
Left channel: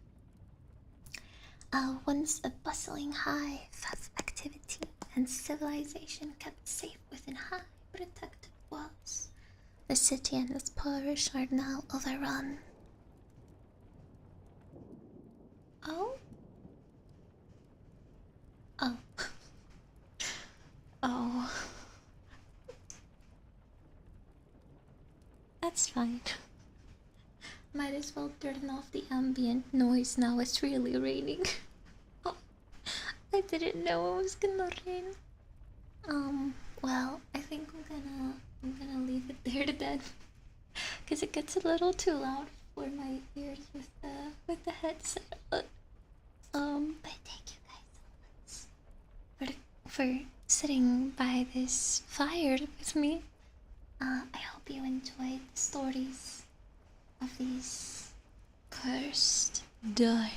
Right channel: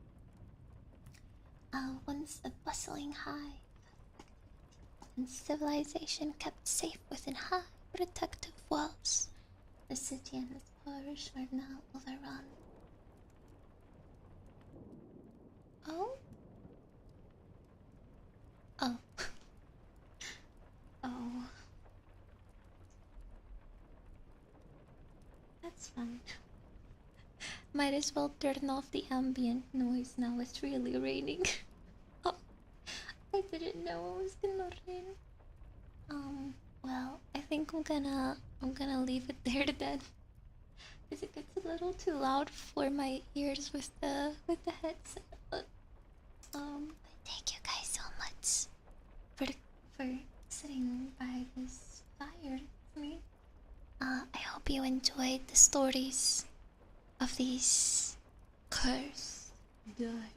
Once a bustling hive of activity and civilization kept safe within high protective walls, the city and its parish are now overrun. Oh? Oh. Oh. That's fine. Might as well turn off the ambient noise now, it's really raining. Oh, I didn't know it was gonna rain. Well, I think I'm gonna leave it there to bed. Cause it gets a little too loud for my ears with the headset. But thank you guys so much for sitting by this fire with me. I hope you enjoyed the stories of these cursed, dark,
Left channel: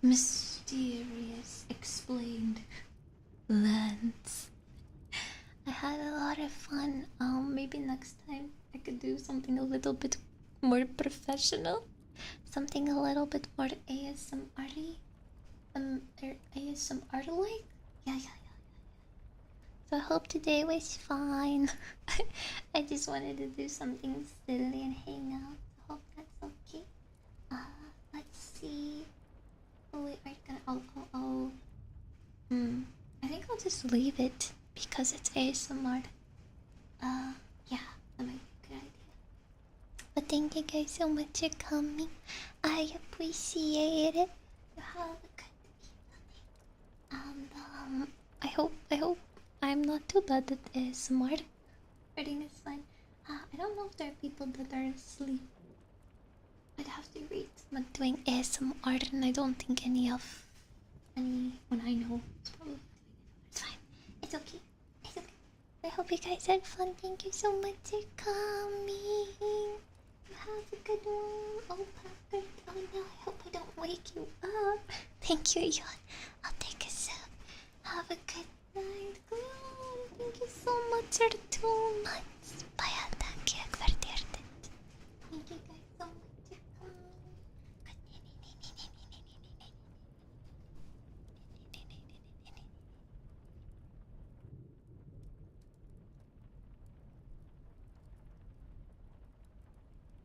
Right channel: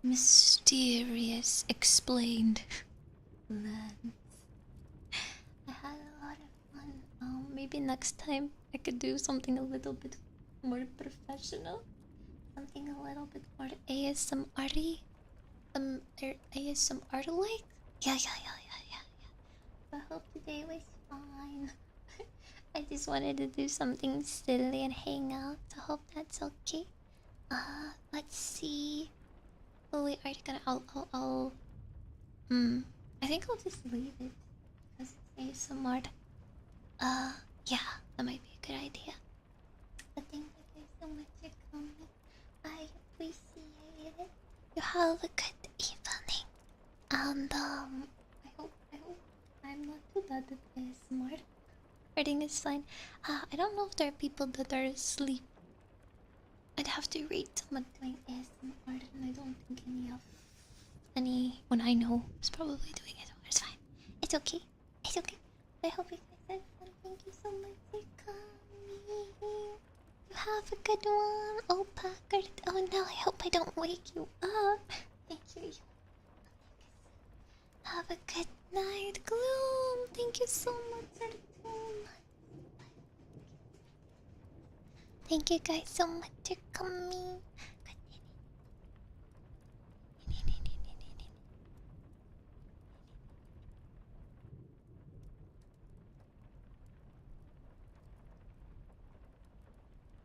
mysterious, explained lands. I had a lot of fun. Maybe next time I could do something a little bit more professional, something a little bit more ASMR-y, ASMR-like. Yeah. So I hope today was fine. I just wanted to do something silly and hang out. I hope that's okay. Let's see. Oh, we already gonna. I think I'll just leave it because it's ASMR. Yeah, that might be a good idea. But thank you guys so much for coming. I appreciate it. You have a good evening. And I hope I'm not too bad at ASMR. Everything is fine. I don't know if there are people that are asleep. I'd have to read someone doing ASMR, and I don't think anyone I know is probably doing it. It's fine. It's okay. It's okay. I hope you guys had fun. Thank you so much for coming. You have a good one. Oh, Packard. Oh no, I hope I don't wake you up. Thank you, Yon. I'll take a sip. Have a good night, Gloom. Thank you so much for the 2 months. Thank you guys so much for coming.